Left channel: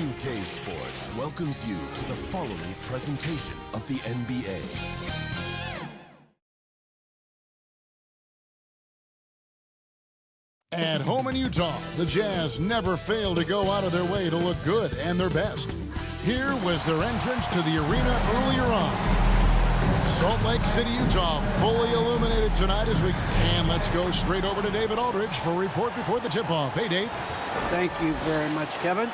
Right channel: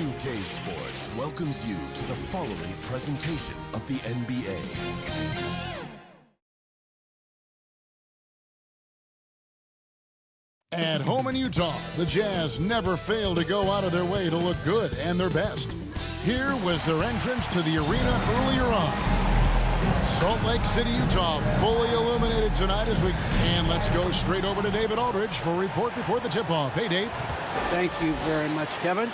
2K Sports welcomes you to the following presentation of the NBA. At home in Utah, the Jazz never fail to go out of their way to look good and their best. Here was their entrance to the arena earlier on. Salt Lake City, Utah, fully illuminated tonight and let's go straight over to David Aldridge for a report before the tip-off. Hey, Dave. Thank you very much, Kevin.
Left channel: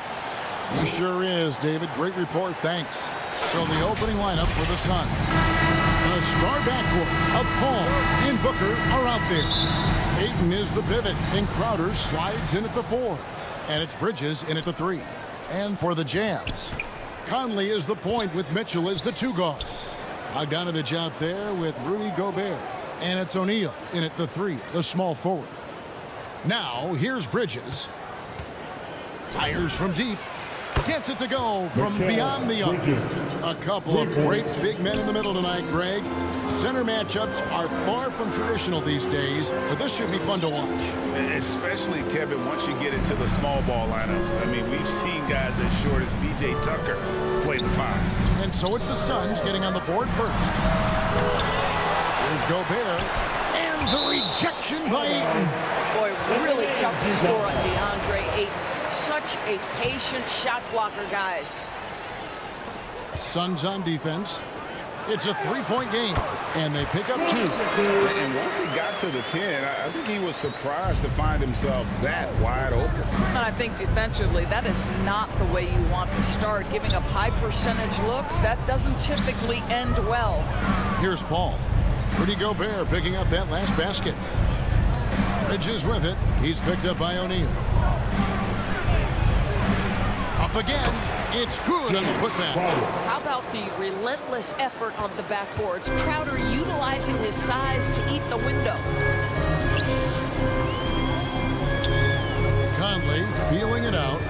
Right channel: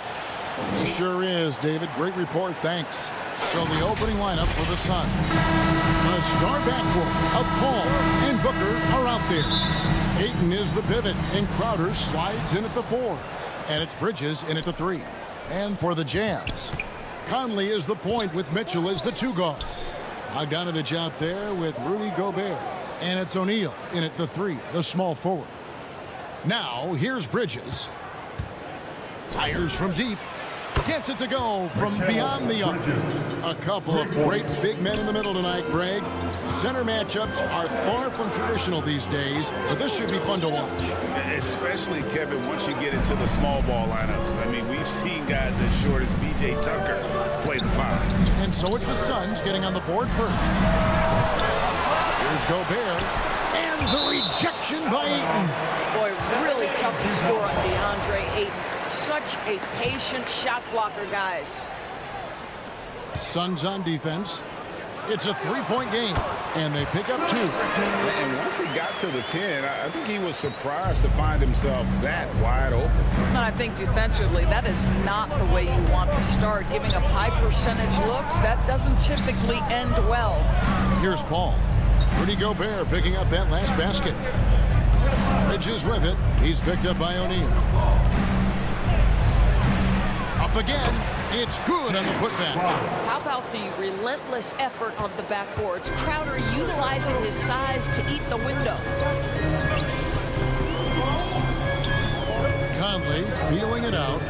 He sure is, David. Great report, thanks. So the opening lineup for the Suns. The star backcourt of Paul and Booker are out there. Ayton is the pivot, and Crowder slides in at the 4. And it's Bridges in at the 3. And for the Jazz, Conley is the point with Mitchell as the 2 guard. Bogdanovich out there with Rudy Gobert. And it's O'Neal in at the 3, the small forward. Now, here's Bridges. Fires from deep. Gets it to go from beyond the arc. A couple of great big men in the middle tonight, Greg. Center matchups are far from traditional these days, but this should be fun to watch. Especially, Kevin, once you get into the small ball lineups. I mean, we've seen guys as short as B.J. Tucker play the 5. And so it's the Suns getting on the board first. Here's Gobert. And the rejection by Ayton. Boy, really tough to score on DeAndre Ayton. Such a patient shot blocker, guys. Suns on defense. It's a 3-point game, and they pick up 2. And once he got to the 10, I think he was surprised to find himself that wide open. And I think defensively, that is not the way you want to start. Giving up high percentage looks, that doesn't typically end well. Here's Paul. Rudy Gobert picking up that last basket. Bridges with it. He's picked up by O'Neal. Up again. It's good on the putback. How about the relentless effort on the backboards? Crowder utilizing his size to eat the window. Conley feeling it out.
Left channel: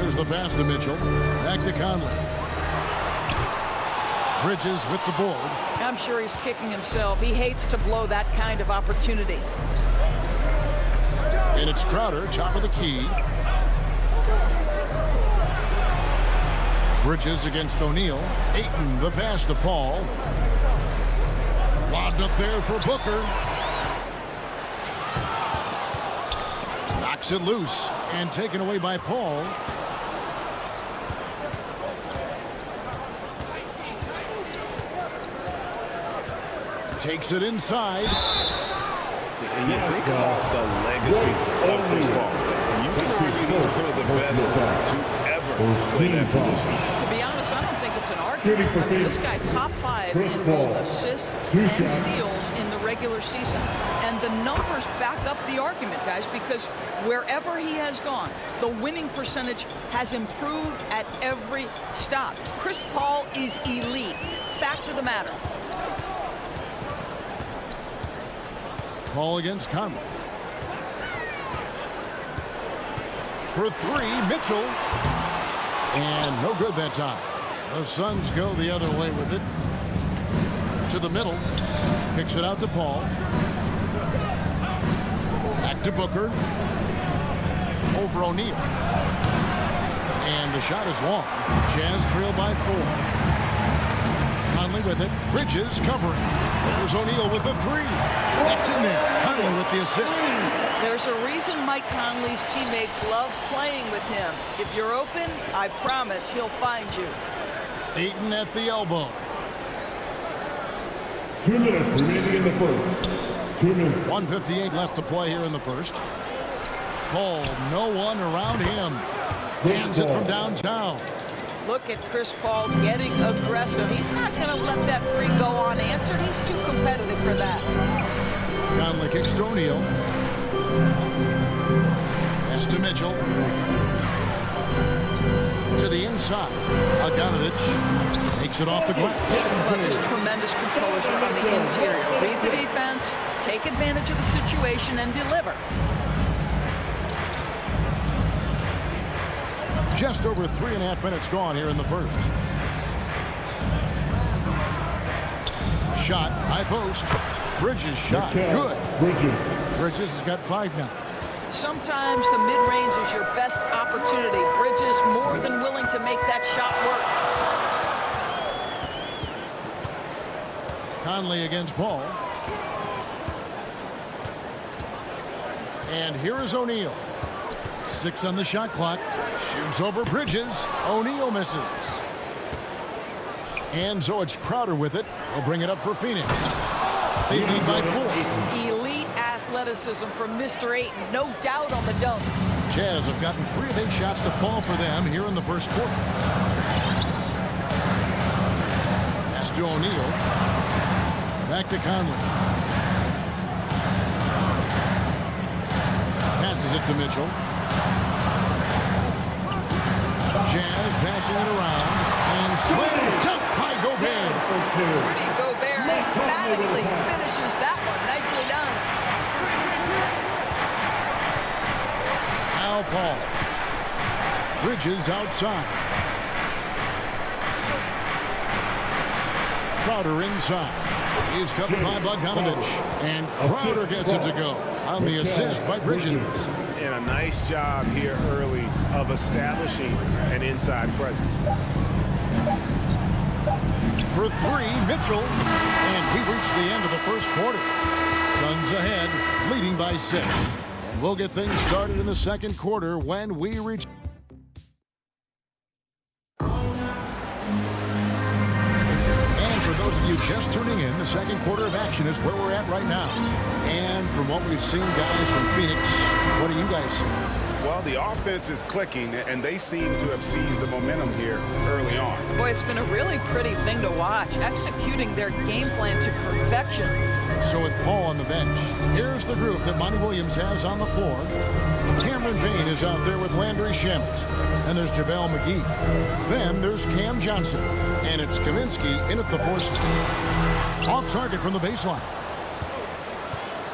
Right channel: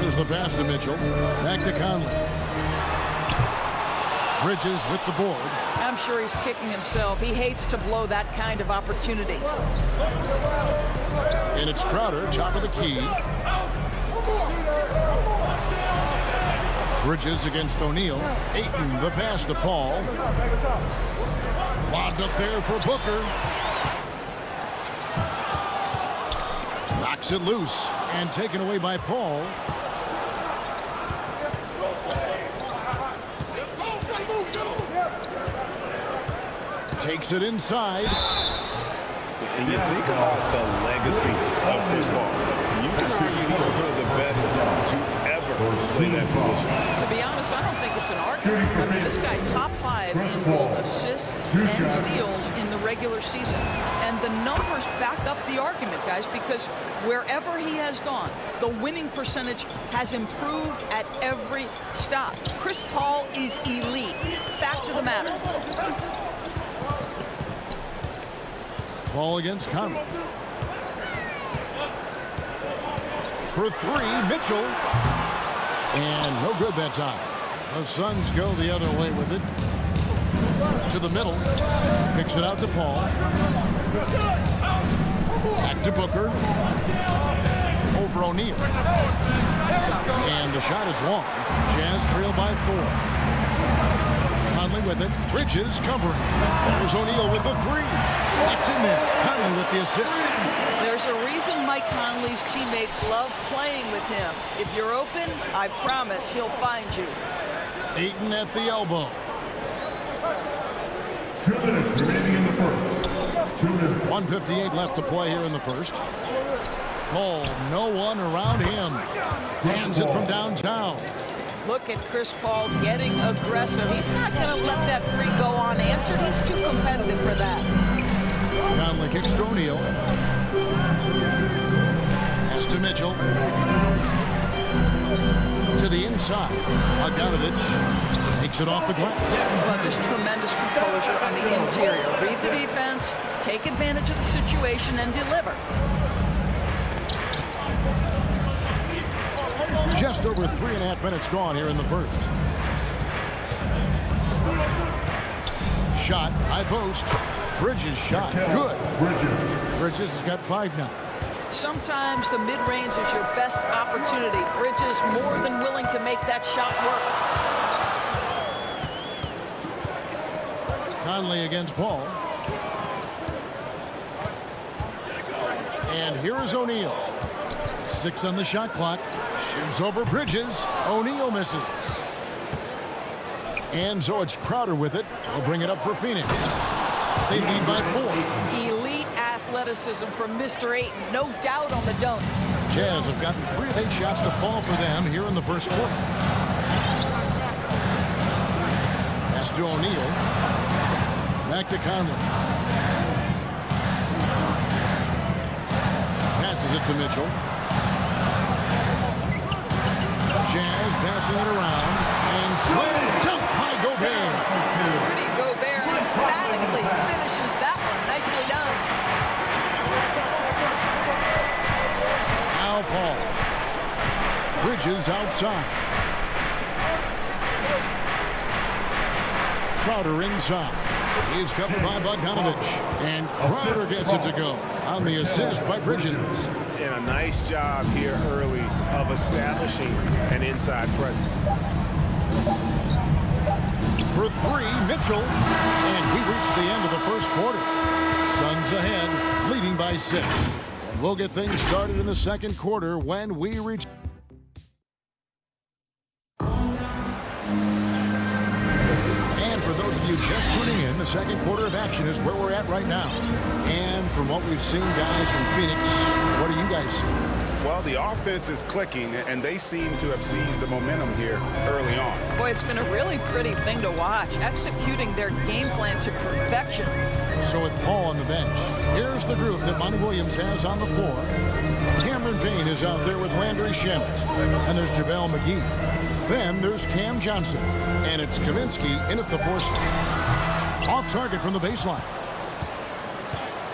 There's the pass to Mitchell. Back to Conley. Bridges with the board. I'm sure he's kicking himself. He hates to blow that kind of opportunity. And it's Crowder, top of the key. Bridges against O'Neal. Ayton, the pass to Paul. Lobbed up there for Booker. Knocks it loose and taken away by Paul. Takes it inside. And you think about the legacy of Chris Paul. You can argue he's one of the best to ever play that position. To be honest, I don't think it's an argument. I mean, this guy top 5 in both assists and steals in the regular season. And the numbers back up the argument, guys, because wherever he has gone, the winning percentage has improved at every stop. Chris Paul is elite. Fact of the matter. Paul against Conley. For 3, Mitchell. And no good that time. The Suns go the other way with it. To the middle. Kicks it out to Paul. Back to Booker. Over O'Neal. And the shot is long. Jazz trail by 4. Conley with it. Bridges covering. There's O'Neal with the 3. That's in there. Conley with the assist. There's a reason Mike Conley's teammates love playing with him. If you're open, I promise he'll find you. Ayton at the elbow. 2 minutes remaining in the first. 2 minutes. 1:58 left to play here in the first. Paul, no one around him. Hands it from downtown. Look at Chris Paul getting aggressive. He's not going to let that 3 go unanswered. He's too competitive for that. Conley kicks to O'Neal. Pass to Mitchell. To the inside. Bogdanovich takes it off the glass. But there's tremendous composure on the interior. Read the defense, take advantage of the situation, and deliver. Just over 3.5 minutes gone here in the first. Shot, high post. Bridges shot, good. Bridges has got 5 now. Sometimes the mid-range is your best opportunity. Bridges more than willing to make that shot work. Conley against Paul. And here is O'Neal. 6 on the shot clock. Shoots over Bridges. O'Neal misses. And so it's Crowder with it. He'll bring it up for Phoenix. They lead by 4. Elite athleticism from Mr. Ayton. No doubt on the dunk. Jazz have gotten 3 of 8 shots to fall for them here in the first quarter. Pass to O'Neal. Back to Conley. Passes it to Mitchell. Jazz passing it around. And slam dunk by Gobert. Rudy Gobert emphatically finishes that one. Nicely done. Now Paul. Bridges outside. Crowder inside. He's covered by Bogdanovich. And Crowder gets it to go on the assist by Bridges. And a nice job here early of establishing an inside presence. For 3, Mitchell. And we reach the end of the first quarter. Suns ahead, leading by 6. And we'll get things started in the second quarter when we reach. And for those of you just tuning in, the second quarter of action is where we're at right now. And from what we've seen, guys, from Phoenix, what do you guys see? Well, the offense is clicking, and they seem to have seized the momentum here early on. Boy, it's been a really pretty thing to watch, executing their game plan to perfection. So with Paul on the bench, here's the group that Monty Williams has on the floor. Cameron Payne is out there with Landry Shamet. And there's JaVale McGee. Then there's Cam Johnson. And it's Kaminsky in at the 4 slot. Off target from the baseline.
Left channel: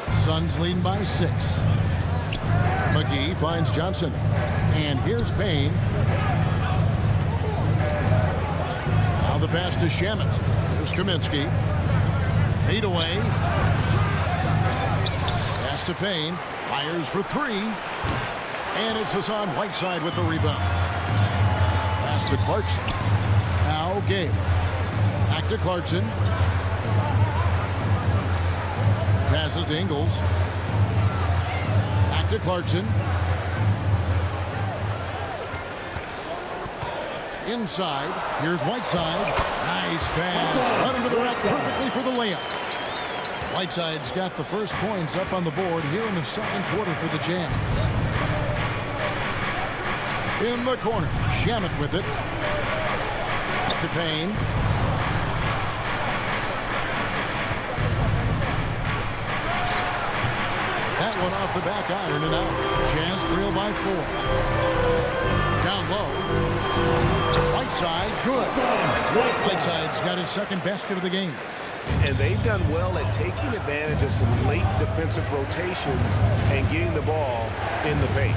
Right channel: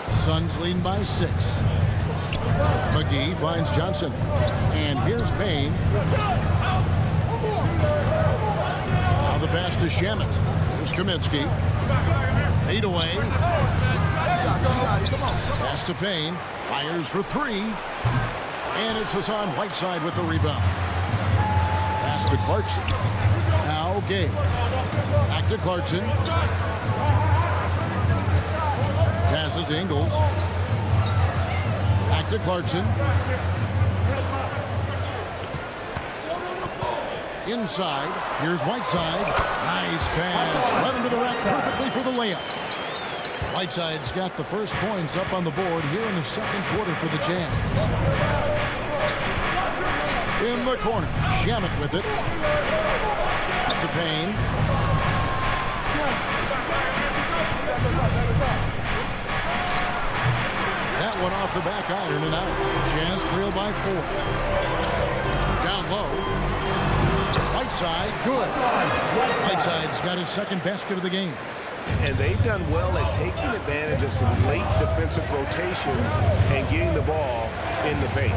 Suns leading by 6. McGee finds Johnson. And here's Payne. Now the pass to Shamet. Here's Kaminsky. Fade away. Pass to Payne. Fires for 3. And it's Hassan Whiteside with the rebound. Pass to Clarkson. Now Gabe. Back to Clarkson. Passes to Ingles. Back to Clarkson. Inside. Here's Whiteside. Nice pass. Led him to the rack perfectly for the layup. Whiteside's got the first points up on the board here in the second quarter for the Jazz. In the corner. Shamet with it. Up to Payne. That one off the back iron and out. Jazz trail by 4. Down low. Whiteside, good. Whiteside's got his second basket of the game. And they've done well at taking advantage of some late defensive rotations and getting the ball in the paint.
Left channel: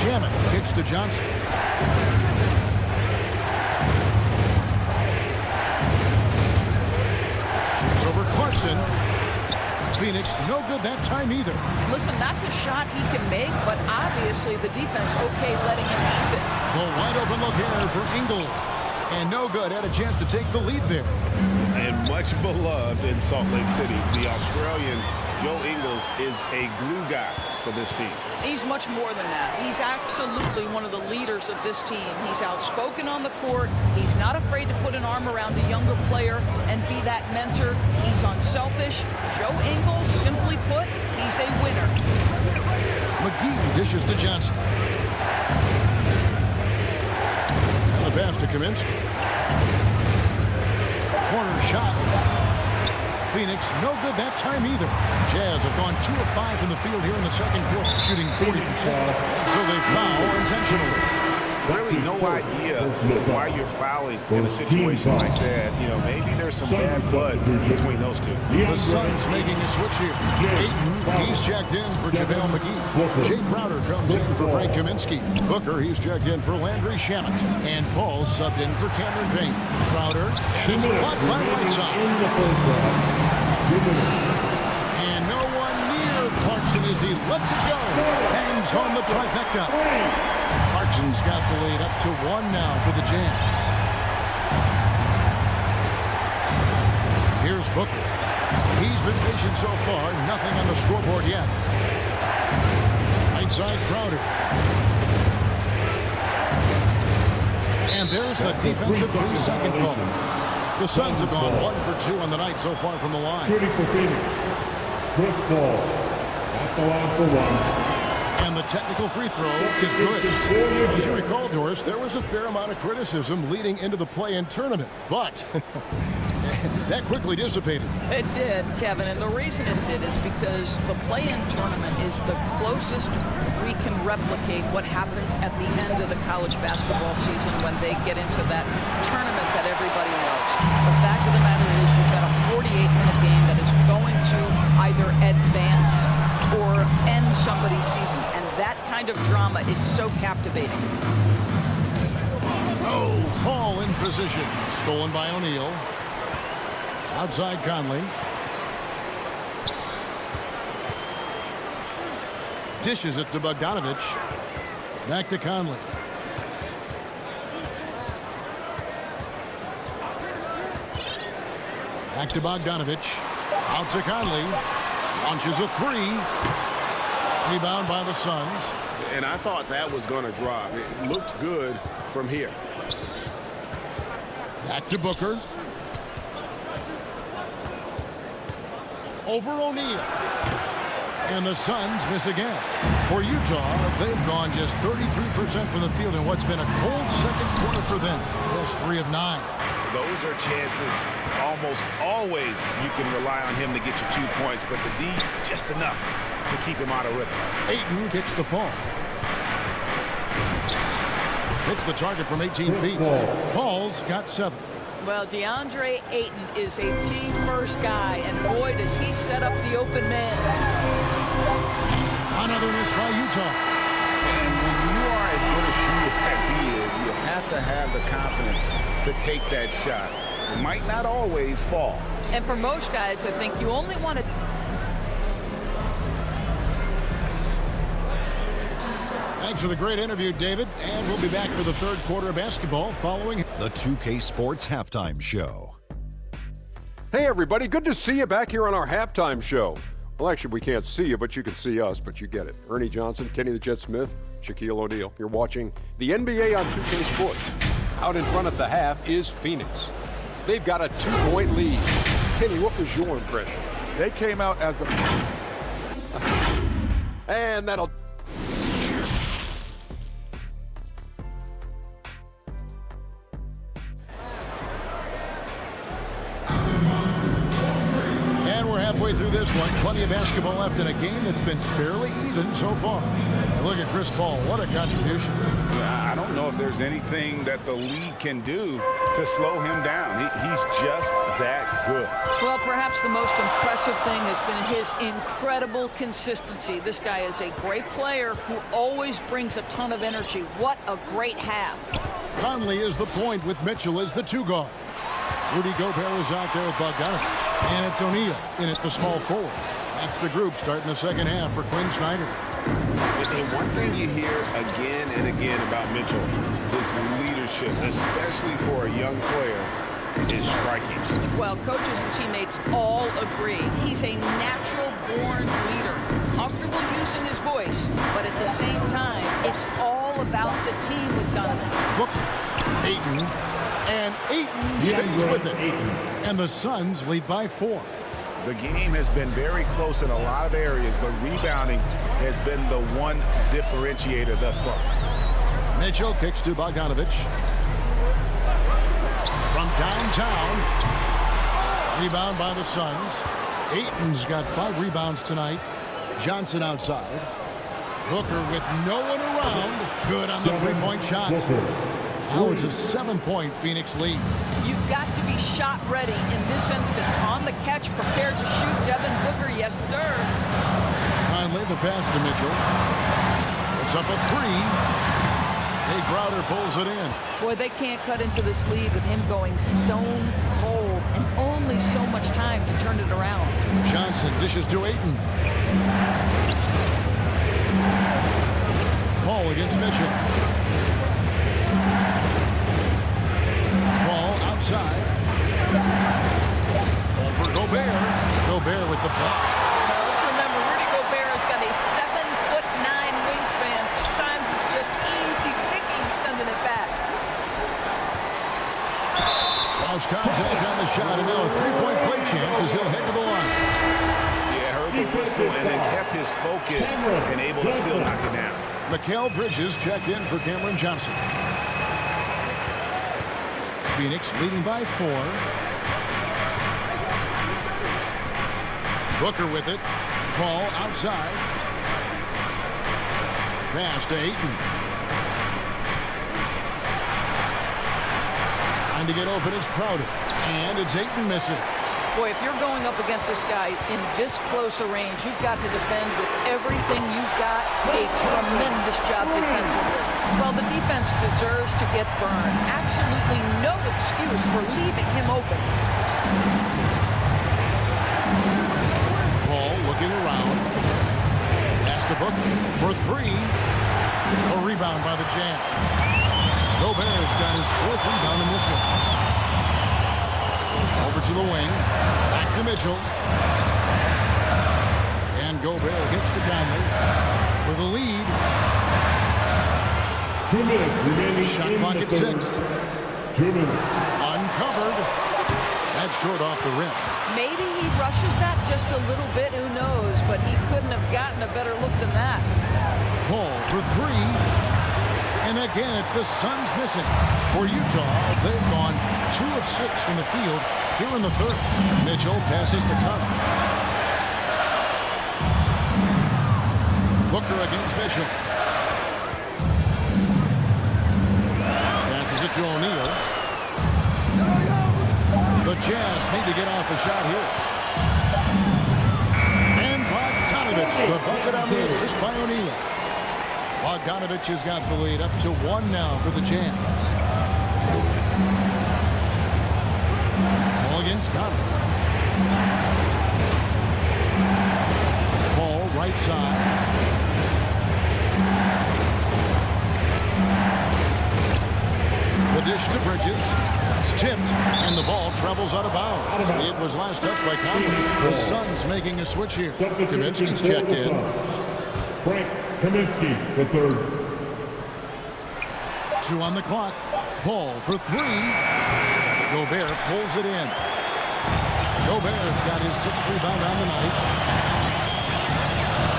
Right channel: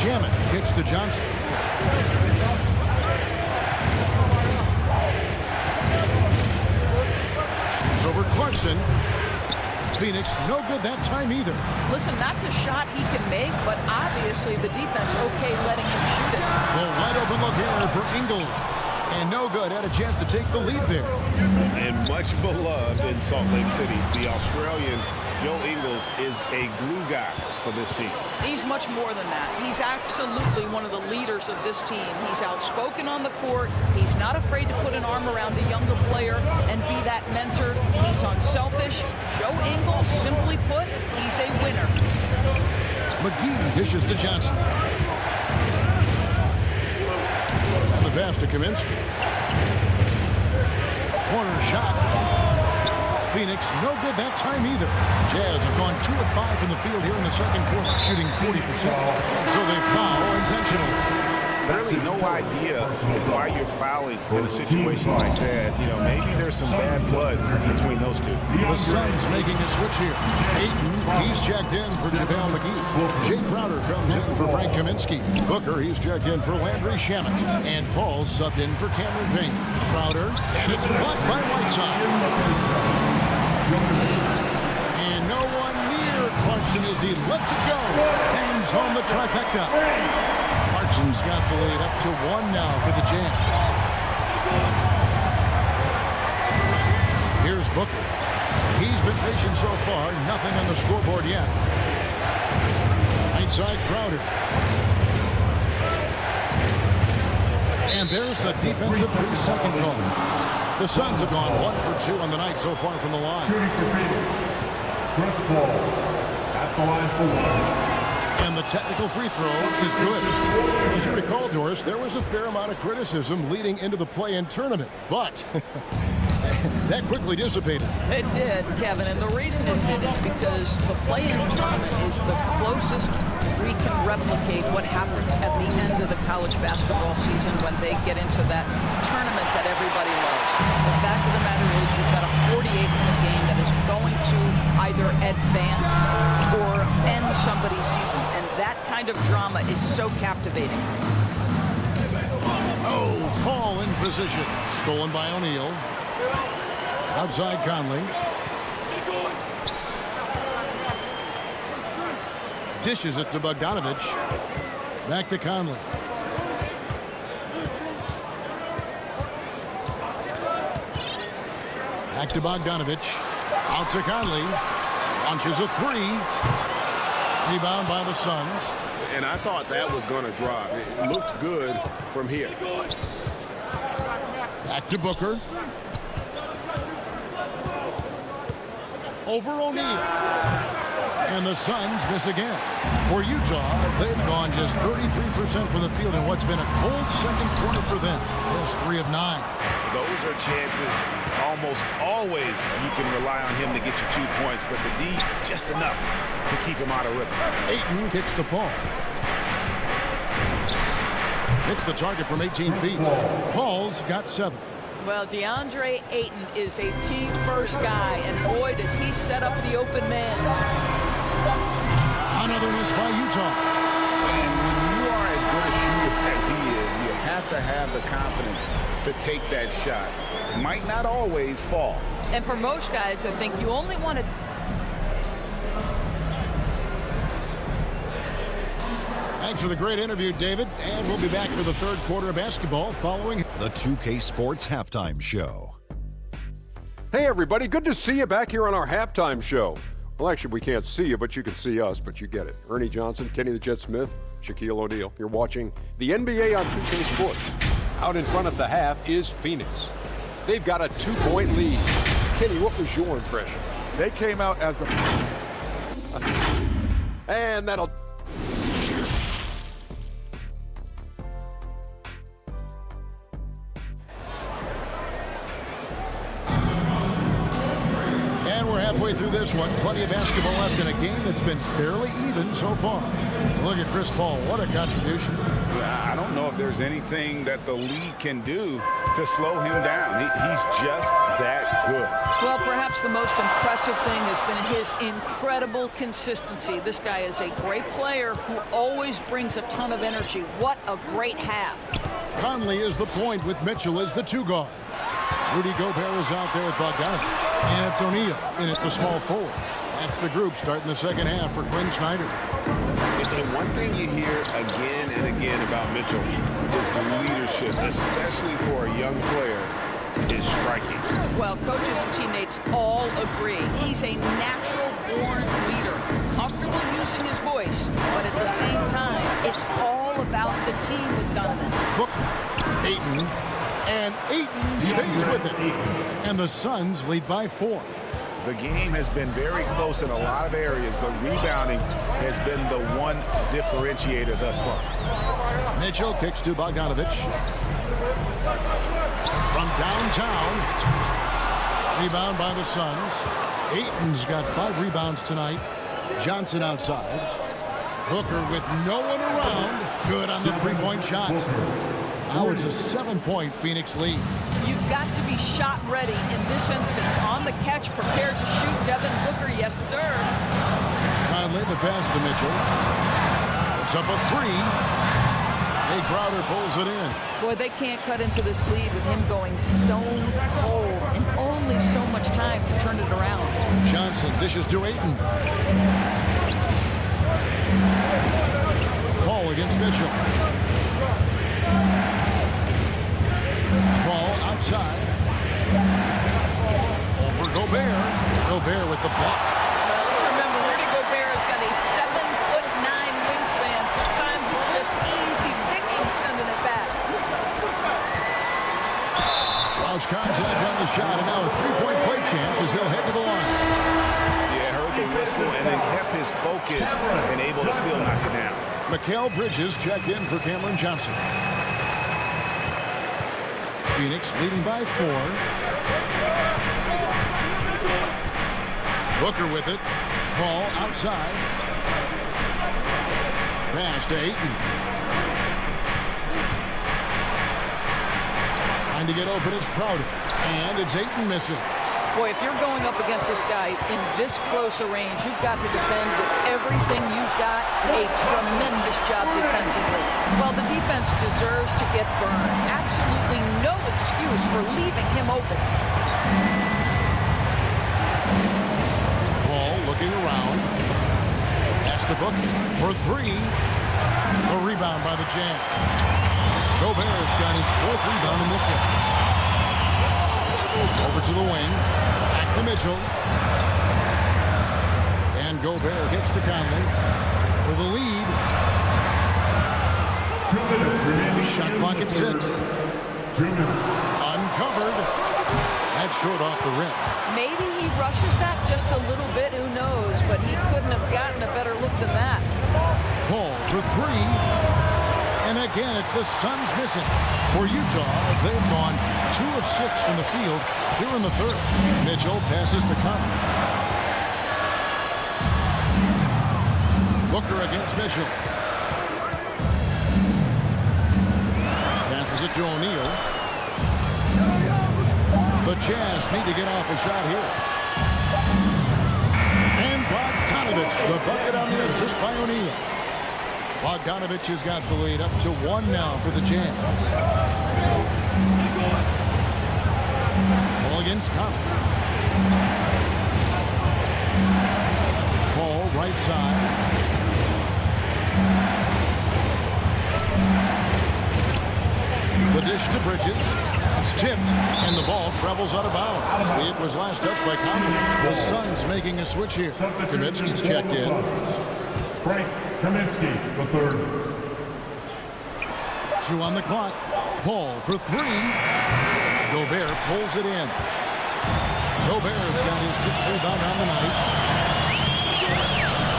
Shamet kicks to Johnson. Shoots over Clarkson. Phoenix, no good that time either. Listen, that's a shot he can make, but obviously the defense okay letting him shoot it. The wide open look here for Ingles. And no good. Had a chance to take the lead there. And much beloved in Salt Lake City, the Australian Joe Ingles is a glue guy for this team. He's much more than that. He's absolutely one of the leaders of this team. He's outspoken on the court. He's not afraid to put an arm around a younger player and be that mentor. He's unselfish. Joe Ingles, simply put, he's a winner. McGee dishes to Johnson. And the pass to Kaminsky. Corner shot. Phoenix, no good that time either. Jazz have gone 2 of 5 from the field here in the second quarter, shooting 40%. And so they foul intentionally. Really no idea why you're fouling in a situation like that. You know, maybe there's some bad blood between those two. The Suns making a switch here. Ayton, he's checked in for JaVale McGee. Jay Crowder comes in for Frank Kaminsky. Booker, he's checked in for Landry Shamet. And Paul subbed in for Cameron Payne. Crowder, and it's blocked by Whiteside. And no No one near Clarkson as he lets it go. Hangs home the trifecta. Clarkson's got the lead up to 1 now for the Jams. Here's Booker. He's been patient so far. Nothing on the scoreboard yet. Right side Crowder. And there's the defensive 3-second call. The Suns have gone 1 for 2 on the night so far from the line. Shooting for Phoenix, Chris Paul at the line for 1. And the technical free throw is good. As you recall, Doris, there was a fair amount of criticism leading into the play-in tournament, but that quickly dissipated. It did, Kevin, and the reason it did is because the play-in tournament is the closest we can replicate what happens at the end of the college basketball season when they get into that tournament that everybody loves. The fact of the matter is you've got a 48-minute game that is going to either advance or end somebody's season, and that kind of drama is so captivating. Oh, Paul in position. Stolen by O'Neal. Outside Conley. Dishes it to Bogdanovich. Back to Conley. Back to Bogdanovich. Out to Conley. Launches a 3. Rebound by the Suns. And I thought that was going to drop. It looked good from here. Back to Booker. Over O'Neal. And the Suns miss again. For Utah, they've gone just 33% from the field in what's been a cold second quarter for them. Just 3 of 9. Those are chances almost always you can rely on him to get you 2 points, but the D just enough to keep him out of rhythm. Ayton kicks to Paul. Hits the target from 18 feet. Paul's got 7. Well, DeAndre Ayton is a team-first guy, and boy, does he set up the open man. Another miss by Utah. And when you are as good a shooter as he is, you have to have the confidence to take that shot. It might not always fall. And for most guys, I think you only want to... Thanks for the great interview, David. And we'll be back for the third quarter of basketball following The 2K Sports Halftime Show. Hey, everybody. Good to see you back here on our halftime show. Well, actually, we can't see you, but you can see us, but you get it. Ernie Johnson, Kenny the Jet Smith, Shaquille O'Neal. You're watching the NBA on 2K Sports. Out in front at the half is Phoenix. They've got a 2-point lead. Kenny, what was your impression? They came out as the... And that'll... And we're halfway through this one. Plenty of basketball left in a game that's been fairly even so far. And look at Chris Paul. What a contribution. I don't know if there's anything that the league can do to slow him down. He's just that good. Well, perhaps the most impressive thing has been his incredible consistency. This guy is a great player who always brings a ton of energy. What a great half. Conley is the point with Mitchell as the 2 guard. Rudy Gobert is out there with Bogdanovich. And it's O'Neal in at the small forward. That's the group starting the second half for Quinn Snyder. And one thing you hear again and again about Mitchell is leadership, especially for a young player, is striking. Well, coaches and teammates all agree. He's a natural-born leader, comfortable using his voice, but at the same time, it's all about the team with Donovan. Booker, Ayton, and Ayton stays with it. And the Suns lead by 4. The game has been very close in a lot of areas, but rebounding has been the one differentiator thus far. Mitchell kicks to Bogdanovich. From downtown. Rebound by the Suns. Ayton's got 5 rebounds tonight. Johnson outside. Booker with no one around. Good on the 3-point shot. Now it's a 7-point Phoenix lead. You've got to be shot ready in this instance. On the catch, prepared to shoot. Devin Booker, yes, sir. Conley, the pass to Mitchell. It's up a 3. Jay Crowder pulls it in. Boy, they can't cut into this lead with him going stone cold and only so much time to turn it around. Johnson dishes to Ayton. Paul against Mitchell. Paul outside. Over Gobert. Gobert with the block. Well, let's remember, Rudy Gobert has got a 7'9" wingspan. Sometimes it's just easy picking sending it back. Close contact on the shot, and now a three-point play chance as he'll head to the line. Yeah, heard the whistle and then kept his focus and able to still knock it down. Mikal Bridges checked in for Cameron Johnson. Phoenix leading by 4. Booker with it. Paul outside. Pass to Ayton. Trying to get open is Crowder. And it's Ayton missing. Boy, if you're going up against this guy in this close a range, you've got to defend with everything you've got. A tremendous job defensively. Well, the defense deserves to get burned. Absolutely no excuse for leaving him open. Paul looking around. Has to Book for 3. A rebound by the Jazz. Gobert's got his 4th rebound in this one. Over to the wing. Back to Mitchell. And Gobert gets to Conley for the lead. 2 minutes remaining. Shot clock at 6. 2 minutes. Uncovered. That's short off the rim. Maybe he rushes that just a little bit. Who knows? But he couldn't have gotten a better look than that. Paul for 3. And again, it's the Suns missing. For Utah, they've gone 2 of 6 from the field here in the 3rd. Mitchell passes to Conley. Booker against Mitchell. Passes it to O'Neal. The Jazz need to get off a shot here. And Bogdanovich, the bucket on the assist by O'Neal. Bogdanovich has got the lead up to 1 now for the Jazz. Paul against Conley. Paul right side. The dish to Bridges. It's tipped, and the ball travels out of bounds. It was last touched by Conley. The Suns making a switch here. Kaminsky's checked in. Frank Kaminsky, the 3rd. 2 on the clock. Paul for 3. Gobert pulls it in. Gobert's got his 6th rebound on the night.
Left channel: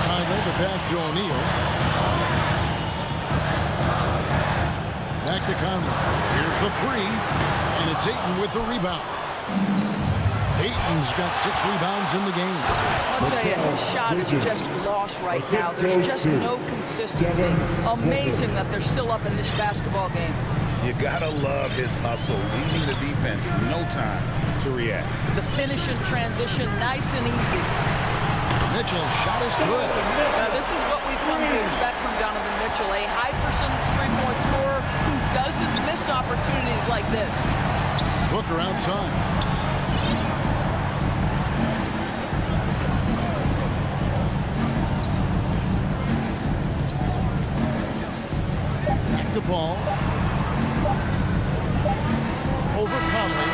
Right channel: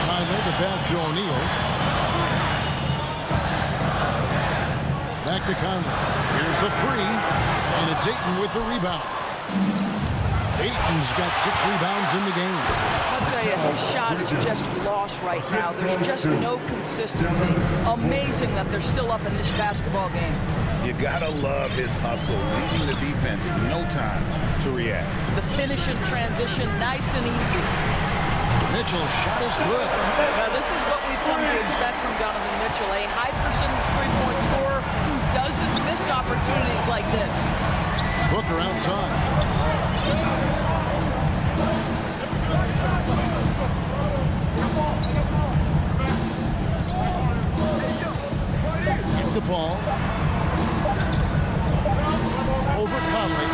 Conley the pass to O'Neal. Back to Conley. Here's the 3. And it's Ayton with the rebound. Ayton's got 6 rebounds in the game. I'll tell you, his shot is just lost right now. There's just no consistency. Amazing that they're still up in this basketball game. You gotta love his hustle, leaving the defense no time to react. The finish and transition, nice and easy. Mitchell's shot is good. Now, this is what we've come to expect from Donovan Mitchell, a high percentage three-point scorer who doesn't miss opportunities like this. Booker outside. Back to Paul. Over Conley.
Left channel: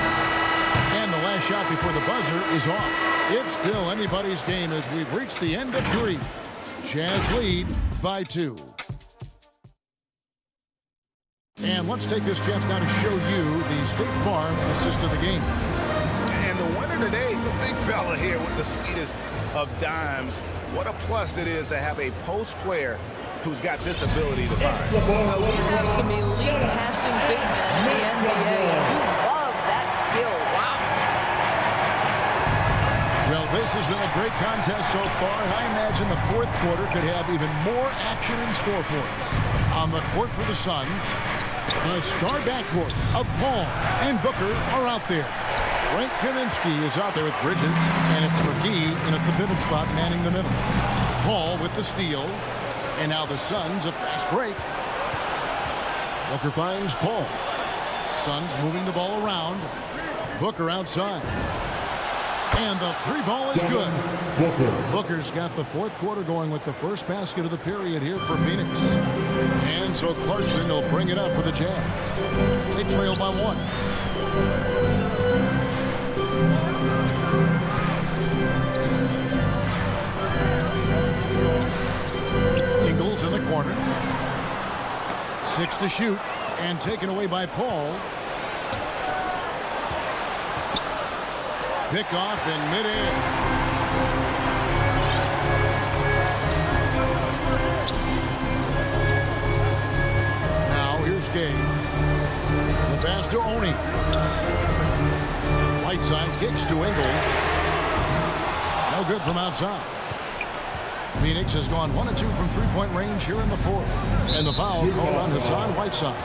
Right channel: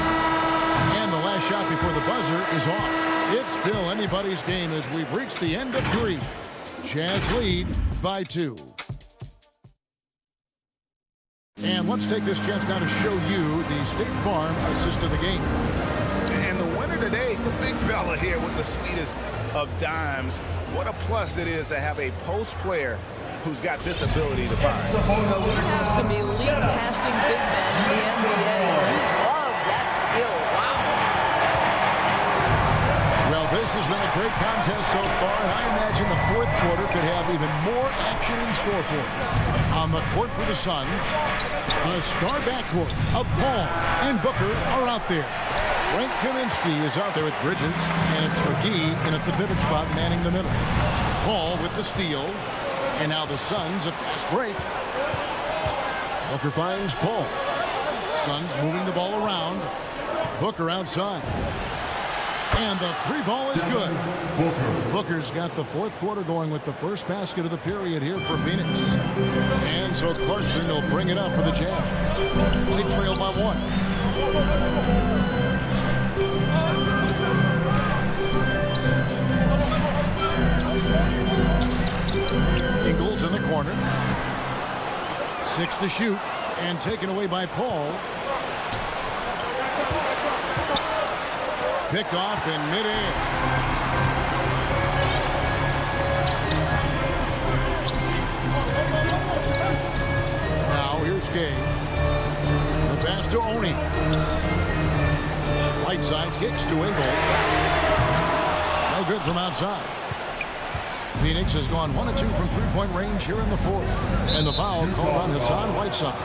And the last shot before the buzzer is off. It's still anybody's game as we've reached the end of 3. Jazz lead by 2. And let's take this chance now to show you the State Farm assist of the game. And the winner today, the big fella here with the sweetest of dimes. What a plus it is to have a post player who's got this ability to find. Well, we have some elite passing big men in the NBA. You love that skill. Wow. Well, this has been a great contest so far, and I imagine the 4th quarter could have even more action in store for us. On the court for the Suns, the star backcourt of Paul and Booker are out there. Frank Kaminsky is out there with Bridges, and it's McGee in at the pivot spot manning the middle. Paul with the steal, and now the Suns a fast break. Booker finds Paul. Suns moving the ball around. Booker outside. And the three ball is good. Booker. Booker's got the fourth quarter going with the first basket of the period here for Phoenix. And so Clarkson will bring it up for the Jazz. They trail by 1. Ingles in the corner. 6 to shoot. And taken away by Paul. Pick off in midair. Now here's Gay. The pass to Oni. Whiteside kicks to Ingles. No good from outside. Phoenix has gone 1 of 2 from three-point range here in the fourth. And the foul called on Hassan Whiteside.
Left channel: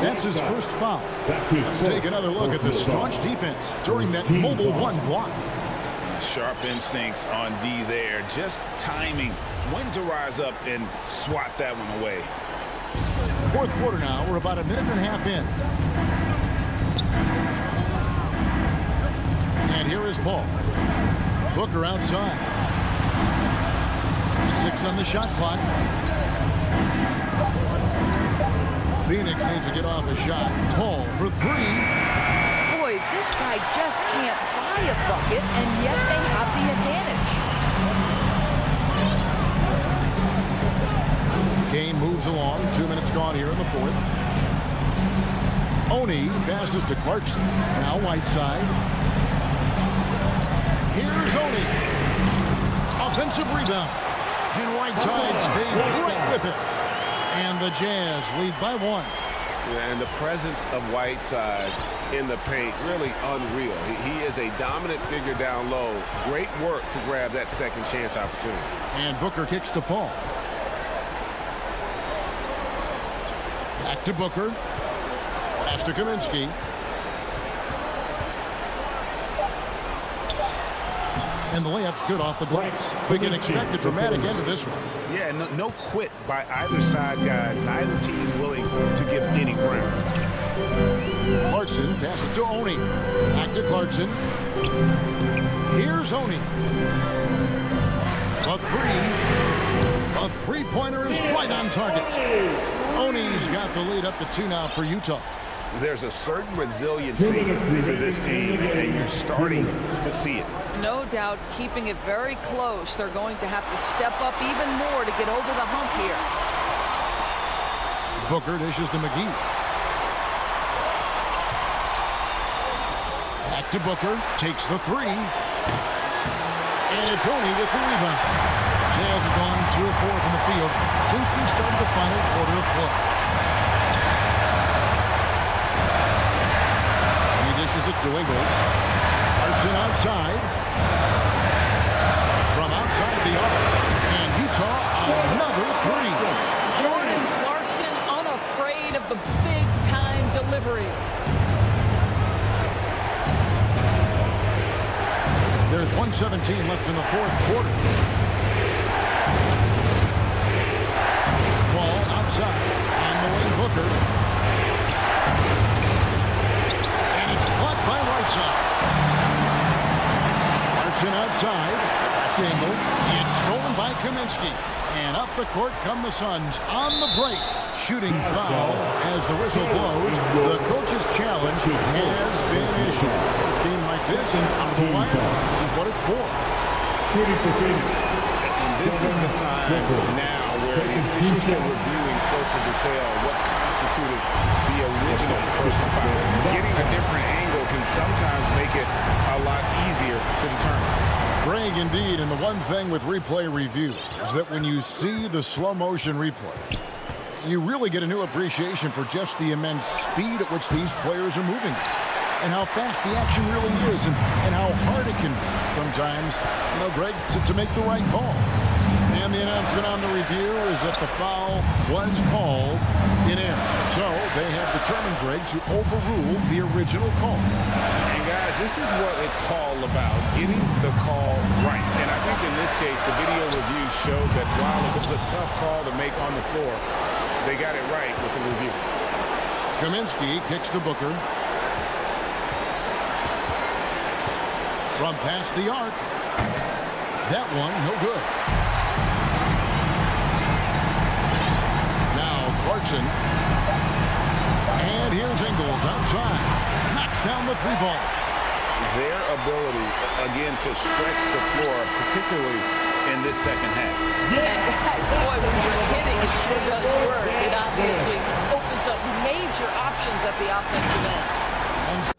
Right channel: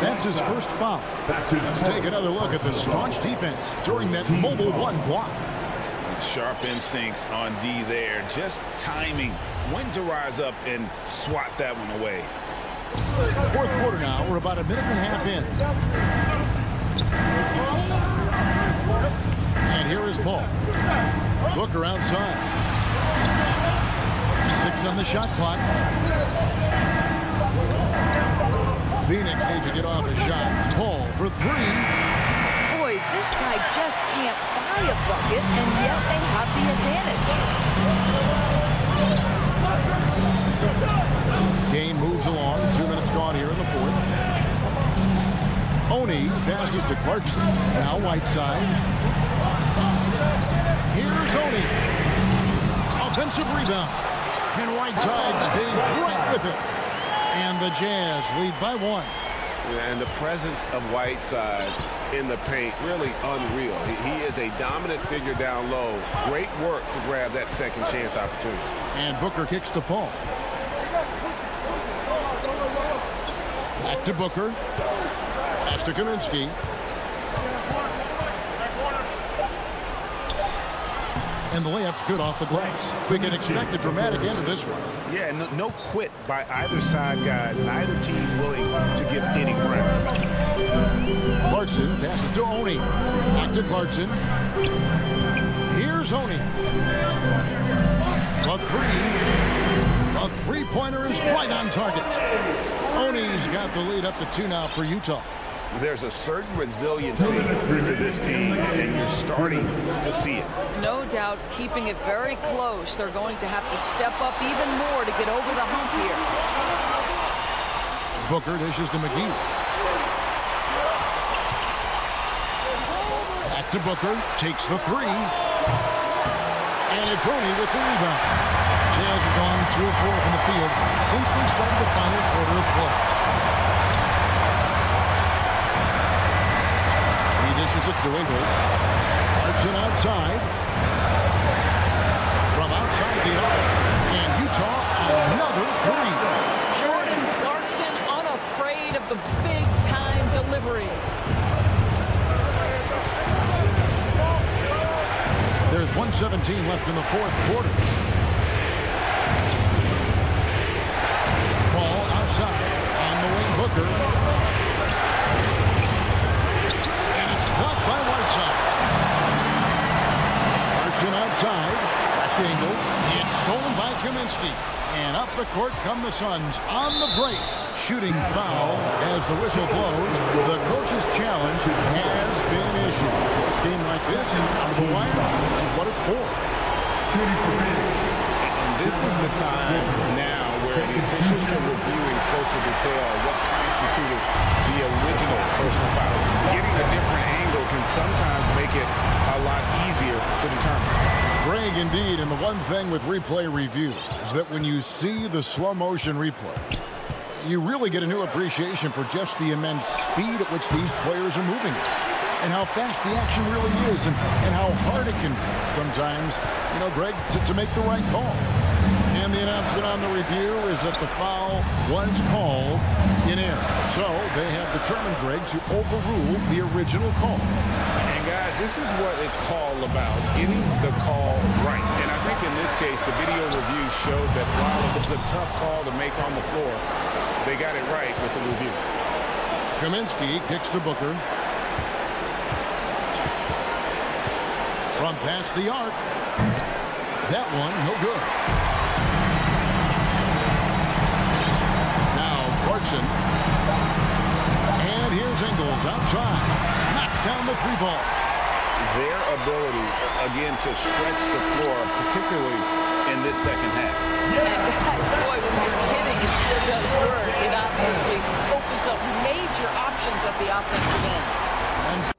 That's his first foul. Let's take another look at the staunch defense during that mobile 1 block. Sharp instincts on D there. Just timing when to rise up and swat that one away. Fourth quarter now. We're about a minute and a half in. And here is Paul. Booker outside. 6 on the shot clock. Phoenix needs to get off a shot. Paul for 3. Boy, this guy just can't buy a bucket, and yet they have the advantage. Kane moves along. 2 minutes gone here in the fourth. Oni passes to Clarkson. Now Whiteside. Here's Oni. Offensive rebound. And Whiteside stays right with it. And the Jazz lead by 1. Yeah, and the presence of Whiteside in the paint, really unreal. He is a dominant figure down low. Great work to grab that second chance opportunity. And Booker kicks to Paul. Back to Booker. Pass to Kaminsky. And the layup's good off the glass. We can expect a dramatic end to this one. Yeah, no quit by either side, guys. Neither team willing to give any ground. Clarkson passes to Oni. Back to Clarkson. Here's Oni. A 3-pointer is right on target. Oni's got the lead up to 2 now for Utah. There's a certain resiliency to this team, and you're starting to see it. No doubt, keeping it very close. They're going to have to step up even more to get over the hump here. Booker dishes to McGee. Back to Booker. Takes the 3. And it's Oni with the rebound. Jazz have gone 2 of 4 from the field since we started the final quarter of play. He dishes it to Ingles. Clarkson outside. From outside the arc. And Utah another 3. Jordan Clarkson unafraid of the big-time delivery. There's 1:17 left in the fourth quarter. Ball outside. On the wing, Booker. Blocked by Whiteside. Clarkson outside. Back to Ingles. It's stolen by Kaminsky. And up the court come the Suns on the break. Shooting foul as the whistle blows. The coach's challenge has been issued. A game like this and out of the wire, this is what it's for. Shooting for Phoenix. And this is the time now where the officials can review in closer detail what constituted the original personal foul. Getting a different angle can sometimes make it a lot easier to determine. Greg, indeed, and the one thing with replay review is that when you see the slow motion replay, you really get a new appreciation for just the immense speed at which these players are moving and how fast the action really is and how hard it can be sometimes, you know, Greg, to make the right call. And the announcement on the review is that the foul was called in error. So they have determined, Greg, to overrule the original call. And guys, this is what it's all about, getting the call right. And I think in this case, the video review showed that while it was a tough call to make on the floor, they got it right with the review. Kaminsky kicks to Booker. From past the arc. That one, no good. Now Clarkson. And here's Ingles outside. Knocks down the 3-ball. Their ability, again, to stretch the floor, particularly in this second half. And guys, boy, when you're hitting, it sure does work. It obviously opens up major options at the offensive end. And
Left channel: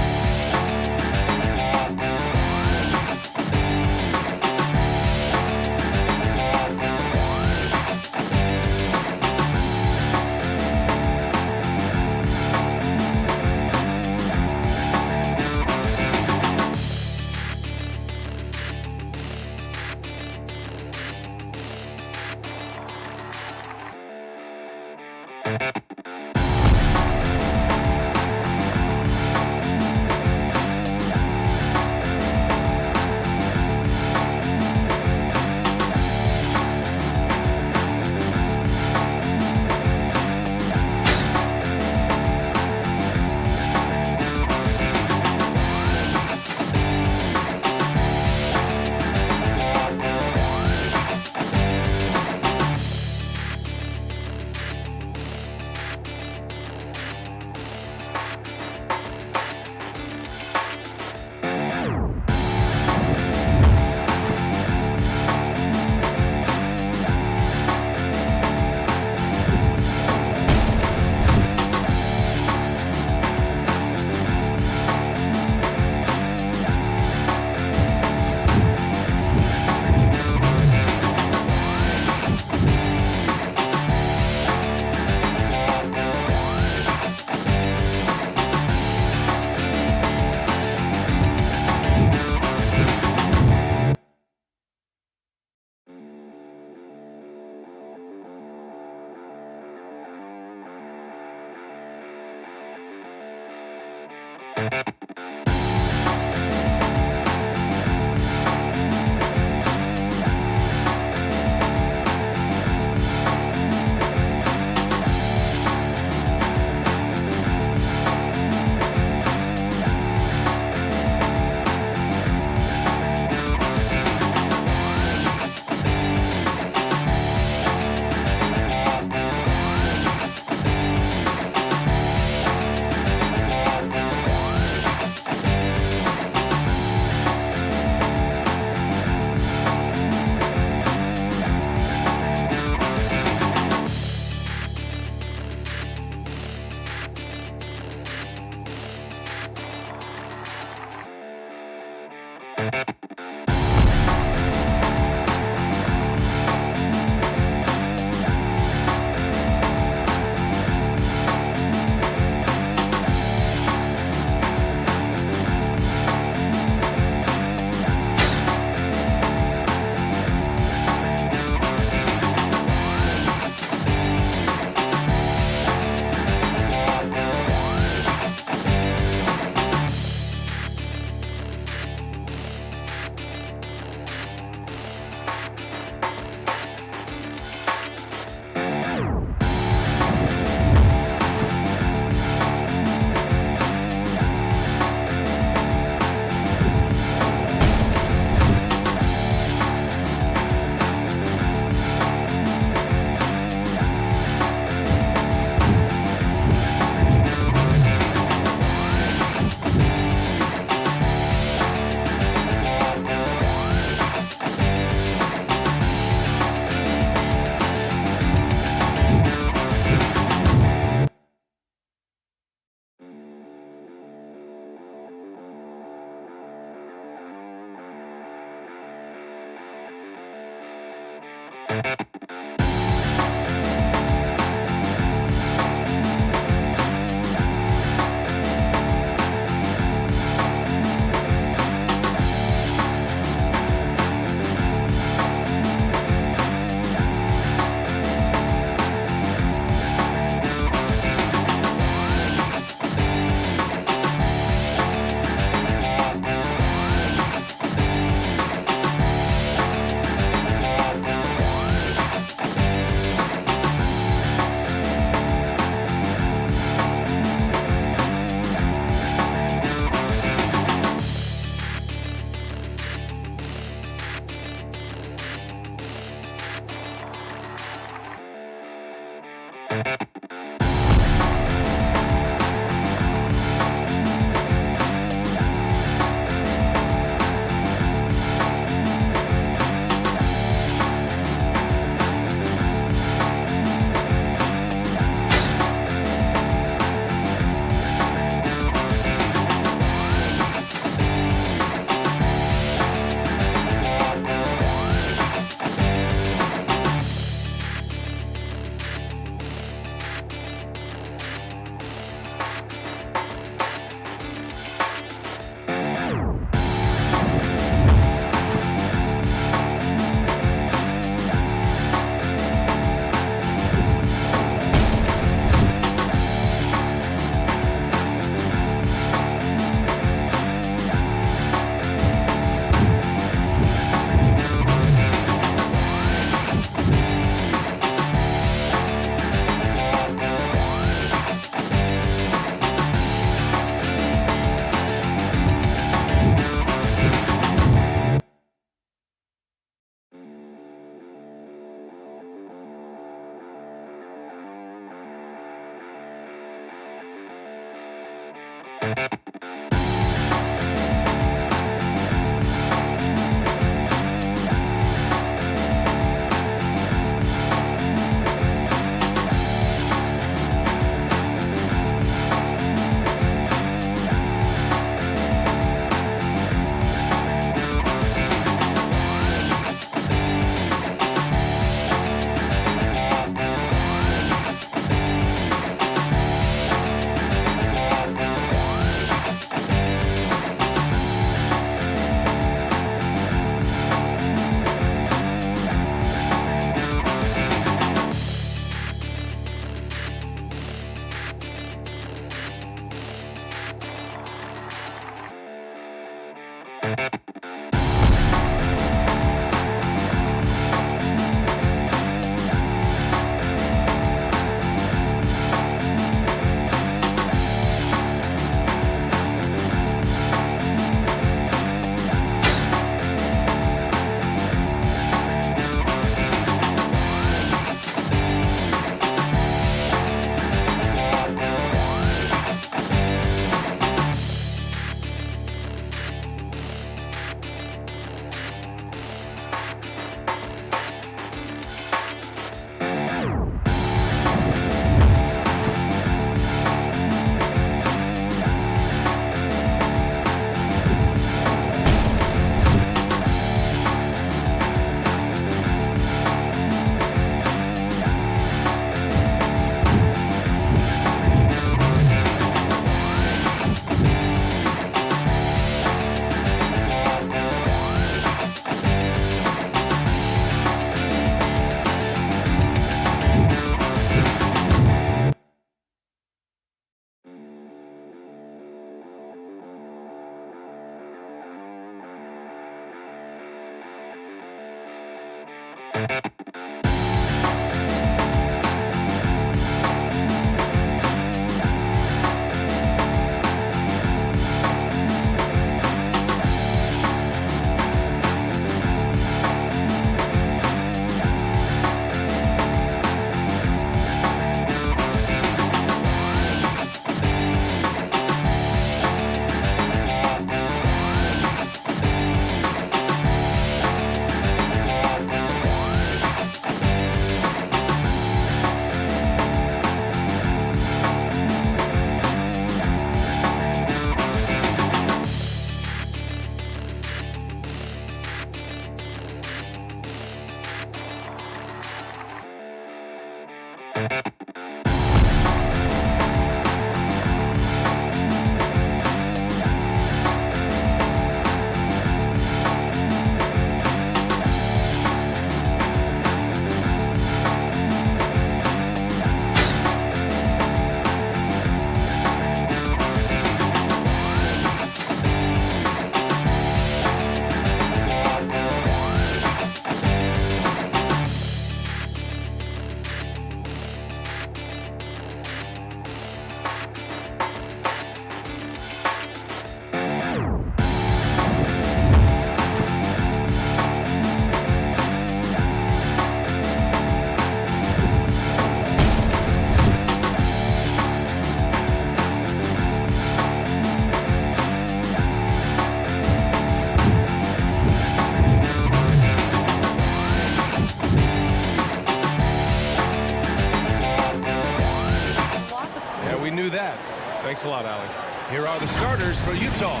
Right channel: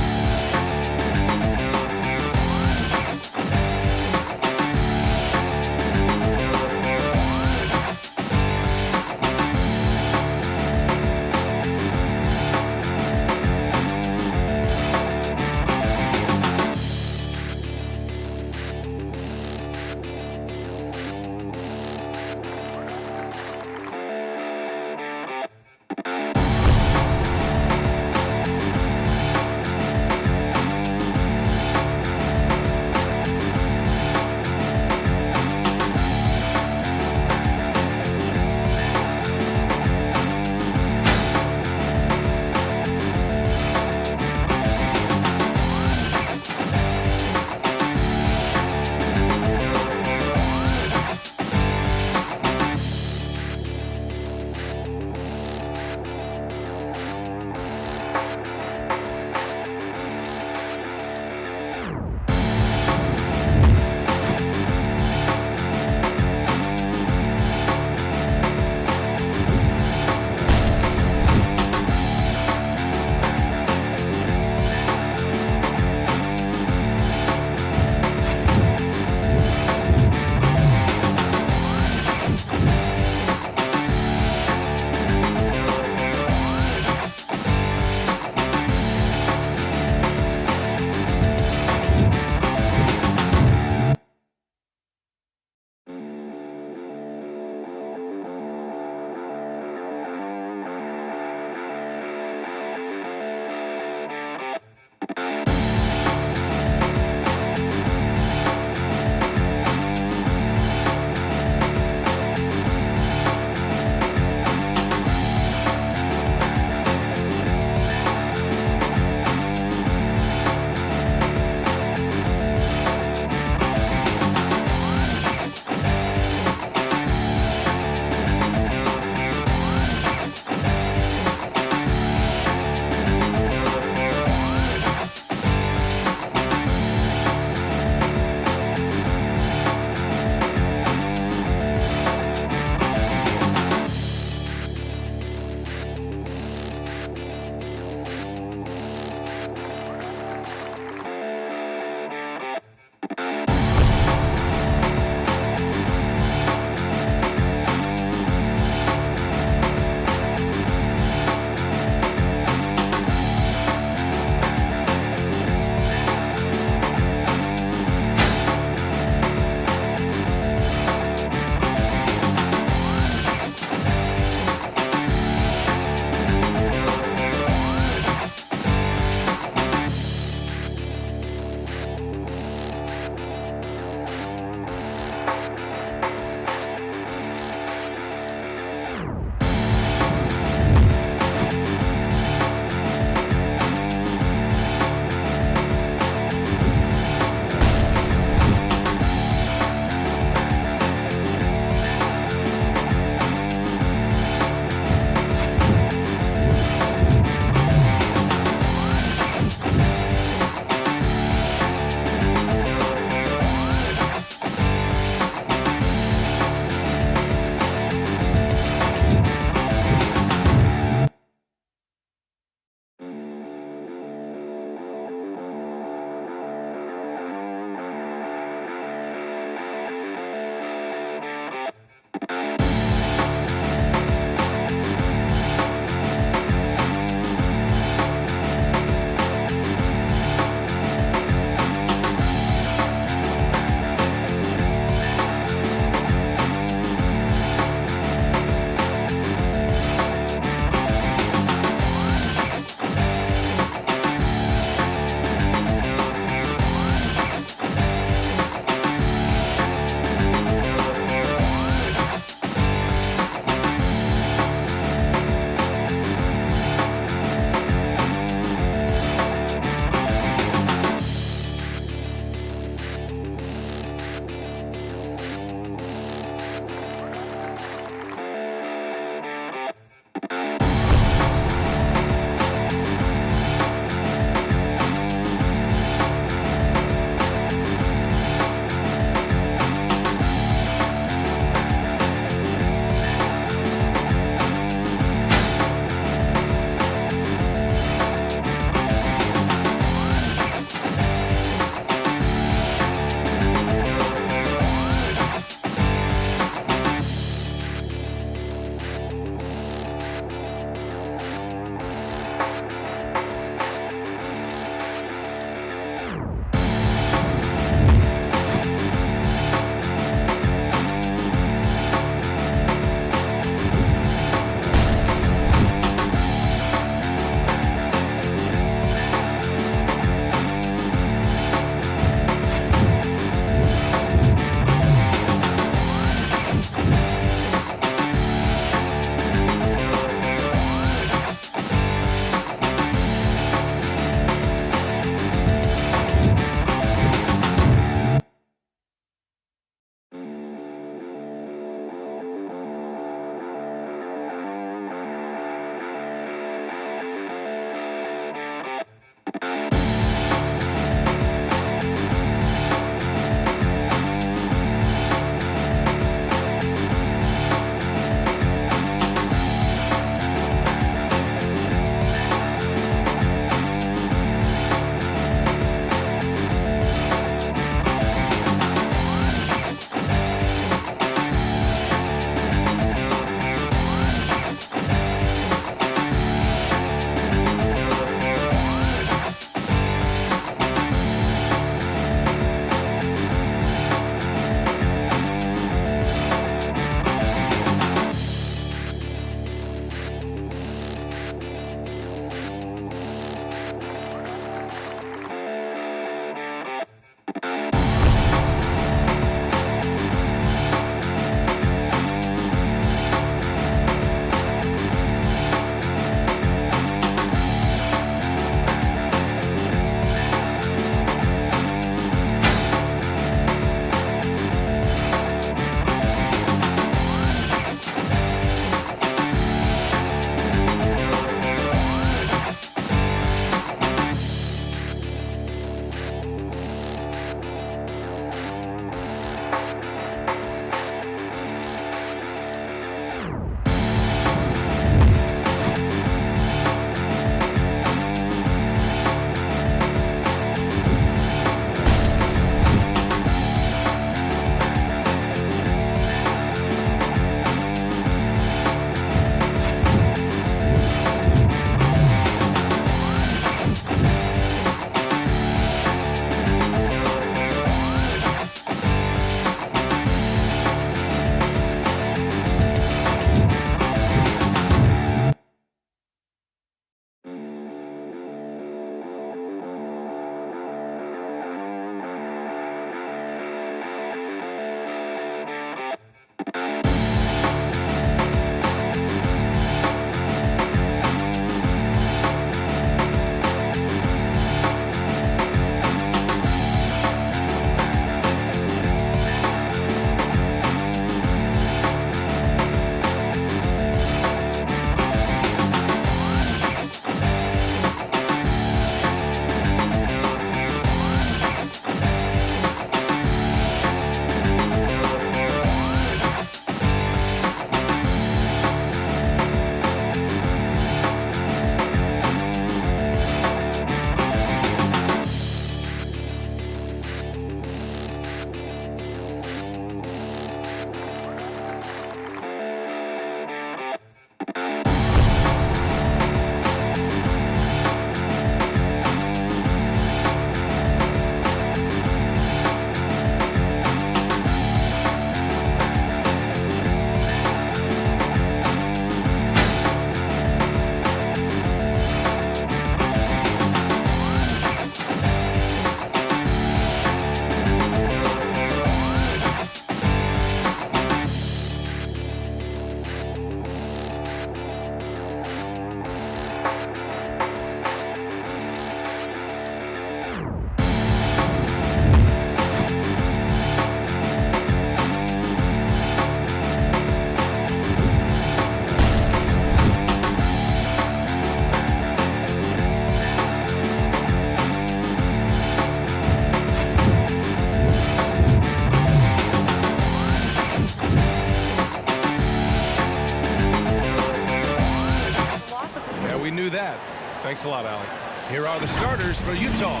we knew that. Thanks a lot, Allie. Here are the starters for Utah.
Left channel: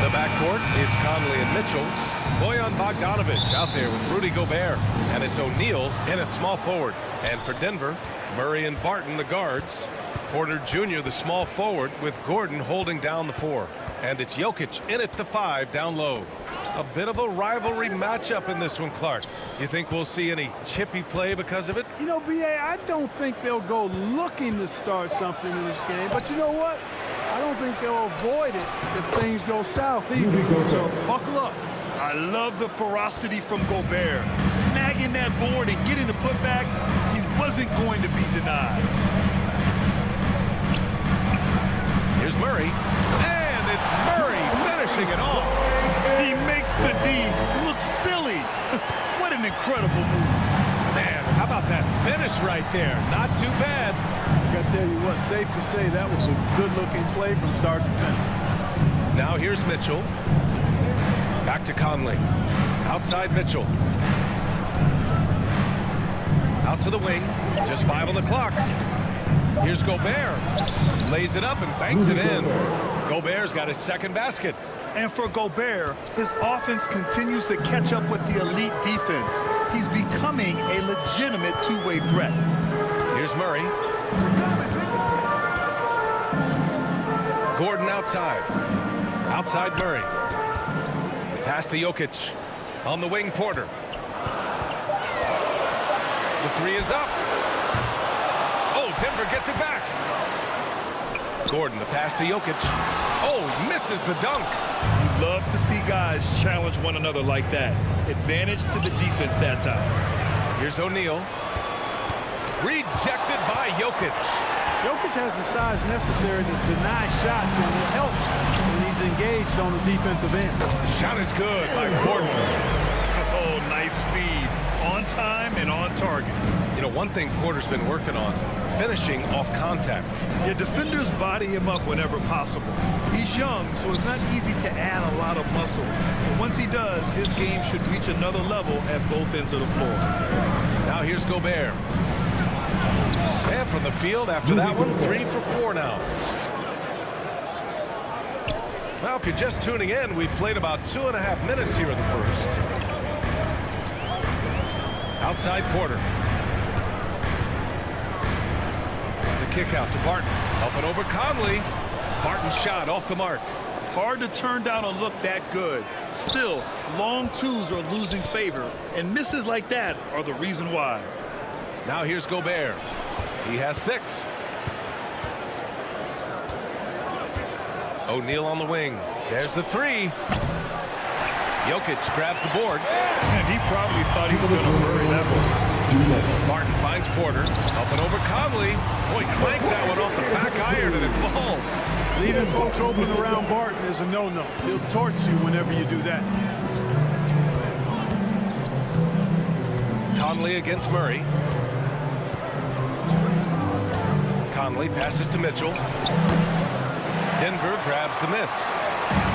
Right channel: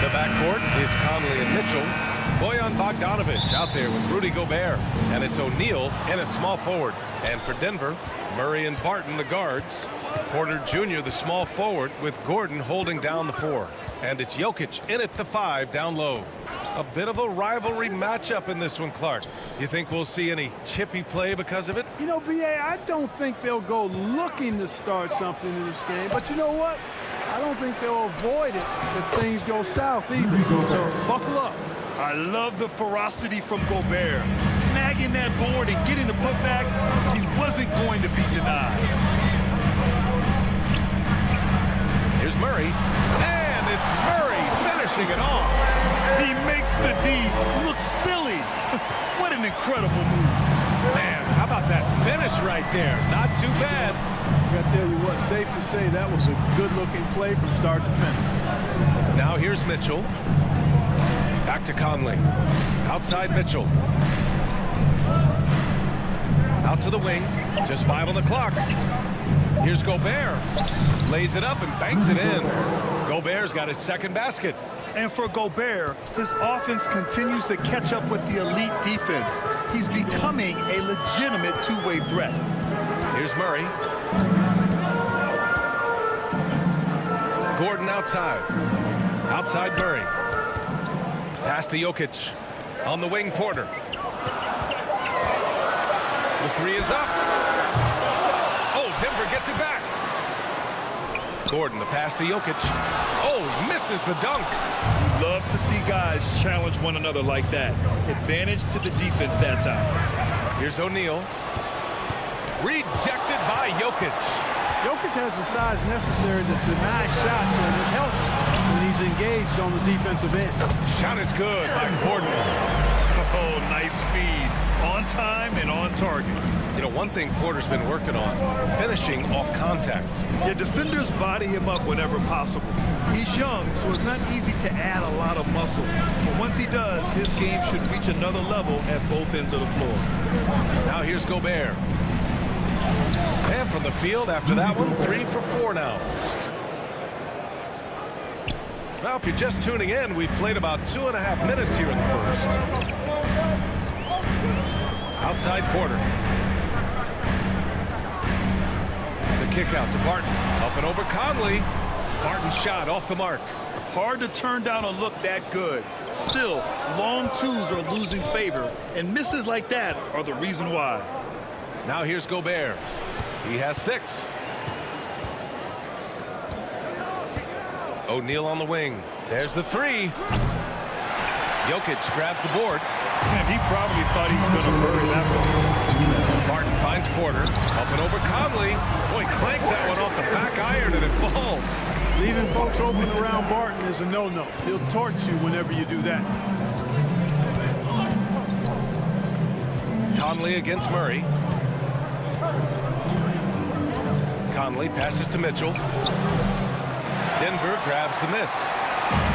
The backcourt, it's Conley and Mitchell. Bojan Bogdanovic out there with Rudy Gobert. And it's O'Neal in at small forward. And for Denver, Murray and Barton, the guards. Porter Jr., the small forward, with Gordon holding down the 4. And it's Jokic in at the 5 down low. A bit of a rivalry matchup in this one, Clark. You think we'll see any chippy play because of it? You know, B.A., I don't think they'll go looking to start something in this game. But you know what? I don't think they'll avoid it if things go south either. So buckle up. I love the ferocity from Gobert. Snagging that board and getting the putback, he wasn't going to be denied. Here's Murray. And it's Murray finishing it off. He makes the D look silly. What an incredible move. Man, how about that finish right there? Not too bad. I got to tell you what, safe to say that was a good-looking play from start to finish. Now here's Mitchell. Back to Conley. Outside Mitchell. Out to the wing. Just 5 on the clock. Here's Gobert. Lays it up and banks it in. Gobert's got his second basket. And for Gobert, his offense continues to catch up with the elite defense. He's becoming a legitimate two-way threat. Here's Murray. Gordon outside. Outside Murray. Pass to Jokic. On the wing, Porter. The 3 is up. Oh, Denver gets it back. Gordon, the pass to Jokic. Oh, he misses the dunk. You love to see guys challenge one another like that. Advantage to the defense that time. Here's O'Neal. Rejected by Jokic. Jokic has the size necessary to deny shots, and it helps when he's engaged on the defensive end. Shot is good by Gordon. Oh, nice feed. On time and on target. You know, one thing Porter's been working on, finishing off contact. Yeah, defenders body him up whenever possible. He's young, so it's not easy to add a lot of muscle. But once he does, his game should reach another level at both ends of the floor. Now here's Gobert. And from the field after that one, 3 for 4 now. Well, if you're just tuning in, we've played about 2.5 minutes here in the first. Outside Porter. The kick out to Barton. Up and over Conley. Barton's shot off the mark. Hard to turn down a look that good. Still, long twos are losing favor, and misses like that are the reason why. Now here's Gobert. He has 6. O'Neal on the wing. There's the 3. Jokic grabs the board. And he probably thought he was going to bury that one. Martin finds Porter. Up and over Conley. Boy, clanks that one off the back iron and it falls. Leaving folks open around Barton is a no-no. He'll torch you whenever you do that. Conley against Murray. Conley passes to Mitchell. Denver grabs the miss.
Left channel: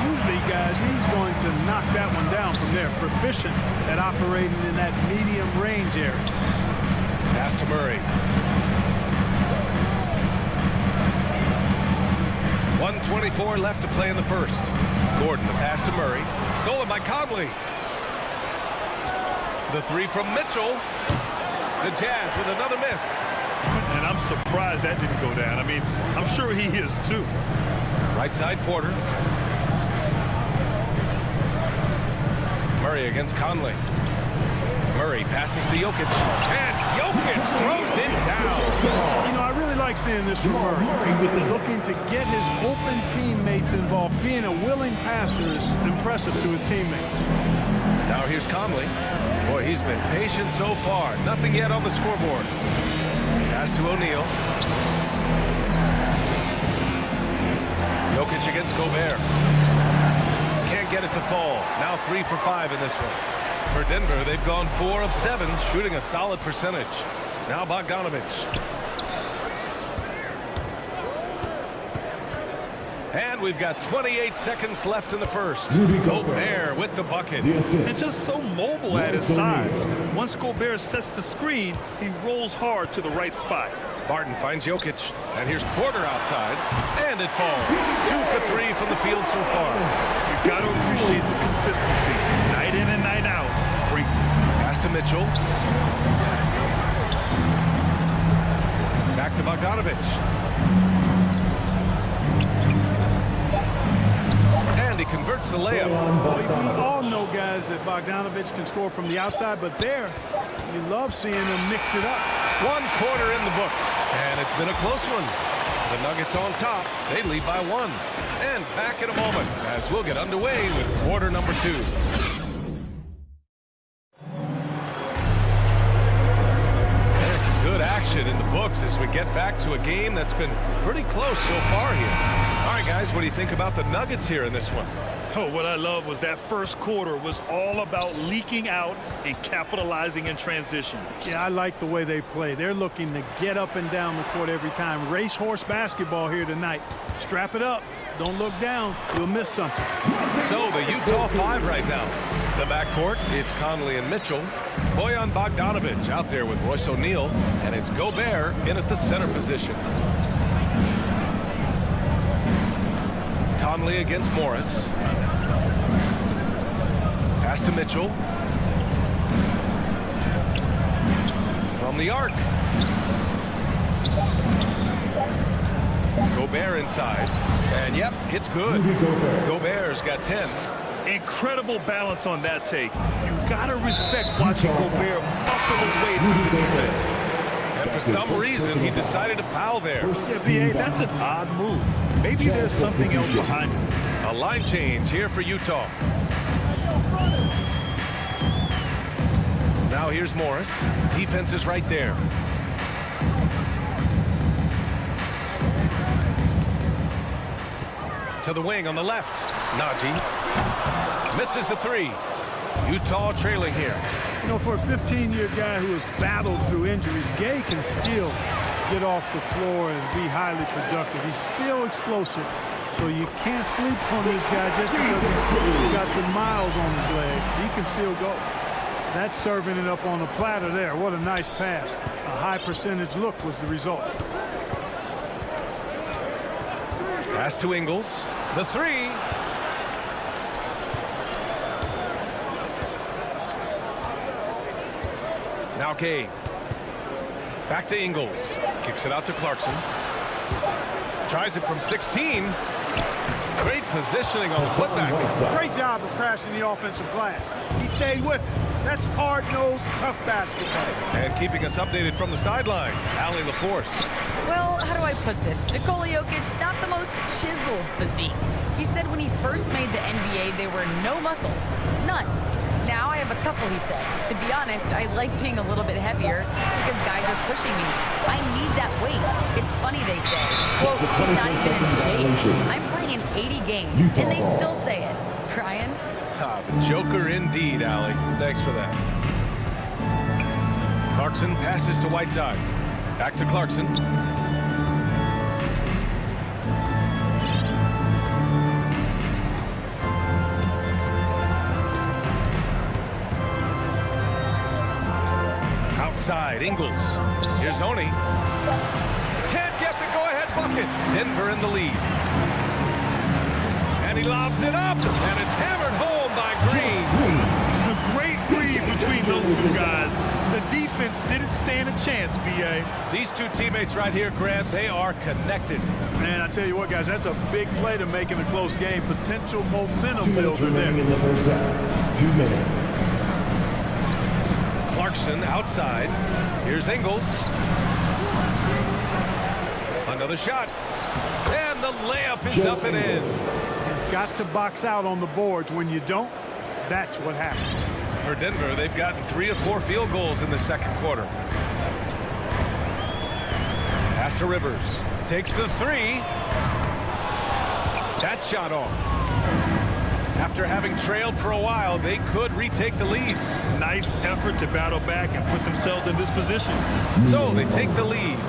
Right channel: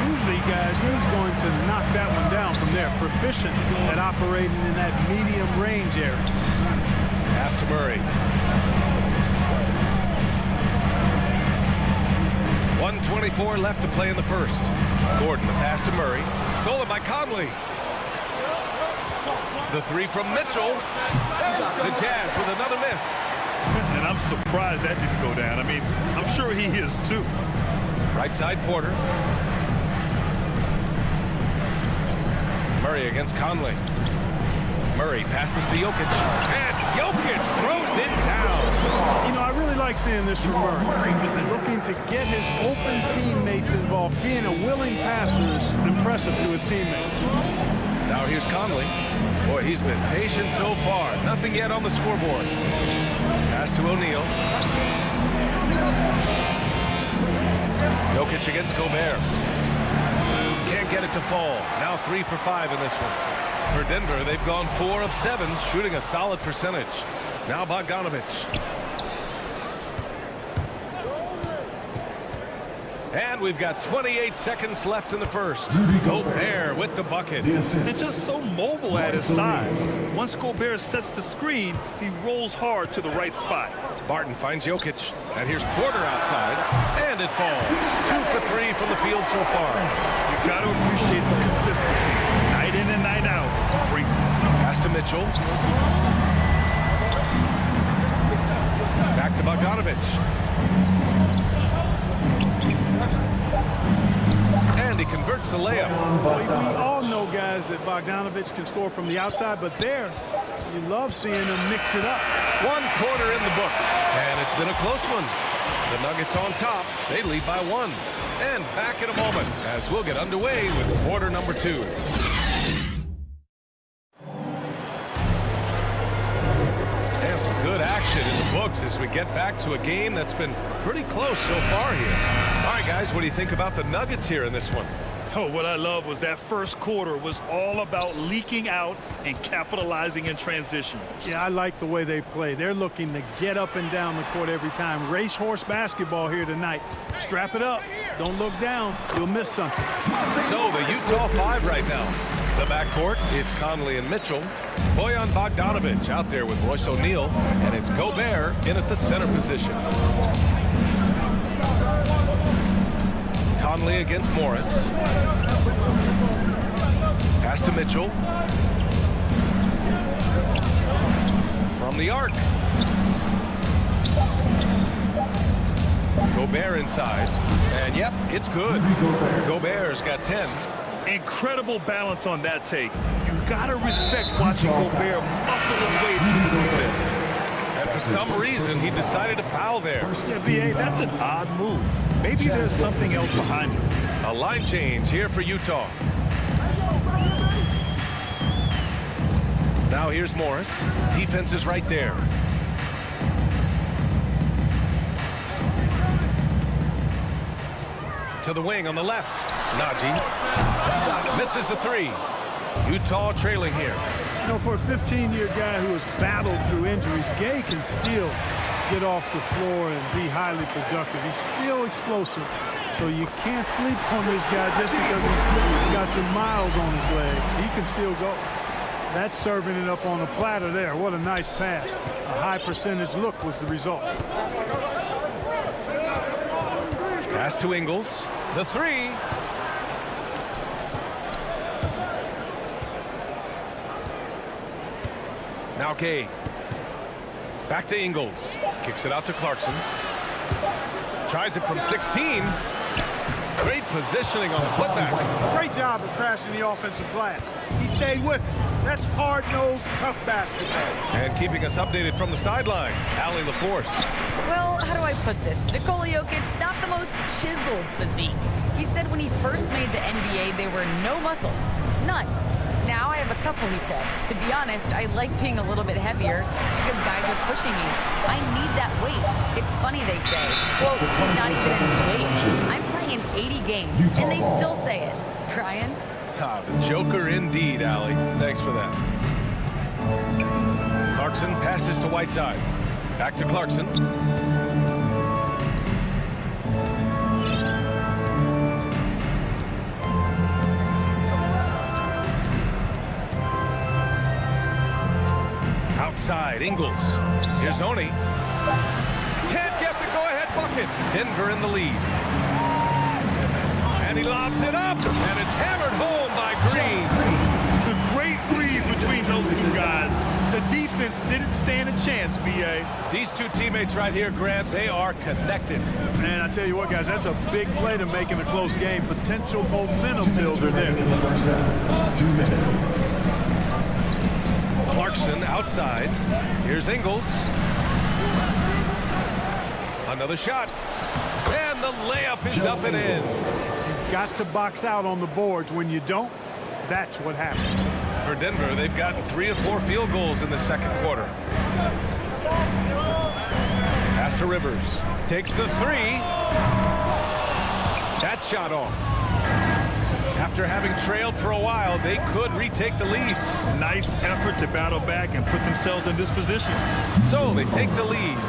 Usually, guys, he's going to knock that one down from there. Proficient at operating in that medium range area. Pass to Murray. 1:24 left to play in the first. Gordon, the pass to Murray. Stolen by Conley. The 3 from Mitchell. The Jazz with another miss. And I'm surprised that didn't go down. I mean, I'm sure he is too. Right side Porter. Murray against Conley. Murray passes to Jokic. And Jokic throws it down. You know, I really like seeing this from Murray. Looking to get his open teammates involved. Being a willing passer is impressive to his teammates. Now here's Conley. Boy, he's been patient so far. Nothing yet on the scoreboard. Pass to O'Neal. Jokic against Gobert. Can't get it to fall. Now 3 for 5 in this one. For Denver, they've gone 4 of 7, shooting a solid percentage. Now Bogdanovic. And we've got 28 seconds left in the first. Gobert with the bucket. And just so mobile at his size. Once Gobert sets the screen, he rolls hard to the right spot. Barton finds Jokic. And here's Porter outside. And it falls. 2 for 3 from the field so far. You got to appreciate the consistency. Night in and night out, he brings it. Pass to Mitchell. Back to Bogdanovich. And he converts the layup. Well, we all know, guys, that Bogdanovich can score from the outside, but there, you love seeing him mix it up. 1 quarter in the books, and it's been a close one. The Nuggets on top. They lead by 1. And back in a moment as we'll get underway with quarter number 2. And some good action in the books as we get back to a game that's been pretty close so far here. All right, guys, what do you think about the Nuggets here in this one? Oh, what I love was that first quarter was all about leaking out and capitalizing in transition. Yeah, I like the way they play. They're looking to get up and down the court every time. Racehorse basketball here tonight. Strap it up. Don't look down. You'll miss something. So the Utah 5 right now. The backcourt, it's Conley and Mitchell. Bojan Bogdanovich out there with Royce O'Neal. And it's Gobert in at the center position. Conley against Morris. Pass to Mitchell. From the arc. Gobert inside. And yep, it's good. Gobert's got 10. Incredible balance on that take. You got to respect watching Gobert muscle his way through the defense. And for some reason, he decided to foul there. Yeah, VA, that's an odd move. Maybe there's something else behind it. A line change here for Utah. Now here's Morris. Defense is right there. To the wing on the left. Najee misses the 3. Utah trailing here. You know, for a 15-year guy who has battled through injuries, Gay can still get off the floor and be highly productive. He's still explosive. So you can't sleep on this guy just because he's got some miles on his legs. He can still go. That's serving it up on a platter there. What a nice pass. A high percentage look was the result. Pass to Ingles. The 3. Now Gay. Back to Ingles. Kicks it out to Clarkson. Tries it from 16. Great positioning on the putback. Great job of crashing the offensive glass. He stayed with it. That's hard-nosed, tough basketball. And keeping us updated from the sideline, Allie LaForce. Well, how do I put this? Nikola Jokic, not the most chiseled physique. He said when he first made the NBA, there were no muscles. None. Now I have a couple, he said. To be honest, I like being a little bit heavier because guys are pushing me. I need that weight. It's funny they say, quote, he's not even in shape. I'm playing in 80 games, and they still say it. Brian? Ah, the Joker indeed, Allie. Thanks for that. Clarkson passes to Whiteside. Back to Clarkson. Outside, Ingles. Here's Oni. Can't get the go-ahead bucket. Denver in the lead. And he lobs it up, and it's hammered home by Green. A great read between those two guys. The defense didn't stand a chance, B.A. These two teammates right here, Grant, they are connected. Man, I tell you what, guys, that's a big play to make in a close game. Potential momentum builder there. In the first half. 2 minutes. Clarkson outside. Here's Ingles. Another shot. And the layup is up and in. You've got to box out on the boards. When you don't, that's what happens. For Denver, they've gotten 3 of 4 field goals in the second quarter. Pass to Rivers. Takes the 3. That shot off. After having trailed for a while, they could retake the lead. Nice effort to battle back and put themselves in this position. So they take the lead.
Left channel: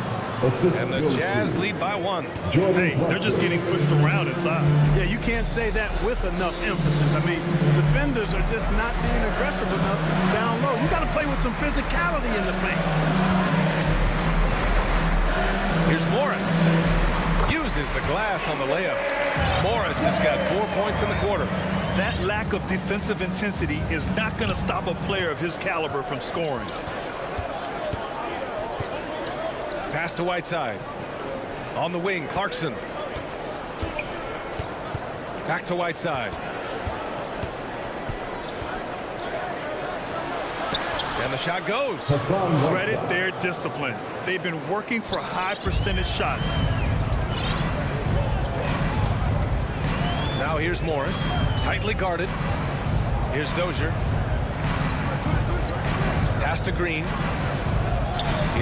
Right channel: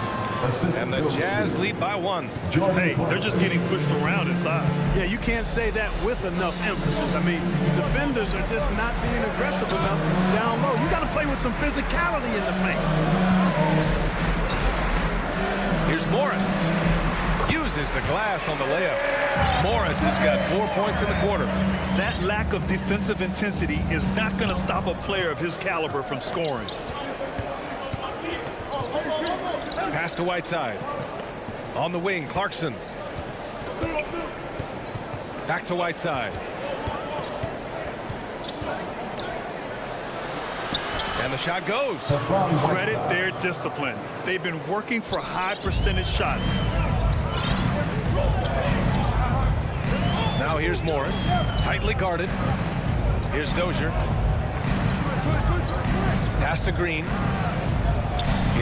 And the Jazz lead by 1. Hey, they're just getting pushed around inside. Yeah, you can't say that with enough emphasis. I mean, defenders are just not being aggressive enough down low. You got to play with some physicality in the paint. Here's Morris. Uses the glass on the layup. Morris has got 4 points in the quarter. That lack of defensive intensity is not going to stop a player of his caliber from scoring. Pass to Whiteside. On the wing, Clarkson. Back to Whiteside. And the shot goes. Credit their discipline. They've been working for high percentage shots. Now here's Morris. Tightly guarded. Here's Dozier. Pass to Green.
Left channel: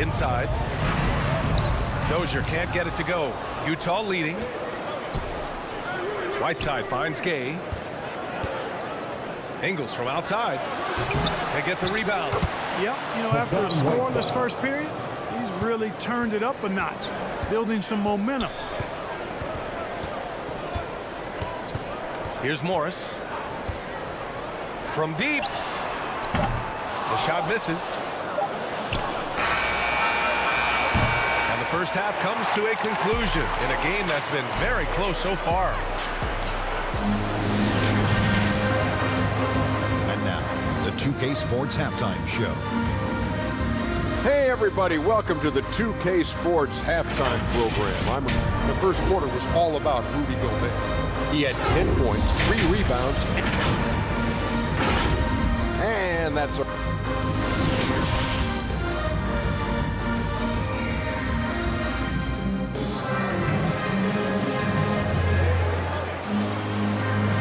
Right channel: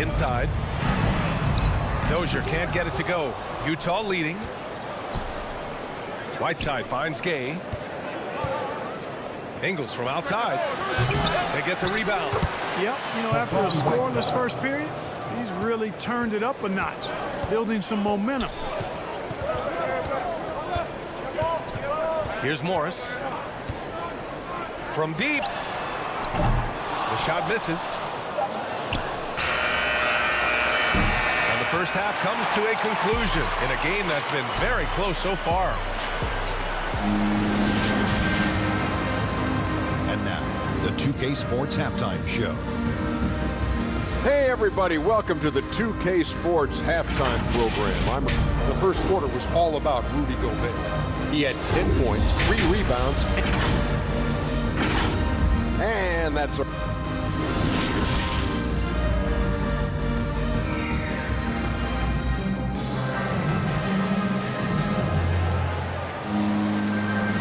Inside. Dozier can't get it to go. Utah leading. Whiteside finds Gay. Ingles from outside. They get the rebound. Yep, you know, after a scoreless first period, he's really turned it up a notch, building some momentum. Here's Morris. From deep. The shot misses. And the first half comes to a conclusion in a game that's been very close so far. And now, the 2K Sports Halftime Show. Hey everybody, welcome to the 2K Sports Halftime Program. The first quarter was all about Rudy Gobert. He had 10 points, 3 rebounds, and that's a...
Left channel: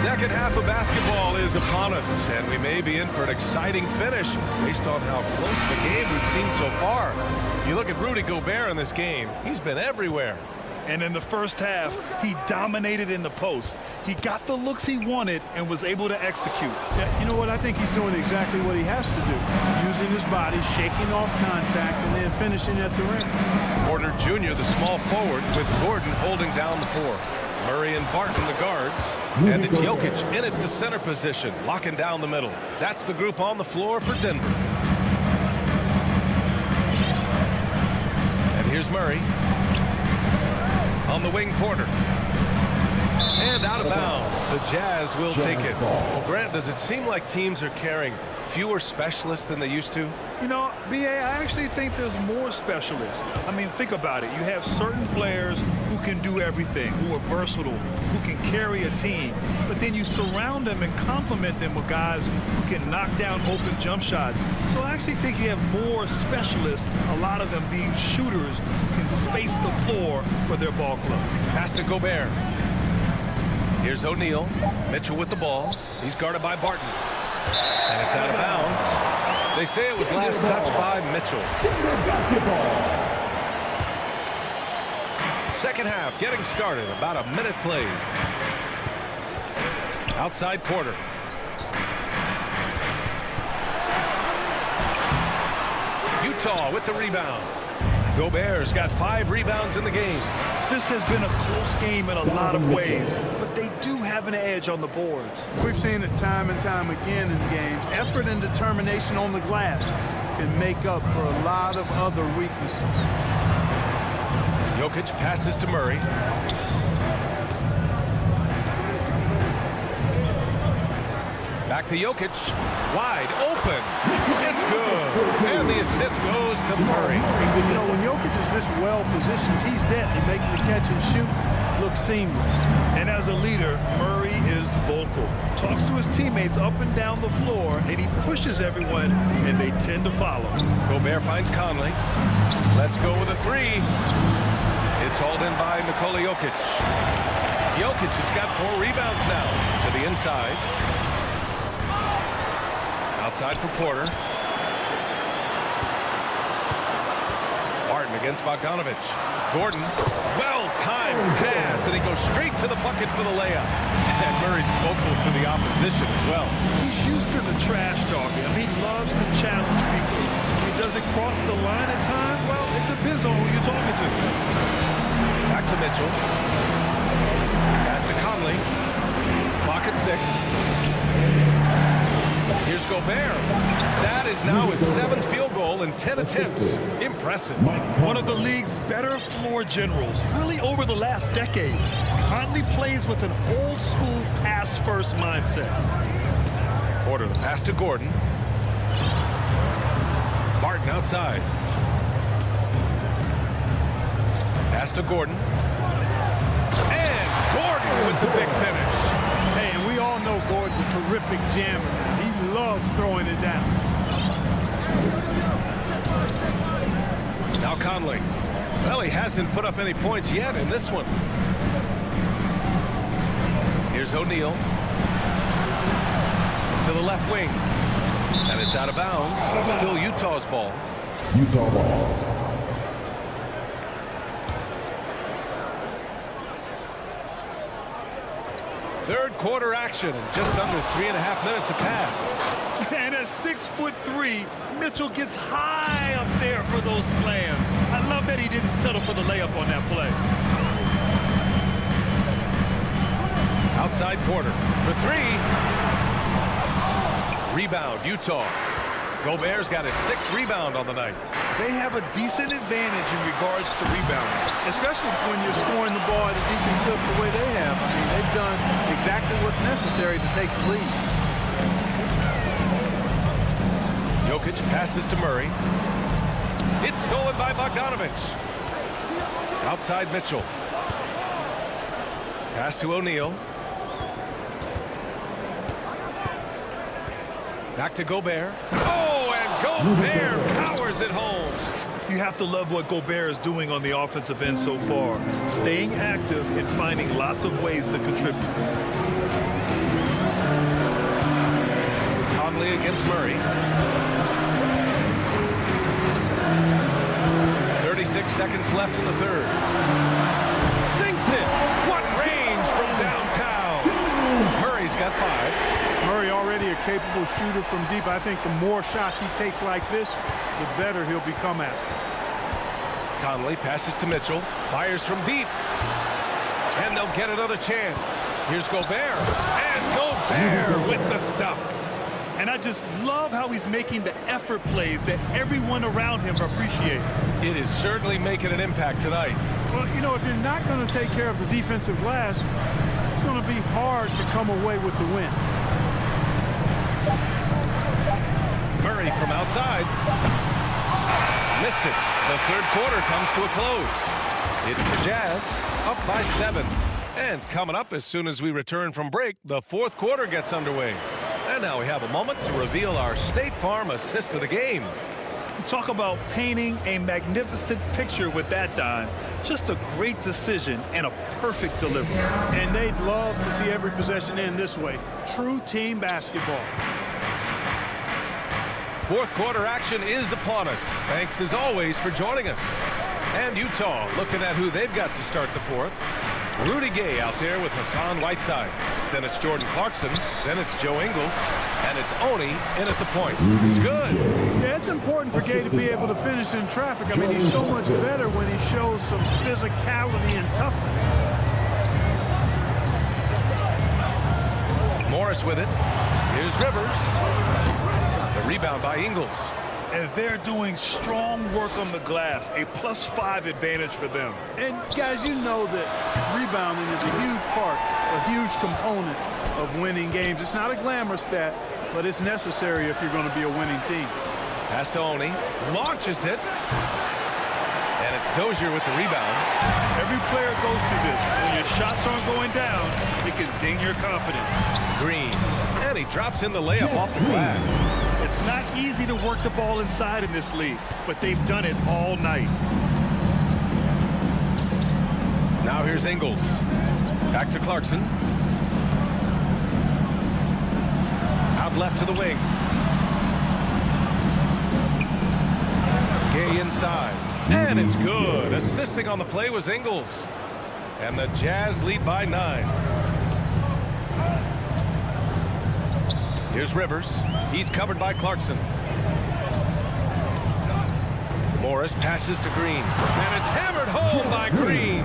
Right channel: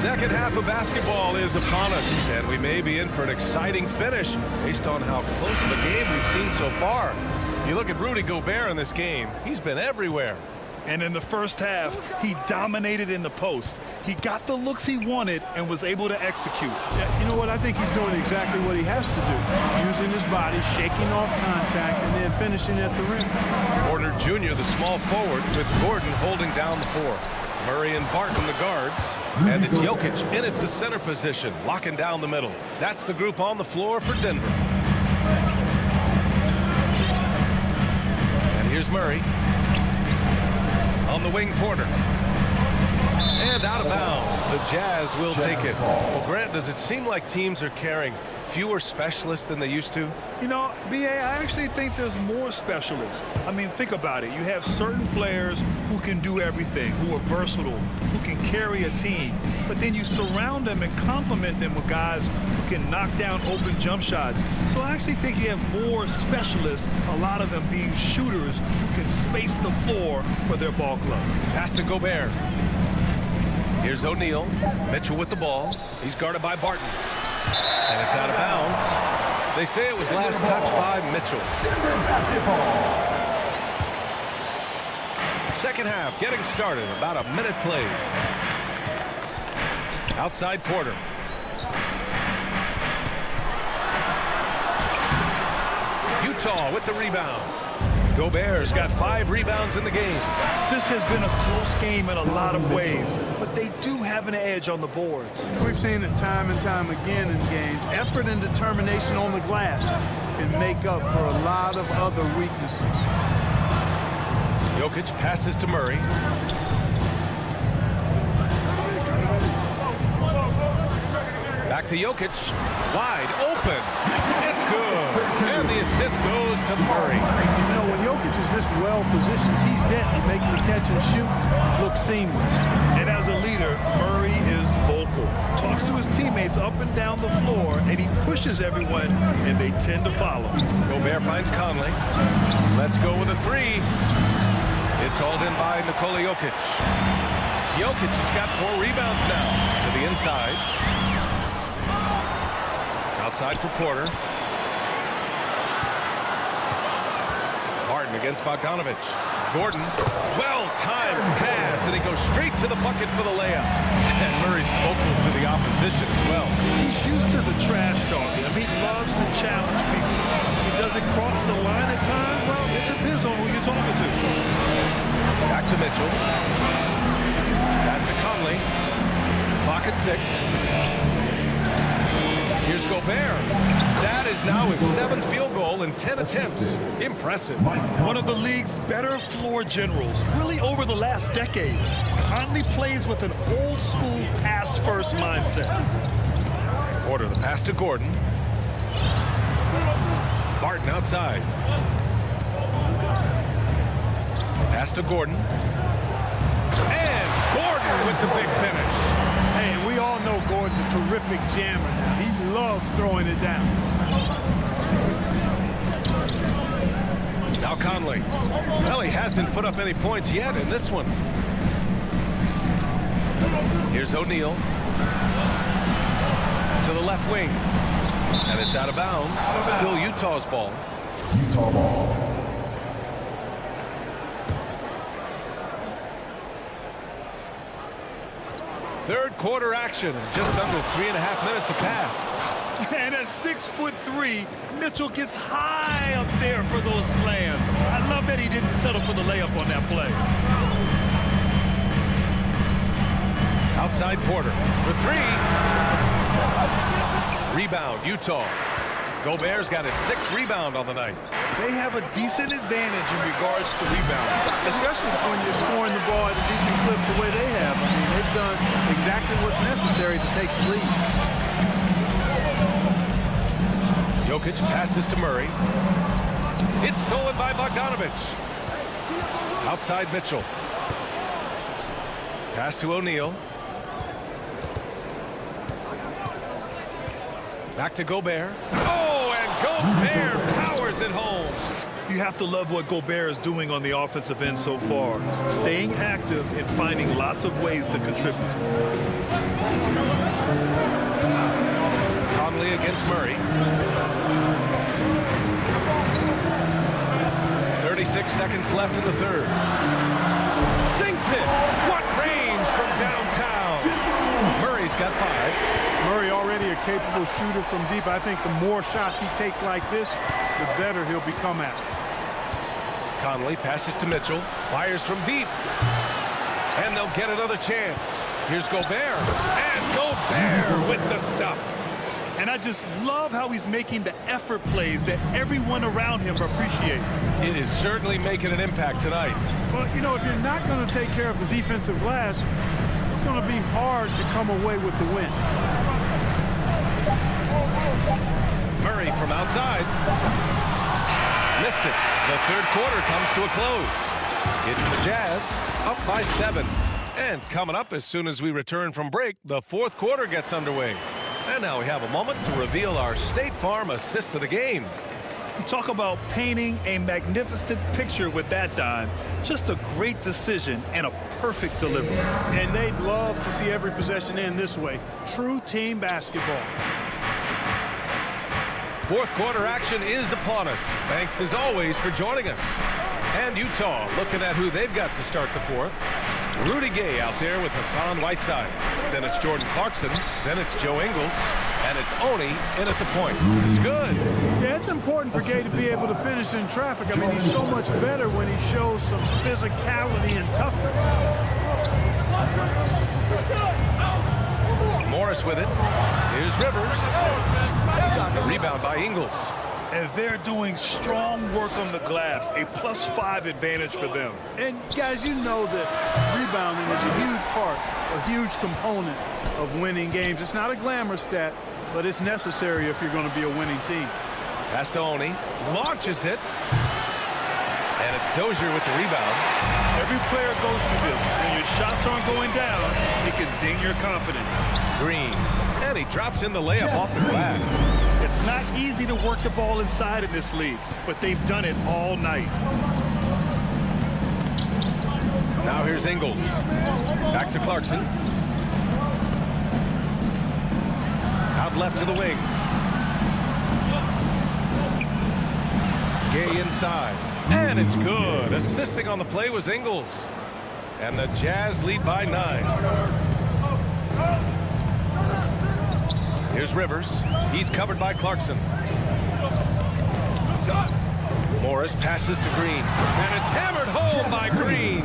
Second half of basketball is upon us, and we may be in for an exciting finish based on how close of a game we've seen so far. You look at Rudy Gobert in this game, he's been everywhere. And in the first half, he dominated in the post. He got the looks he wanted and was able to execute. Yeah, you know what? I think he's doing exactly what he has to do. Using his body, shaking off contact, and then finishing at the rim. Porter Jr., the small forward, with Gordon holding down the 4. Murray and Barton, the guards. And it's Jokic in at the center position, locking down the middle. That's the group on the floor for Denver. And here's Murray. On the wing, Porter. And out of bounds. The Jazz will take it. Well, Grant, does it seem like teams are carrying fewer specialists than they used to? You know, B.A., I actually think there's more specialists. I mean, think about it. You have certain players who can do everything, who are versatile, who can carry a team. But then you surround them and complement them with guys who can knock down open jump shots. So I actually think you have more specialists, a lot of them being shooters who can space the floor for their ball club. Pass to Gobert. Here's O'Neal. Mitchell with the ball. He's guarded by Barton. And it's out of bounds. They say it was last touched by Mitchell. Second half getting started. About a minute played. Outside Porter. Utah with the rebound. Gobert's got 5 rebounds in the game. This has been a close game in a lot of ways, but they do have an edge on the boards. We've seen it time and time again in games. Effort and determination on the glass can make up for a lot of other weaknesses. Jokic passes to Murray. Back to Jokic. Wide open. It's good. And the assist goes to Murray. You know, when Jokic is this well positioned, he's deadly, making the catch and shoot look seamless. And as a leader, Murray is vocal. Talks to his teammates up and down the floor, and he pushes everyone, and they tend to follow. Gobert finds Conley. Let's go with a 3. It's hauled in by Nikola Jokic. Jokic has got 4 rebounds now to the inside. Outside for Porter. Barton against Bogdanovich. Gordon, well-timed pass, and he goes straight to the bucket for the layup. And Murray's vocal to the opposition as well. He's used to the trash talking. I mean, he loves to challenge people. He doesn't cross the line at times. Well, it depends on who you're talking to. Back to Mitchell. Pass to Conley. Clock at 6. Here's Gobert. That is now his 7th field goal in 10 attempts. Impressive. One of the league's better floor generals, really over the last decade. Conley plays with an old-school pass-first mindset. Porter the pass to Gordon. Barton outside. Pass to Gordon. And Gordon with the big finish. Hey, and we all know Gordon's a terrific jammer now. He loves throwing it down. Now Conley. Well, he hasn't put up any points yet in this one. Here's O'Neal. To the left wing. And it's out of bounds. Still Utah's ball. Utah ball. Third quarter action, and just under 3.5 minutes have passed. And at 6'3", Mitchell gets high up there for those slams. I love that he didn't settle for the layup on that play. Outside Porter for 3. Rebound, Utah. Gobert's got his 6th rebound on the night. They have a decent advantage in regards to rebounding. Especially when you're scoring the ball at a decent clip the way they have. I mean, they've done exactly what's necessary to take the lead. Jokic passes to Murray. It's stolen by Bogdanovich. Outside Mitchell. Pass to O'Neal. Back to Gobert. Oh, and Gobert powers it home. You have to love what Gobert is doing on the offensive end so far. Staying active and finding lots of ways to contribute. Conley against Murray. 36 seconds left in the third. Sinks it. What range from downtown. Murray's got 5. Murray already a capable shooter from deep. I think the more shots he takes like this, the better he'll become at it. Conley passes to Mitchell. Fires from deep. And they'll get another chance. Here's Gobert. And Gobert with the stuff. And I just love how he's making the effort plays that everyone around him appreciates. It is certainly making an impact tonight. Well, you know, if you're not going to take care of the defensive glass, it's going to be hard to come away with the win. Murray from outside. Missed it. The third quarter comes to a close. It's the Jazz up by 7. And coming up as soon as we return from break, the fourth quarter gets underway. And now we have a moment to reveal our State Farm assist of the game. You talk about painting a magnificent picture with that, Don. Just a great decision and a perfect delivery. And they'd love to see every possession end this way. True team basketball. Fourth quarter action is upon us. Thanks as always for joining us. And Utah looking at who they've got to start the fourth. Rudy Gay out there with Hassan Whiteside. Then it's Jordan Clarkson. Then it's Joe Ingles. And it's Oni in at the point. It's good. Yeah, it's important for Gay to be able to finish in traffic. I mean, he's so much better when he shows some physicality and toughness. Morris with it. Here's Rivers. The rebound by Ingles. And they're doing strong work on the glass. A +5 advantage for them. And guys, you know that rebounding is a huge part, a huge component of winning games. It's not a glamour stat, but it's necessary if you're going to be a winning team. Pass to Oni. Launches it. And it's Dozier with the rebound. Every player goes through this. When your shots aren't going down, it can ding your confidence. Green. And he drops in the layup off the glass. It's not easy to work the ball inside in this league, but they've done it all night. Now here's Ingles. Back to Clarkson. Out left to the wing. Gay inside. And it's good. Assisting on the play was Ingles. And the Jazz lead by 9. Here's Rivers. He's covered by Clarkson. Morris passes to Green. And it's hammered home by Green.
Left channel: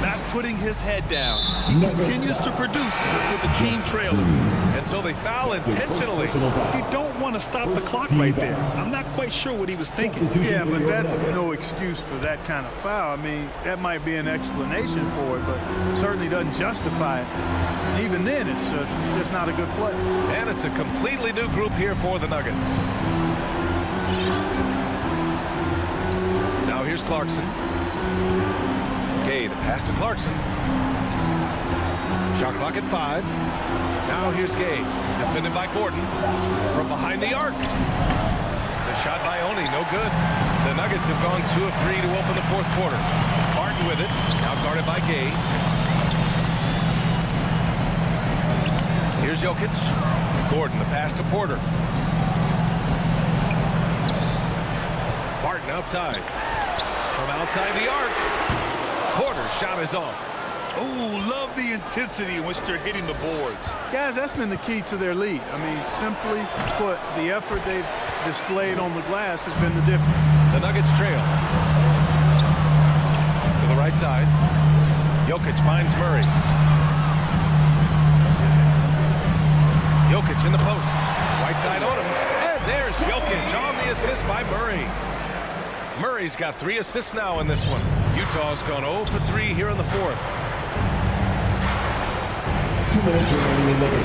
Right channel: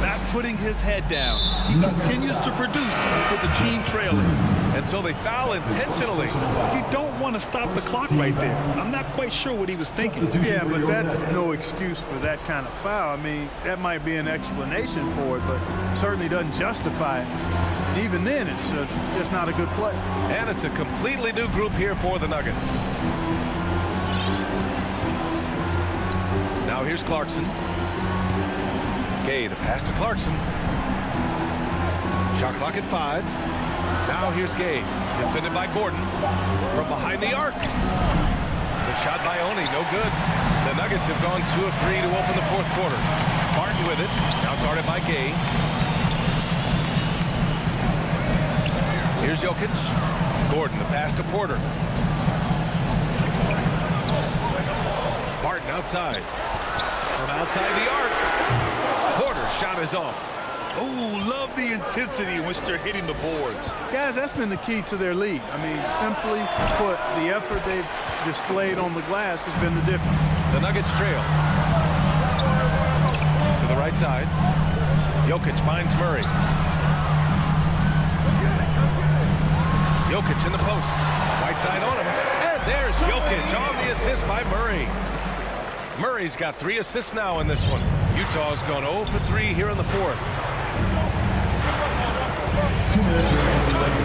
That's putting his head down. He continues to produce with the team trailing. And so they foul intentionally. You don't want to stop the clock right there. I'm not quite sure what he was thinking. Yeah, but that's no excuse for that kind of foul. I mean, that might be an explanation for it, but certainly doesn't justify it. And even then, it's just not a good play. And it's a completely new group here for the Nuggets. Now here's Clarkson. Gay, the pass to Clarkson. Shot clock at 5. Now here's Gay, defended by Gordon from behind the arc. The shot by Oni, no good. The Nuggets have gone 2 of 3 to open the fourth quarter. Barton with it, now guarded by Gay. Here's Jokic. Gordon, the pass to Porter. Barton outside. From outside the arc. Porter's shot is off. Oh, love the intensity in which they're hitting the boards. Guys, that's been the key to their lead. I mean, simply put, the effort they've displayed on the glass has been the difference. The Nuggets trail. To the right side. Jokic finds Murray. Jokic in the post. Whiteside on him. And there's Jokic on the assist by Murray. Murray's got 3 assists now in this one. Utah's gone 0 for 3 here in the fourth.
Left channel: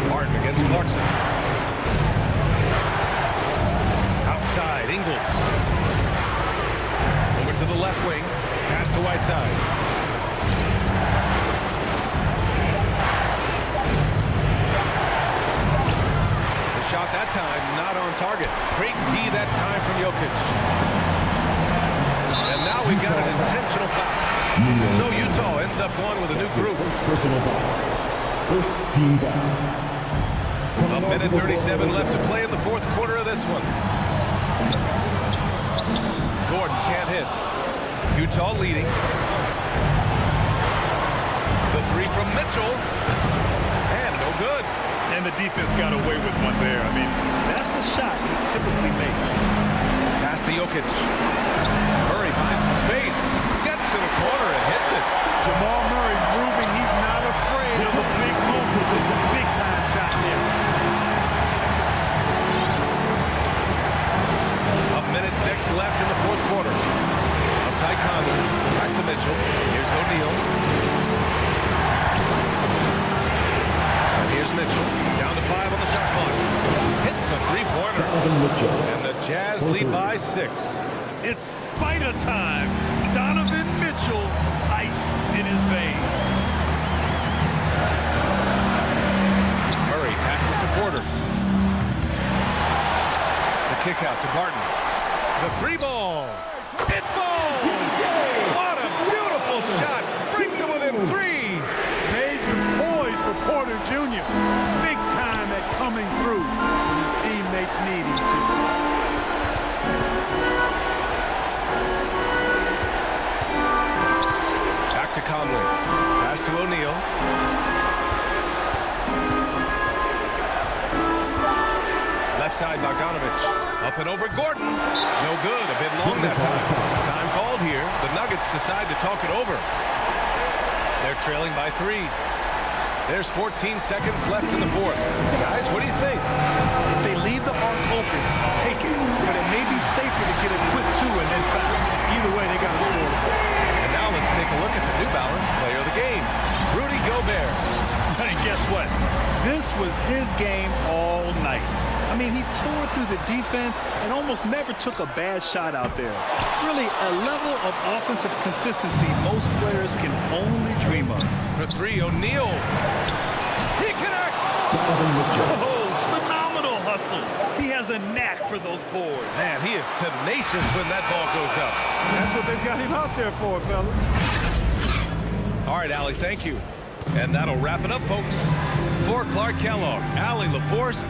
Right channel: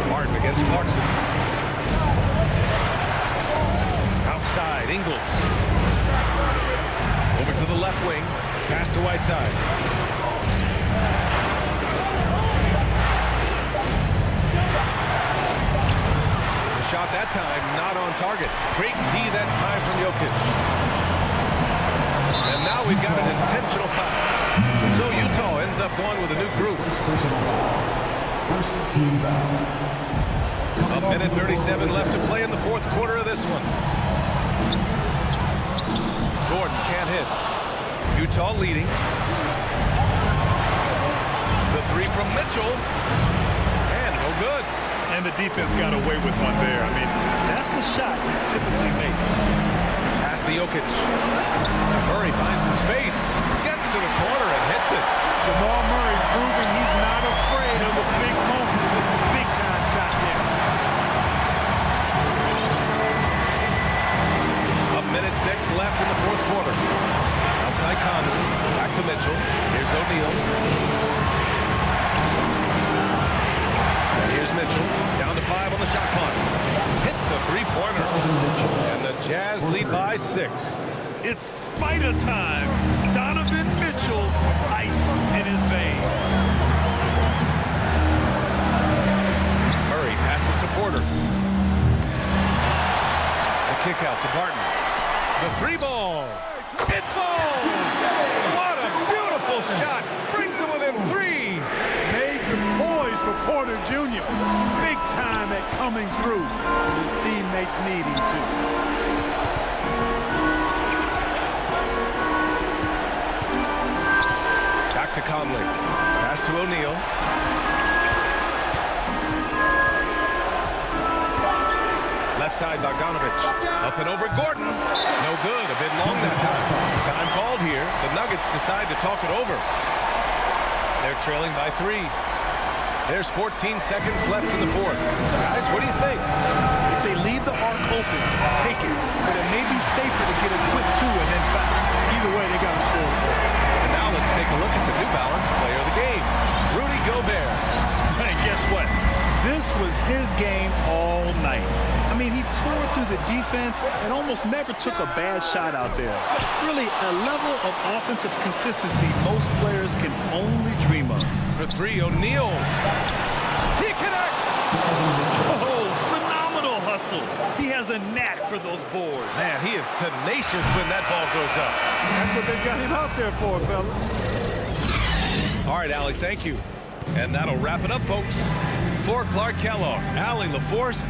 Martin against Clarkson. Outside, Ingles. Over to the left wing. Pass to Whiteside. The shot that time not on target. Great D that time from Jokic. And now we've got an intentional foul. So Utah ends up going with a new group. First team foul. A minute 37 left to play in the fourth quarter of this one. Gordon can't hit. Utah leading. The 3 from Mitchell. And no good. And the defense got away with one there. I mean, that's the shot he typically makes. Pass to Jokic. Murray finds some space. Gets to the corner and hits it. Jamal Murray proving he's not afraid of the big moment. Big time shot there. A minute 6 left in the fourth quarter. Outside Conley. Back to Mitchell. Here's O'Neal. And here's Mitchell. Down to 5 on the shot clock. Hits a 3-pointer. And the Jazz lead by 6. It's spider time. Donovan Mitchell, ice in his veins. Murray passes to Porter. The kick out to Barton. The 3-ball. It falls. What a beautiful shot. Brings him within 3. Major poise for Porter Jr. Big time at coming through when his teammates need him to. Back to Conley. Pass to O'Neal. Left side, Bogdanovich. Up and over Gordon. No good. A bit long that time. Time called here. The Nuggets decide to talk it over. They're trailing by 3. There's 14 seconds left in the fourth. Guys, what do you think? If they leave the arc open, take it. But it may be safer to get a quick 2 and then foul. Either way, they got to score the ball. And now let's take a look at the New Balance player of the game, Rudy Gobert. And guess what? This was his game all night. I mean, he tore through the defense and almost never took a bad shot out there. Really, a level of offensive consistency most players can only dream of. For 3, O'Neal. He connects. Oh, phenomenal hustle. He has a knack for those boards. Man, he is tenacious when that ball goes up. That's what they've got him out there for, fella. All right, Allie, thank you. And that'll wrap it up, folks. For Clark Kellogg, Allie LaForce.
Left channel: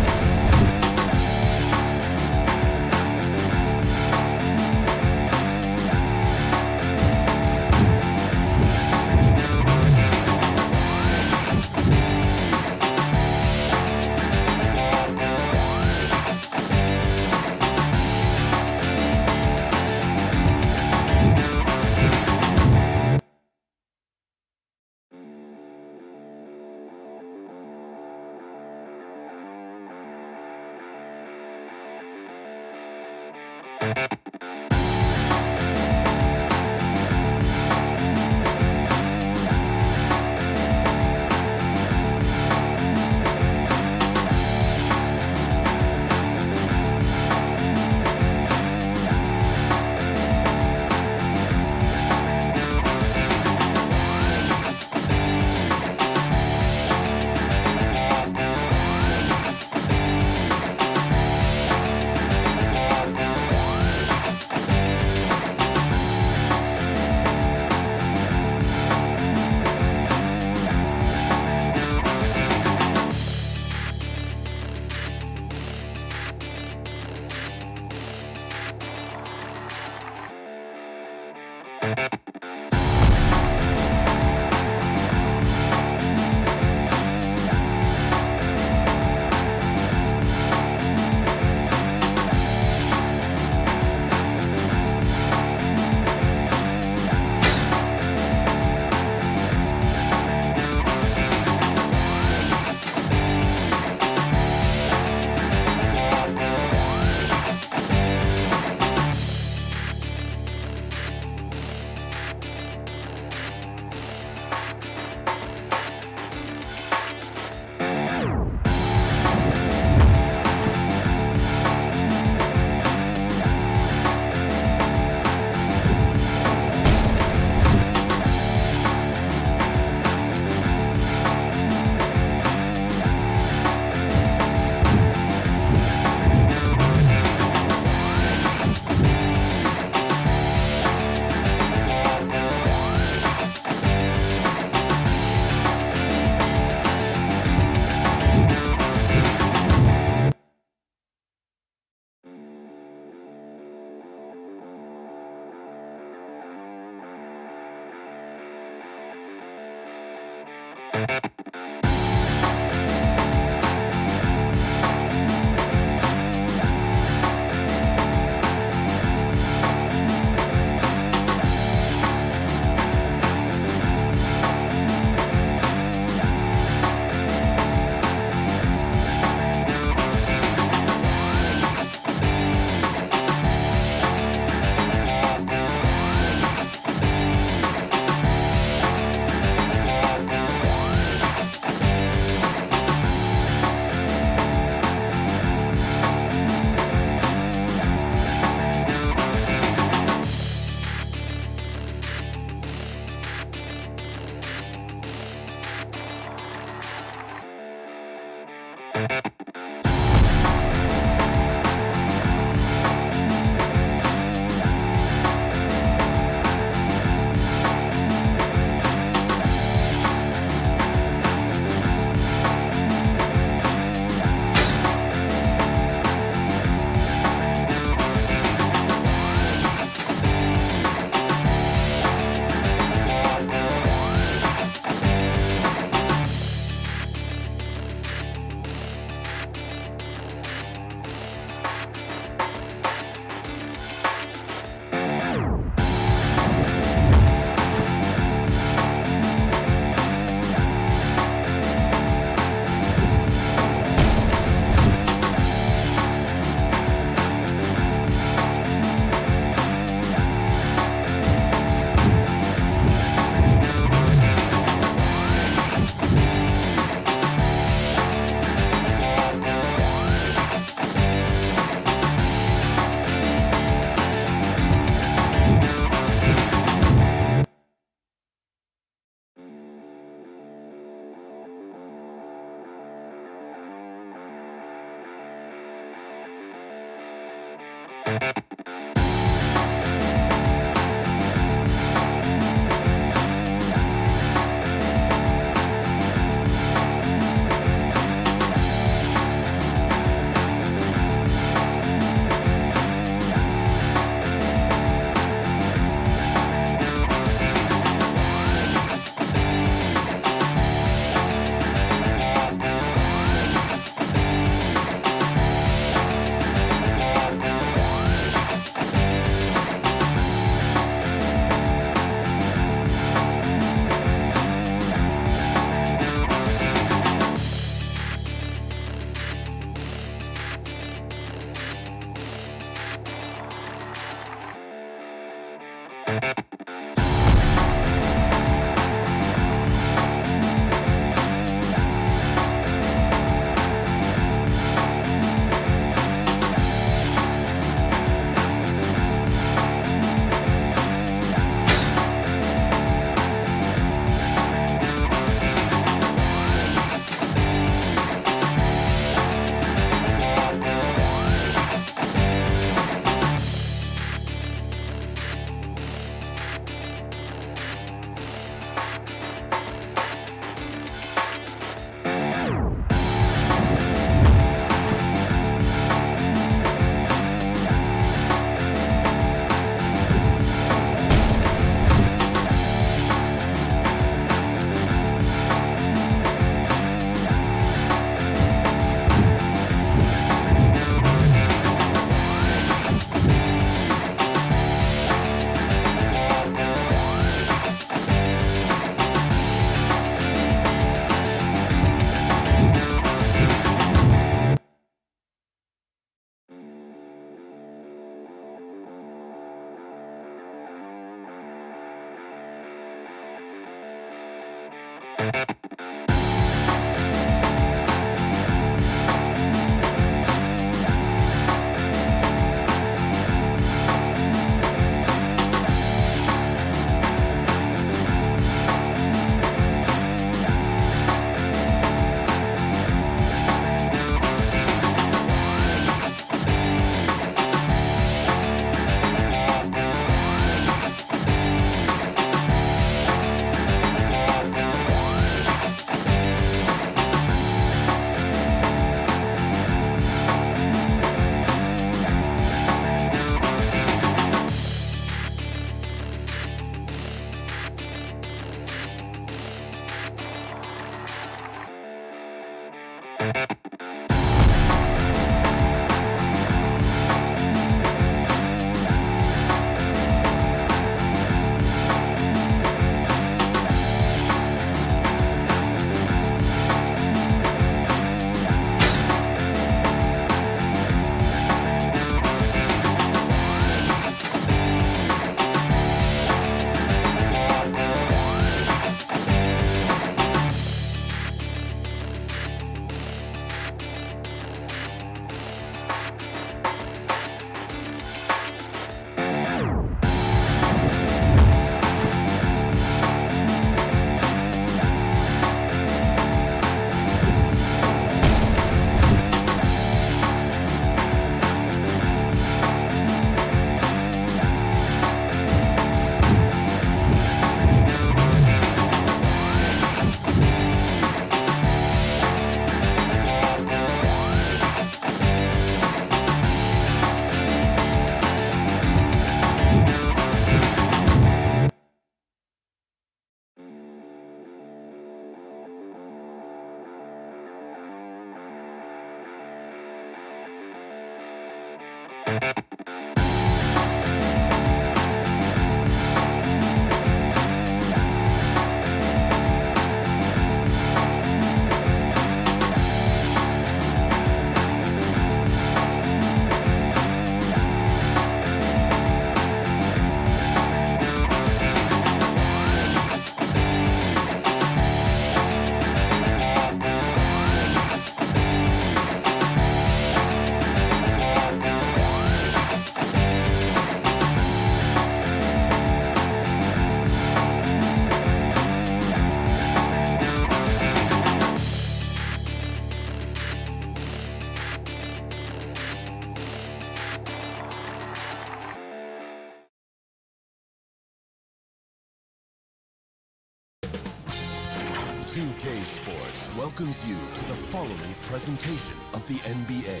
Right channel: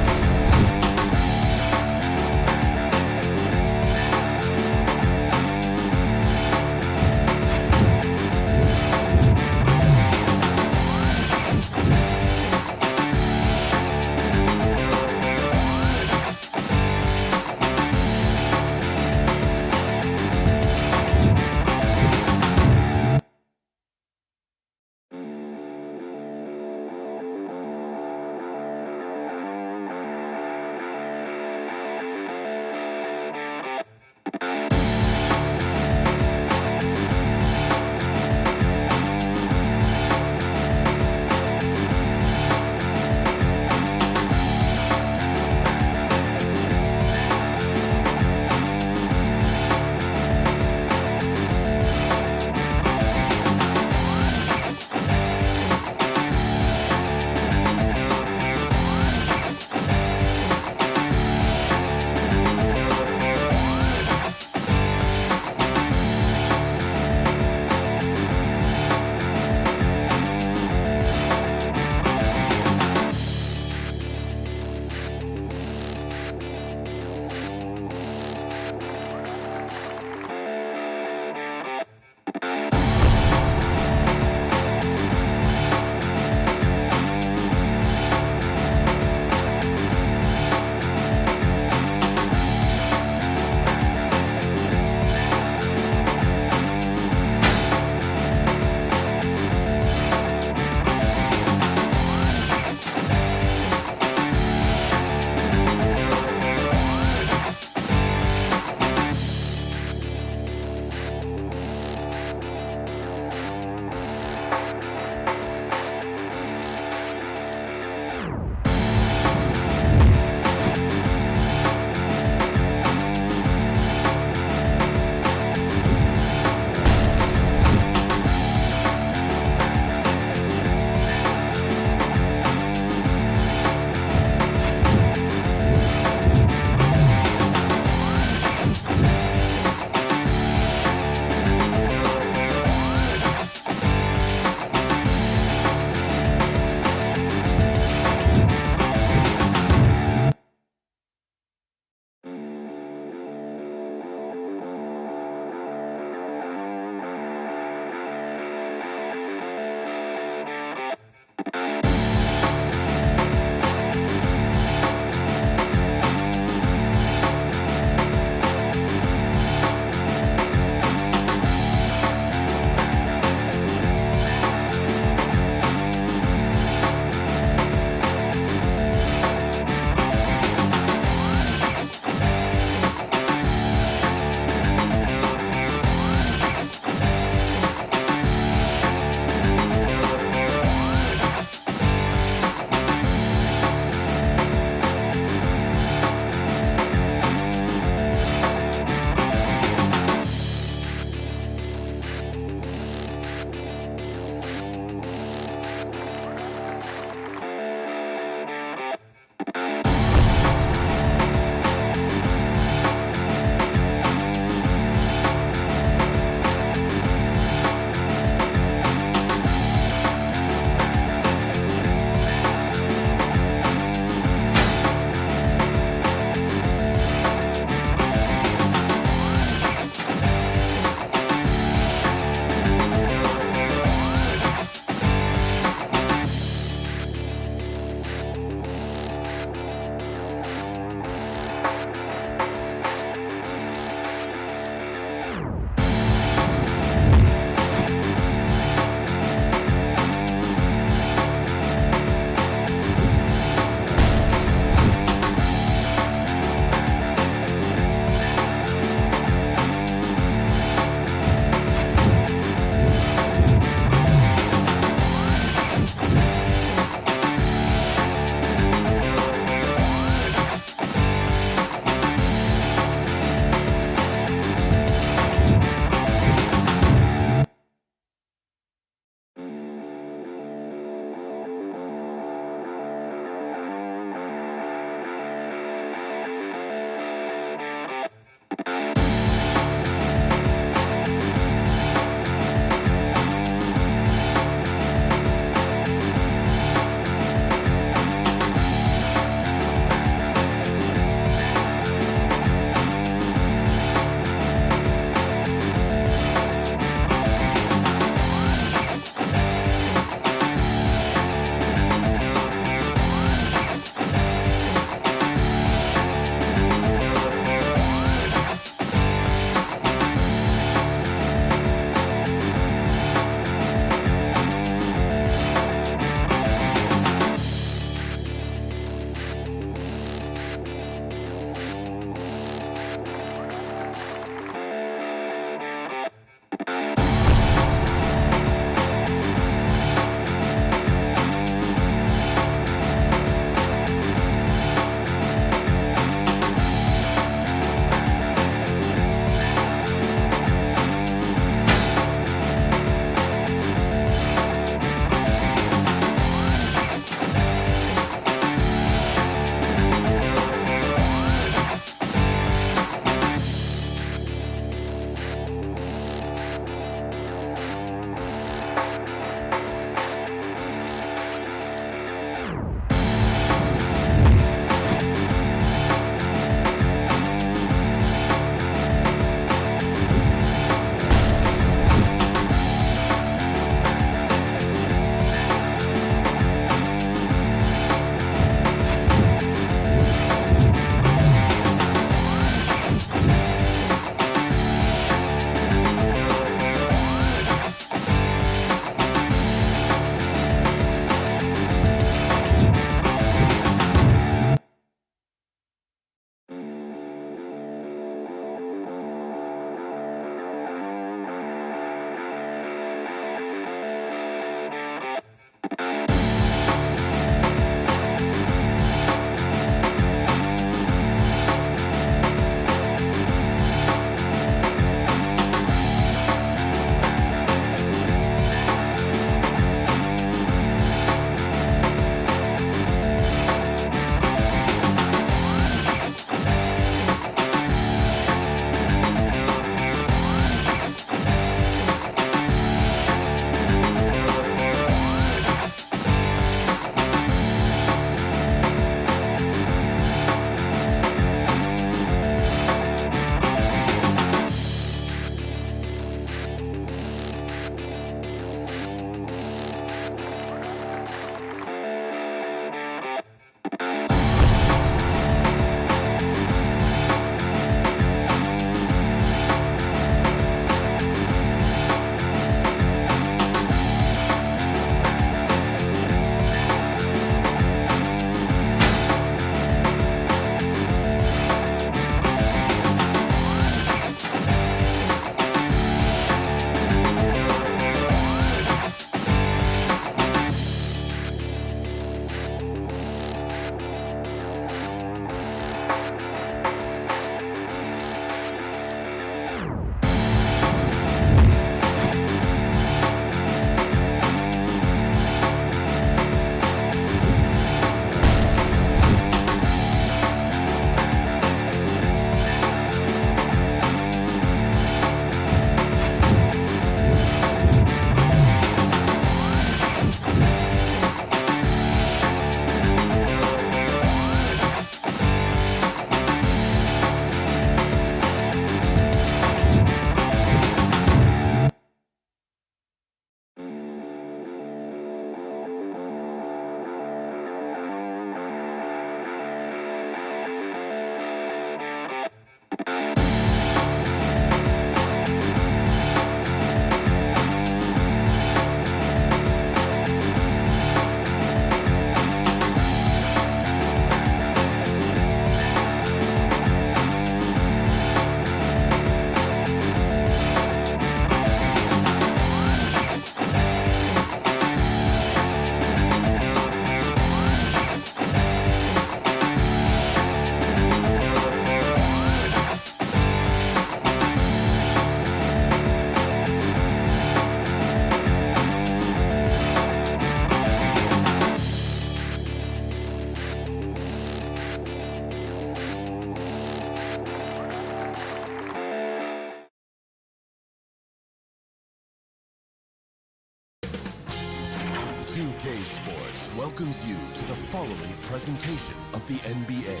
2K Sports welcomes you to the following presentation of the NBA.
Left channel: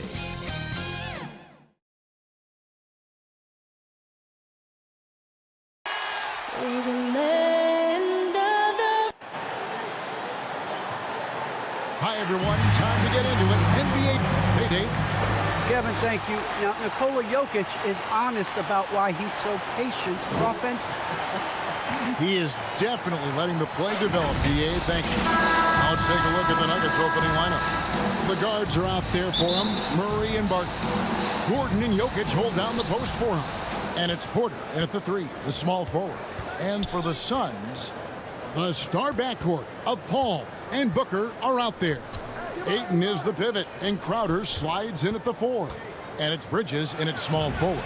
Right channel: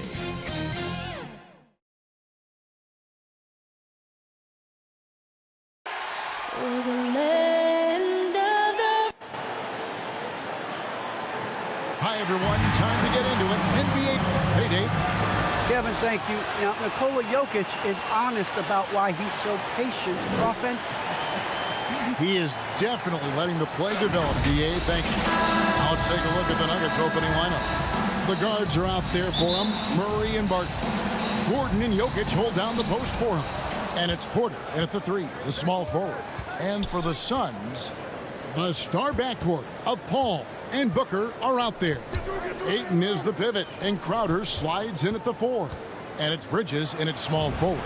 Hi, everyone. Time to get into it. NBA payday. Kevin, thank you. Now, Nikola Jokic is honest about why he's so patient offensively. He is definitely letting the play develop, DA. Thank you. Now let's take a look at the Nuggets opening lineup. The guards are out there for him. Murray and Barton. Gordon and Jokic hold down the post for him. And it's Porter in at the 3, the small forward. And for the Suns, the star backcourt of Paul and Booker are out there. Ayton is the pivot, and Crowder slides in at the 4. And it's Bridges in at small forward.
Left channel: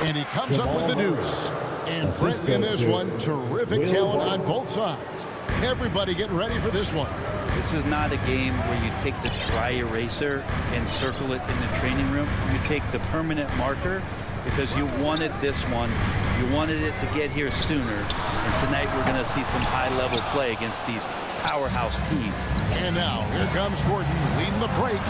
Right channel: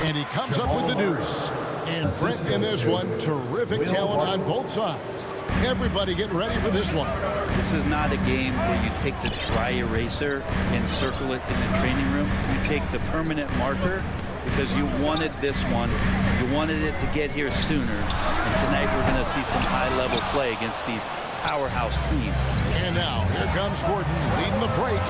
And he comes up with the deuce. And Brent in this one, terrific talent on both sides. Everybody getting ready for this one. This is not a game where you take the dry eraser and circle it in the training room. You take the permanent marker because you wanted this one. You wanted it to get here sooner. And tonight we're going to see some high-level play against these powerhouse teams. And now here comes Gordon leading the break.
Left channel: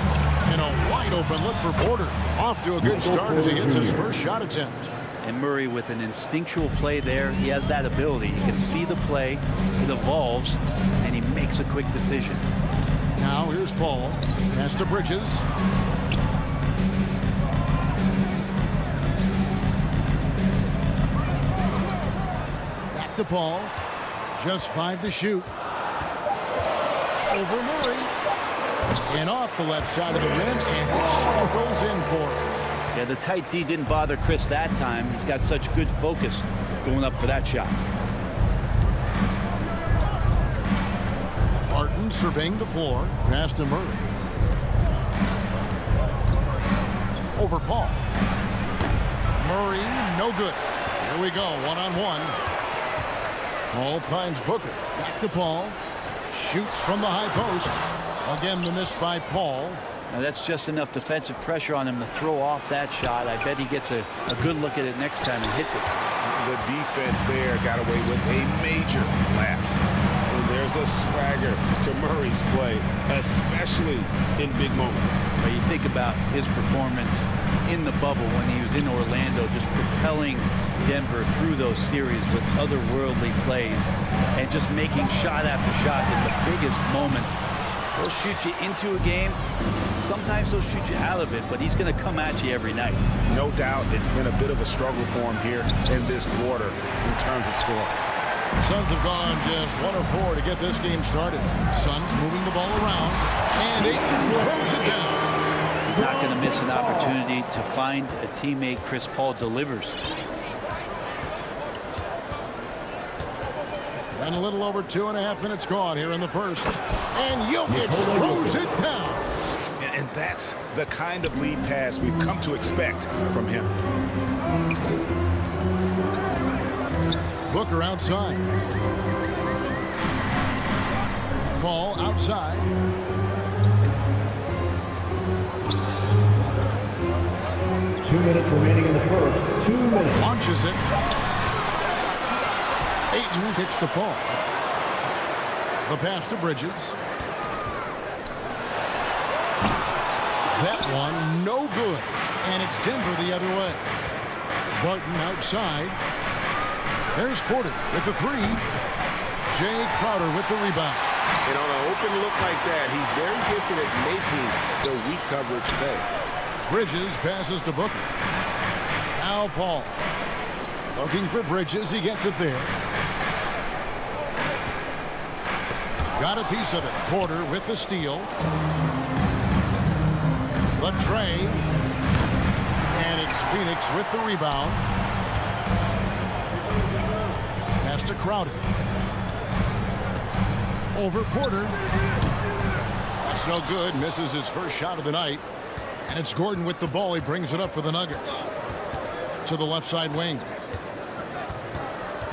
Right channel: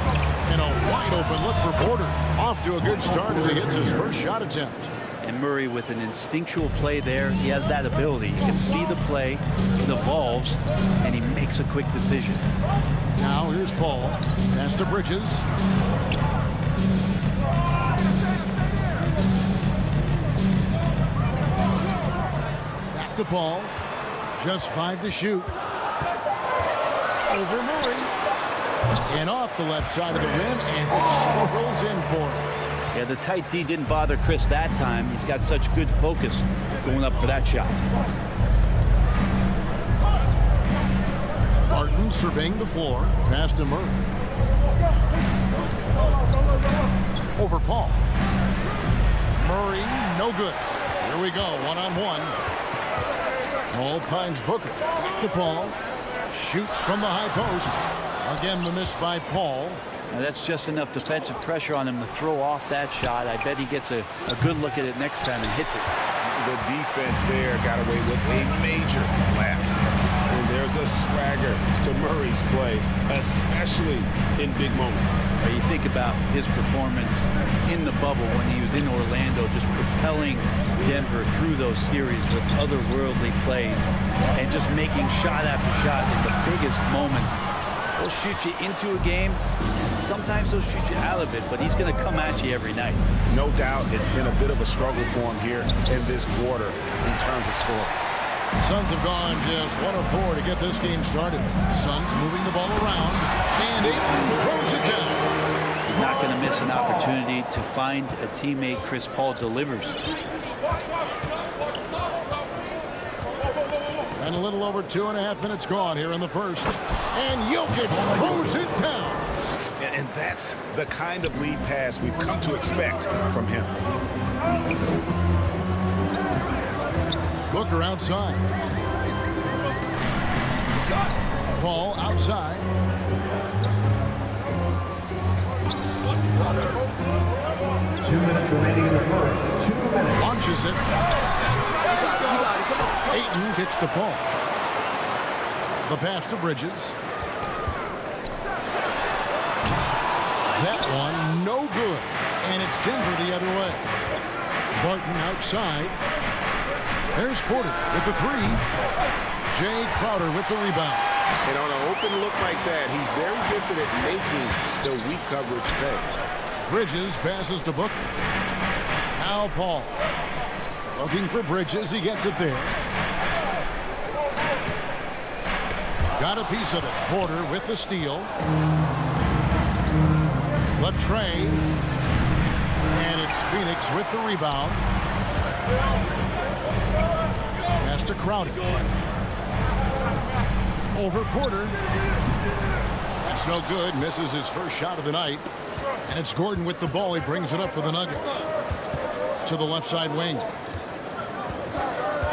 And a wide-open look for Porter. Off to a good start as he hits his first shot attempt. And Murray with an instinctual play there. He has that ability. You can see the play. It evolves, and he makes a quick decision. Now here's Paul. Pass to Bridges. Back to Paul. Just 5 to shoot. Over Murray. And off the left side of the rim, and it swirls in for him. Yeah, the tight D didn't bother Chris that time. He's got such good focus going up for that shot. Barton surveying the floor. Pass to Murray. Over Paul. Murray, no good. Here we go, one-on-one. Paul finds Booker. Back to Paul. Shoots from the high post. Again, the miss by Paul. Now that's just enough defensive pressure on him to throw off that shot. I bet he gets a good look at it next time and hits it. The defense there got away with a major lapse. And there's a swagger to Murray's play, especially in big moments. Well, you think about his performance in the bubble when he was in Orlando, just propelling Denver through those series with otherworldly plays and just making shot after shot in the biggest moments. He'll shoot you into a game. Sometimes he'll shoot you out of it, but he's going to come at you every night. No doubt it's been a bit of a struggle for him here in this quarter in terms of scoring. Suns have gone just 1 of 4 to get this game started. Suns moving the ball around, and Ayton throws it down. He's not going to miss an opportunity to find a teammate. Chris Paul delivers. And a little over 2.5 minutes gone here in the first. And Jokic throws it down. And that's the kind of lead pass we've come to expect from him. Booker outside. Paul outside. Two minutes remaining in the first. 2 minutes. Launches it. Ayton kicks to Paul. The pass to Bridges. That one, no good. And it's Denver the other way. Barton outside. There's Porter with the 3. Jay Crowder with the rebound. And on an open look like that, he's very gifted at making the weak coverage pay. Bridges passes to Booker. Now Paul. Looking for Bridges. He gets it there. Got a piece of it. Porter with the steal. The tray. And it's Phoenix with the rebound. Pass to Crowder. Over Porter. That's no good. Misses his first shot of the night. And it's Gordon with the ball. He brings it up for the Nuggets. To the left side wing.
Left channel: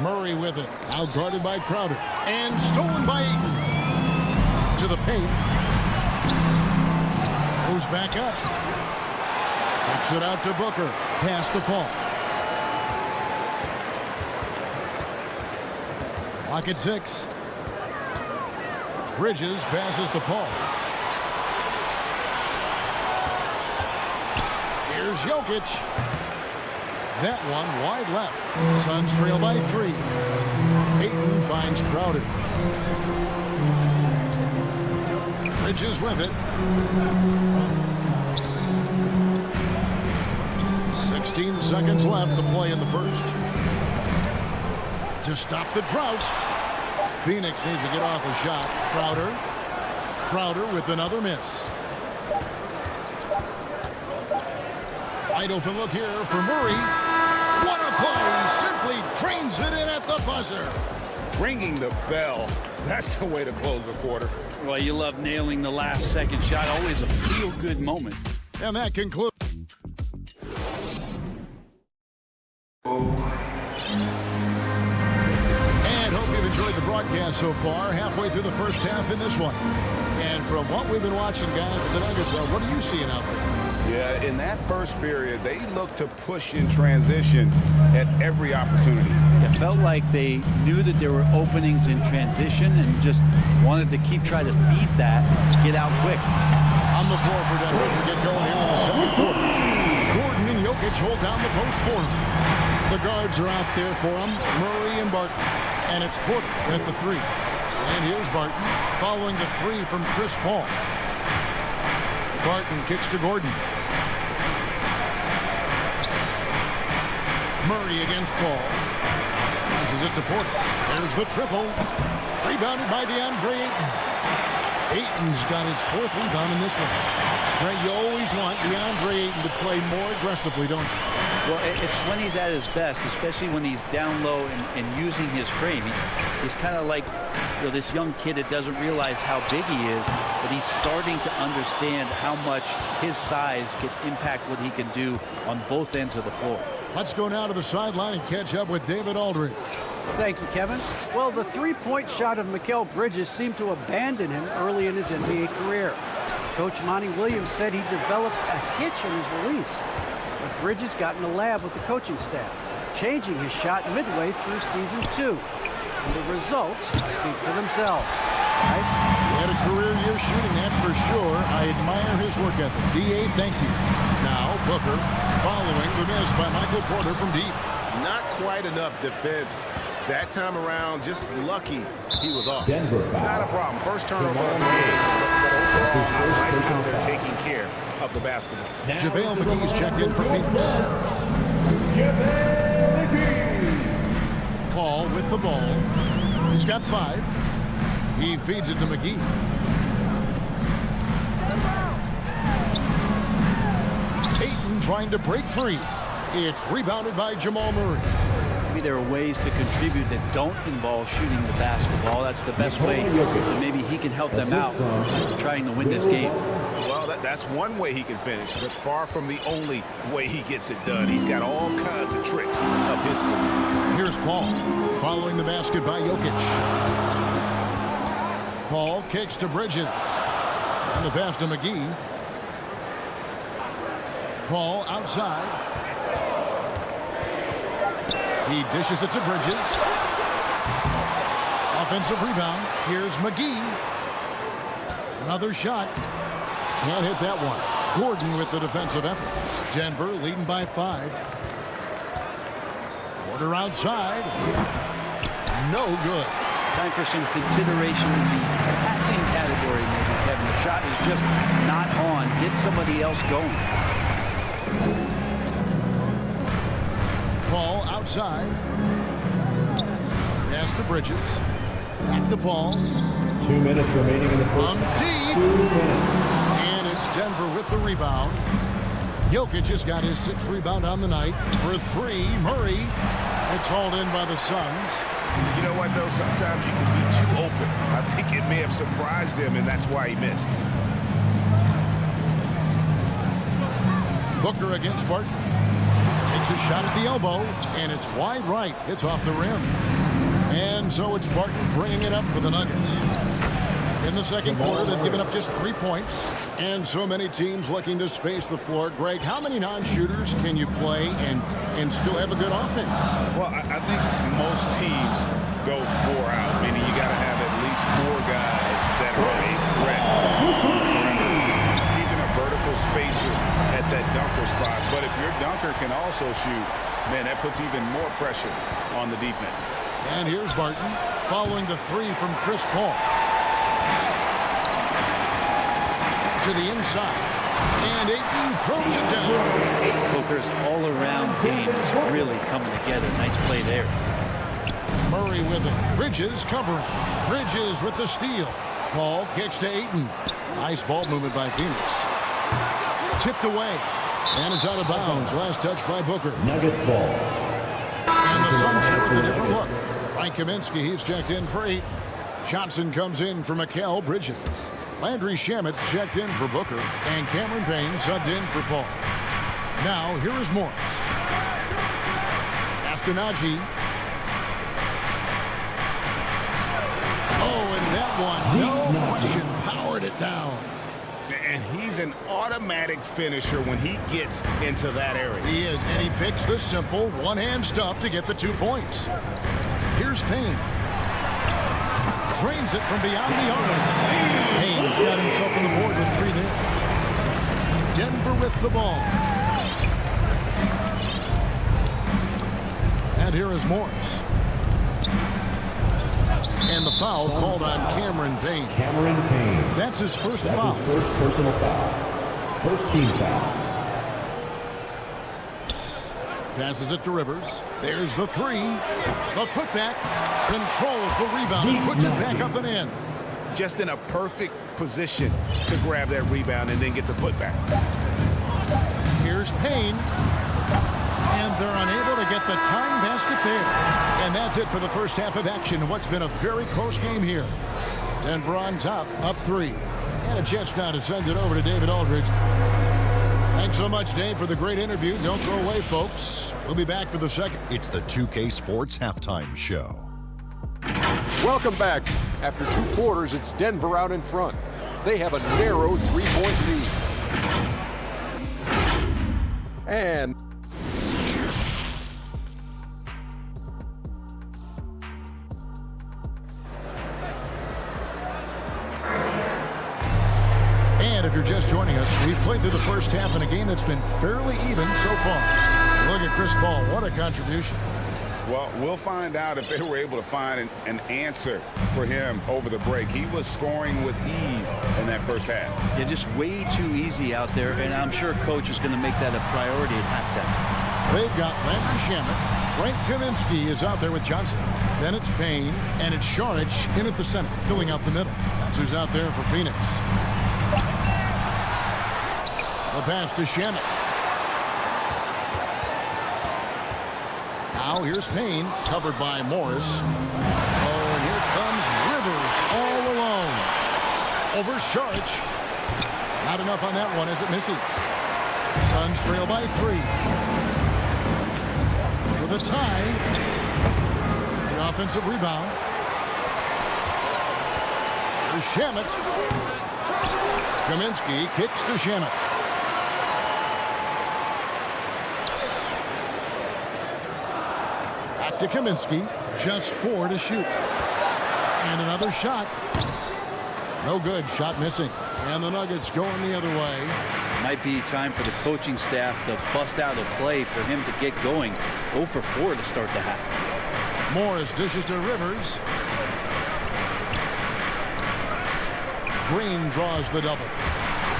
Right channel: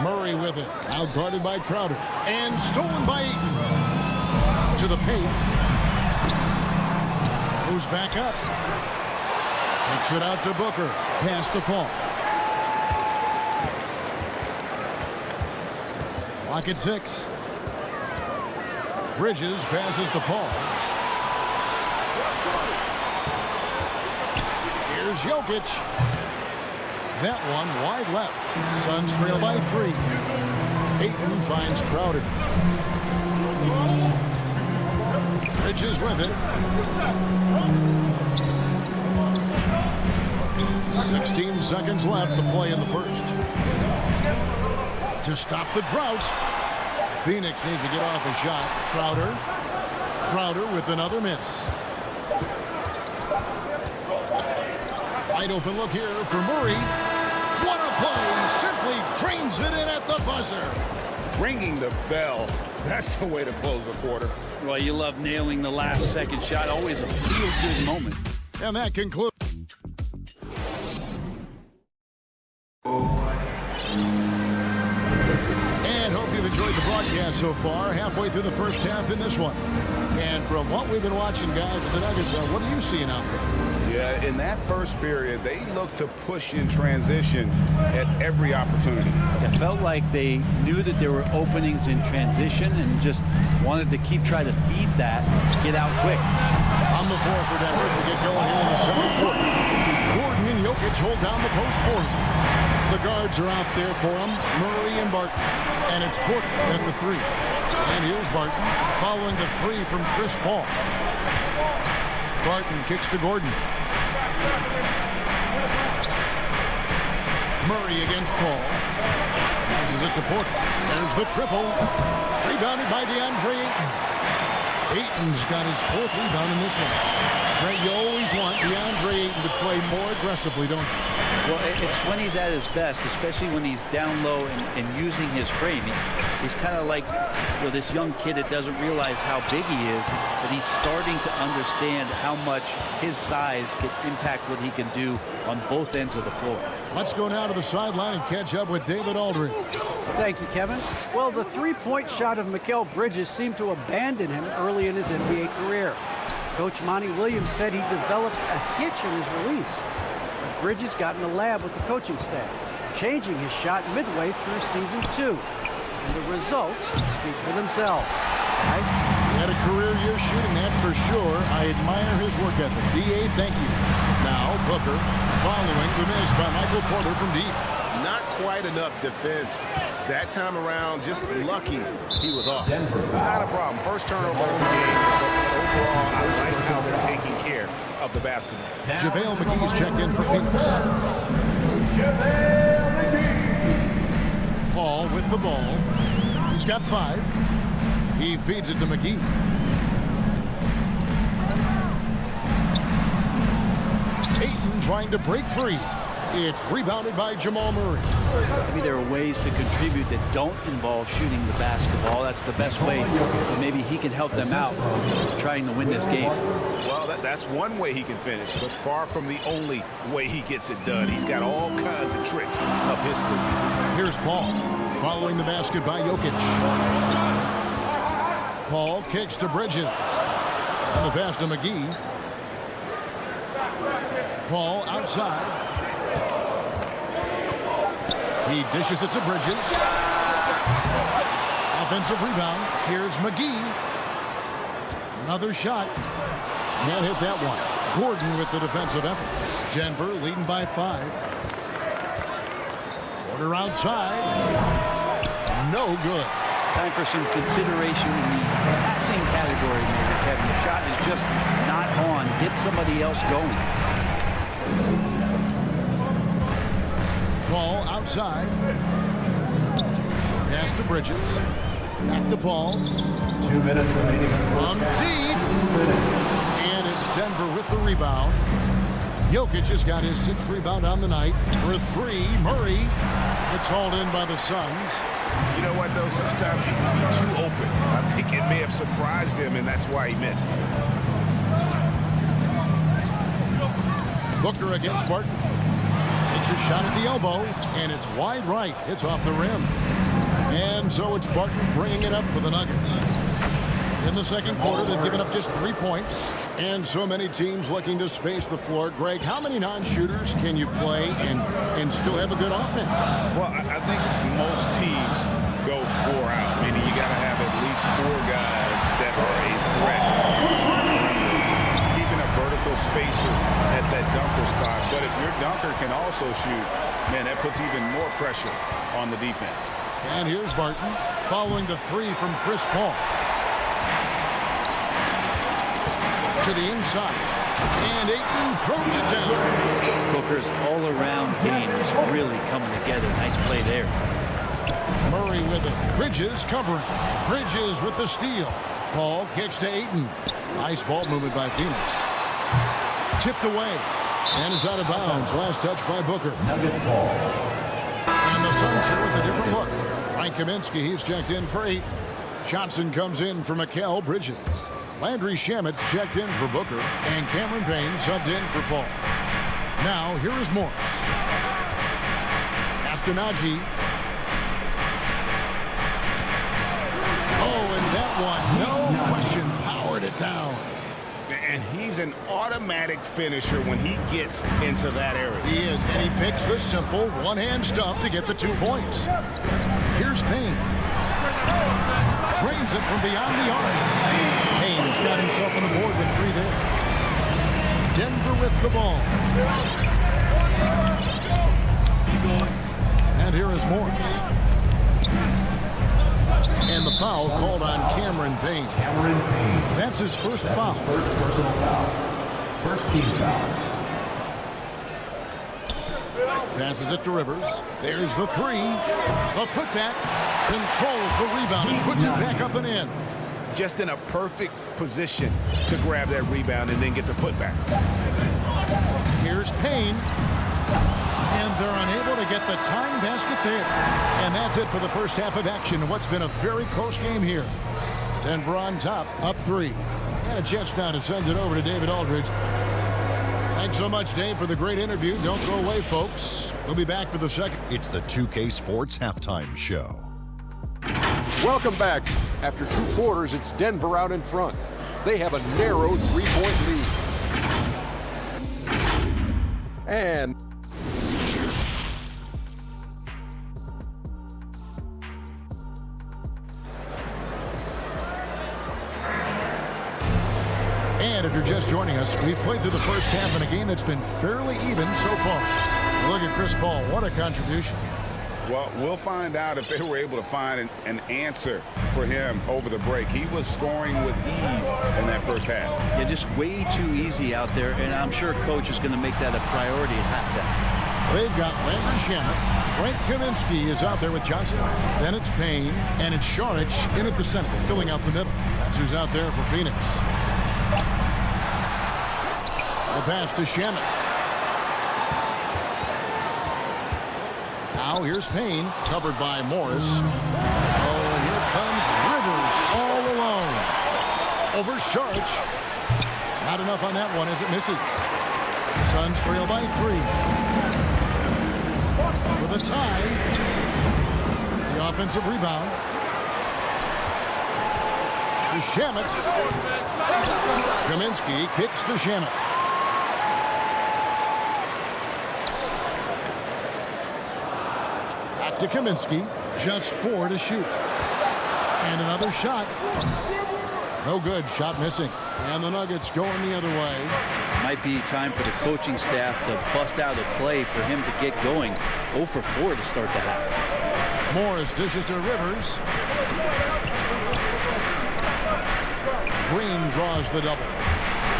Murray with it. Out guarded by Crowder. And stolen by Ayton. To the paint. Moves back up. Kicks it out to Booker. Pass to Paul. Clock at 6. Bridges passes to Paul. Here's Jokic. That one wide left. Suns trail by 3. Ayton finds Crowder. Bridges with it. 16 seconds left to play in the first. To stop the drought, Phoenix needs to get off a shot. Crowder with another miss. Wide open look here for Murray. What a play. Simply drains it in at the buzzer. Ringing the bell. That's the way to close a quarter. Well, you love nailing the last second shot. Always a feel-good moment. And that concludes. And hope you've enjoyed the broadcast so far. Halfway through the first half in this one. And from what we've been watching, guys, with the Nuggets, what are you seeing out there? Yeah, in that first period, they looked to push in transition at every opportunity. It felt like they knew that there were openings in transition and just wanted to keep trying to feed that, get out quick. On the floor for Denver as we get going here in the second quarter. Gordon and Jokic hold down the post for him. The guards are out there for him, Murray and Barton. And it's Porter at the three. And here's Barton following the three from Chris Paul. Barton kicks to Gordon. Murray against Paul. Passes it to Porter. There's the triple. Rebounded by DeAndre Ayton. Ayton's got his fourth rebound in this one. Right, you always want DeAndre Ayton to play more aggressively, don't you? Well, it's when he's at his best, especially when he's down low and using his frame. He's kind of like, you know, this young kid that doesn't realize how big he is, but he's starting to understand how much his size can impact what he can do on both ends of the floor. Let's go now to the sideline and catch up with David Aldridge. Thank you, Kevin. Well, the three-point shot of Mikal Bridges seemed to abandon him early in his NBA career. Coach Monty Williams said he developed a hitch in his release. But Bridges got in the lab with the coaching staff, changing his shot midway through season 2. And the results speak for themselves. Guys? He had a career year shooting, that's for sure. I admire his work ethic. D.A., thank you. Now, Booker following the miss by Michael Porter from deep. Not quite enough defense. That time around, just lucky he was off. Not a problem. First turnover of the game. But overall, I like how they're taking care of the basketball. JaVale McGee's checked in for Phoenix. JaVale McGee. Paul with the ball. He's got 5. He feeds it to McGee. Ayton trying to break free. It's rebounded by Jamal Murray. Maybe there are ways to contribute that don't involve shooting the basketball. That's the best way that maybe he can help them out trying to win this game. Well, that's one way he can finish, but far from the only way he gets it done. He's got all kinds of tricks up his sleeve. Here's Paul following the basket by Jokic. Paul kicks to Bridges. And the pass to McGee. Paul outside. He dishes it to Bridges. Offensive rebound. Here's McGee. Another shot. Can't hit that one. Gordon with the defensive effort. Denver leading by 5. Porter outside. No good. Time for some consideration in the passing category, maybe, Kevin. The shot is just not on. Get somebody else going. Paul outside. Pass to Bridges. Back to Paul. 2 minutes remaining in the first From half. deep. 2 minutes. And it's Denver with the rebound. Jokic has got his 6th rebound on the night. For 3, Murray. It's hauled in by the Suns. You know what, though? Sometimes you can be too open. I think it may have surprised him, and that's why he missed. Booker against Barton. Takes a shot at the elbow, and it's wide right. It's off the rim. And so it's Barton bringing it up for the Nuggets. In the second quarter, they've given up just 3 points. And so many teams looking to space the floor. Greg, how many non-shooters can you play and still have a good offense? Well, I think most teams go 4 out, meaning you got to have at least 4 guys that are a threat on the perimeter. Keeping a vertical spacer at that dunker spot. But if your dunker can also shoot, man, that puts even more pressure on the defense. And here's Barton following the 3 from Chris Paul. To the inside. And Ayton throws it down. Booker's all-around game is really coming together. Nice play there. Murray with it. Bridges covering. Bridges with the steal. Paul kicks to Ayton. Nice ball movement by Phoenix. Tipped away. And it's out of bounds. Last touch by Booker. Nuggets ball. And the Suns here with a different look. Frank Kaminsky, he's checked in for 8. Johnson comes in for Mikal Bridges. Landry Shamet's checked in for Booker. And Cameron Payne subbed in for Paul. Now, here is Morris. Castanagi. Oh, and that one, no question, powered it down. And he's an automatic finisher when he gets into that area. He is, and he picks the simple one-hand stuff to get the 2 points. Here's Payne. Drains it from beyond the arc. Payne's got himself on the board with 3 there. Denver with the ball. And here is Morris. And the foul called on Cameron Payne. Cameron Payne. That's his first foul. His first personal foul. First team foul. Passes it to Rivers. There's the 3. The putback. Controls the rebound and puts it back up and in. Just in a perfect position to grab that rebound and then get the putback. Here's Payne. And they're unable to get the tying basket there. And that's it for the first half of action. What's been a very close game here. Denver on top, up 3. And a chance now to send it over to David Aldridge. Thanks so much, Dave, for the great interview. Don't go away, folks. We'll be back for the second. It's the 2K Sports Halftime Show. Welcome back. After 2 quarters, it's Denver out in front. They have a narrow 3-point lead. And if you're just joining us, we've played through the first half in a game that's been fairly even so far. Look at Chris Paul. What a contribution. Well, we'll find out if they were able to find an answer for him over the break. He was scoring with ease in that first half. Yeah, just way too easy out there, and I'm sure Coach is going to make that a priority at halftime. They've got Landry Shamet. Frank Kaminsky is out there with Johnson. Then it's Payne, and it's Šarić in at the center, filling out the middle. That's who's out there for Phoenix. The pass to Shamet. Now here's Payne, covered by Morris. Oh, and here comes Rivers all alone. Over Šarić. Not enough on that one as it misses. Suns trail by 3. With a tie. The offensive rebound. To Shamet. Kaminsky kicks to Shamet. To Kaminsky, just 4 to shoot. And another shot. No good, shot missing. And the Nuggets going the other way. Might be time for the coaching staff to bust out a play for him to get going. 0 for 4 to start the half. Morris dishes to Rivers. Green draws the double.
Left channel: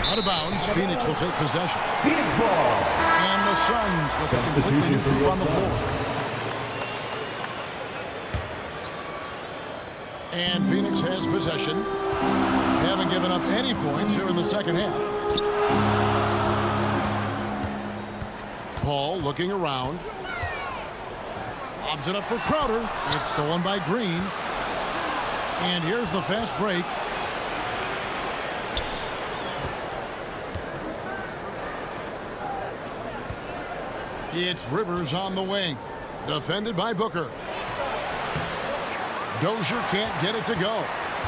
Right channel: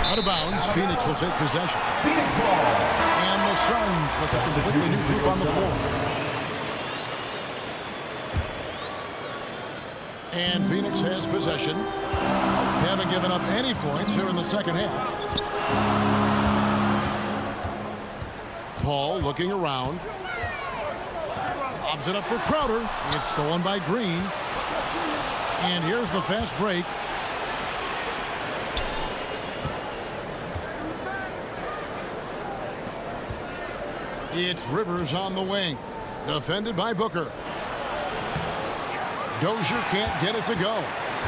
Out of bounds, Phoenix will take possession. Phoenix ball. And the Suns with a completely new group on the floor. And Phoenix has possession. Haven't given up any points here in the second half. Paul looking around. Lobs it up for Crowder. It's stolen by Green. And here's the fast break. It's Rivers on the wing. Defended by Booker. Dozier can't get it to go.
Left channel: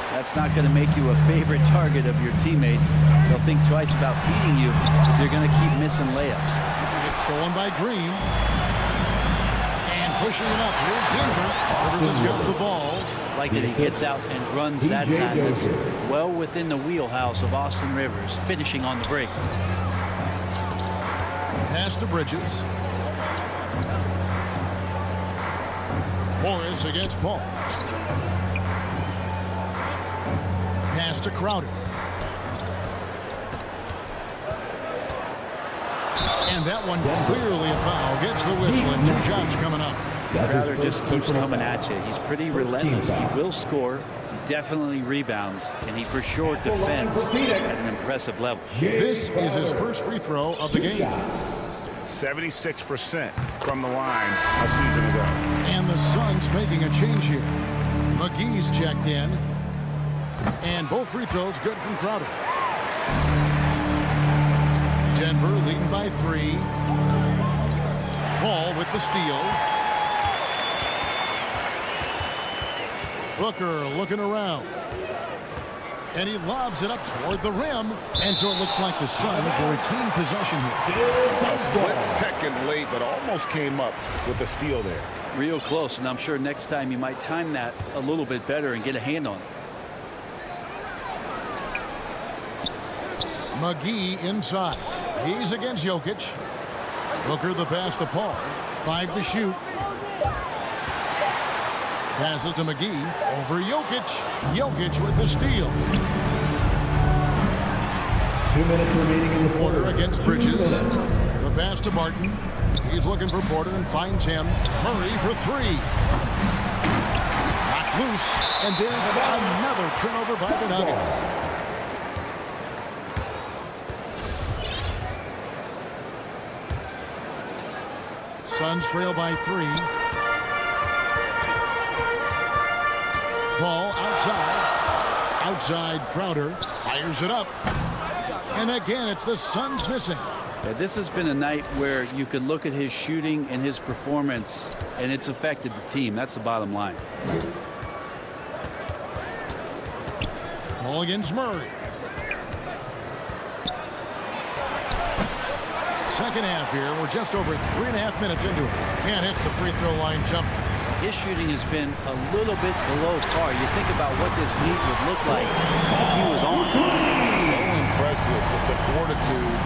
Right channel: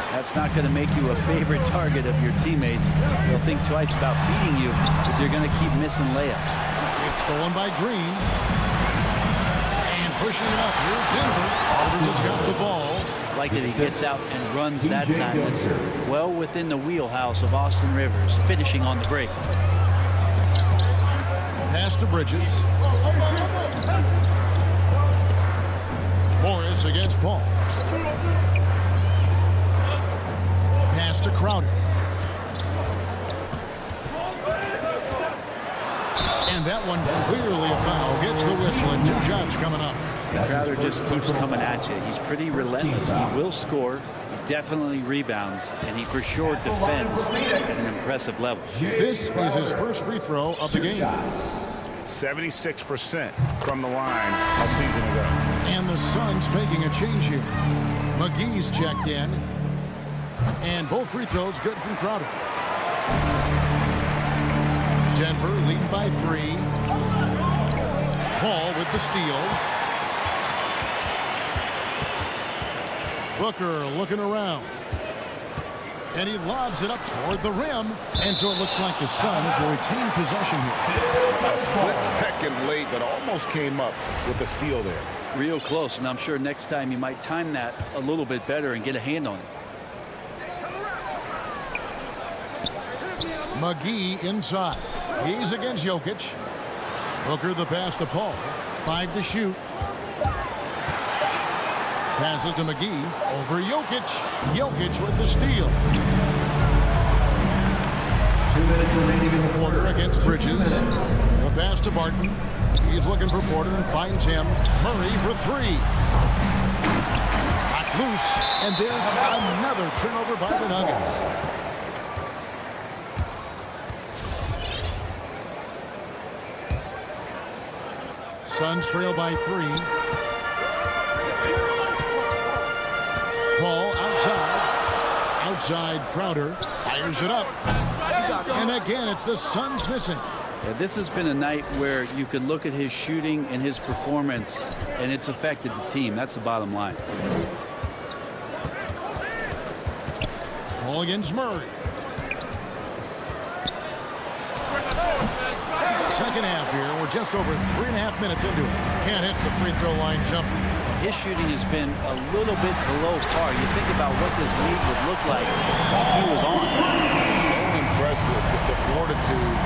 That's not going to make you a favorite target of your teammates. They'll think twice about feeding you if they're going to keep missing layups. It's stolen by Green. And pushing it up. Here's Denver. Rivers has got the ball. Like that he gets out and runs that time. That's well within the wheelhouse of Austin Rivers, finishing on the break. Pass to Bridges. Morris against Paul. Pass to Crowder. And that one clearly a foul. Gets the whistle and 2 shots coming up. Crowder just keeps coming at you. He's pretty relentless. He will score. He definitely rebounds, and he for sure defends at an impressive level. This is his first free throw of the game. 76% from the line a season ago. And the Suns making a change here. McGee's checked in. And both free throws good from Crowder. Denver leading by 3. Paul with the steal. Booker looking around. And he lobs it up toward the rim. And so it looks like the Suns will retain possession here. A split second late, but almost came up with the steal there. Real close, and I'm sure next time you might time that a little bit better and get a hand on it. McGee inside. He's against Jokic. Booker the pass to Paul. 5 to shoot. Passes to McGee. Over Jokic. Jokic with the steal. 2 minutes remaining in the quarter against Bridges. The pass to Barton. He's looking for Porter and finds him. Murray for 3. Knocked loose. And there's another turnover by the Nuggets. Suns trail by 3. Paul outside. Outside Crowder. Fires it up. And again, it's the Suns missing. Yeah, this has been a night where you could look at his shooting and his performance, and it's affected the team. That's the bottom line. Paul against Murray. Second half here. We're just over 3.5 minutes into it. Can't hit the free throw line jumper. His shooting has been a little bit below par. You think about what this lead would look like if he was on. So impressive with the fortitude,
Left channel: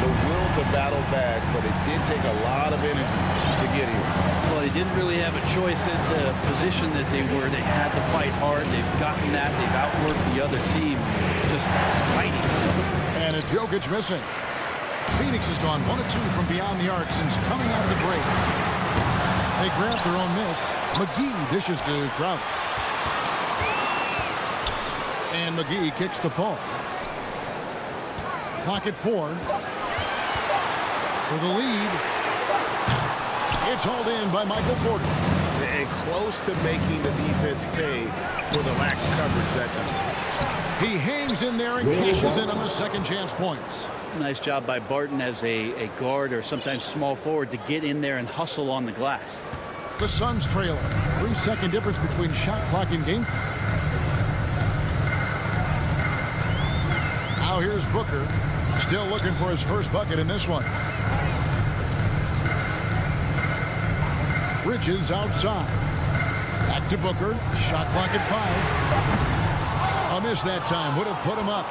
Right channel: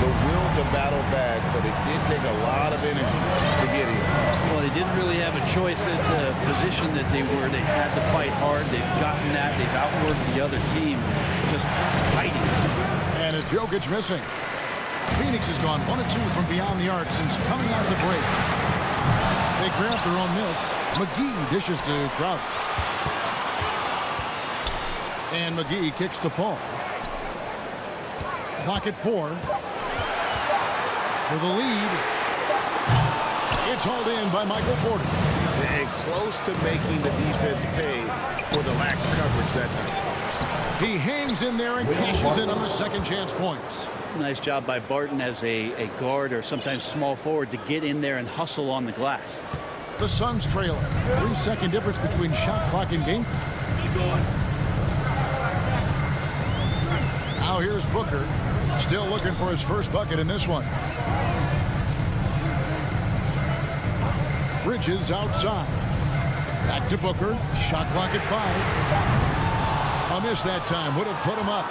the will to battle back, but it did take a lot of energy to get here. Well, they didn't really have a choice at the position that they were. They had to fight hard. They've gotten that. They've outworked the other team, just fighting. And it's Jokic missing. Phoenix has gone 1 of 2 from beyond the arc since coming out of the break. They grab their own miss. McGee dishes to Crowder. And McGee kicks to Paul. Clock at 4. For the lead. It's hauled in by Michael Porter. And close to making the defense pay for the lax coverage that time. He hangs in there and cashes in on the second chance points. Nice job by Barton as a guard or sometimes small forward to get in there and hustle on the glass. The Suns trailing. 3-second difference between shot clock and game. Now here's Booker. Still looking for his first bucket in this one. Bridges outside. Back to Booker. Shot clock at 5. A miss that time. Would have put him up.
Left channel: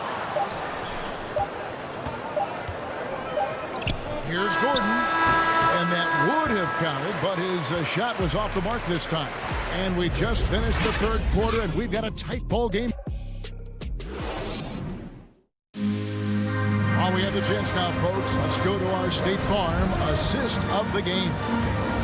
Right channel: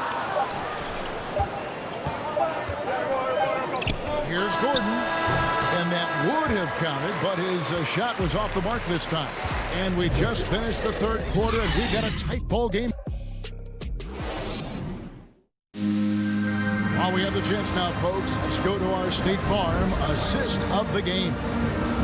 Here's Gordon. And that would have counted, but his shot was off the mark this time. And we just finished the third quarter, and we've got a tight ball game. While we have the chance now, folks, let's go to our State Farm assist of the game.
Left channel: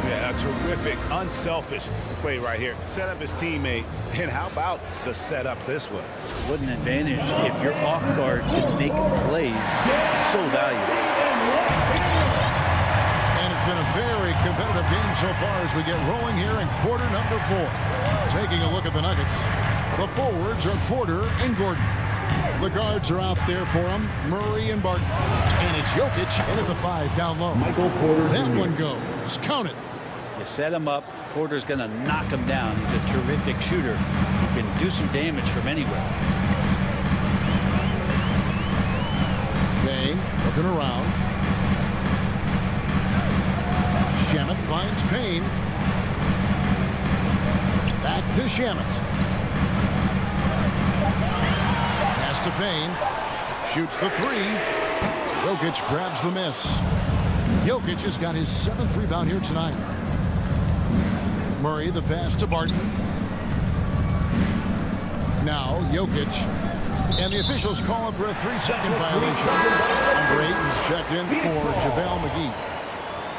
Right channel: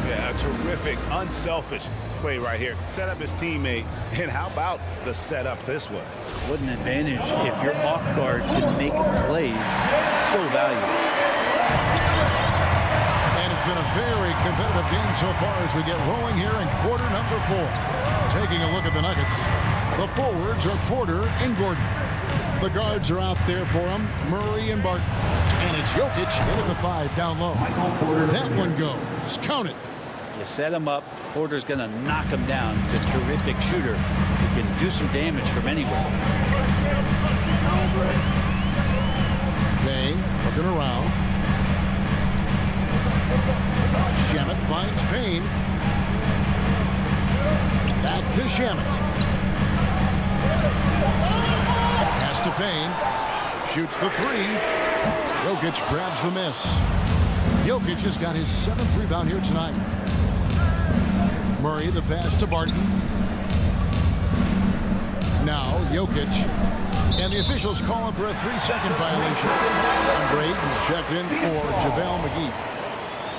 Yeah, a terrific, unselfish play right here. Set up his teammate. And how about the setup this was? What an advantage if your off guard can make plays so valuable. And it's been a very competitive game so far as we get rolling here in quarter number 4. Taking a look at the Nuggets. The forwards are Porter and Gordon. The guards are out there for them, Murray and Barton. And it's Jokic in at the 5 down low. Michael Porter. That one goes. Count it. You set him up. Porter's going to knock him down. He's a terrific shooter who can do some damage from anywhere. Payne looking around. Shamet finds Payne. Back to Shamet. Pass to Payne. Shoots the 3. Jokic grabs the miss. Jokic has got his 7th rebound here tonight. Murray the pass to Barton. Now Jokic. And the officials call him for a 3-second violation. Number 8 is checked in for JaVale McGee.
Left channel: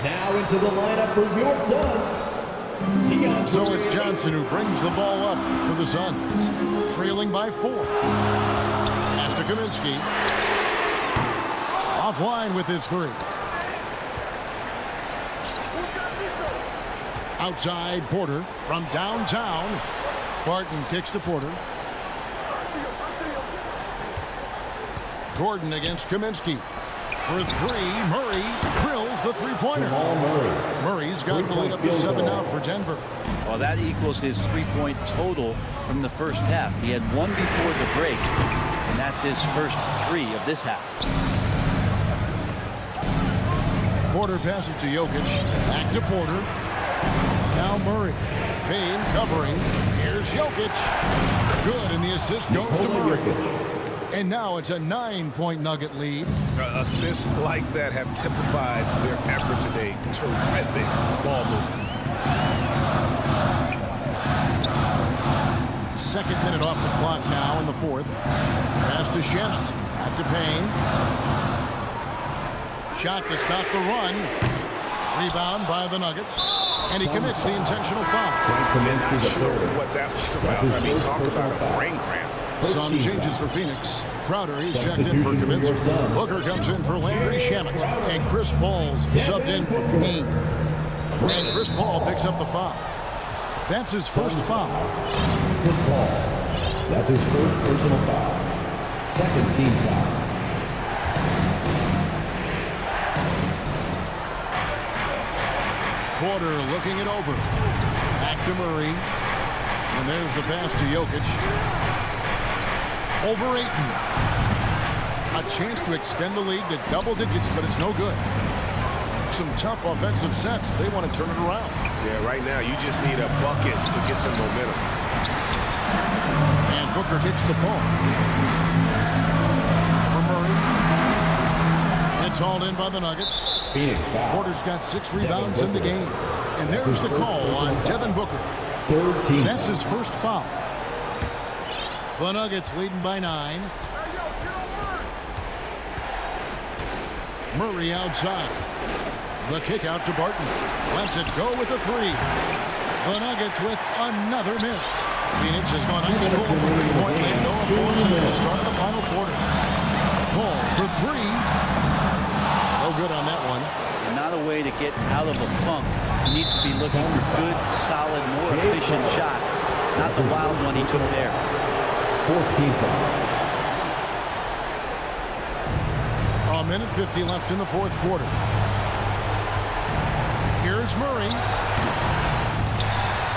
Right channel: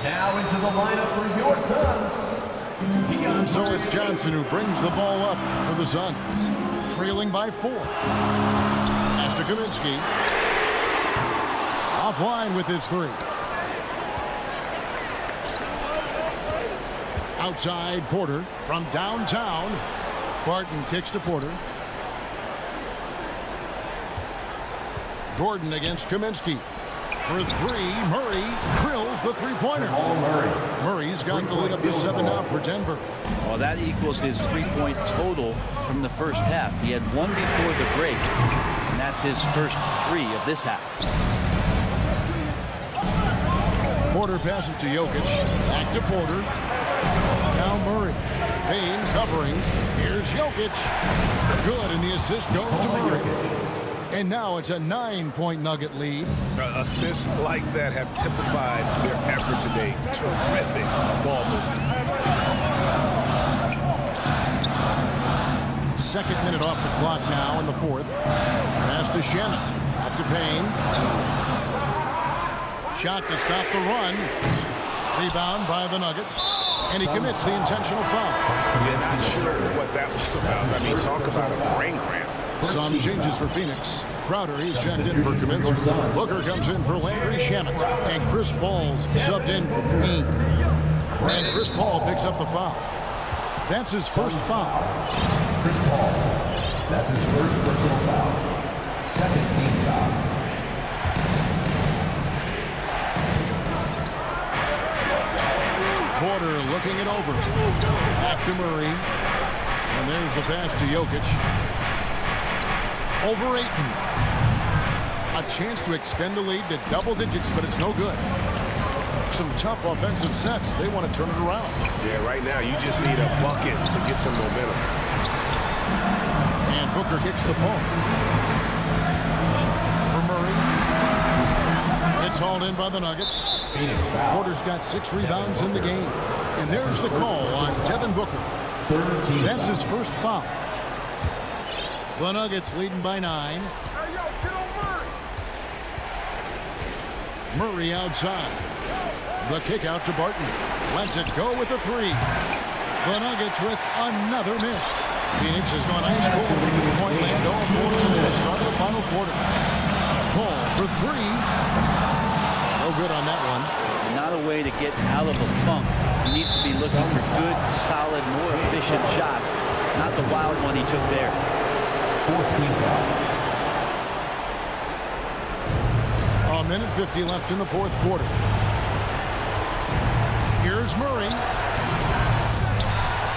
Now into the lineup for your Suns. So it's Johnson who brings the ball up for the Suns. Trailing by 4. Pass to Kaminsky. Offline with his 3. Outside Porter from downtown. Barton kicks to Porter. Gordon against Kaminsky. For three, Murray drills the three-pointer. Murray's got the lead up to 7 now for Denver. Well, that equals his three-point total from the first half. He had one before the break, and that's his first 3 of this half. Porter passes to Jokic. Back to Porter. Now Murray. Payne covering. Here's Jokic. Good, and the assist goes to Murray. And now it's a 9-point Nugget lead. Assists like that have typified their effort today. Terrific ball movement. Second minute off the clock now in the fourth. Pass to Shamet. Back to Payne. Shot to stop the run. Rebound by the Nuggets. And he commits the intentional foul. I'm not sure what that was about. I mean, talk about a brain cramp. Some changes for Phoenix. Crowder, he's checked in for Kaminsky. Booker comes in for Landry Shamet. And Chris Paul's subbed in for Payne. And Chris Paul picks up the foul. That's his first foul. Chris Paul. That's his first personal foul. Second team foul. Porter looking it over. Back to Murray. And there's the pass to Jokic. Over Ayton. A chance to extend the lead to double digits, but it's no good. Some tough offensive sets. They want to turn it around. Yeah, right now you just need a bucket to get some momentum. And Booker kicks the ball. For Murray. It's hauled in by the Nuggets. Phoenix foul. Porter's got 6 rebounds in the game. And there's the call on Devin Booker. Third team. That's his first foul. The Nuggets leading by 9. Murray outside. The kick out to Barton. Lets it go with a 3. The Nuggets with another miss. Phoenix has gone ice cold from three-point land. 0-4 since the start of the final quarter. Paul for 3. No good on that one. Not a way to get out of a funk. He needs to be looking for good, solid, more efficient shots. Not the wild one he took there. Fourth team foul. A minute 50 left in the fourth quarter. Here's Murray.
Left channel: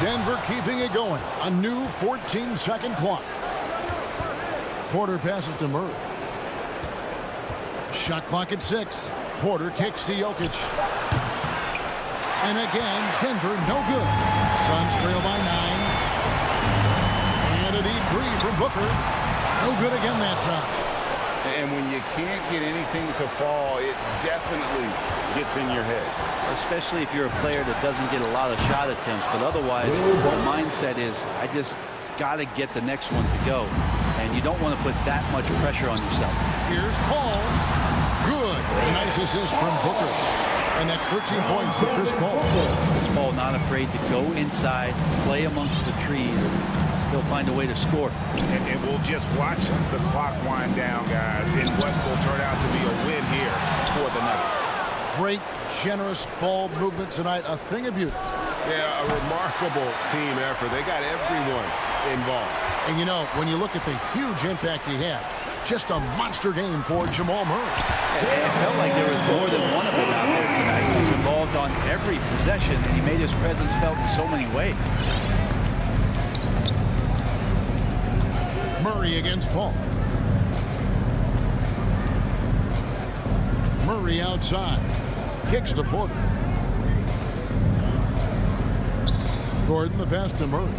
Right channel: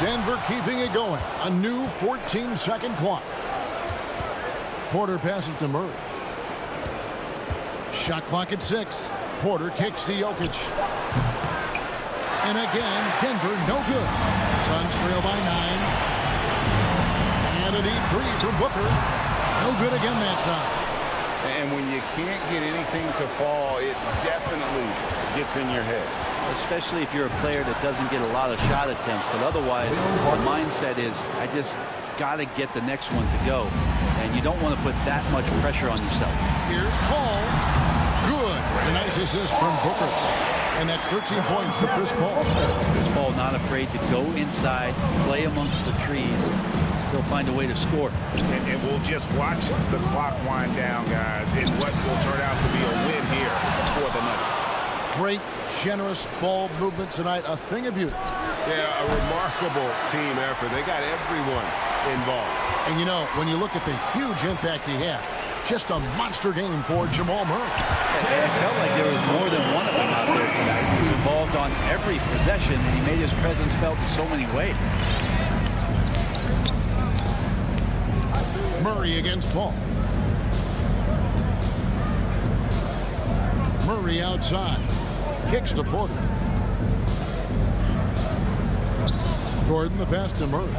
Denver keeping it going. A new 14-second clock. Porter passes to Murray. Shot clock at 6. Porter kicks to Jokic. And again, Denver no good. Suns trail by 9. And a deep 3 from Booker. No good again that time. And when you can't get anything to fall, it definitely gets in your head. Especially if you're a player that doesn't get a lot of shot attempts. But otherwise, the mindset is, I just got to get the next one to go. And you don't want to put that much pressure on yourself. Here's Paul. Good. A nice assist from Booker. And that's 13 points for Chris Paul. Chris Paul not afraid to go inside, play amongst the trees, and still find a way to score. And we'll just watch the clock wind down, guys, in what will turn out to be a win here for the Nuggets. Great, generous ball movement tonight. A thing of beauty. Yeah, a remarkable team effort. They got everyone involved. And, you know, when you look at the huge impact he had, just a monster game for Jamal Murray. It felt like there was more than one of them out there tonight. He was involved on every possession, and he made his presence felt in so many ways. Murray against Paul. Murray outside. Kicks to Porter. Gordon the pass to Murray.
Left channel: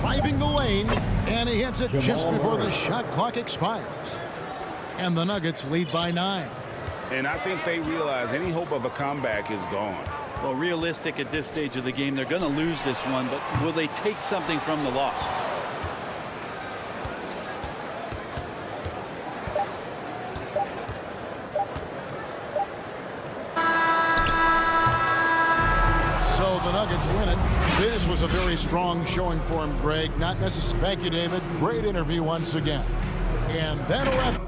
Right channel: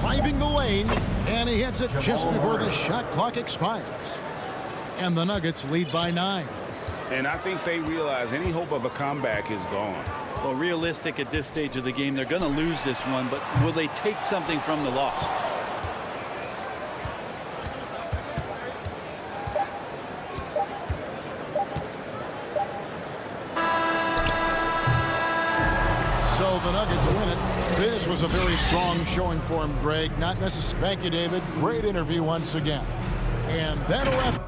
Driving the lane, and he hits it just before the shot clock expires. And the Nuggets lead by 9. And I think they realize any hope of a comeback is gone. Well, realistic at this stage of the game, they're going to lose this one, but will they take something from the loss? So the Nuggets win it. This was a very strong showing for him, Greg. Not necessarily. Thank you, David. Great interview once again. And that'll wrap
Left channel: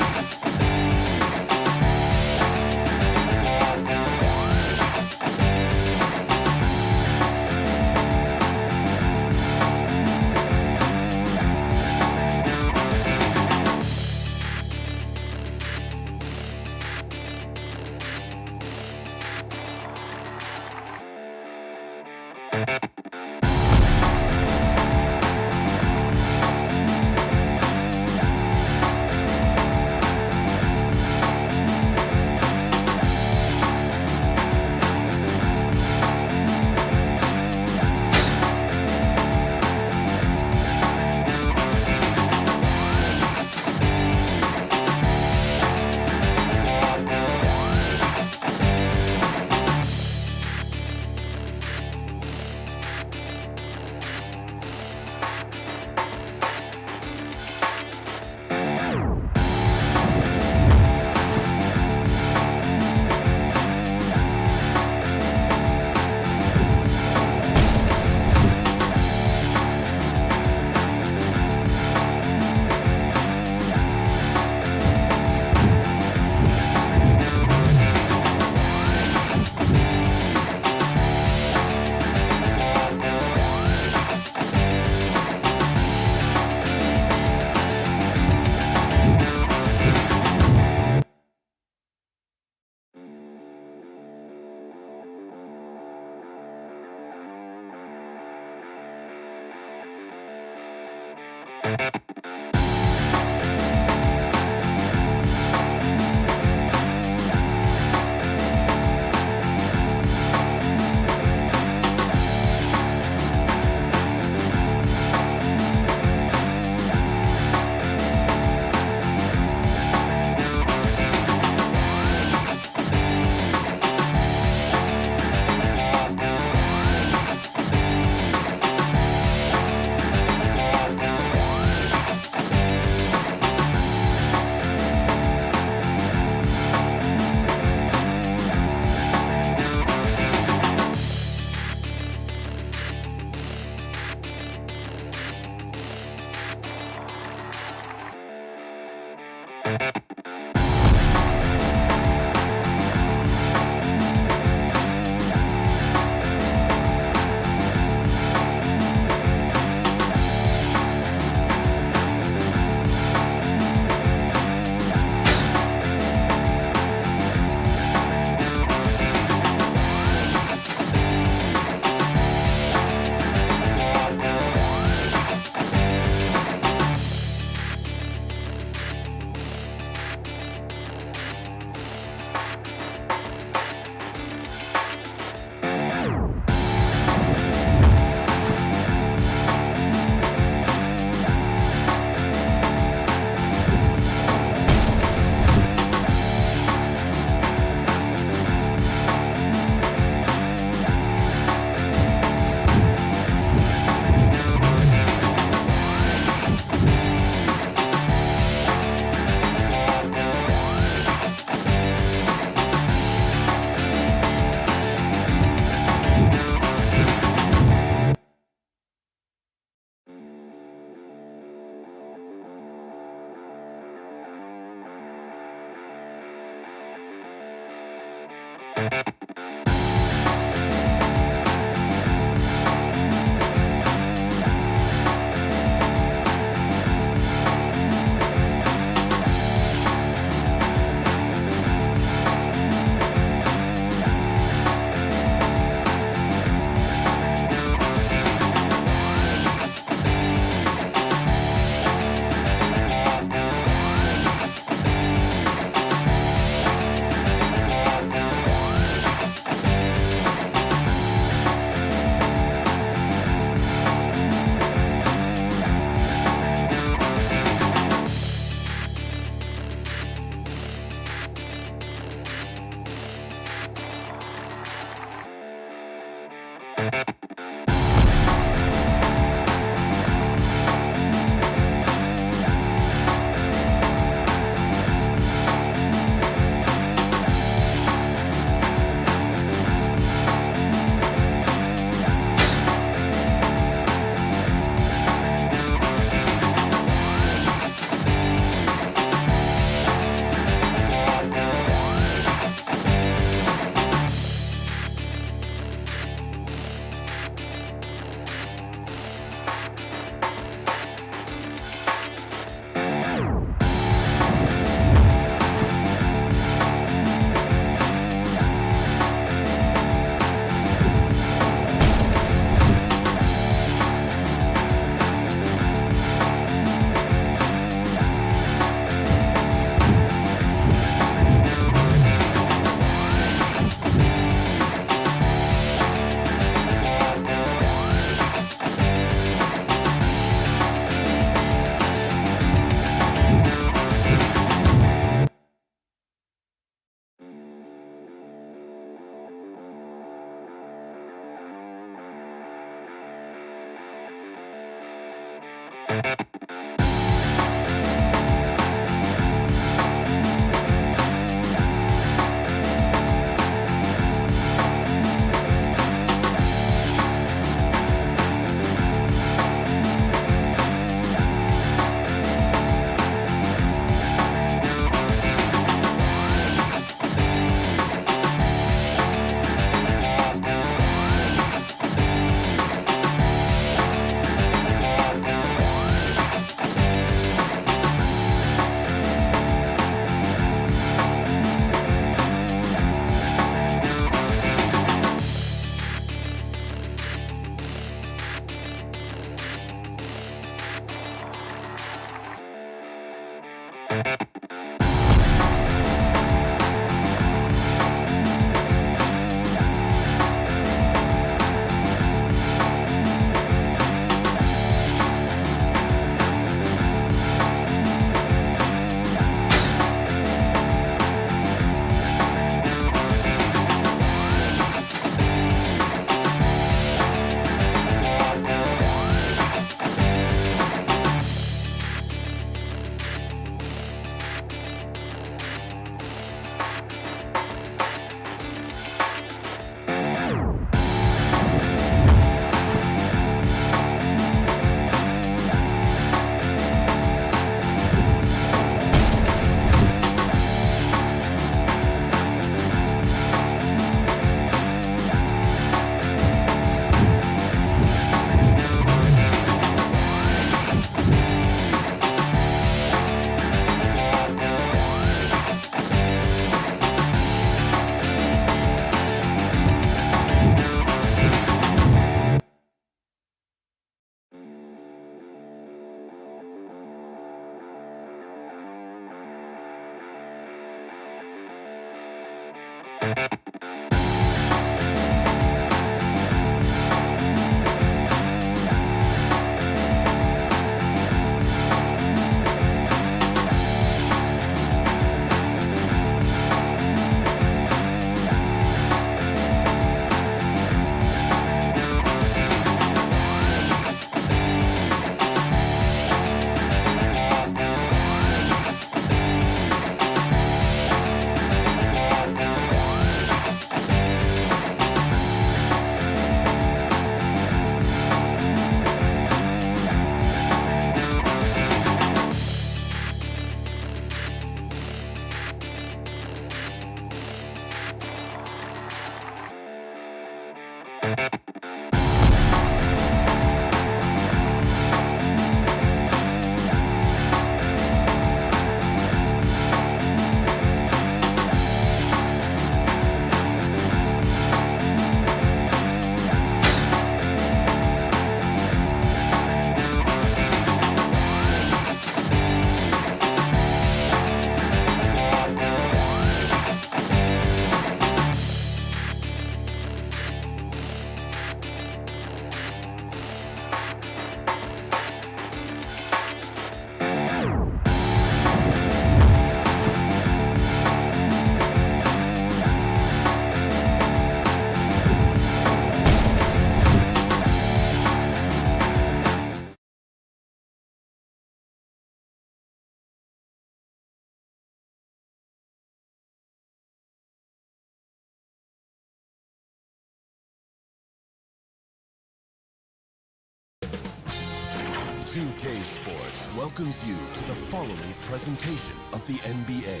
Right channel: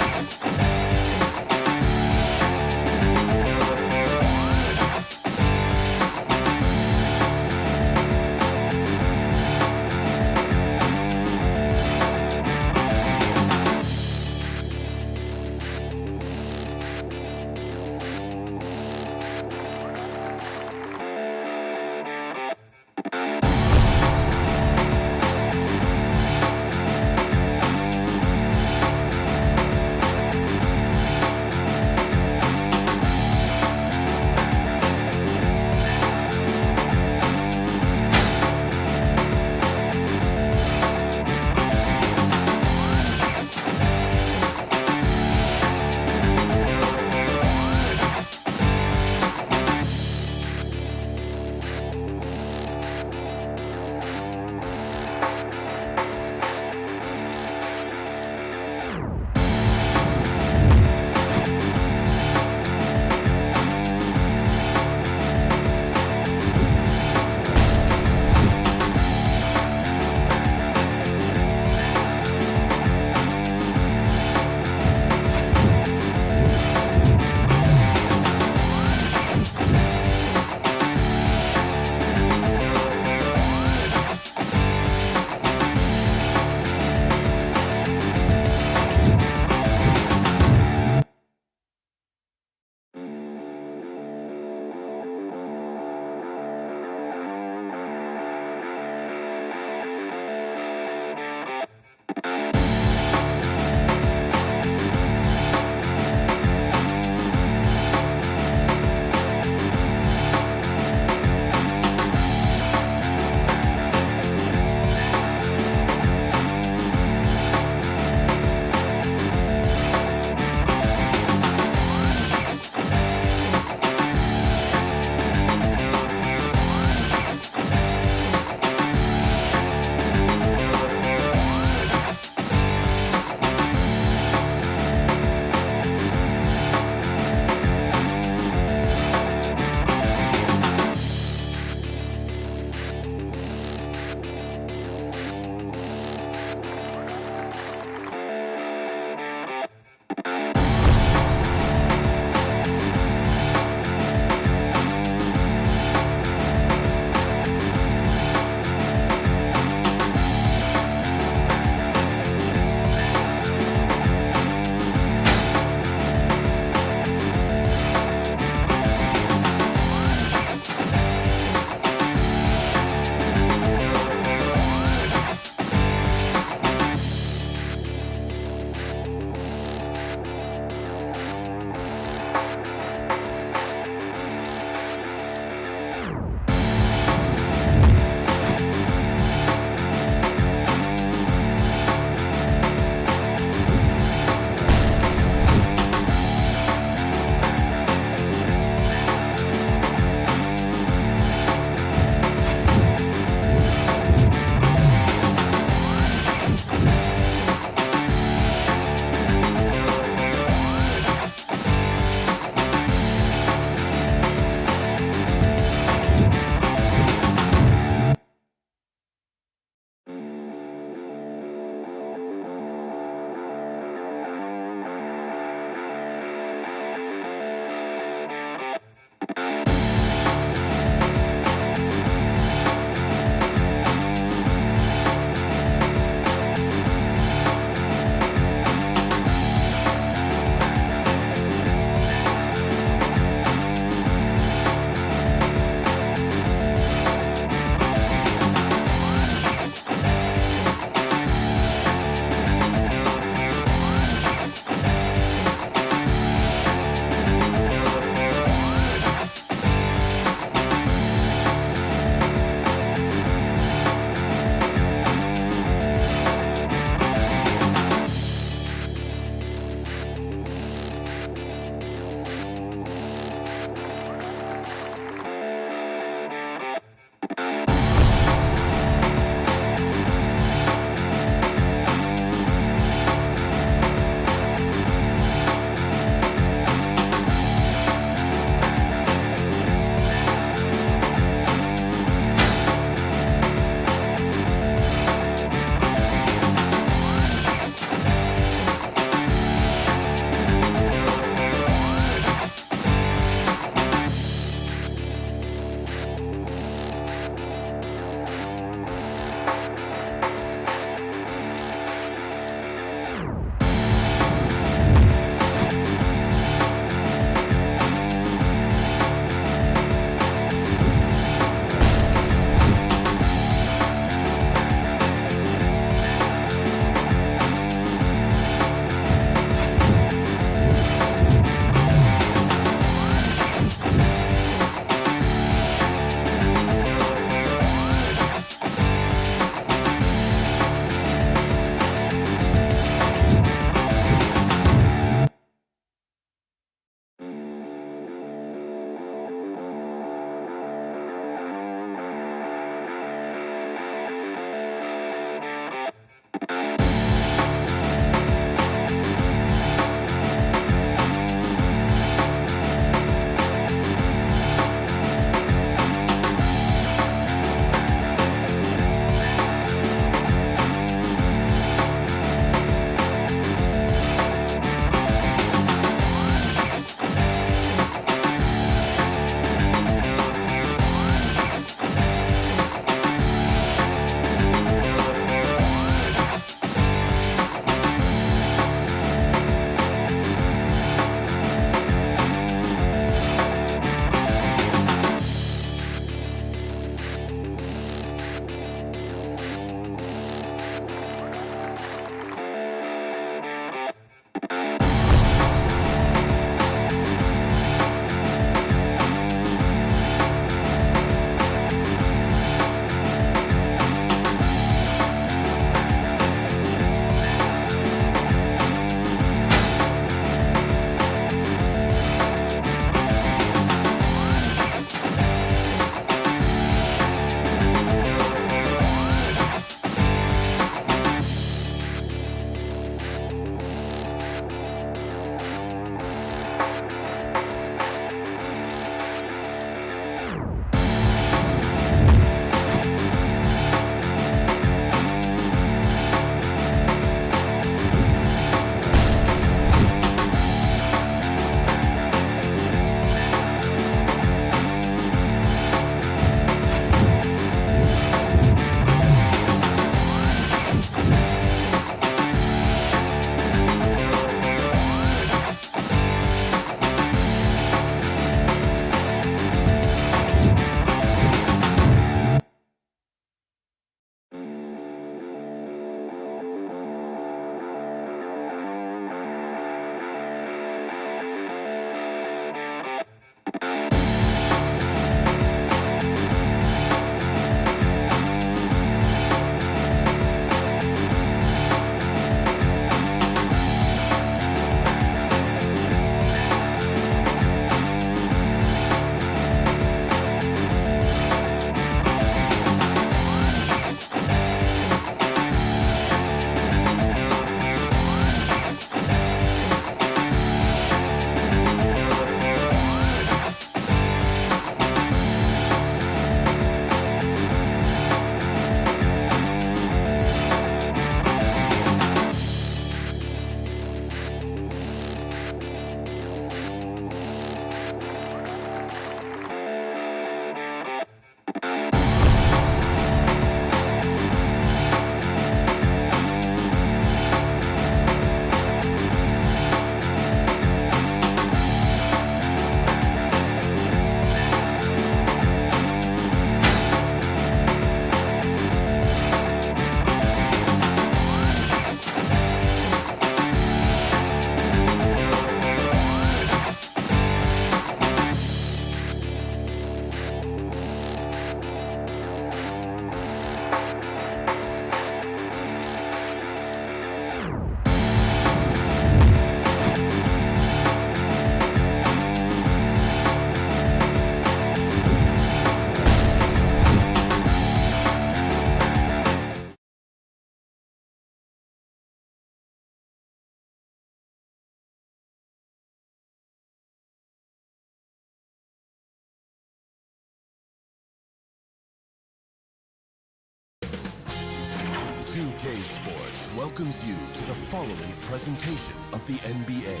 2K Sports welcomes you to the following presentation of the NBA.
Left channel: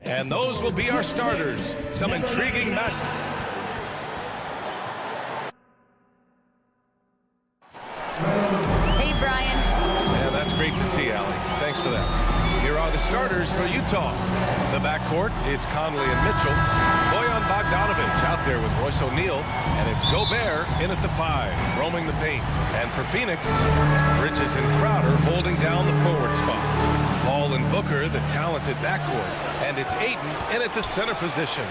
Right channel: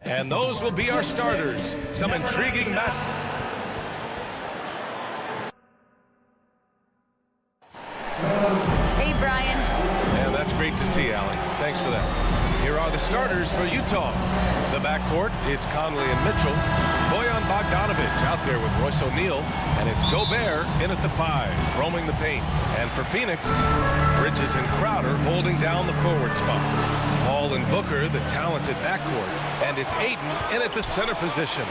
And those will be our starters. Some intriguing match. Hey, Brian. And that's great to see, Allie. Thanks for that. Here are the starters for Utah. The backcourt, it's Conley and Mitchell. Bojan Bogdanovic out there with Royce O'Neal. And it's Gobert in at the 5, roaming the paint. And for Phoenix, Bridges and Crowder holding down the forward spots. Paul and Booker, the talented backcourt. And it's Ayton in at the center position.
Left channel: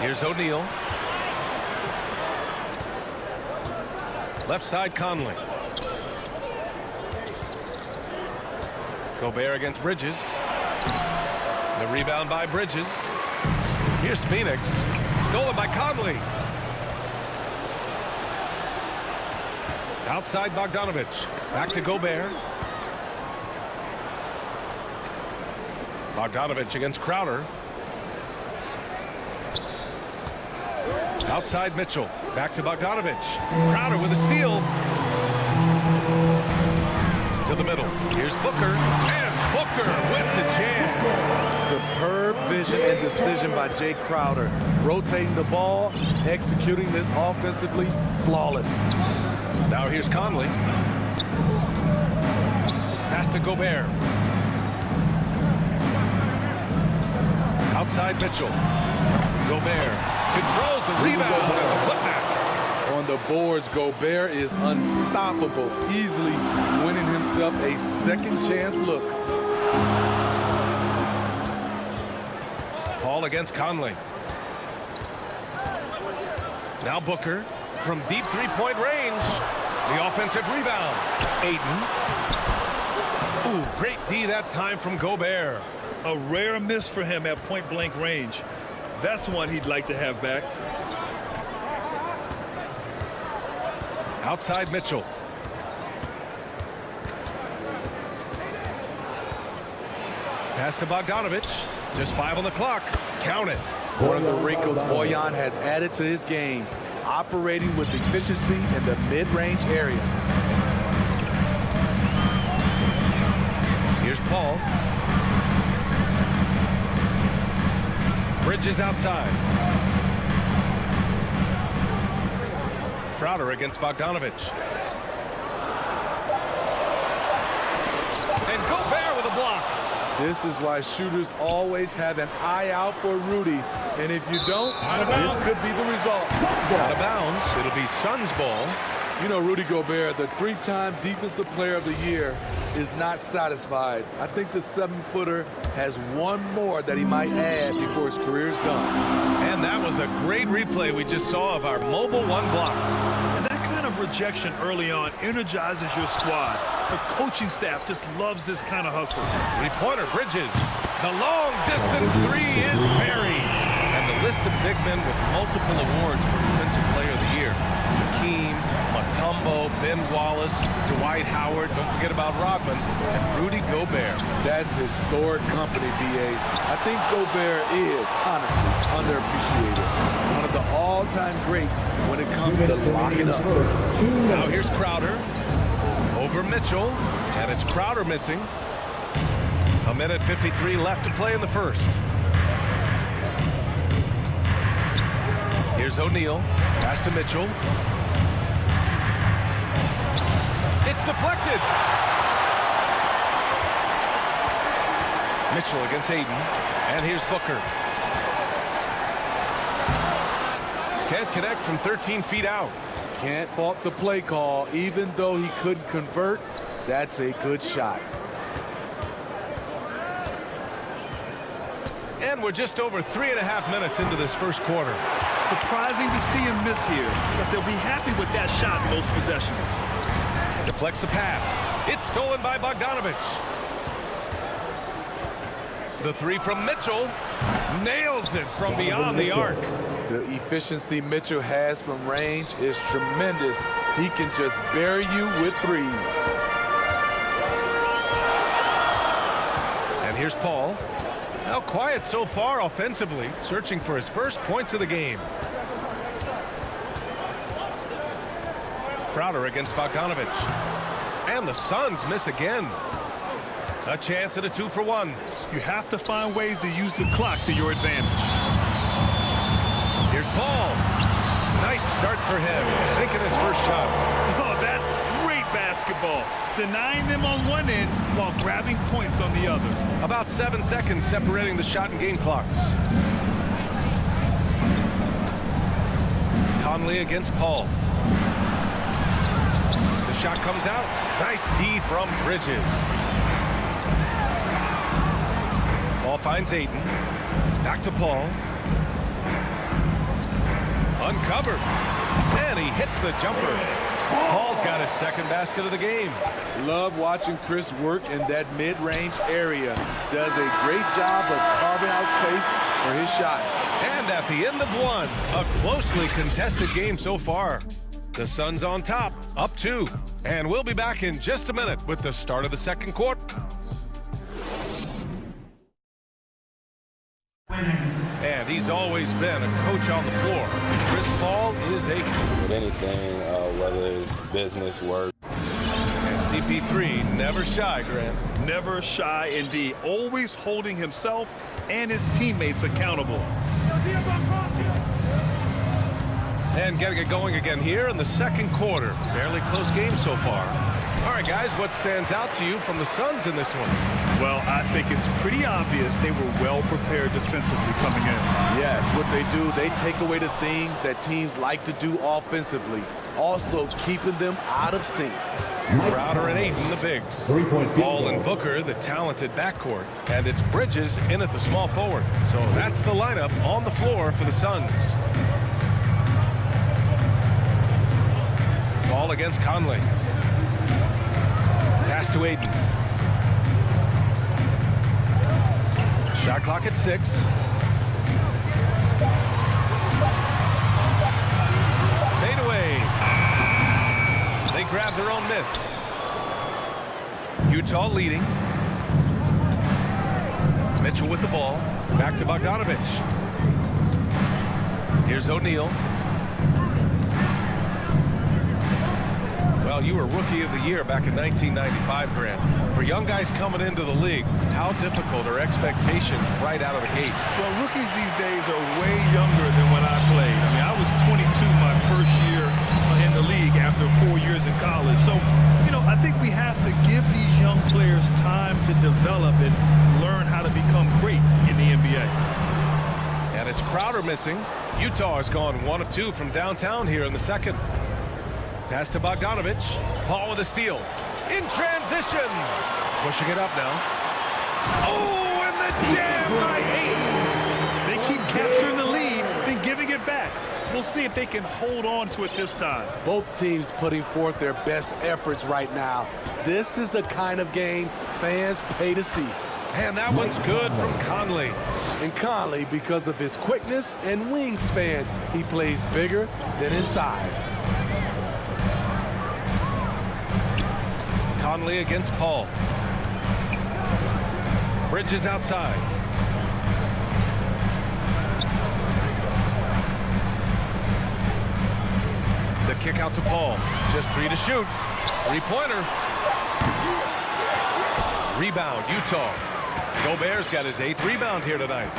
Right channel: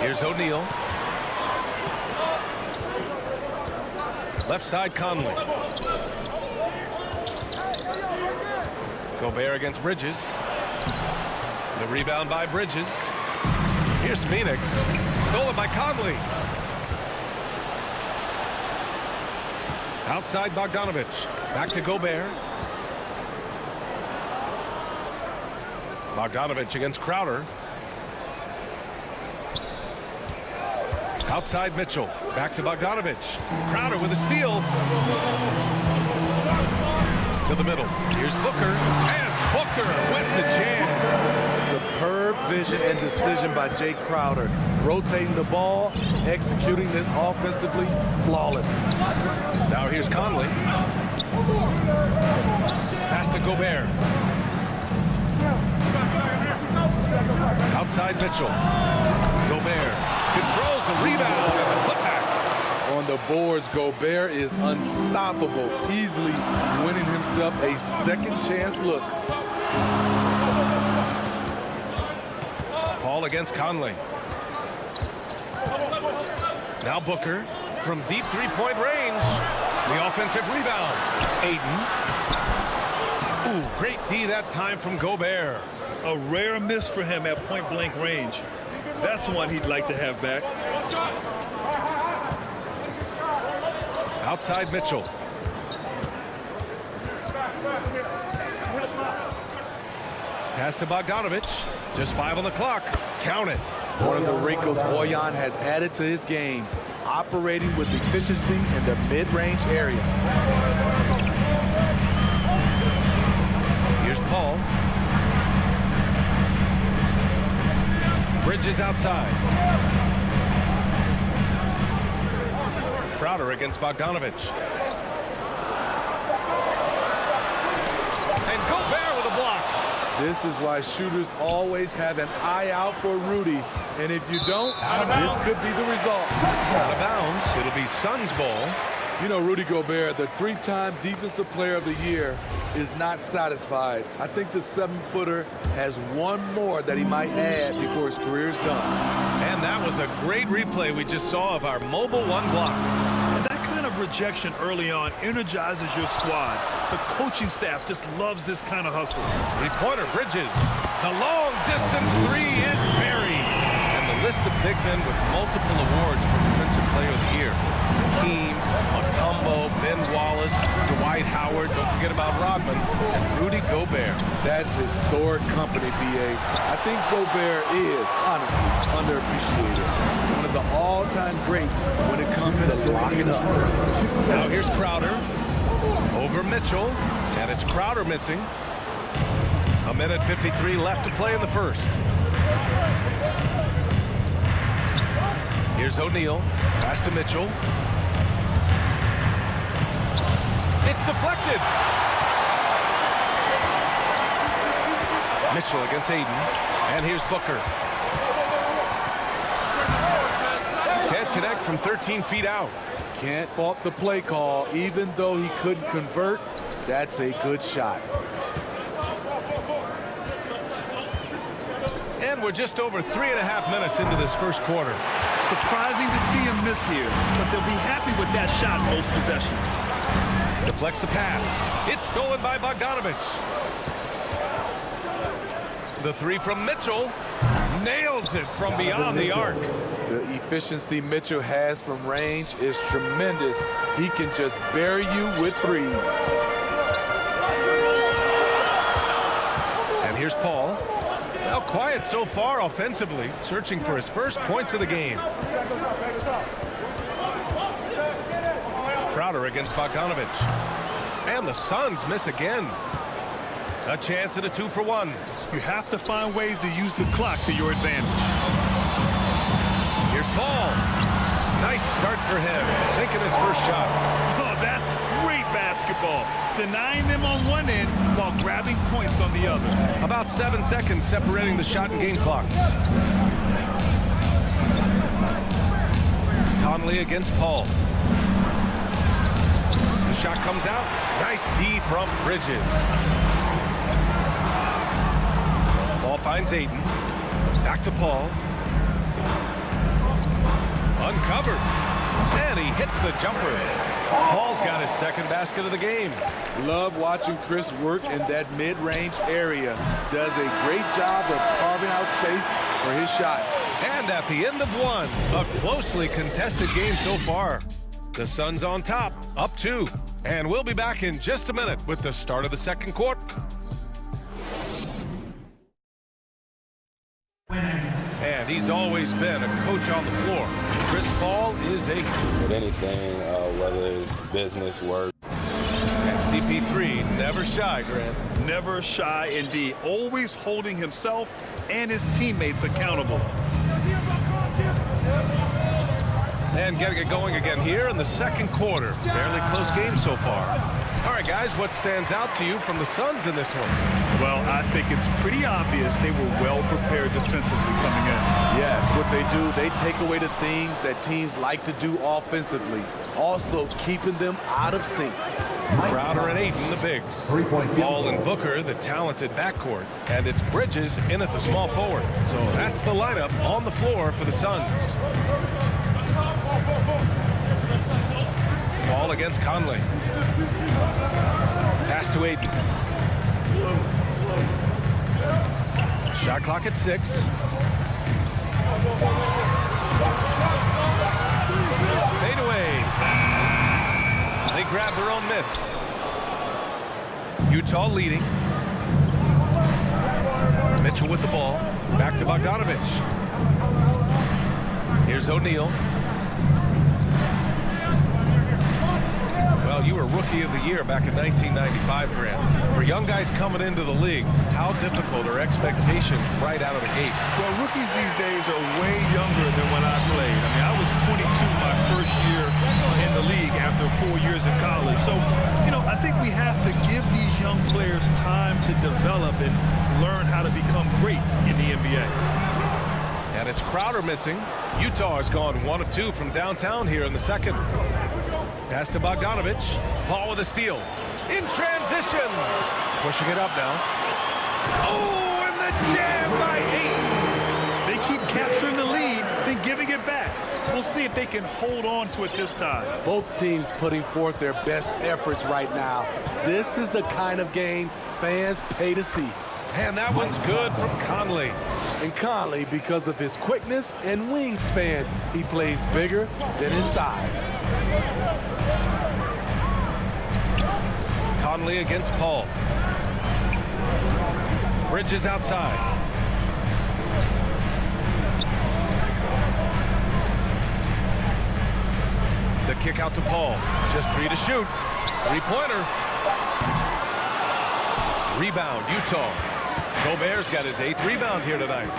Here's O'Neal. Left side, Conley. Gobert against Bridges. The rebound by Bridges. Here's Phoenix. Stolen by Conley. Outside Bogdanovic. Back to Gobert. Bogdanovic against Crowder. Outside Mitchell. Back to Bogdanovic. Crowder with a steal. To the middle. Here's Booker. And Booker with the jam. Superb vision and decision by Jay Crowder. Rotating the ball, executing this offensively, flawless. Now here's Conley. Pass to Gobert. Outside Mitchell. Gobert controls the rebound and the putback. On the boards, Gobert is unstoppable, easily winning himself a second chance look. Paul against Conley. Now Booker from deep three-point range. The offensive rebound. Ayton. Ooh, great D that time from Gobert. A rare miss for him at point-blank range. That's one he'd like to have back. Outside Mitchell. Pass to Bogdanovic. Just 5 on the clock. Count it. One of the wrinkles Bojan has added to his game, operating with efficiency in the mid-range area. Here's Paul. Bridges outside. Crowder against Bogdanovic. And Gobert with a block. This is why shooters always have an eye out for Rudy. And if you don't, this could be the result. Out of bounds. It'll be Suns ball. You know, Rudy Gobert, the 3-time Defensive Player of the Year, is not satisfied. I think the 7-footer has one more that he might add before his career is done. And that was a great replay we just saw of our mobile one block. And that kind of rejection early on energizes your squad. The coaching staff just loves this kind of hustle. Three-pointer, Bridges. The long distance 3 is buried. And the list of big men with multiple awards for Defensive Player of the Year. Hakeem, Mutombo, Ben Wallace, Dwight Howard, don't forget about Rodman, and Rudy Gobert. That's historic company, B.A. I think Gobert is, honestly, underappreciated. One of the all-time greats when it comes to locking up. Now here's Crowder. Over Mitchell, and it's Crowder missing. 1:53 left to play in the first. Here's O'Neal. Pass to Mitchell. It's deflected. Mitchell against Ayton. And here's Booker. Can't connect from 13 feet out. Can't fault the play call. Even though he couldn't convert, that's a good shot. And we're just over 3.5 minutes into this first quarter. Surprising to see him miss here, but they'll be happy with that shot most possessions. Deflects the pass. It's stolen by Bogdanovic. The 3 from Mitchell. Nails it from beyond the arc. The efficiency Mitchell has from range is tremendous. He can just bury you with threes. And here's Paul. Now quiet so far offensively, searching for his first points of the game. Crowder against Bogdanovich. And the Suns miss again. A chance at a 2-for-1. You have to find ways to use the clock to your advantage. Here's Paul. Nice start for him, sinking his first shot. Oh, that's great basketball. Denying them on one end while grabbing points on the other. About 7 seconds separating the shot and game clocks. Conley against Paul. The shot comes out. Nice D from Bridges. Ball finds Ayton. Back to Paul. Uncovered. And he hits the jumper. Paul's got his second basket of the game. Love watching Chris work in that mid-range area. Does a great job of carving out space for his shot. And at the end of one, a closely contested game so far. The Suns on top, up 2. And we'll be back in just a minute with the start of the second quarter. And he's always been a coach on the floor. Chris Paul is a... With anything, whether it's business, work. And CP3, never shy, Grant. Never shy indeed. Always holding himself and his teammates accountable. And getting it going again here in the second quarter. Fairly close game so far. All right, guys, what stands out to you from the Suns in this one? Well, I think it's pretty obvious they were well prepared defensively coming in. Yes, what they do, they take away the things that teams like to do offensively. Also keeping them out of sync. Crowder and Ayton, the bigs. 3-point Paul and Booker, the talented backcourt. And it's Bridges in at the small forward. So that's the lineup on the floor for the Suns. Paul against Conley. Pass to Ayton. Shot clock at 6. Fade away. They grab their own miss. Utah leading. Mitchell with the ball. Back to Bogdanovich. Here's O'Neal. Well, you were Rookie of the Year back in 1995, Grant. For young guys coming into the league, how difficult are expectations right out of the gate? Well, rookies these days are way younger than when I played. I mean, I was 22 my first year in the league after 4 years in college. So, you know, I think we have to give these young players time to develop and learn how to become great in the NBA. And it's Crowder missing. Utah has gone 1 of 2 from downtown here in the second. Pass to Bogdanovich. Paul with a steal. In transition. Pushing it up now. Oh, and the jam by Ayton. They keep capturing the lead, then giving it back. We'll see if they can hold on to it this time. Both teams putting forth their best efforts right now. This is the kind of game fans pay to see. And that one's good from Conley. And Conley, because of his quickness and wingspan, he plays bigger than his size. Conley against Paul. Bridges outside. The kick out to Paul. Just 3 to shoot. 3-pointer. Rebound, Utah. Gobert's got his 8th rebound here tonight.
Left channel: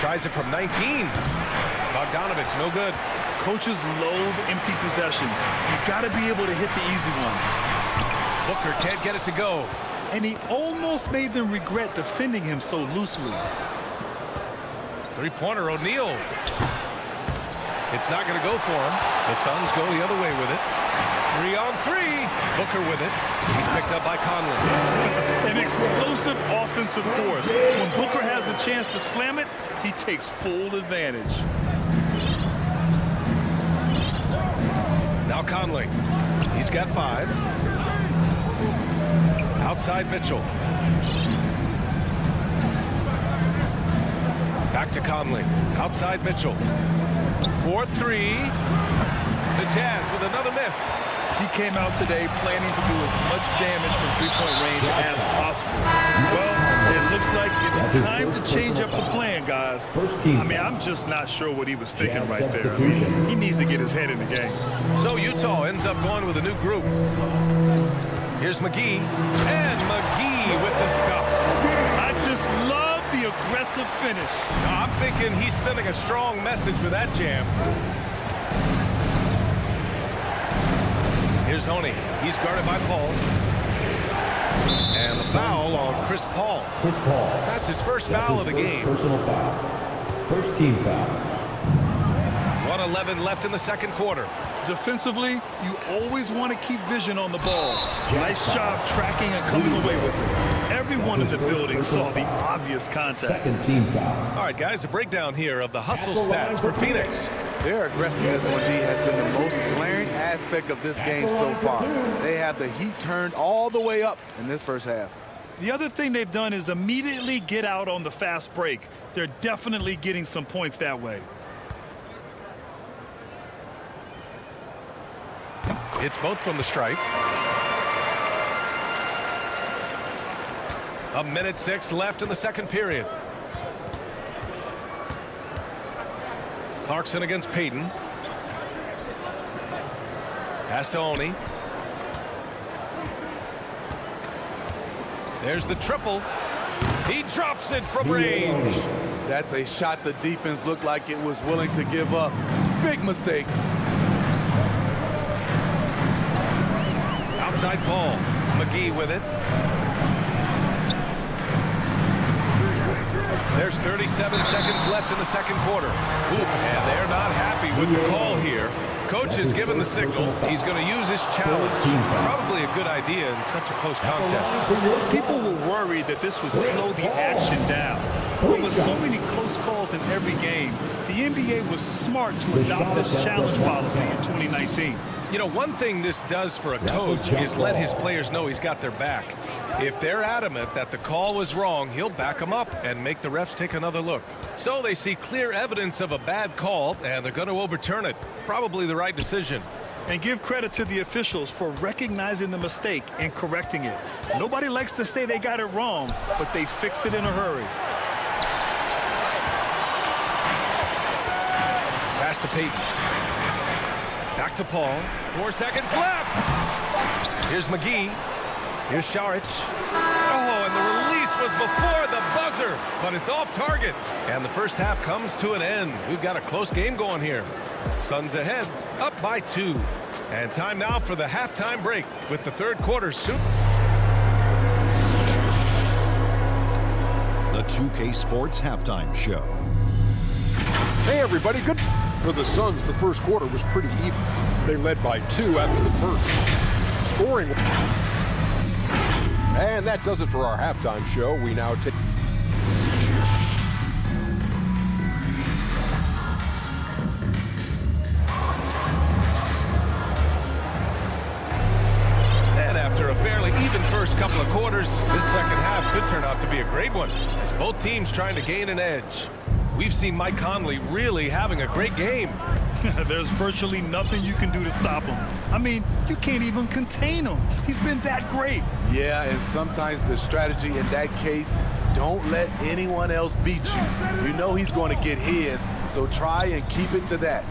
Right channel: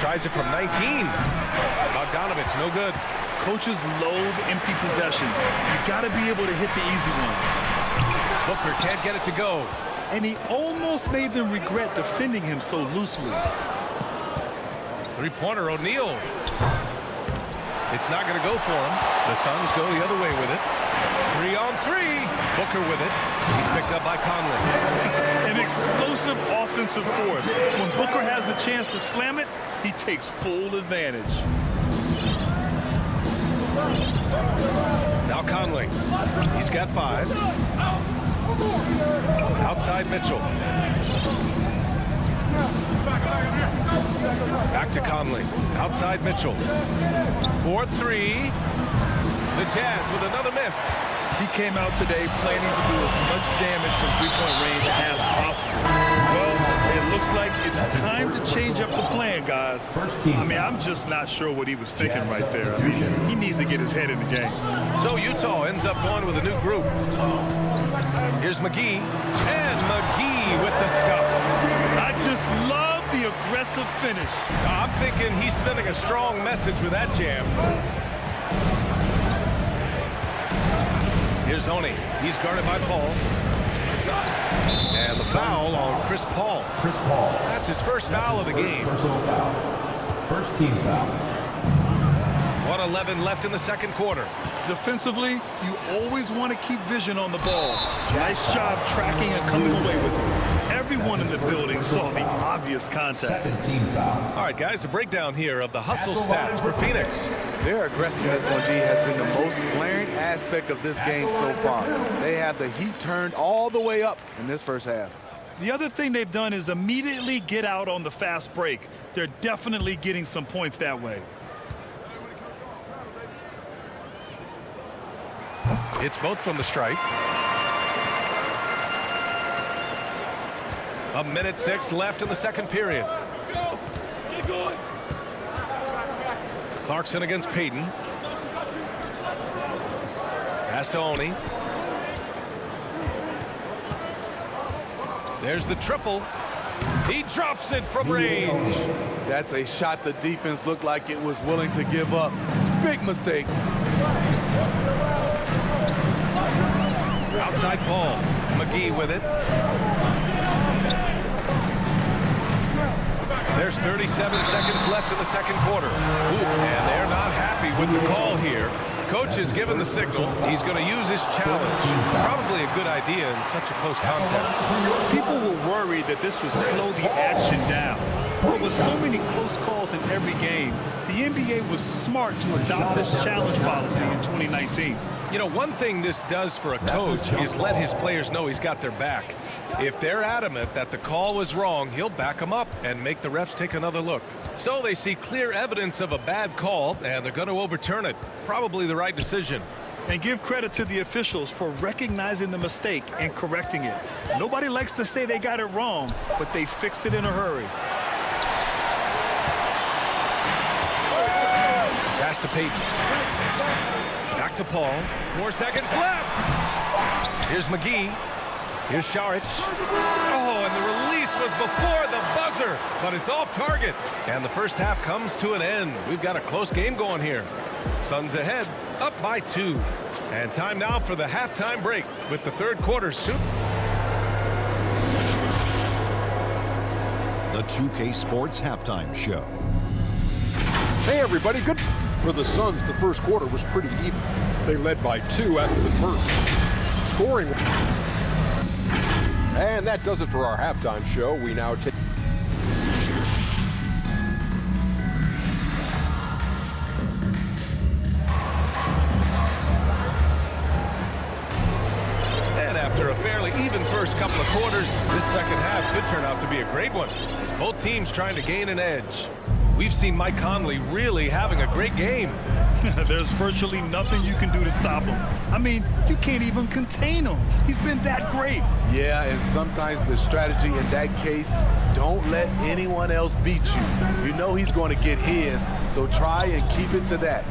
Tries it from 19. Bogdanovich, no good. Coaches loathe empty possessions. You've got to be able to hit the easy ones. Booker can't get it to go. And he almost made them regret defending him so loosely. 3-pointer, O'Neal. It's not going to go for him. The Suns go the other way with it. 3-on-3. Booker with it. He's picked up by Conley. An explosive offensive force. When Booker has the chance to slam it, he takes full advantage. Now Conley. He's got 5. Outside Mitchell. Back to Conley. Outside Mitchell. 4-3. The Jazz with another miss. He came out today planning to do as much damage from three-point range as possible. Well, it looks like it's time to change up the plan, guys. I mean, I'm just not sure what he was thinking right there. I mean, he needs to get his head in the game. So Utah ends up going with a new group. Here's McGee, and McGee with the stuff. I just love the aggressive finish. I'm thinking he's sending a strong message with that jam. Here's Honey. He's guarded by Paul. And the foul on Chris Paul. Chris Paul. That's his first foul of the game. Personal foul. First team foul. 1:11 left in the second quarter. Defensively, you always want to keep vision on the ball. Nice job tracking and coming away with it. Everyone in the building saw the obvious contact. Second team foul. All right, guys, a breakdown here of the hustle stats for Phoenix. Their aggressiveness on D has been the most glaring aspect of this game so far. They have the heat turned all the way up in this first half. The other thing they've done is immediately get out on the fast break. They're definitely getting some points that way. It's both from the stripe. 1:06 left in the second period. Clarkson against Payton. Pass to Oni. There's the triple. He drops it from range. That's a shot the defense looked like it was willing to give up. Big mistake. Outside Paul. McGee with it. There's 37 seconds left in the second quarter. And they're not happy with the call here. Coach has given the signal. He's going to use his challenge. Probably a good idea in such a close contest. People were worried that this would slow the action down. But with so many close calls in every game, the NBA was smart to adopt this challenge policy in 2019. You know, one thing this does for a coach is let his players know he's got their back. If they're adamant that the call was wrong, he'll back them up and make the refs take another look. So they see clear evidence of a bad call, and they're going to overturn it. Probably the right decision. And give credit to the officials for recognizing the mistake and correcting it. Nobody likes to say they got it wrong, but they fixed it in a hurry. Pass to Payton. Back to Paul. 4 seconds left. Here's McGee. Here's Šarić. Oh, and the release was before the buzzer, but it's off target. And the first half comes to an end. We've got a close game going here. Suns ahead, up by 2. And time now for the halftime break with the third quarter soon. The 2K Sports Halftime Show. Hey, everybody. Good. For the Suns, the first quarter was pretty even. They led by 2 after the first. Scoring. And that does it for our halftime show. We now take... And after a fairly even first couple of quarters, this second half could turn out to be a great one, as both teams trying to gain an edge. We've seen Mike Conley really having a great game. There's virtually nothing you can do to stop him. I mean, you can't even contain him. He's been that great. Yeah, and sometimes the strategy in that case, don't let anyone else beat you. You know he's going to get his, so try and keep it to that.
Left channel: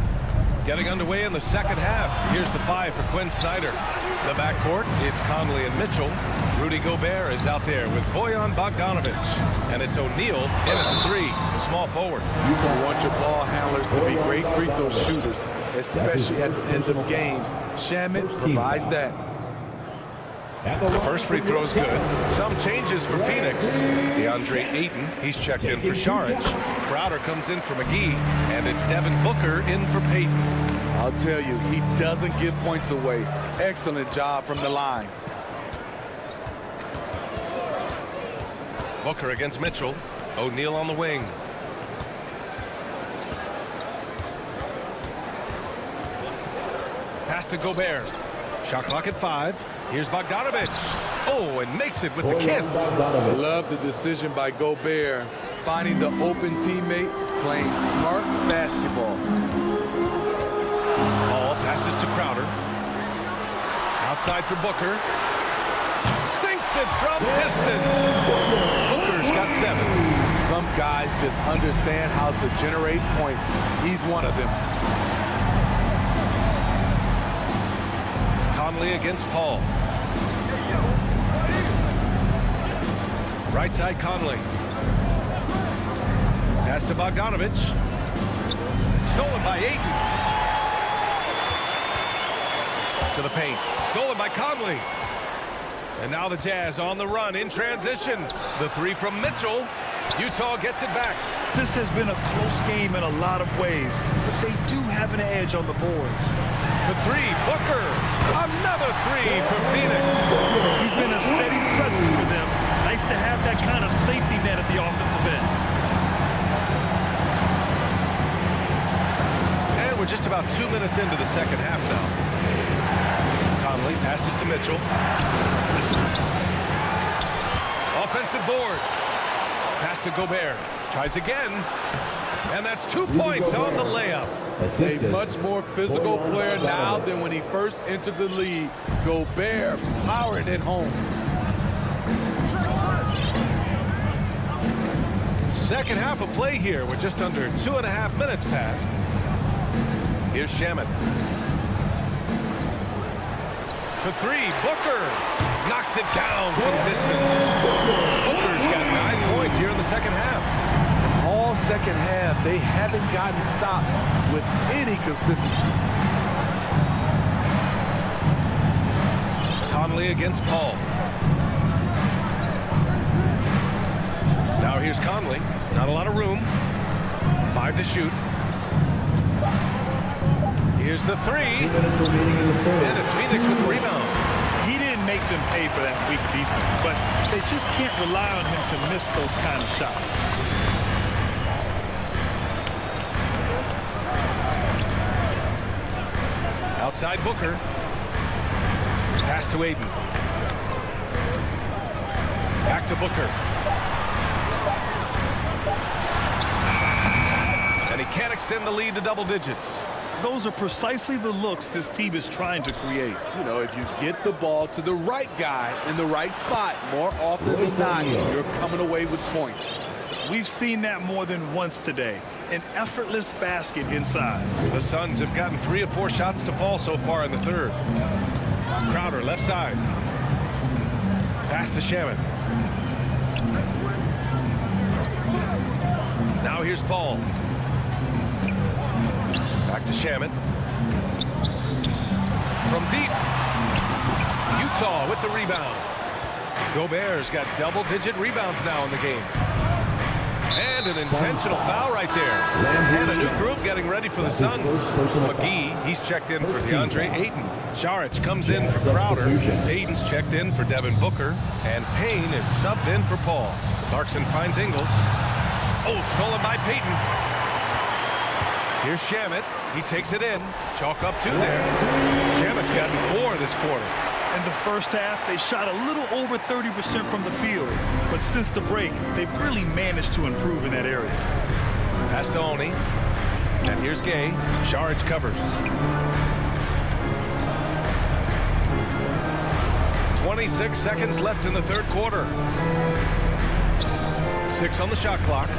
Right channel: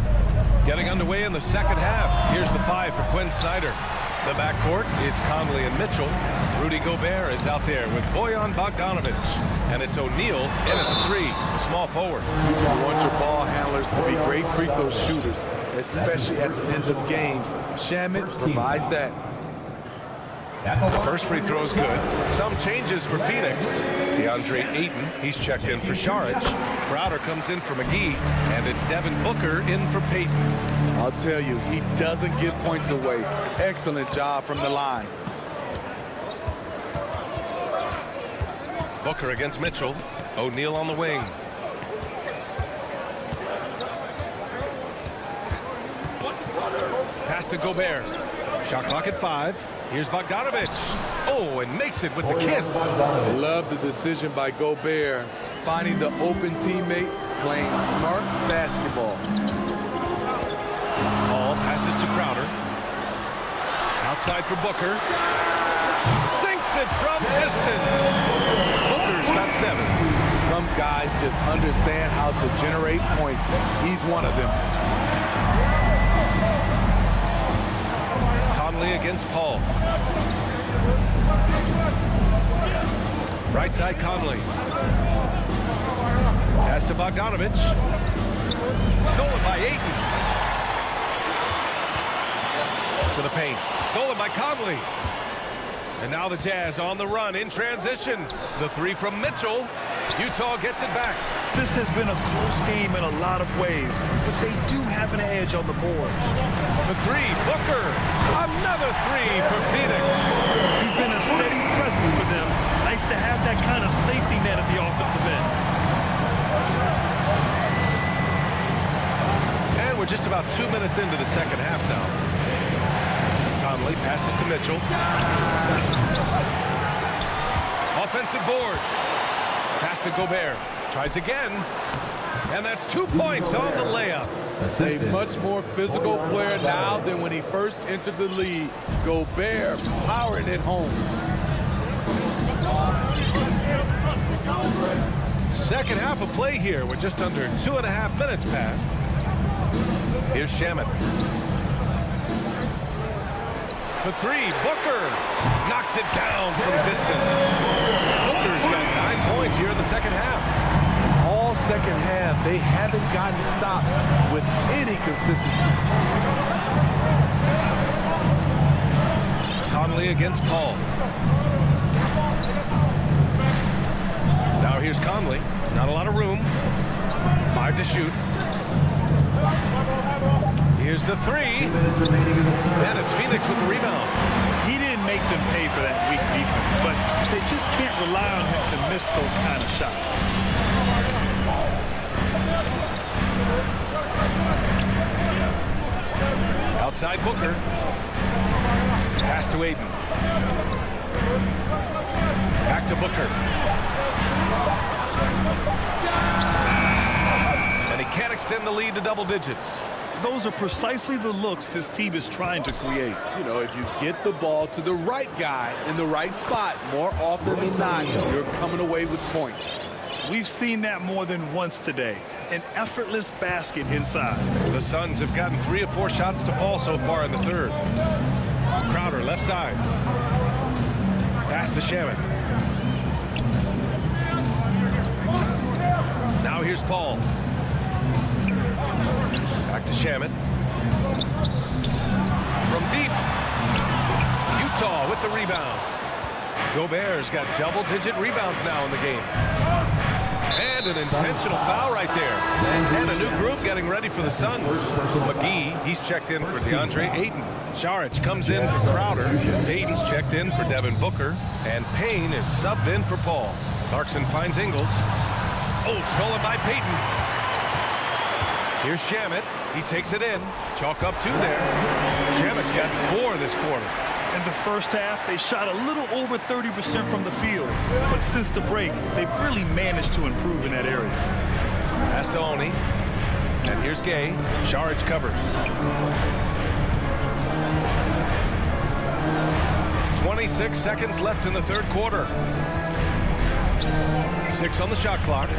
Getting underway in the second half. Here's the 5 for Quinn Snyder. The backcourt, it's Conley and Mitchell. Rudy Gobert is out there with Bojan Bogdanovic. And it's O'Neal in at the 3, the small forward. You want your ball handlers to be great free throw shooters, especially at the end of games. Shamet provides that. The first free throw is good. Some changes for Phoenix. DeAndre Ayton, he's checked in for Šarić. Crowder comes in for McGee. And it's Devin Booker in for Payton. I'll tell you, he doesn't give points away. Excellent job from the line. Booker against Mitchell. O'Neal on the wing. Pass to Gobert. Shot clock at 5. Here's Bogdanovic. Oh, and makes it with the kiss. Love the decision by Gobert. Finding the open teammate, playing smart basketball. Paul passes to Crowder. Outside for Booker. Sinks it from distance. Booker's got 7. Some guys just understand how to generate points. He's one of them. Conley against Paul. Right side Conley. Pass to Bogdanovich. Stolen by Ayton. To the paint. Stolen by Conley. And now the Jazz on the run in transition. The 3 from Mitchell. Utah gets it back. This has been a close game in a lot of ways, but they do have an edge on the boards. For 3, Booker. Another 3 for Phoenix. He's been a steady presence for them. Nice to have that kind of safety net at the offensive end. And we're just about 2 minutes into the second half now. Conley passes to Mitchell. Offensive board. Pass to Gobert. Tries again. And that's 2 points on the layup. A much more physical player now than when he first entered the league. Gobert powering it home. Second half of play here with just under 2.5 minutes passed. Here's Shamet. For 3, Booker knocks it down from distance. Booker's got 9 points here in the second half. All second half, they haven't gotten stops with any consistency. Conley against Paul. Now here's Conley. Not a lot of room. 5 to shoot. Here's the 3. And it's Phoenix with the rebound. He didn't make them pay for that weak defense, but they just can't rely on him to miss those kind of shots. Outside Booker. Pass to Ayton. Back to Booker. And he can't extend the lead to double digits. Those are precisely the looks this team is trying to create. You know, if you get the ball to the right guy in the right spot, more often than not, you're coming away with points. We've seen that more than once today. An effortless basket inside. The Suns have gotten 3 of 4 shots to fall so far in the third. Crowder left side. Pass to Shamet. Now here's Paul. Back to Shamet. From deep. Utah with the rebound. Gobert's got double-digit rebounds now in the game. And an intentional foul right there. And a new group getting ready for the Suns. McGee, he's checked in for DeAndre Ayton. Saric comes in for Crowder. Payton's checked in for Devin Booker. And Payne is subbed in for Paul. Clarkson finds Ingles. Oh, stolen by Payton. Here's Shamet. He takes it in. Chalk up 2 there. Shamet's gotten 4 this quarter. In the first half, they shot a little over 30% from the field. But since the break, they've really managed to improve in that area. Pass to Oni. And here's Gay. Saric covers. 26 seconds left in the third quarter. 6 on the shot clock.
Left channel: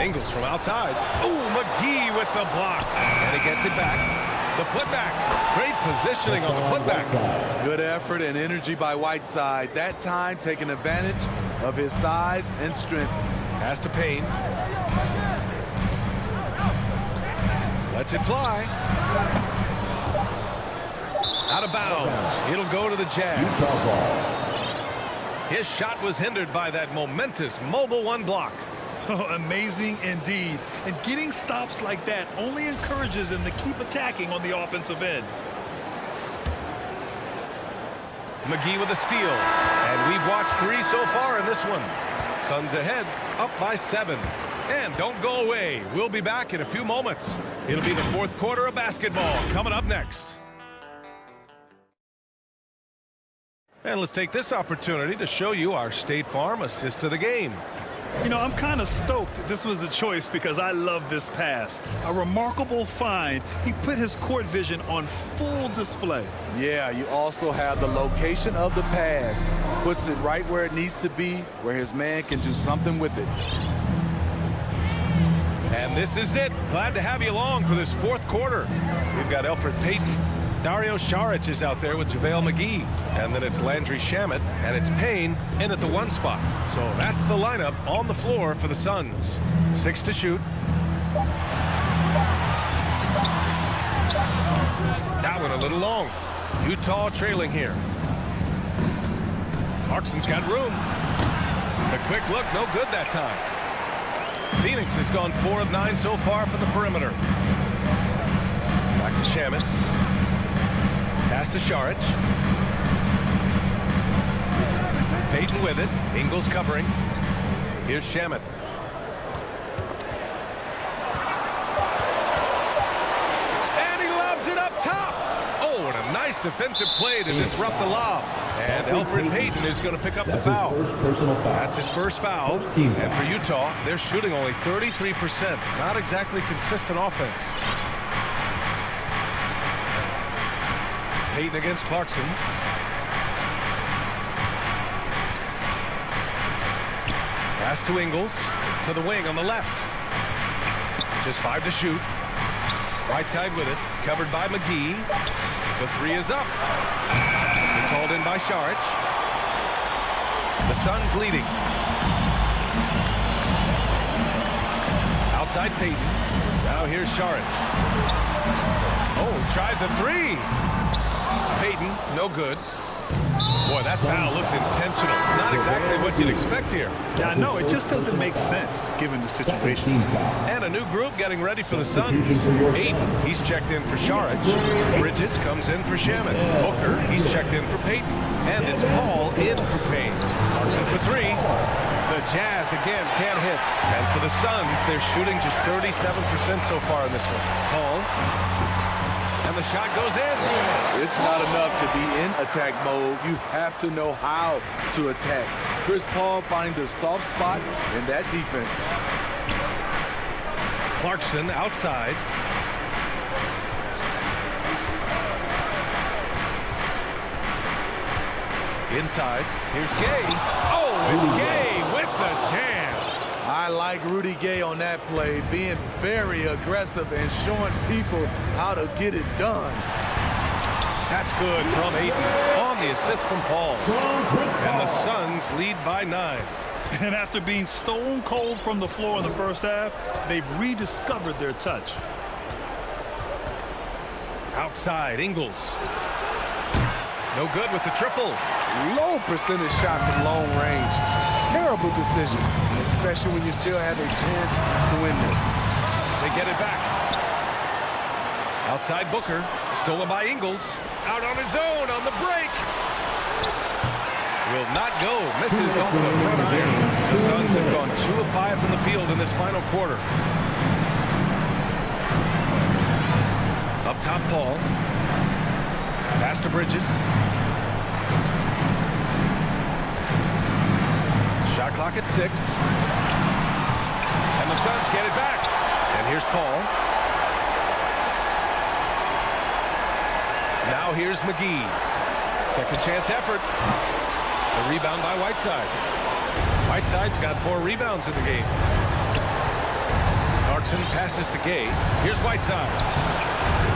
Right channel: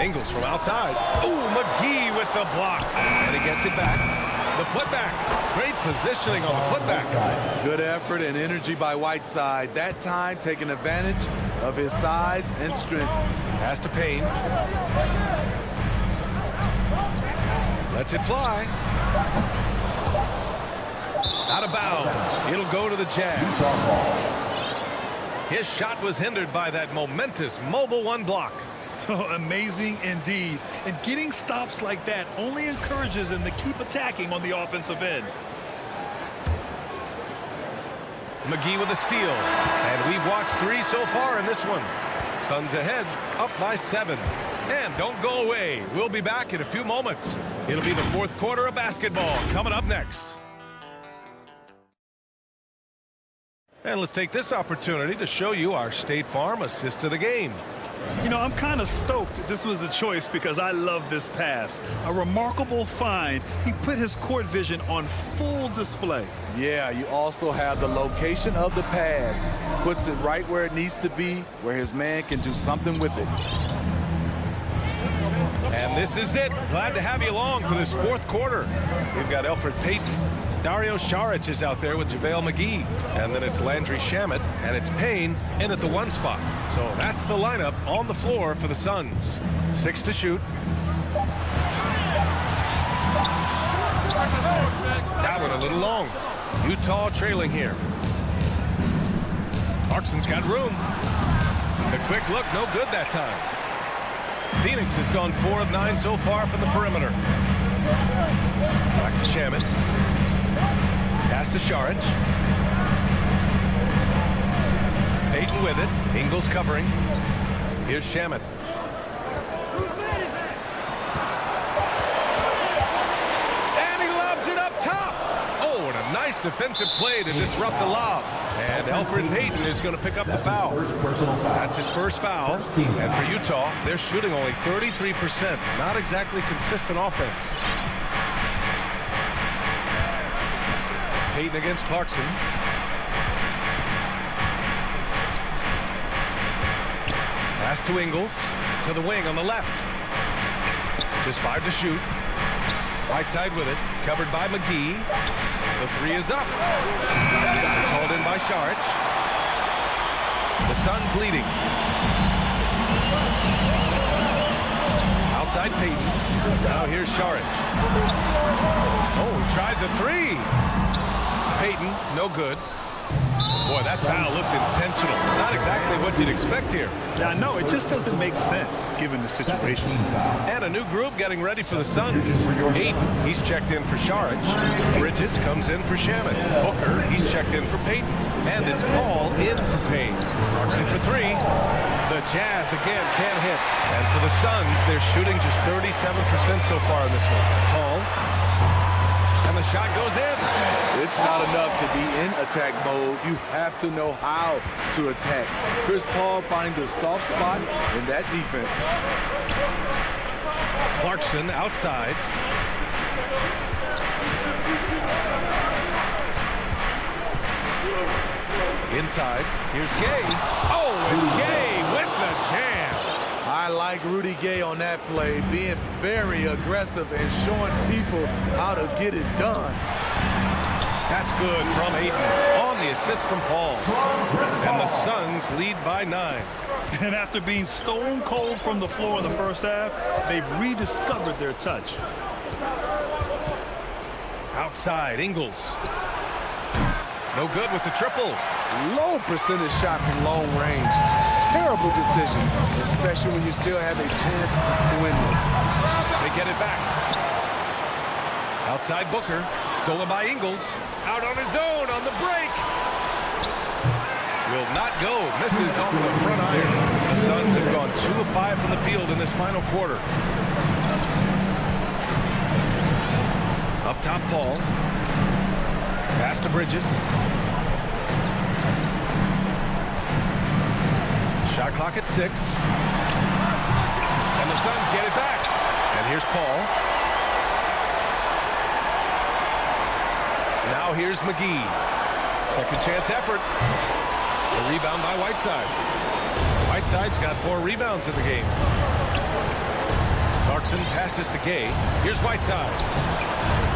Ingles from outside. Oh, McGee with the block. And he gets it back. The putback. Great positioning on the putback. Good effort and energy by Whiteside. That time taking advantage of his size and strength. Pass to Payne. Lets it fly. Out of bounds. It'll go to the Jazz. His shot was hindered by that momentous mobile 1 block. Oh, amazing indeed. And getting stops like that only encourages them to keep attacking on the offensive end. McGee with a steal. And we've watched 3 so far in this one. Suns ahead, up by 7. And don't go away. We'll be back in a few moments. It'll be the fourth quarter of basketball coming up next. And let's take this opportunity to show you our State Farm assist to the game. You know, I'm kind of stoked this was a choice because I love this pass. A remarkable find. He put his court vision on full display. Yeah, you also have the location of the pass. Puts it right where it needs to be, where his man can do something with it. And this is it. Glad to have you along for this fourth quarter. We've got Elfrid Payton. Dario Saric is out there with JaVale McGee. And then it's Landry Shamet, and it's Payne in at the 1 spot. So that's the lineup on the floor for the Suns. 6 to shoot. That one a little long. Utah trailing here. Clarkson's got room. The quick look, no good that time. Phoenix has gone 4 of 9 so far from the perimeter. Back to Shamet. Pass to Saric. Payton with it. Ingles covering. Here's Shamet. And he lobs it up top. Oh, and a nice defensive play to disrupt the lob. And Elfrid Payton is going to pick up the foul. That's his first foul. And for Utah, they're shooting only 33%. Not exactly consistent offense. Payton against Clarkson. Pass to Ingles. To the wing on the left. Just 5 to shoot. Right side with it. Covered by McGee. The 3 is up. It's hauled in by Saric. The Suns leading. Outside Payton. Now here's Saric. Oh, he tries a 3. Payton, no good. Boy, that foul looked intentional. Not exactly what you'd expect here. Yeah, I know. It just doesn't make sense given the situation. And a new group getting ready for the Suns. Ayton, he's checked in for Saric. Bridges comes in for Shamet. Booker, he's checked in for Payton. And it's Paul in for Payne. Clarkson for 3. The Jazz again can't hit. And for the Suns, they're shooting just 37% so far in this one. Paul. And the shot goes in. It's not enough to be in attack mode. You have to know how to attack. Chris Paul finding the soft spot in that defense. Clarkson outside. Inside. Here's Gay. Oh, it's Gay with the jam. I like Rudy Gay on that play, being very aggressive and showing people how to get it done. That's good from Ayton on the assist from Paul. And the Suns lead by 9. And after being stone cold from the floor in the first half, they've rediscovered their touch. Outside, Ingles. No good with the triple. Low percentage shot from long range. Terrible decision, especially when you still have a chance to win this. They get it back. Outside Booker. Stolen by Ingles. Out on his own on the break. Will not go. Misses off the front iron. The Suns have gone 2 of 5 from the field in this final quarter. Up top, Paul. Pass to Bridges. Shot clock at 6. And the Suns get it back. And here's Paul. Now here's McGee. Second chance effort. The rebound by Whiteside. Whiteside's got 4 rebounds in the game. Clarkson passes to Gay. Here's Whiteside.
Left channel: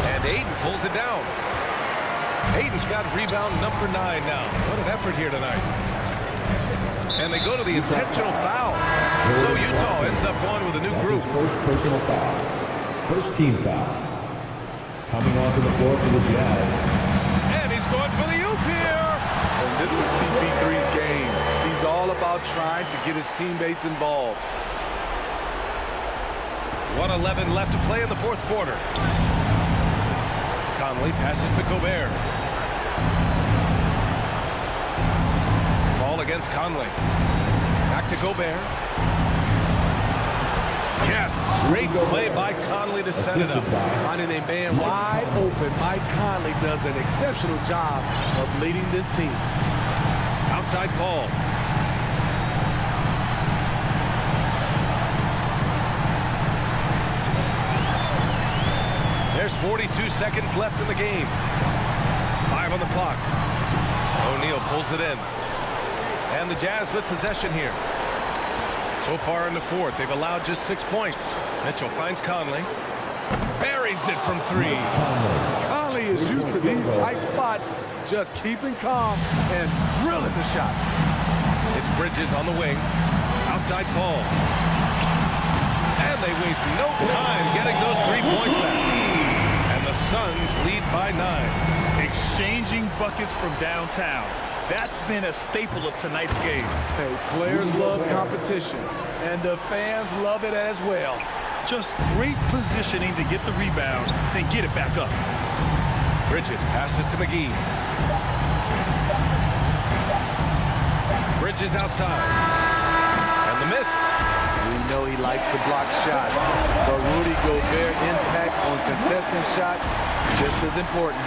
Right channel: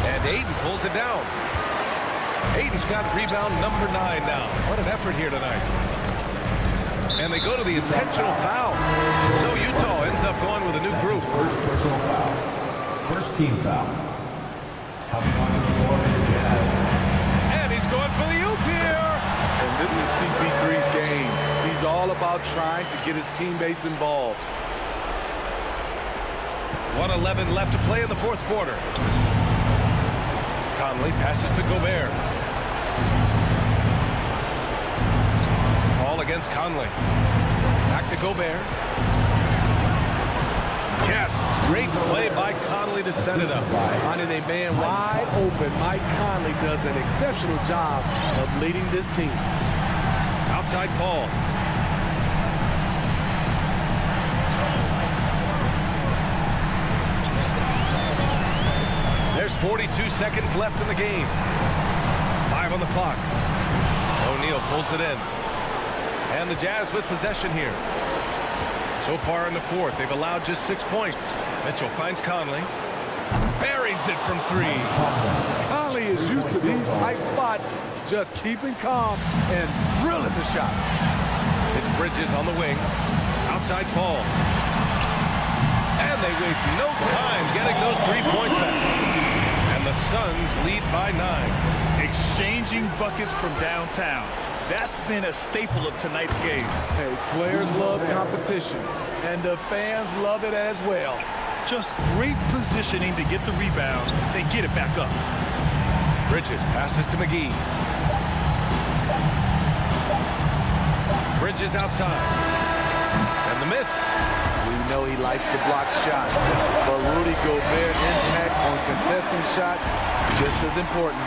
And Ayton pulls it down. Ayton's got rebound number 9 now. What an effort here tonight. And they go to the intentional foul. So Utah ends up going with a new group. First personal foul. First team foul. Coming onto the floor for the Jazz. And he's going for the oop here. And this is CP3's game. He's all about trying to get his teammates involved. 1:11 left to play in the fourth quarter. Conley passes to Gobert. Paul against Conley. Back to Gobert. Yes, great play by Conley to set it up. Finding a man wide open, Mike Conley does an exceptional job of leading this team. Outside Paul. There's 42 seconds left in the game. 5 on the clock. O'Neal pulls it in. And the Jazz with possession here. So far in the fourth, they've allowed just 6 points. Mitchell finds Conley. Buries it from 3. Conley is used to these tight spots, just keeping calm and drilling the shot. It's Bridges on the wing. Outside Paul. And they waste no time getting those 3 points back. And the Suns lead by 9. Exchanging buckets from downtown. That's been a staple of tonight's game. Hey, players love competition, and the fans love it as well. Just great positioning to get the rebound, then get it back up. Bridges passes to McGee. Bridges outside. And the miss. We know he likes to block shots, but Rudy Gobert impact on contesting shots just as important.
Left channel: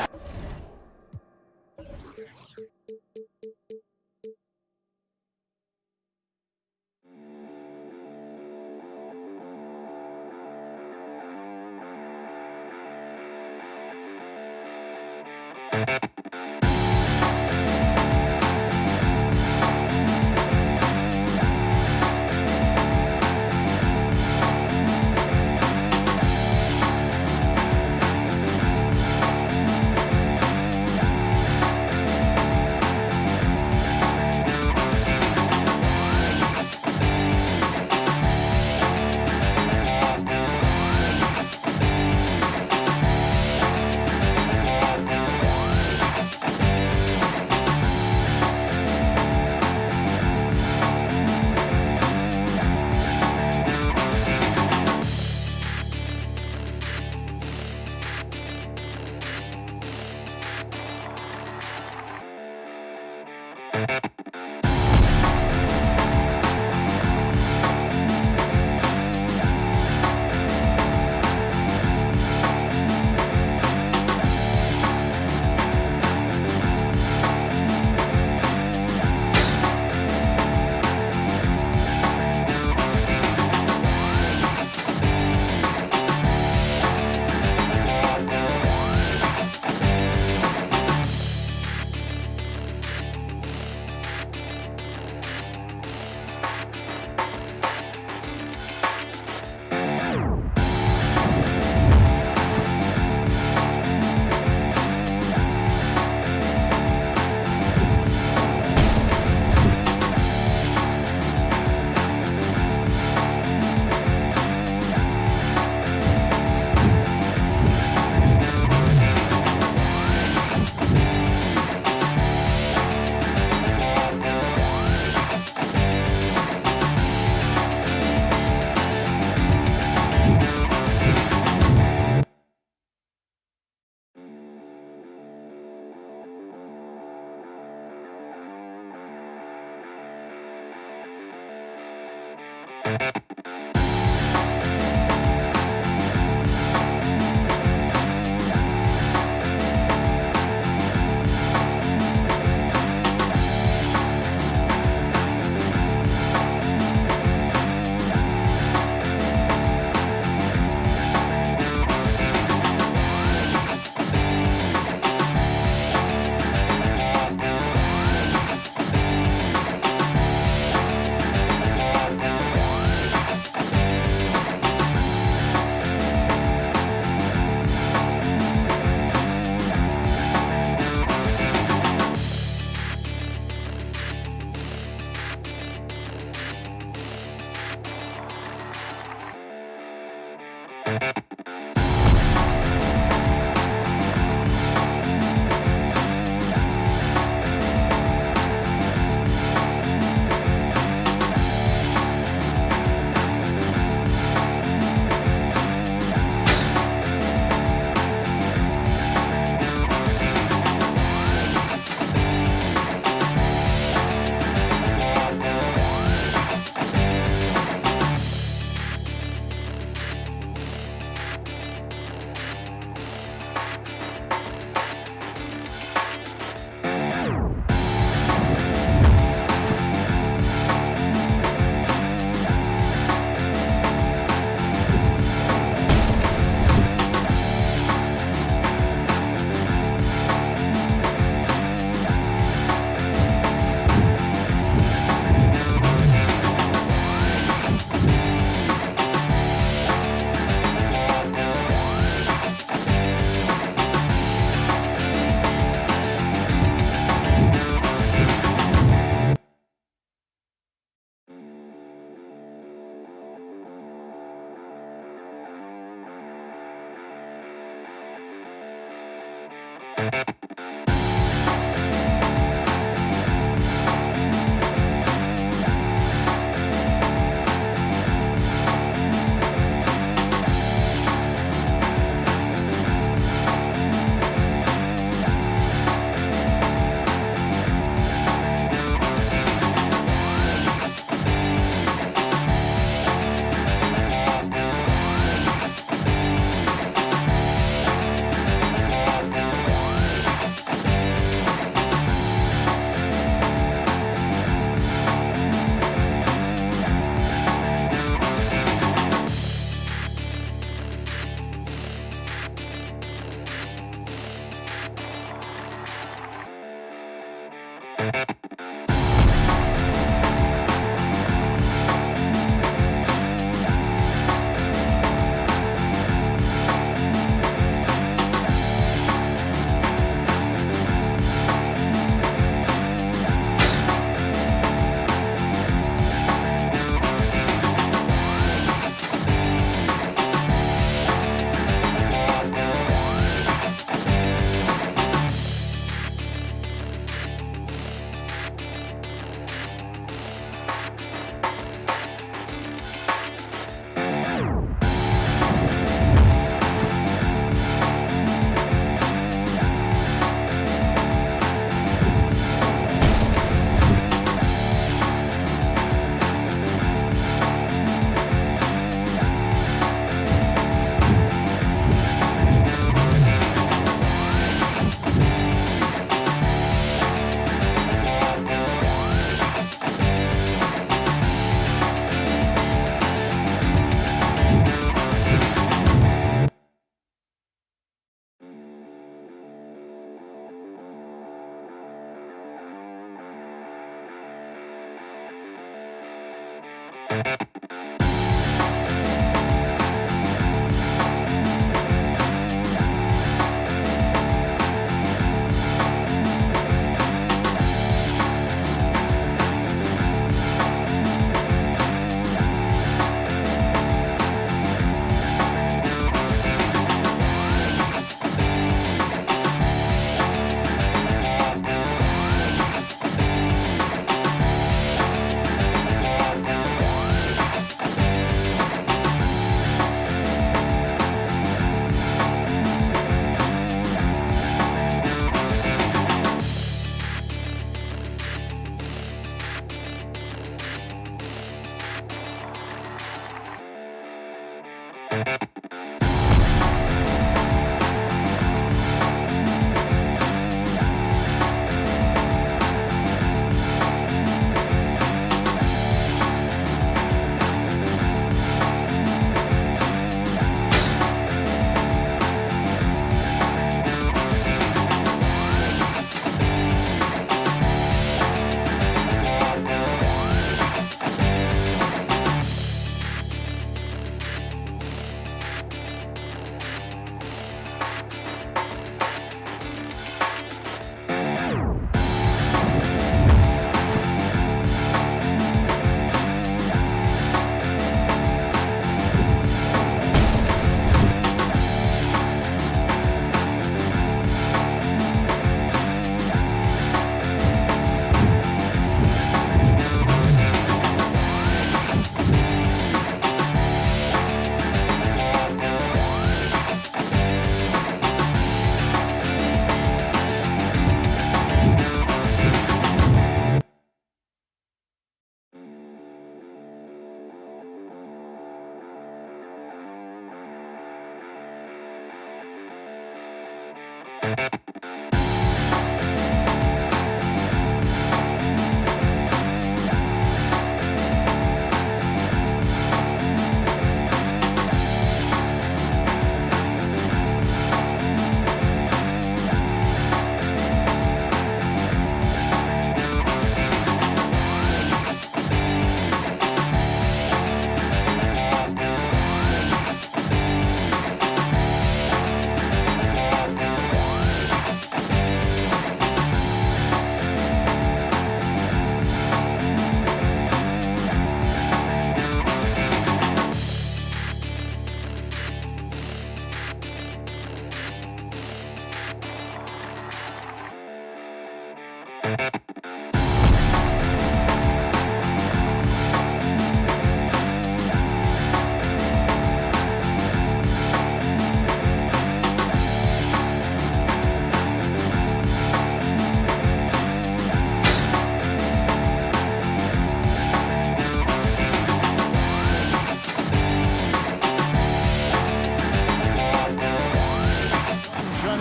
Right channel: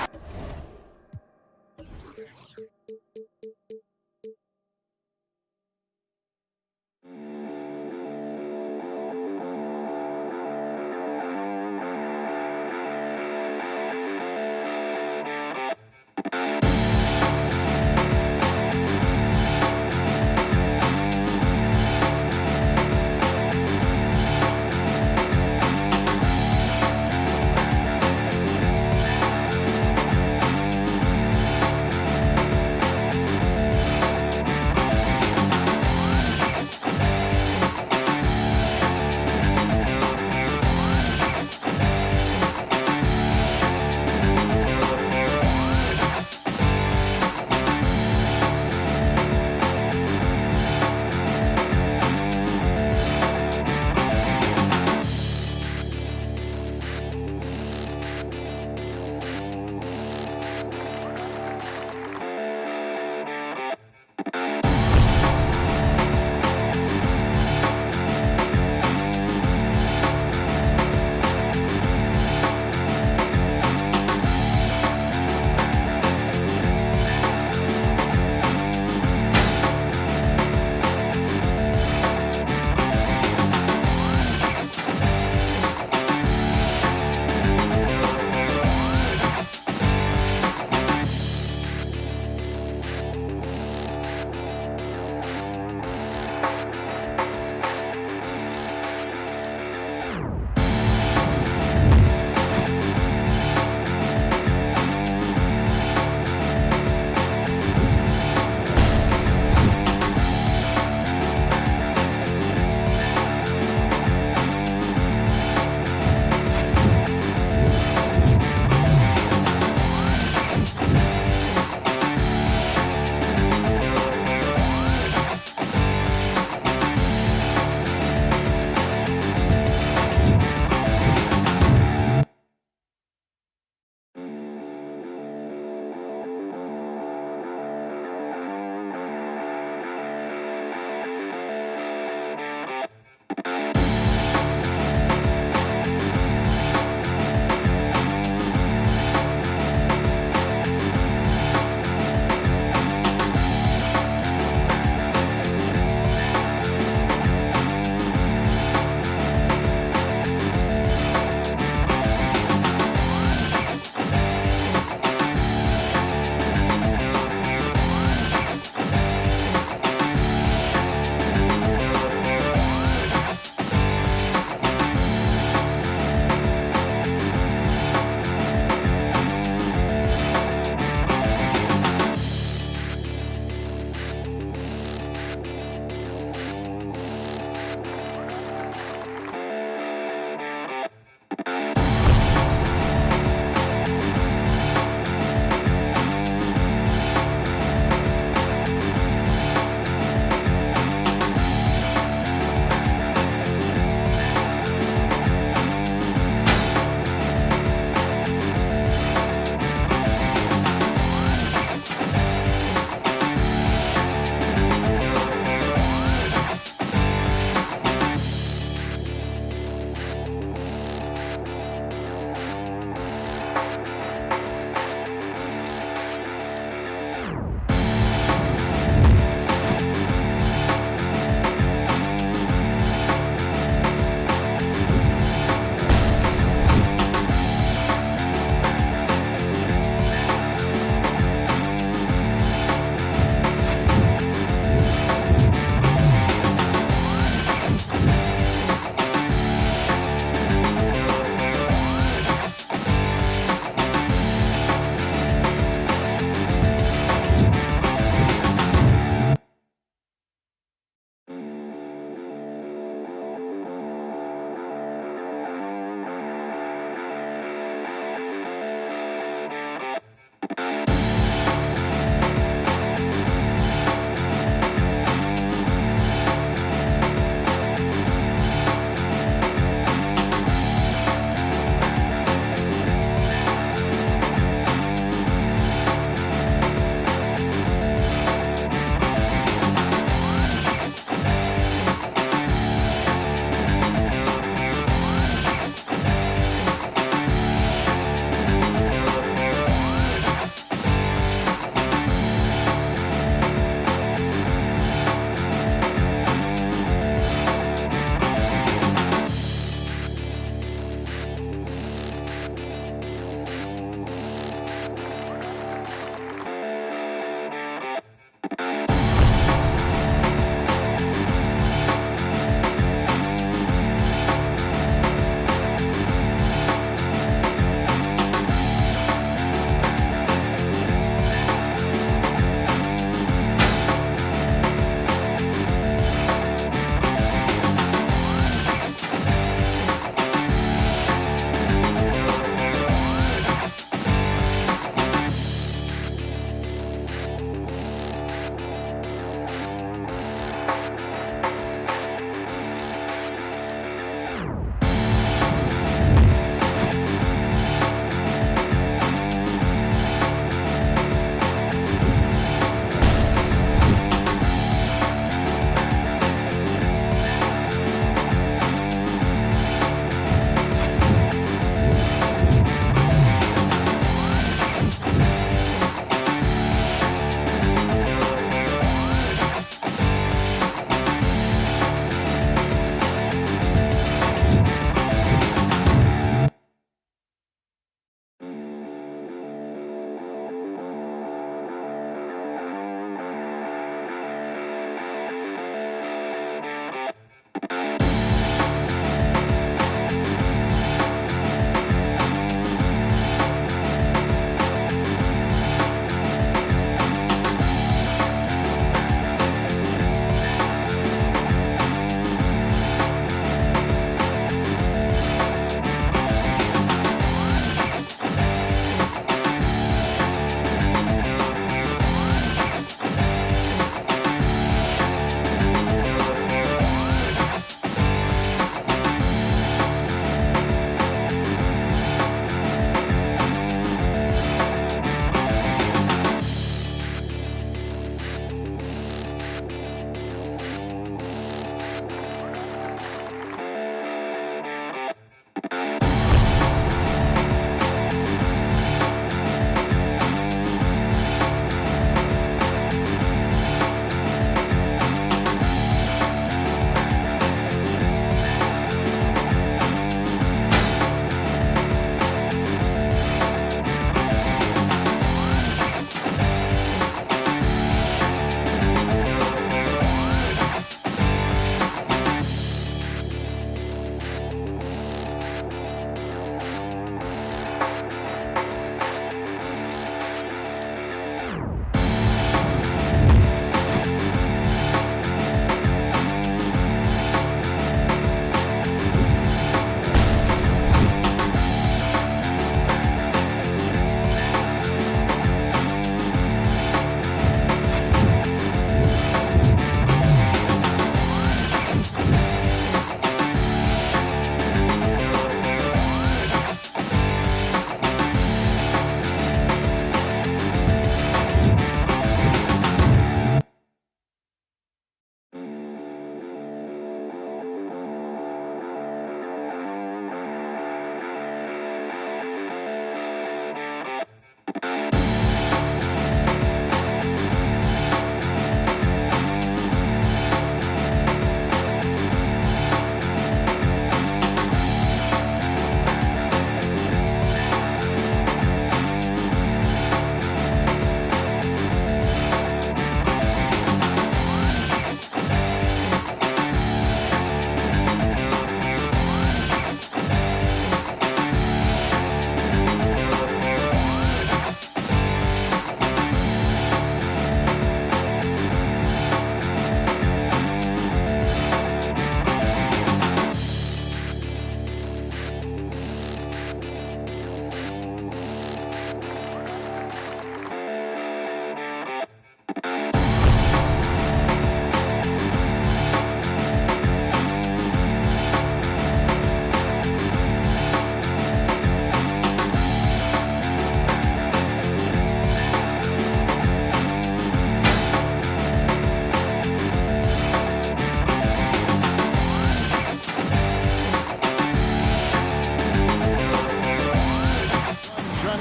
Shining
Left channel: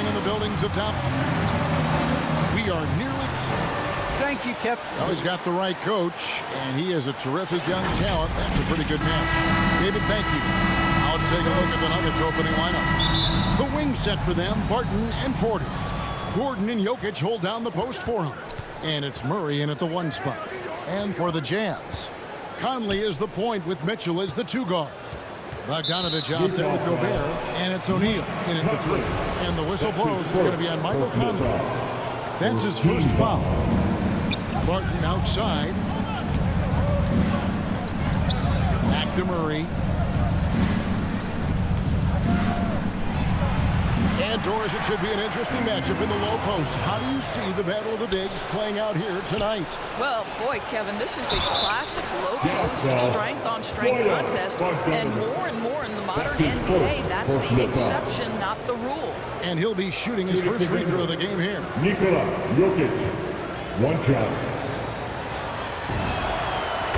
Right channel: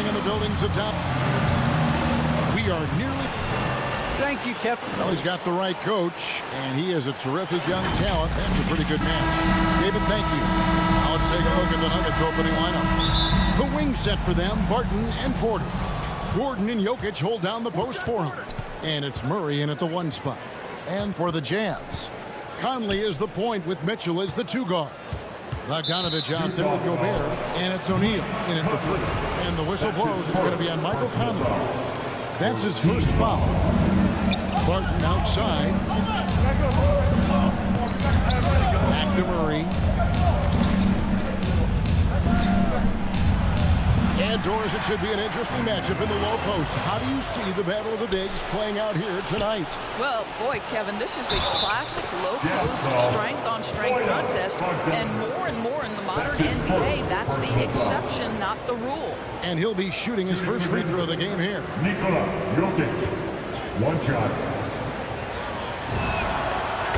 in the buildings of town. We are nearly... Thank you, Kip. Well, he's got the right coach, and he is a terrific young talent. That's a pretty good match. David, thank you. Now let's take a look at the Nuggets opening lineup. The wing set for them, Barton and Porter. Gordon and Jokic hold down the post for him. And it's Murray in at the 1 spot. And for the Jazz, Conley is the point with Mitchell as the 2 guard. Bogdanovich out there with Gobert, and it's O'Neal in at the 3. And the whistle blows. It's going to be on Michael Conley. That's his first foul. Barton outside. Back to Murray. And Doris, it should be an interesting matchup in the low post. How do you see the Battle of the Bigs playing out here tonight? Well, boy, Kevin, this is a classic low post strength-on-strength contest. And more in the modern NBA, that's the exception, not the rule. And he'll be shooting his first free throw of the game here. Nikola Jokic. 1 shot.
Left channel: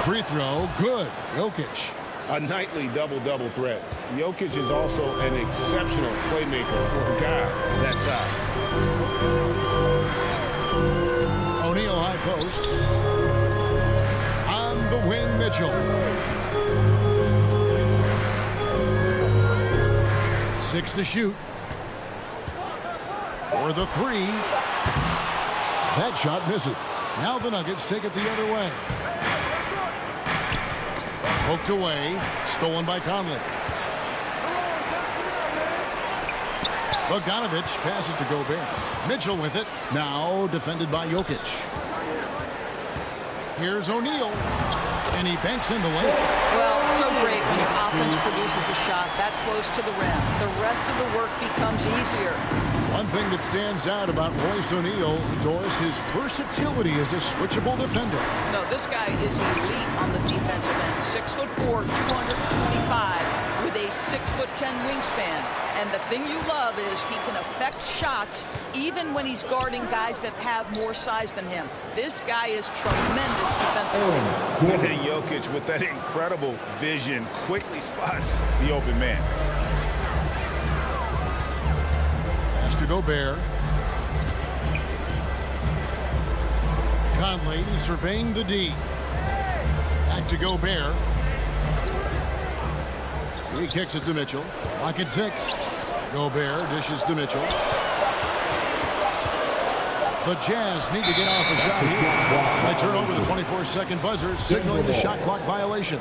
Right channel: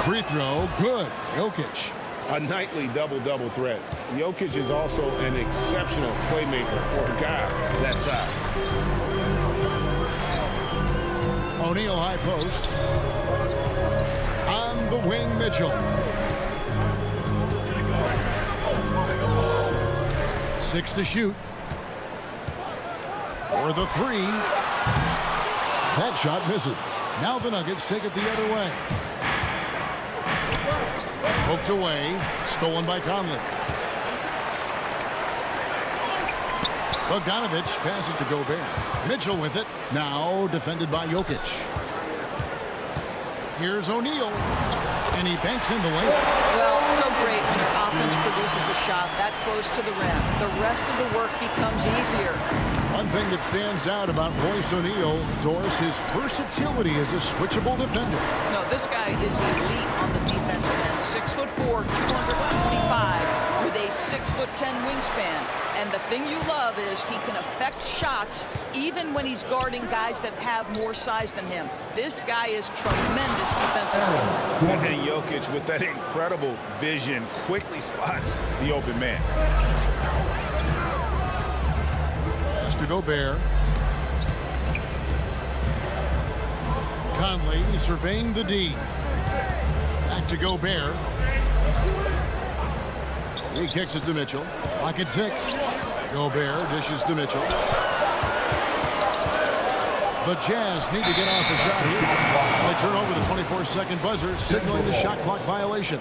Free throw, good. Jokic. A nightly double-double threat. Jokic is also an exceptional playmaker for a guy that size. O'Neal high post. On the wing, Mitchell. 6 to shoot. For the 3. That shot misses. Now the Nuggets take it the other way. Poked away. Stolen by Conley. Bogdanovich passes to Gobert. Mitchell with it. Now defended by Jokic. Here's O'Neal. And he banks in the layup. Well, so great when your offense produces a shot that close to the rim. The rest of the work becomes easier. One thing that stands out about Royce O'Neal, Doris, his versatility as a switchable defender. No, this guy is elite on the defensive end. 6'4", 225, with a 6'10" wingspan. And the thing you love is he can affect shots even when he's guarding guys that have more size than him. This guy is tremendous defensively. And Jokic, with that incredible vision, quickly spots the open man. To Gobert. Conley surveying the D. Back to Gobert. He kicks it to Mitchell. Clock at 6. Gobert dishes to Mitchell. The Jazz need to get off the shot here. They turn over the 24-second buzzer, signaling the shot clock violation.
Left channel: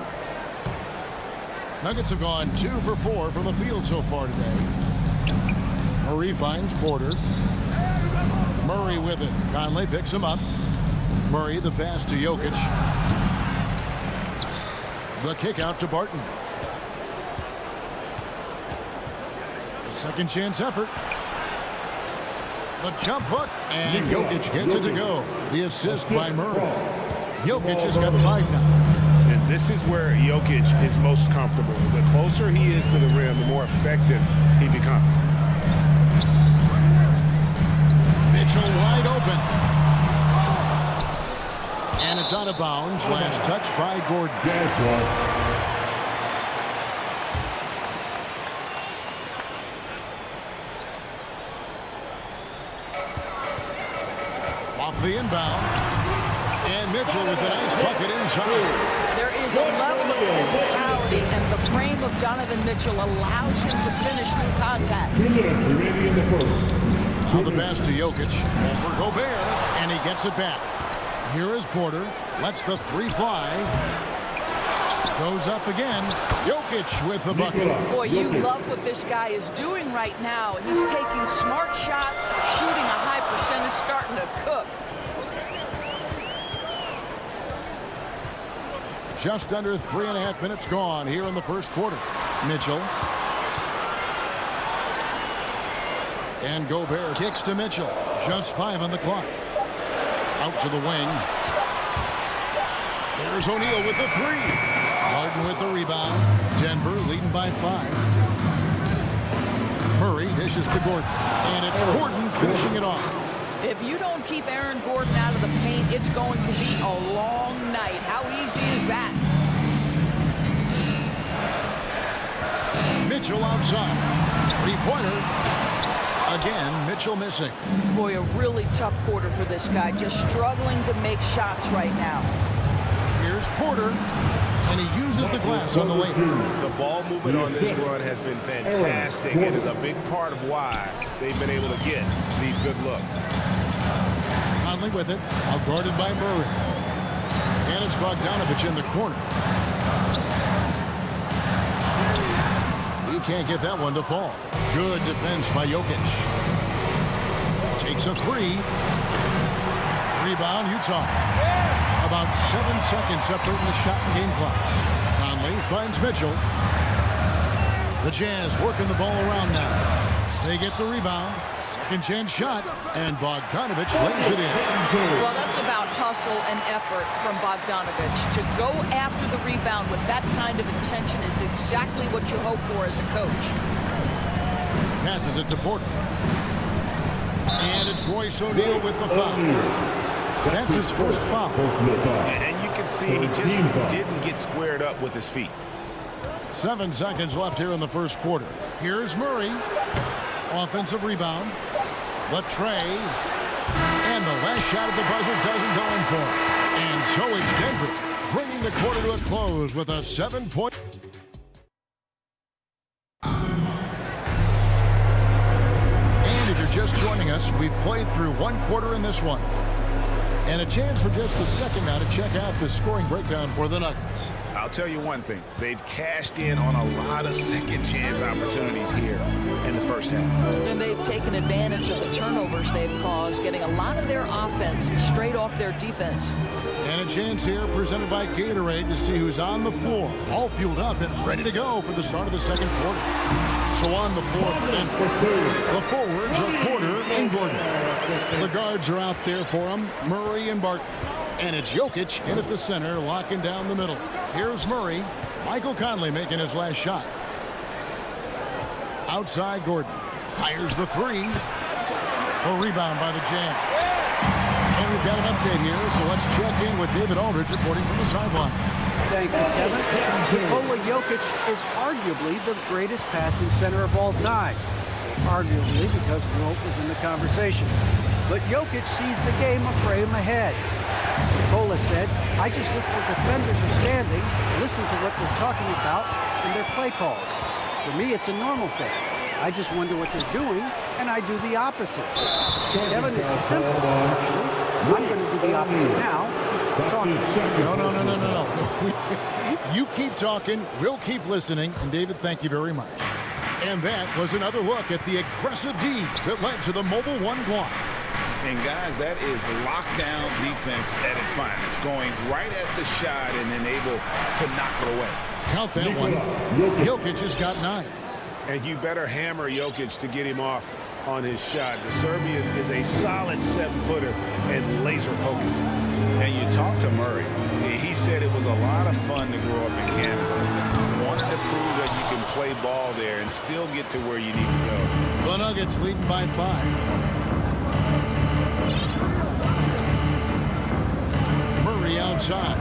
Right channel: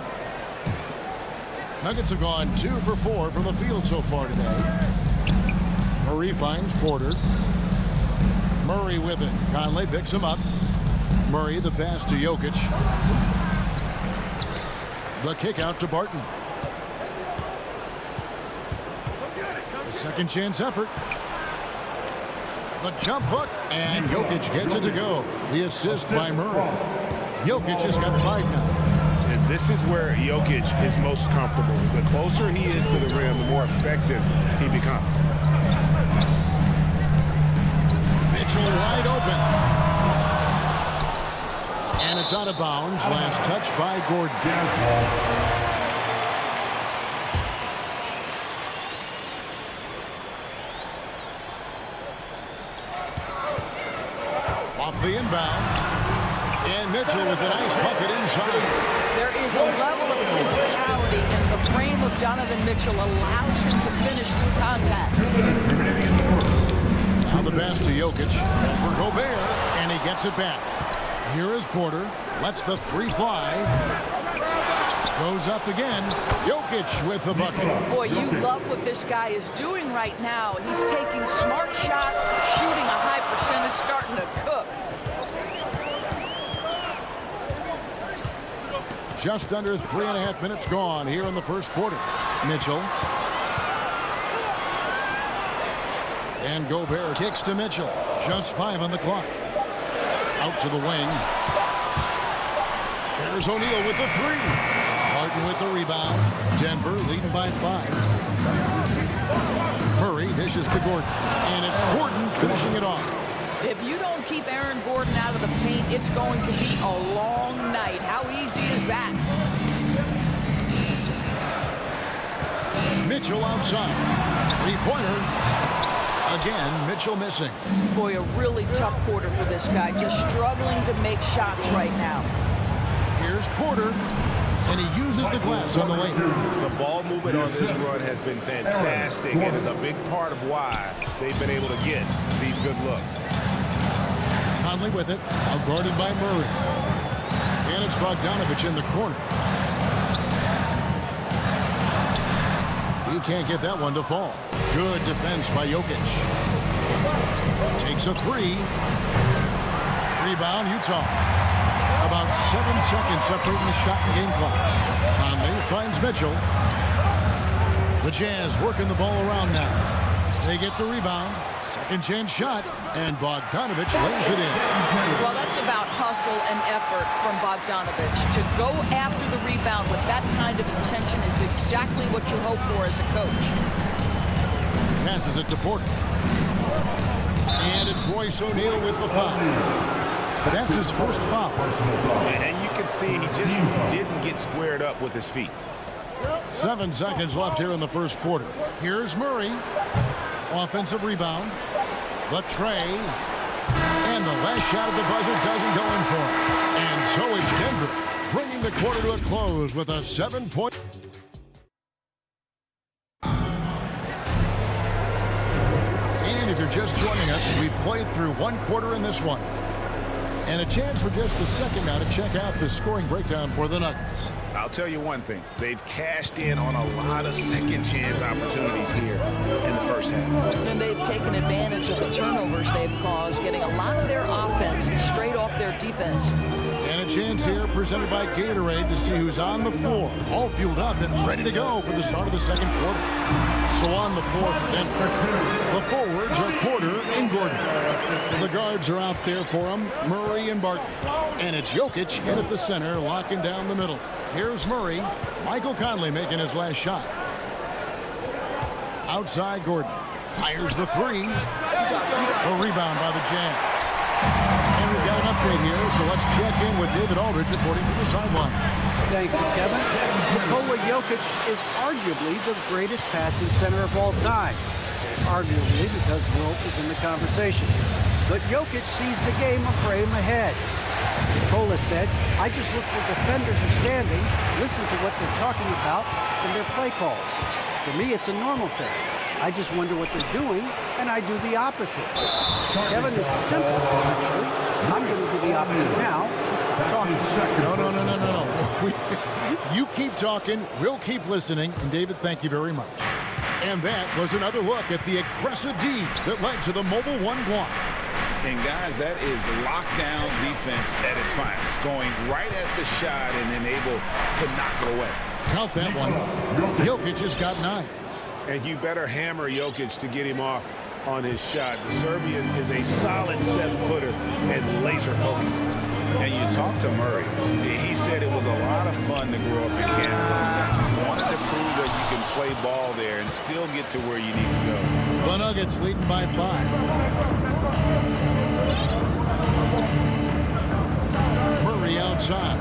Nuggets have gone 2 for 4 from the field so far today. Murray finds Porter. Murray with it. Conley picks him up. Murray the pass to Jokic. The kick out to Barton. The second chance effort. The jump hook. And Jokic gets it to go. The assist by Murray. Jokic has got 5 now. And this is where Jokic is most comfortable. The closer he is to the rim, the more effective he becomes. Mitchell wide open. And it's out of bounds. Last touch by Gordon. Off the inbound. And Mitchell with a nice bucket inside. There is a level of physicality, and the frame of Donovan Mitchell allows him to finish through contact. 2 minutes remaining in the first. Now the pass to Jokic over Gobert, and he gets it back. Here is Porter. Lets the 3 fly. Goes up again. Jokic with the bucket. Boy, you love what this guy is doing right now. He's taking smart shots, shooting a high percentage, starting to cook. Just under 3.5 minutes gone here in the first quarter. Mitchell. And Gobert kicks to Mitchell. Just 5 on the clock. Out to the wing. There's O'Neal with the three. Martin with the rebound. Denver leading by 5. Murray dishes to Gordon. And it's Gordon finishing it off. If you don't keep Aaron Gordon out of the paint, it's going to be a long night. How easy is that? Mitchell outside. Three-pointer. Again, Mitchell missing. Boy, a really tough quarter for this guy. Just struggling to make shots right now. Here's Porter. And he uses the glass on the way. The ball movement on this run has been fantastic and is a big part of why they've been able to get these good looks. Conley with it, out guarded by Murray. And it's Bogdanovich in the corner. He can't get that one to fall. Good defense by Jokic. Takes a three. Rebound, Utah. About 7 seconds separating the shot and game clocks. Conley finds Mitchell. The Jazz working the ball around now. They get the rebound. Second chance shot. And Bogdanovich lays it in. Well, that's about hustle and effort from Bogdanovich. To go after the rebound with that kind of intention is exactly what you hope for as a coach. Passes it to Porter. And it's Royce O'Neal with the foul. That's his first foul. And you can see he just didn't get squared up with his feet. 7 seconds left here in the first quarter. Here's Murray. Offensive rebound. The tray. And the last shot at the buzzer doesn't go in for him. And so it's Denver bringing the quarter to a close with a 7-point. And if you're just joining us, we've played through 1 quarter in this one. And a chance for just a second now to check out the scoring breakdown for the Nuggets. I'll tell you one thing. They've cashed in on a lot of second chance opportunities here in the first half. And they've taken advantage of the turnovers they've caused, getting a lot of their offense straight off their defense. And a chance here presented by Gatorade to see who's on the floor. All fueled up and ready to go for the start of the second quarter. So on the floor for Denver. The forwards are Porter and Gordon. The guards are out there for them, Murray and Barton. And it's Jokic in at the center, locking down the middle. Here's Murray. Michael Conley making his last shot. Outside Gordon. Fires the three. A rebound by the Jazz. And we've got an update here, so let's check in with David Aldridge reporting from the sideline. Thank you, Kevin. Nikola Jokic is arguably the greatest passing center of all time. I say arguably because Wilt is in the conversation. But Jokic sees the game a frame ahead. Nikola said, I just look where defenders are standing, listen to what they're talking about, and their play calls. For me, it's a normal thing. I just wonder what they're doing, and I do the opposite. Kevin, it's simple, actually. I'm going to do the opposite now and stop talking. No. You keep talking, we'll keep listening, and David, thank you very much. And that was another look at the aggressive D that led to the Mobile One block. And guys, that is lockdown defense at its finest, going right at the shot and then able to knock it away. Count that one. Jokic has got 9. And you better hammer Jokic to get him off on his shot. The Serbian is a solid 7-footer and laser focused. And you talk to Murray. He said it was a lot of fun to grow up in Canada. Wanted to prove that you can play ball there and still get to where you need to go. The Nuggets leading by 5. Murray outside.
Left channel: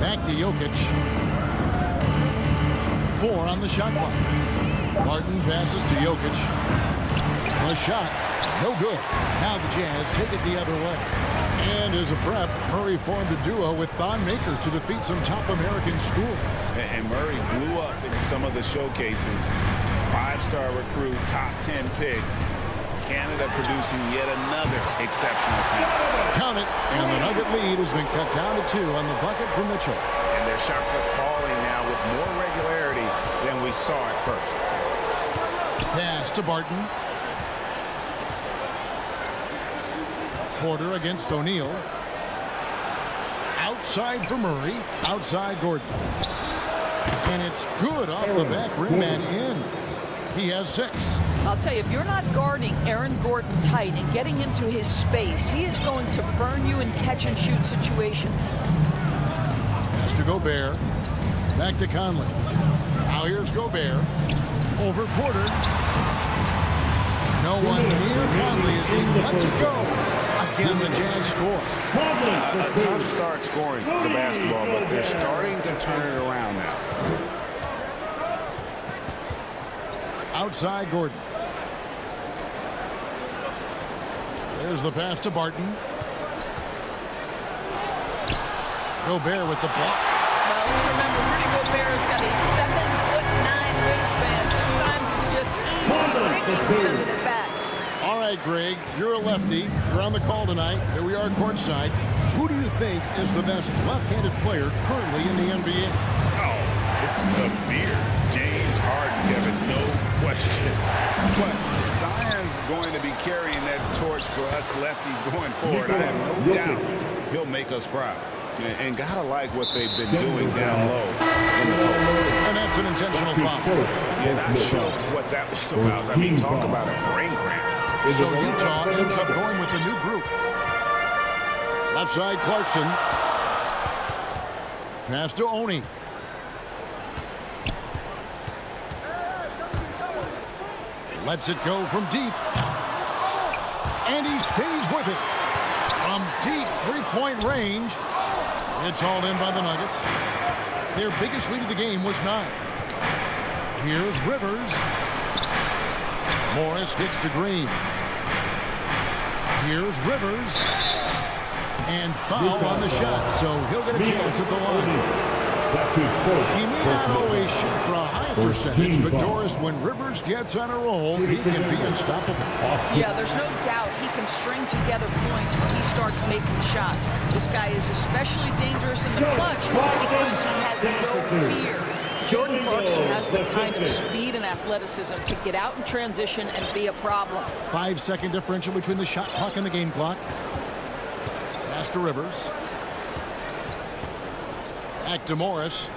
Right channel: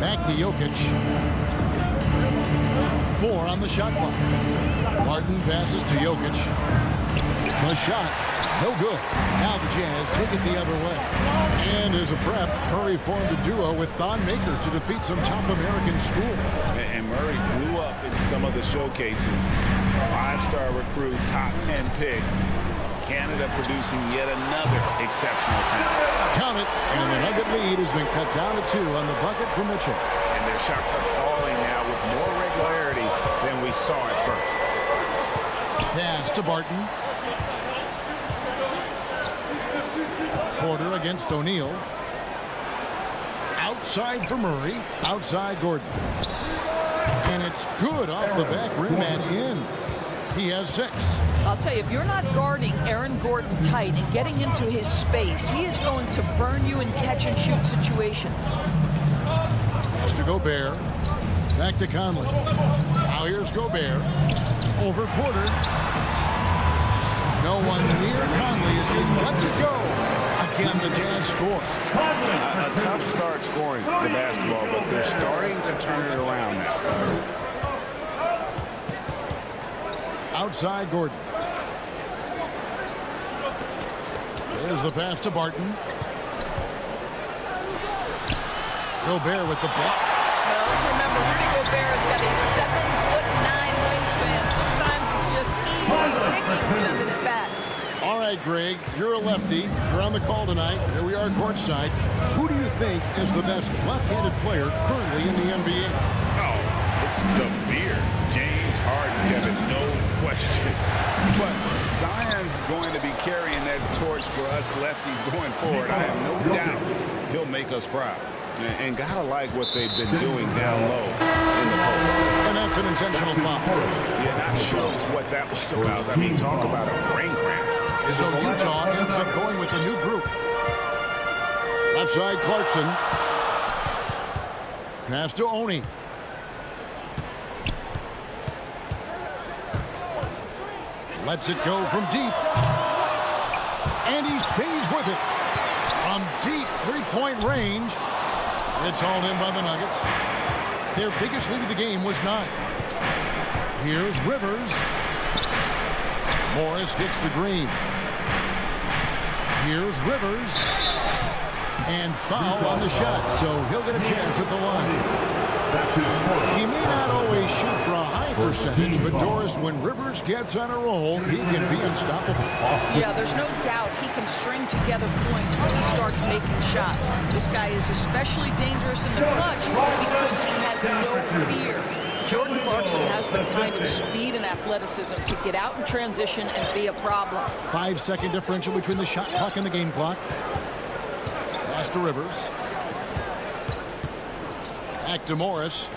Back to Jokic. 4 on the shot clock. Barton passes to Jokic. The shot, no good. Now the Jazz take it the other way. And as a prep, Murray formed a duo with Thon Maker to defeat some top American schools. And Murray blew up in some of the showcases. 5-star recruit, top 10 pick. Canada producing yet another exceptional talent. Count it, and the Nugget lead has been cut down to 2 on the bucket for Mitchell. And their shots are falling now with more regularity than we saw at first. Pass to Barton. Porter against O'Neal. Outside for Murray. Outside Gordon. And it's good off the back rim and in. He has 6. I'll tell you, if you're not guarding Aaron Gordon tight and getting into his space, he is going to burn you in catch-and-shoot situations. Pass to Gobert. Back to Conley. Now here's Gobert. Over Porter. No one near Conley as he lets it go. Again, the Jazz score. A tough start scoring the basketball, but they're starting to turn it around now. Outside Gordon. There's the pass to Barton. Gobert with the block. Well, let's remember, Rudy Gobert has got a 7'9" wingspan. Sometimes it's just easy picking, sending it back. All right, Greg, you're a lefty. You're on the call tonight. Here we are courtside. Who do you think is the best left-handed player currently in the NBA? Oh, it's the beard. James Harden, Kevin, no question. But Zion's going to be carrying that torch for us lefties going forward. I have no doubt he'll make us proud. And gotta like what they've been doing down low in the post. And that's an intentional foul. You're not sure what that was about. I mean, talk about a brain cramp. So Utah ends up going with the new group. Left side, Clarkson. Pass to Oni. Lets it go from deep. And he stays with it. From deep three-point range. It's hauled in by the Nuggets. Their biggest lead of the game was 9. Here's Rivers. Morris gets to Green. Here's Rivers. And foul on the shot, so he'll get a chance at the line. He may not always shoot for a high percentage, but Doris, when Rivers gets on a roll, he can be unstoppable. Yeah, there's no doubt he can string together points when he starts making shots. This guy is especially dangerous in the clutch because he has no fear. Jordan Clarkson has the kind of speed and athleticism to get out in transition and be a problem. 5-second differential between the shot clock and the game clock. Pass to Rivers. Back to Morris.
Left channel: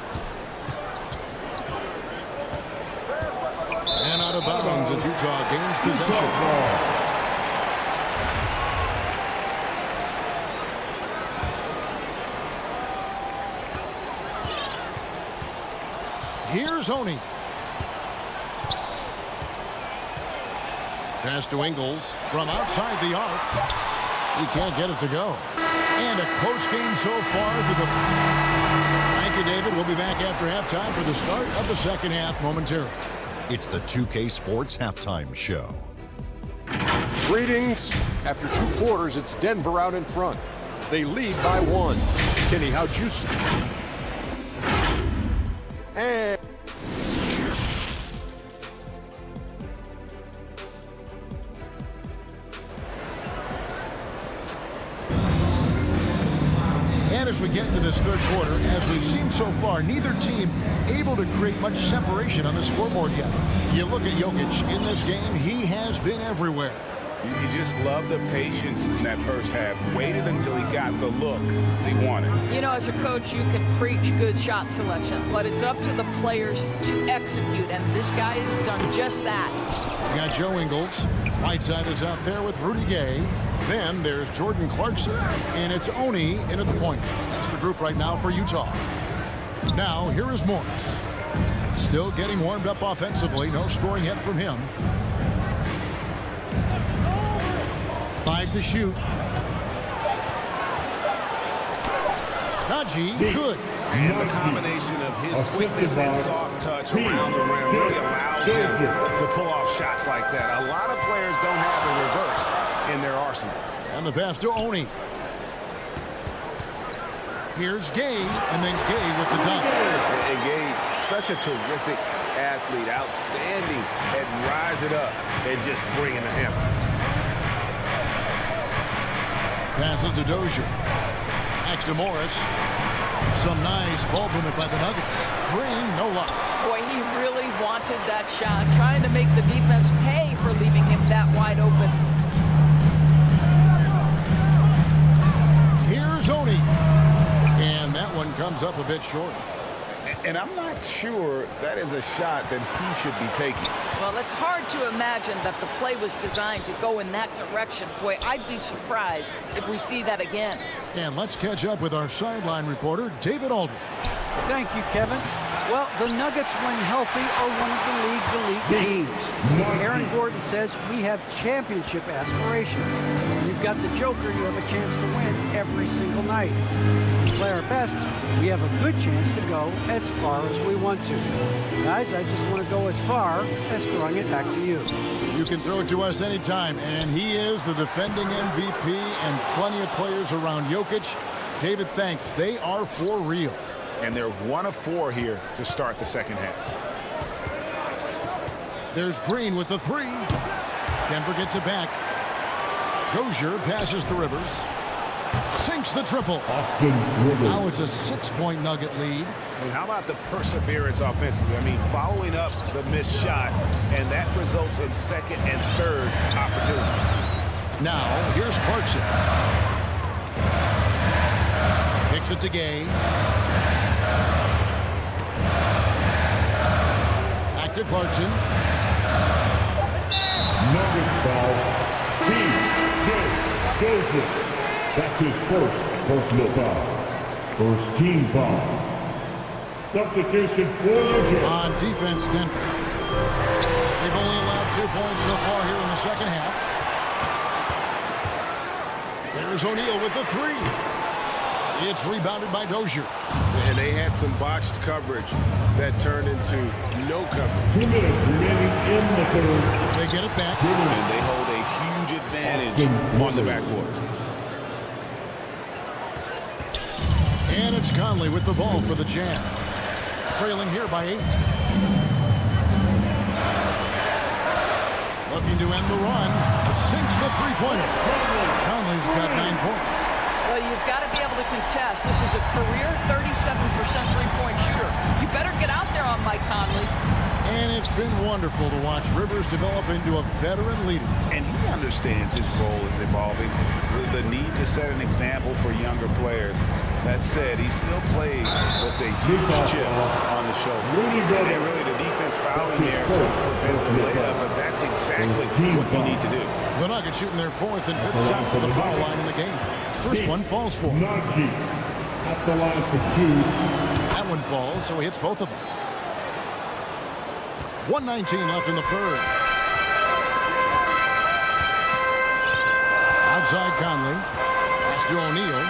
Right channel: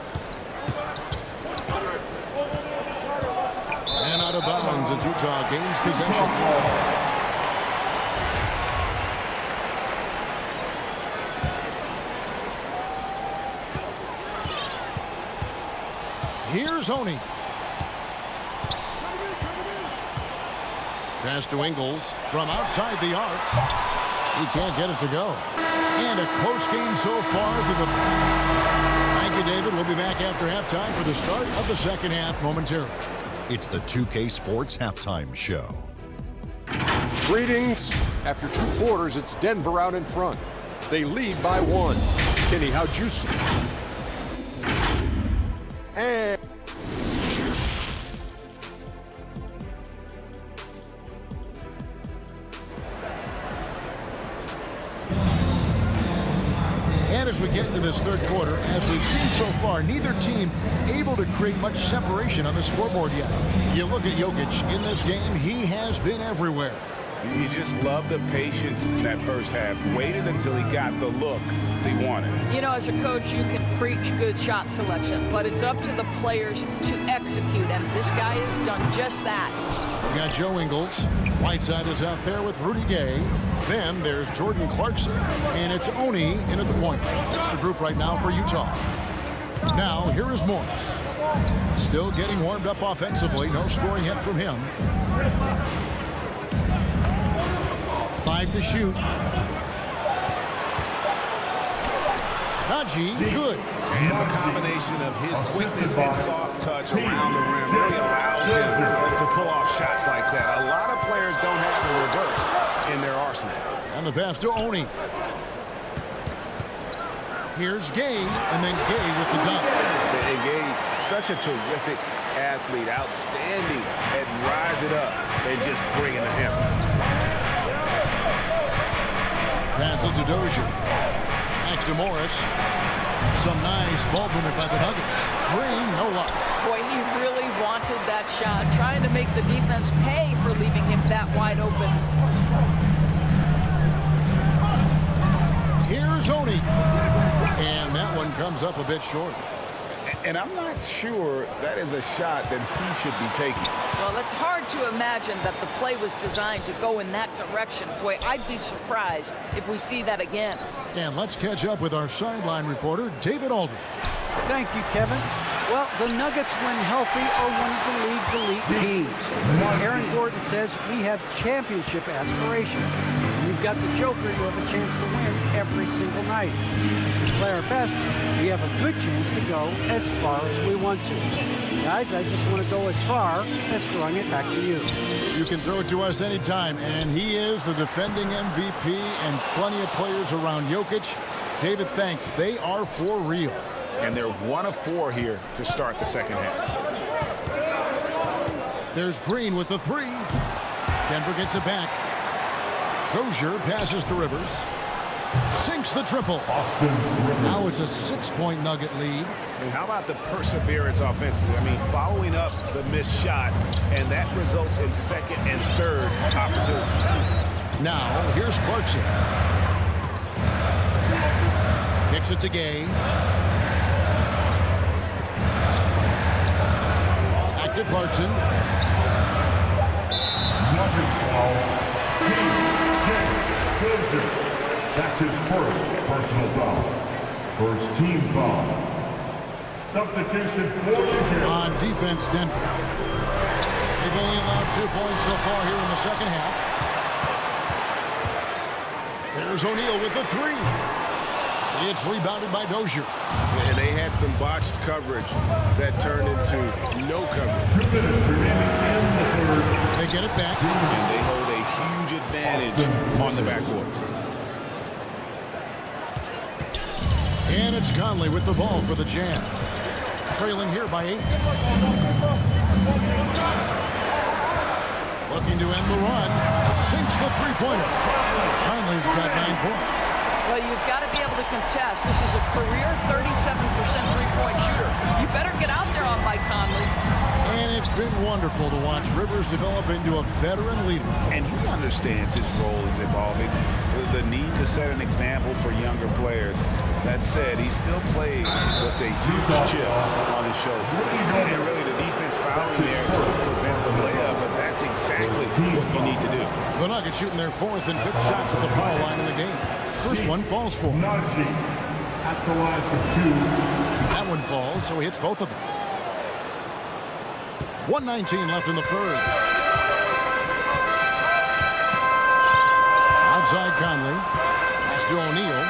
And out of bounds as Utah gains possession. Here's Oni. Pass to Ingles from outside the arc. He can't get it to go. And a close game so far for the... Thank you, David. We'll be back after halftime for the start of the second half momentarily. It's the 2K Sports Halftime Show. Greetings. After 2 quarters, it's Denver out in front. They lead by 1. Kenny, how'd you see? And... And as we get into this third quarter, as we've seen so far, neither team able to create much separation on the scoreboard yet. You look at Jokic in this game, he has been everywhere. You just love the patience in that first half. Waited until he got the look he wanted. You know, as a coach, you can preach good shot selection, but it's up to the players to execute, and this guy has done just that. We got Joe Ingles. Whiteside is out there with Rudy Gay. Then there's Jordan Clarkson, and it's Oni in at the point. That's the group right now for Utah. Now, here is Morris. Still getting warmed up offensively. No scoring yet from him. 5 to shoot. Najee, good. And the combination of his quickness and soft touch around the rim really allows him to pull off shots like that. A lot of players don't have a reverse in their arsenal. And the pass to Oni. Here's Gay, and then Gay with the dunk. And Gay, such a terrific athlete, outstanding at rise it up and just bring it to him. Passes to Dozier. Back to Morris. Some nice ball movement by the Nuggets. Green, no luck. Boy, he really wanted that shot, trying to make the defense pay for leaving him that wide open. Here's Oni. And that one comes up a bit short. And I'm not sure that is a shot that he should be taking. Well, it's hard to imagine that the play was designed to go in that direction. Boy, I'd be surprised if we see that again. And let's catch up with our sideline reporter, David Aldridge. Thank you, Kevin. Well, the Nuggets, when healthy, are one of the league's elite teams. Aaron Gordon says we have championship aspirations. When you've got the Joker, you have a chance to win every single night. If we play our best, we have a good chance to go as far as we want to. Guys, I just want to go as far as throwing it back to you. You can throw it to us anytime, and he is the defending MVP and plenty of players around Jokic. David, thanks. They are for real. And they're 1 of 4 here to start the second half. There's Green with the 3. Denver gets it back. Dozier passes to Rivers. Sinks the triple. Austin Rivers. Now it's a 6-point Nugget lead. And how about the perseverance offensively? I mean, following up the missed shot, and that results in second and third opportunities. Now, here's Clarkson. Kicks it to Gay. Back to Clarkson. Nuggets foul. T.J. Dozier. That's his first personal foul. First team foul. Substitution for the Jazz. On defense, Denver. They've only allowed 2 points so far here in the second half. There's O'Neal with the 3. It's rebounded by Dozier. And they had some botched coverage that turned into no coverage. 2 minutes remaining in the third. They get it back. And they hold a huge advantage on the backcourt. And it's Conley with the ball for the Jazz. Trailing here by 8. Looking to end the run. Sinks the three-pointer. Conley's got 9 points. Well, you've got to be able to contest. This is a career 37% three-point shooter. You better get out there on Mike Conley. And it's been wonderful to watch Rivers develop into a veteran leader. And he understands his role is evolving. The need to set an example for younger players. That said, he still plays with a huge chip on his shoulder. And really the defense fouling there to prevent the layup, but that's exactly what you need to do. The Nuggets shooting their 4th and 5th shots at the foul line in the game. First one falls for him. Najee at the line for 2. That one falls, so he hits both of them. 1:19 left in the third. Outside Conley. Pass to O'Neal.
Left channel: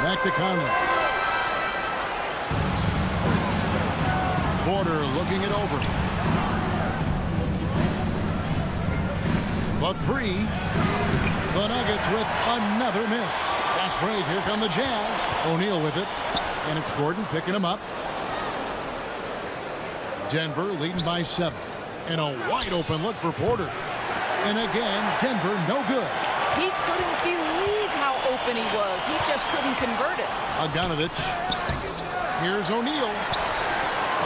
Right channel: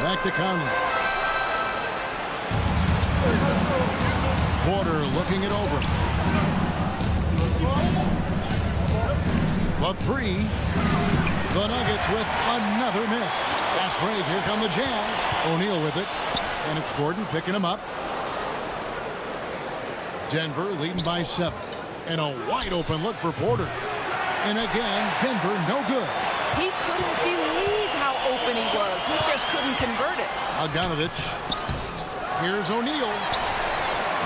Back to Conley. Porter looking it over. The 3. The Nuggets with another miss. Fast break. Here come the Jazz. O'Neal with it. And it's Gordon picking him up. Denver leading by 7. And a wide open look for Porter. And again, Denver no good. He couldn't believe how open he was. He just couldn't convert it. Bogdanovich. Here's O'Neal.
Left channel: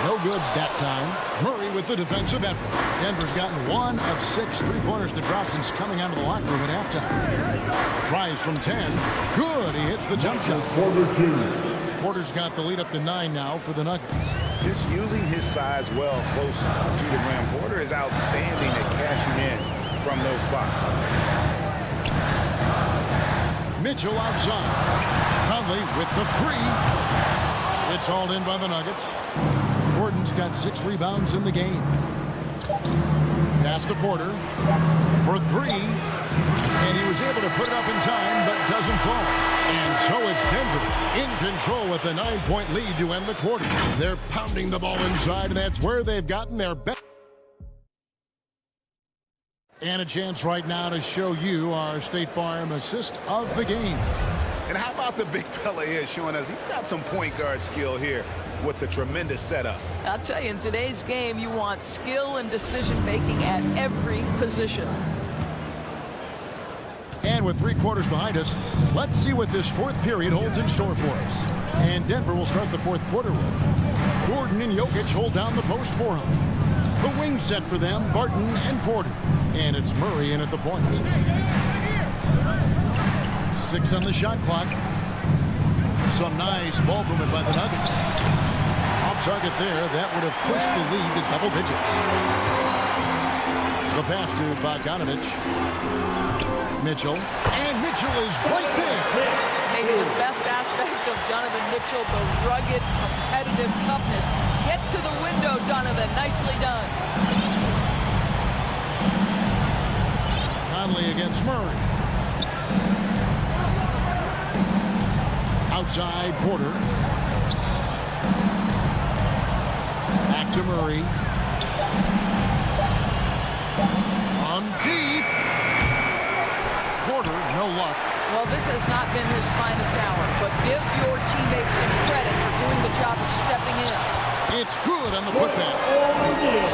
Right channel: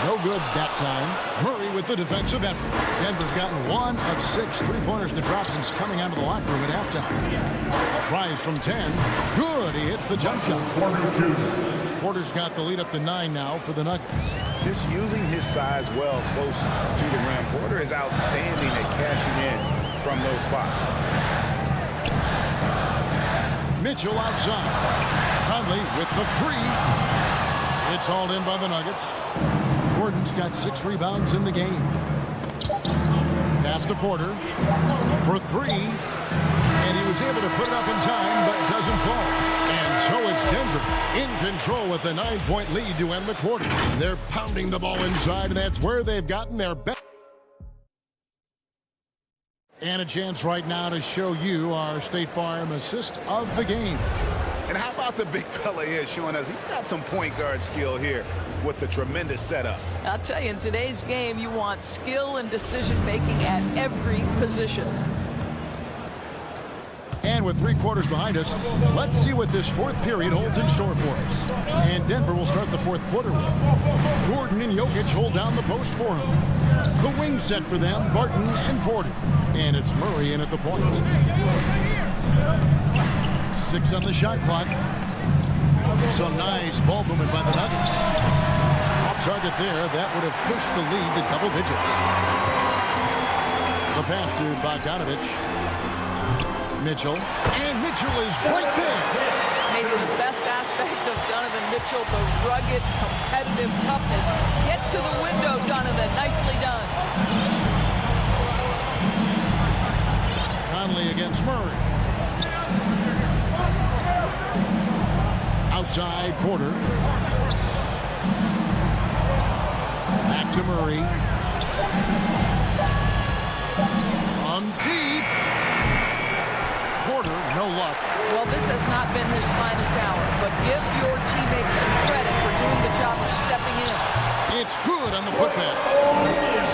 No good that time. Murray with the defensive effort. Denver's gotten 1 of 6 three-pointers to drop since coming out of the locker room at halftime. Tries from 10. Good. He hits the jump shot. Porter Jr. Porter's got the lead up to 9 now for the Nuggets. Just using his size well close to the rim. Porter is outstanding at cashing in from those spots. Mitchell outside. Conley with the 3. It's hauled in by the Nuggets. Gordon's got 6 rebounds in the game. Pass to Porter for 3. And he was able to put it up in time, but doesn't fall. And so it's Denver in control with a 9-point lead to end the quarter. They're pounding the ball inside, and that's where they've gotten their best. And a chance right now to show you our State Farm assist of the game. And how about the big fella here showing us he's got some point guard skill here with the tremendous setup. I'll tell you, in today's game, you want skill and decision-making at every position. And with 3 quarters behind us, let's see what this 4th period holds in store for us. And Denver will start the 4th quarter with Gordon and Jokic hold down the post for him. The wing set for them, Barton and Porter. And it's Murray in at the point. 6 on the shot clock. Some nice ball movement by the Nuggets. Off target there. That would have pushed the lead to double digits. The pass to Bogdanovich. Mitchell. And Mitchell is right there. Maybe the best aspect of Donovan Mitchell, the rugged, competitive toughness. Get to the window, Donovan. Nicely done. Conley against Murray. Outside Porter. Back to Murray. On deep. Porter, no luck. Well, this has not been his finest hour, but give your teammates some credit for doing the job of stepping in. It's good on the putback.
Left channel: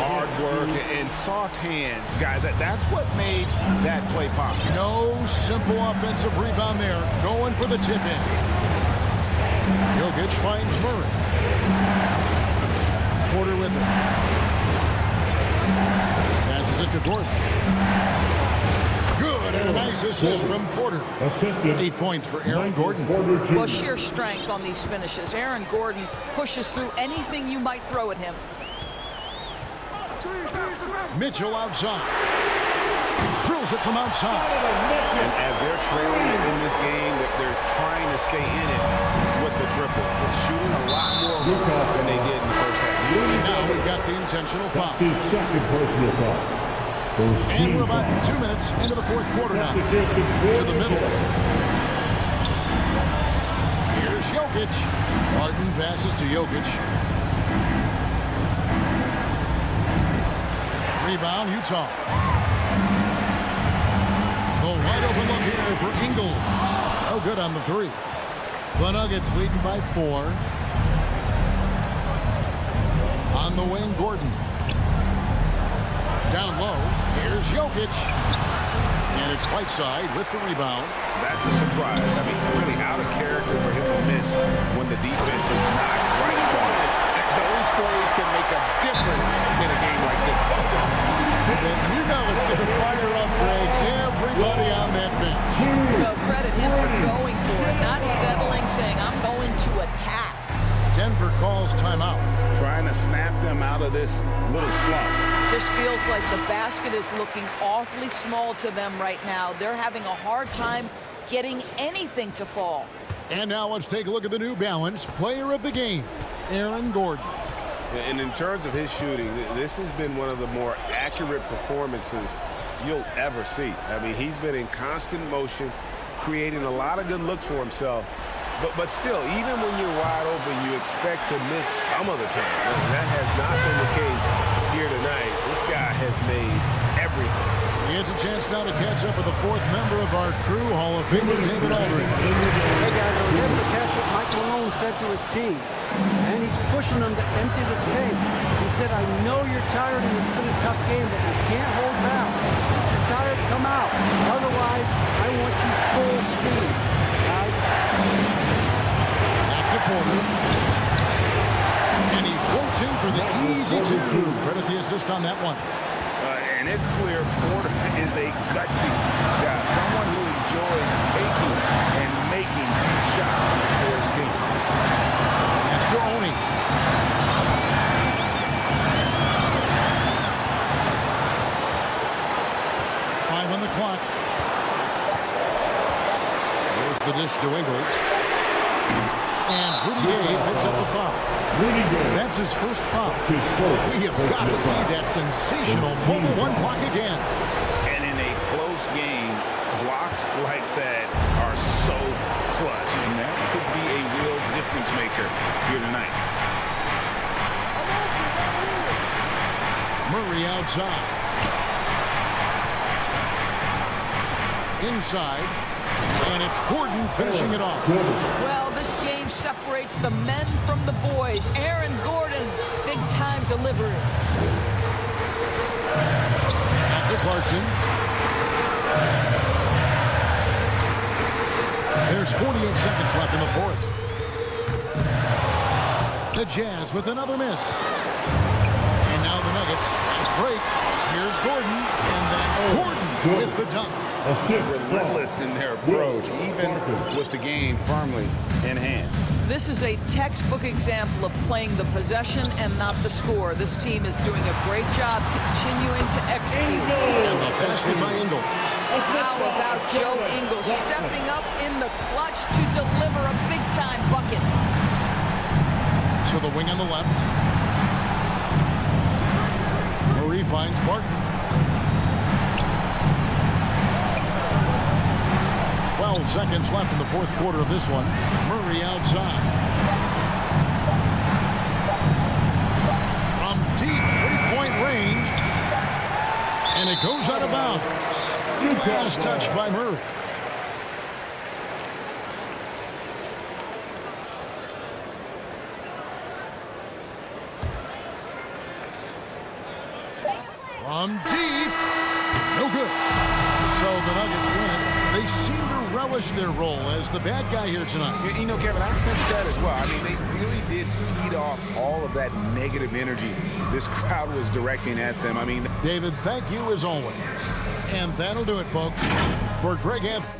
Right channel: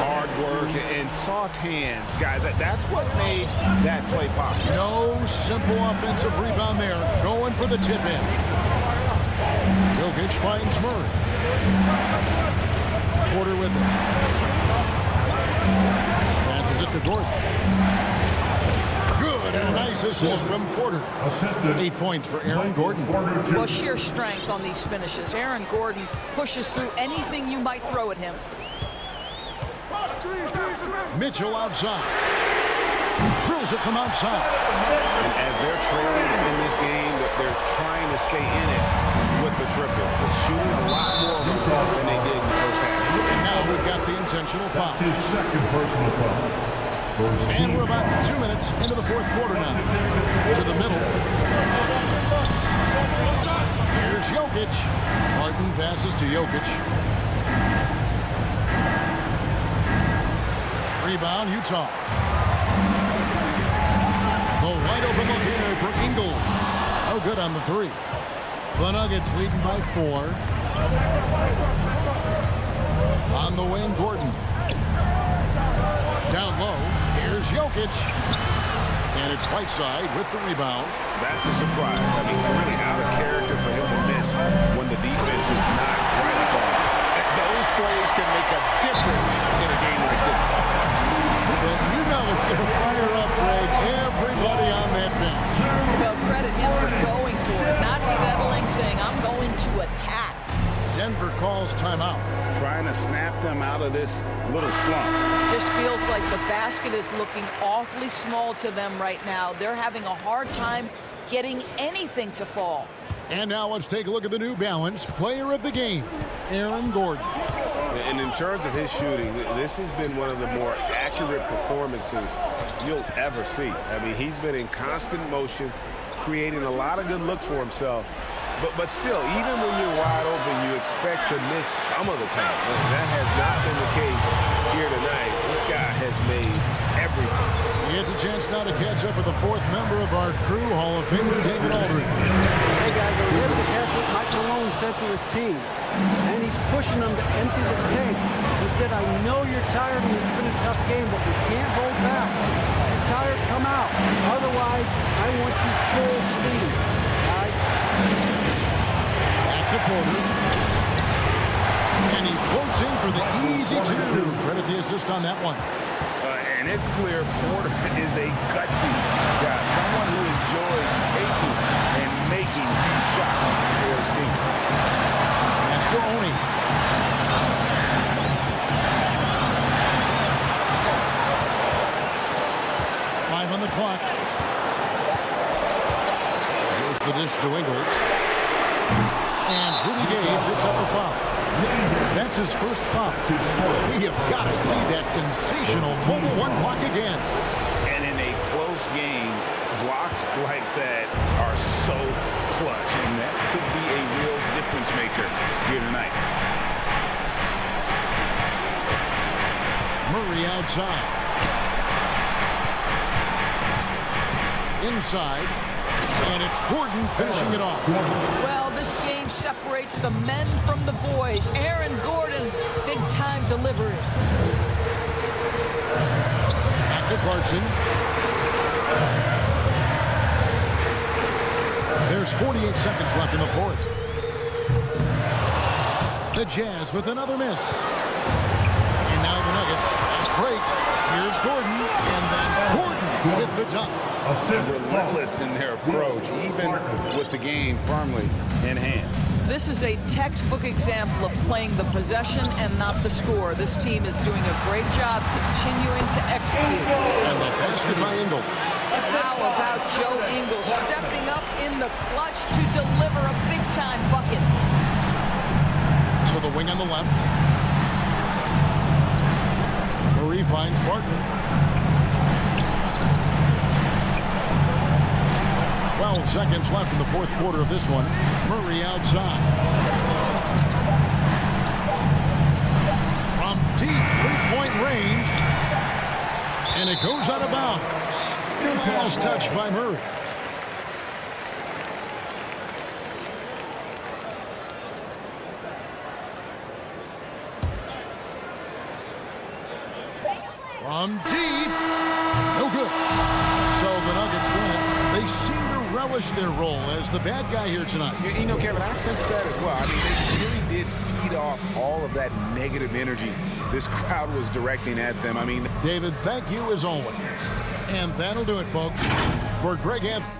Hard work and soft hands, guys. That's what made that play possible. No simple offensive rebound there. Going for the tip in. Jokic finds Murray. Porter with it. Passes it to Gordon. Good, and a nice assist from Porter. 8 points for Aaron Gordon. Well, sheer strength on these finishes. Aaron Gordon pushes through anything you might throw at him. Mitchell outside. Drills it from outside. And as they're trailing in this game, they're trying to stay in it with the triple. But shooting a lot more than they did in the first half. And now we've got the intentional foul. That's his second personal foul. And we're about 2 minutes into the fourth quarter now. To the middle. Here's Jokic. Harden passes to Jokic. Rebound, Utah. The wide open look here for Ingles. Oh, good on the three. The Nuggets leading by 4. On the wing, Gordon. Down low, here's Jokic. And it's Whiteside with the rebound. That's a surprise. I mean, really out of character for him to miss when the defense is not right up on him. Those plays can make a difference in a game like this. But you know it's going to fire up, Greg, everybody on that bench. Well, credit him for going for it, not settling, saying, I'm going to attack. Denver calls timeout. Trying to snap them out of this little slump. Just feels like the basket is looking awfully small to them right now. They're having a hard time getting anything to fall. And now let's take a look at the New Balance player of the game, Aaron Gordon. And in terms of his shooting, this has been one of the more accurate performances you'll ever see. I mean, he's been in constant motion, creating a lot of good looks for himself. But still, even when you're wide open, you expect to miss some of the time. That has not been the case here tonight. This guy has made everything. He has a chance now to catch up with the fourth member of our crew, Hall of Famer David Aldridge. Hey, guys, I was able to catch what Mike Malone said to his team. And he's pushing them to empty the tank. He said, I know you're tired and it's been a tough game, but we can't hold back. If you're tired, come out. Otherwise, I want you full speed, guys. Back to Porter. And he floats in for the easy two. Credit the assist on that one. And it's clear Porter is a gutsy guy, someone who enjoys taking and making huge shots for his team. Mascaroni. Five on the clock. Here's the dish to Ingles. And Rudy Gay picks up the foul. That's his first foul. We have got to see that sensational mobile one block again. And in a close game, blocks like that are so clutch, and that could be a real difference maker here tonight. Murray outside. Inside. And it's Gordon finishing it off. Well, this game separates the men from the boys. Aaron Gordon, big-time delivery. Back to Clarkson. There's 48 seconds left in the fourth. The Jazz with another miss. And now the Nuggets. Fast break. Here's Gordon. And then Gordon with the dunk. relentless in their approach, even with the game firmly in hand. This is a textbook example of playing the possession and not the score. This team is doing a great job continuing to execute. And the basket by Ingles. How about Joe Ingles stepping up in the clutch to deliver a big-time bucket? So the wing on the left. Murray finds Barton. 12 seconds left in the fourth quarter of this one. Murray outside. From deep three-point range. And it goes out of bounds. Last touch by Murray. From deep. No good. So the Nuggets win it. They seem to relish their role as the bad guy here tonight. You know, Kevin, I sensed that as well. I mean, they really did feed off all of that negative energy this crowd was directing at them. I mean, David, thank you as always. And that'll do it, folks. For Greg Anthony.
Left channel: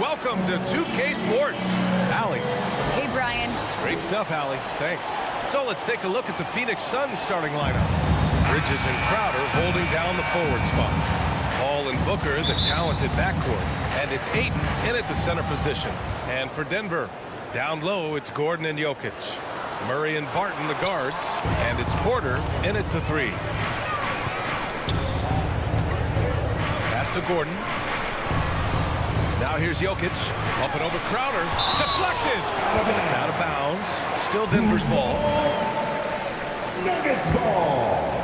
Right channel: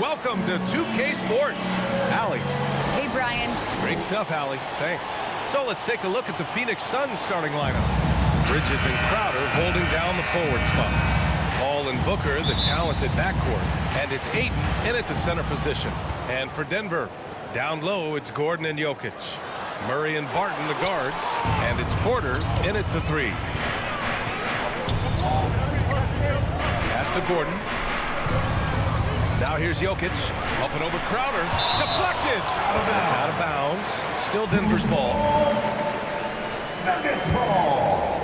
Welcome to 2K Sports. Allie. Hey, Brian. Great stuff, Allie. Thanks. So let's take a look at the Phoenix Suns starting lineup. Bridges and Crowder holding down the forward spots. Paul and Booker, the talented backcourt. And it's Ayton in at the center position. And for Denver, down low, it's Gordon and Jokic. Murray and Barton, the guards. And it's Porter in at the 3. Pass to Gordon. Now here's Jokic. Up and over Crowder. Deflected. It's out of bounds. Still Denver's ball. Nuggets ball.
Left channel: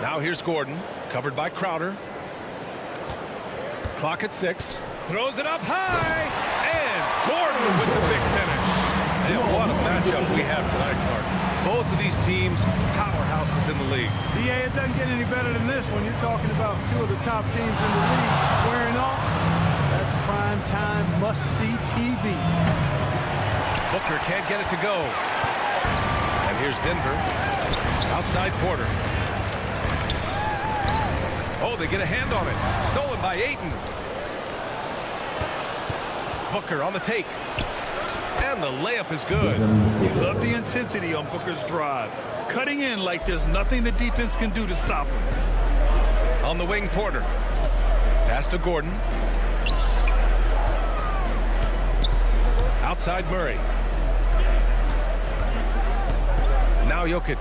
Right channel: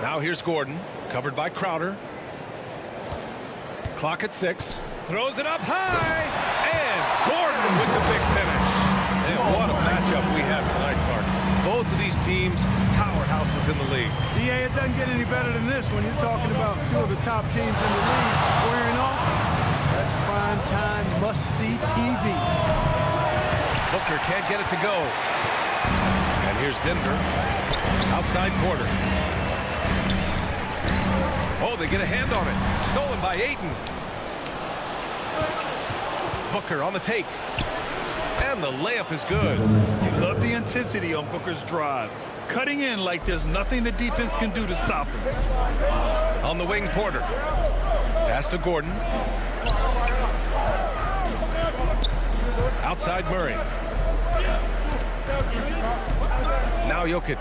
Now here's Gordon. Covered by Crowder. Clock at 6. Throws it up high. And Gordon with the big finish. And what a matchup we have tonight, Clark. Both of these teams, powerhouses in the league. BA, it doesn't get any better than this when you're talking about two of the top teams in the league squaring off. That's prime time must-see TV. Booker can't get it to go. And here's Denver. Outside Porter. Oh, they get a hand on it. Stolen by Ayton. Booker on the take. And the layup is good. You love the intensity on Booker's drive. Cutting in like there's nothing the defense can do to stop him. On the wing, Porter. Pass to Gordon. Outside Murray. Now Jokic.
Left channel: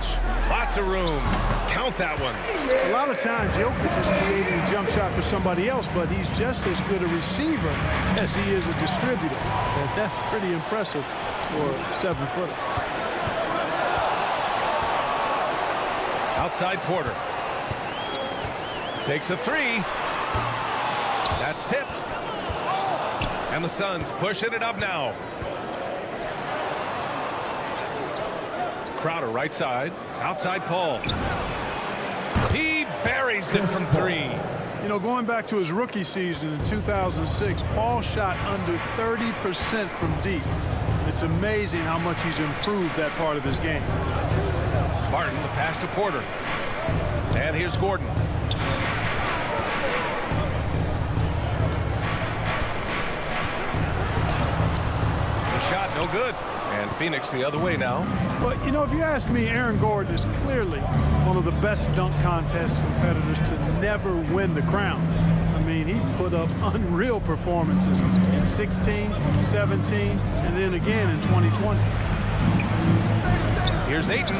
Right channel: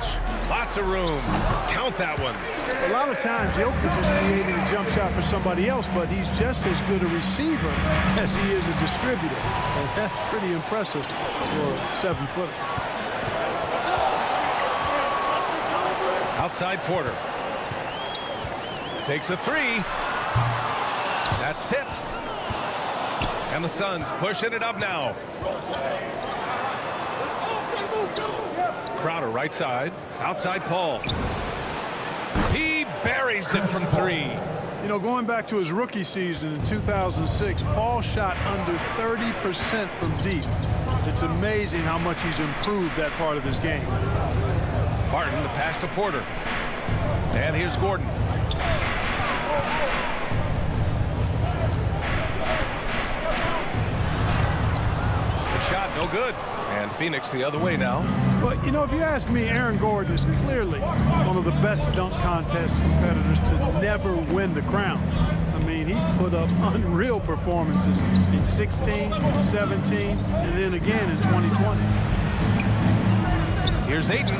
Lots of room. Count that one. A lot of times Jokic is creating a jump shot for somebody else, but he's just as good a receiver as he is a distributor. And that's pretty impressive for a 7-footer. Outside Porter. Takes a 3. That's tipped. And the Suns pushing it up now. Crowder right side. Outside Paul. He buries it from 3. You know, going back to his rookie season in 2006, Paul shot under 30% from deep. It's amazing how much he's improved that part of his game. Barton, the pass to Porter. And here's Gordon. The shot, no good. And Phoenix the other way now. But, you know, if you ask me, Aaron Gordon is clearly one of the best dunk contest competitors to never win the crown. I mean, he put up unreal performances in 16, 17, and then again in 2020. Here's Ayton.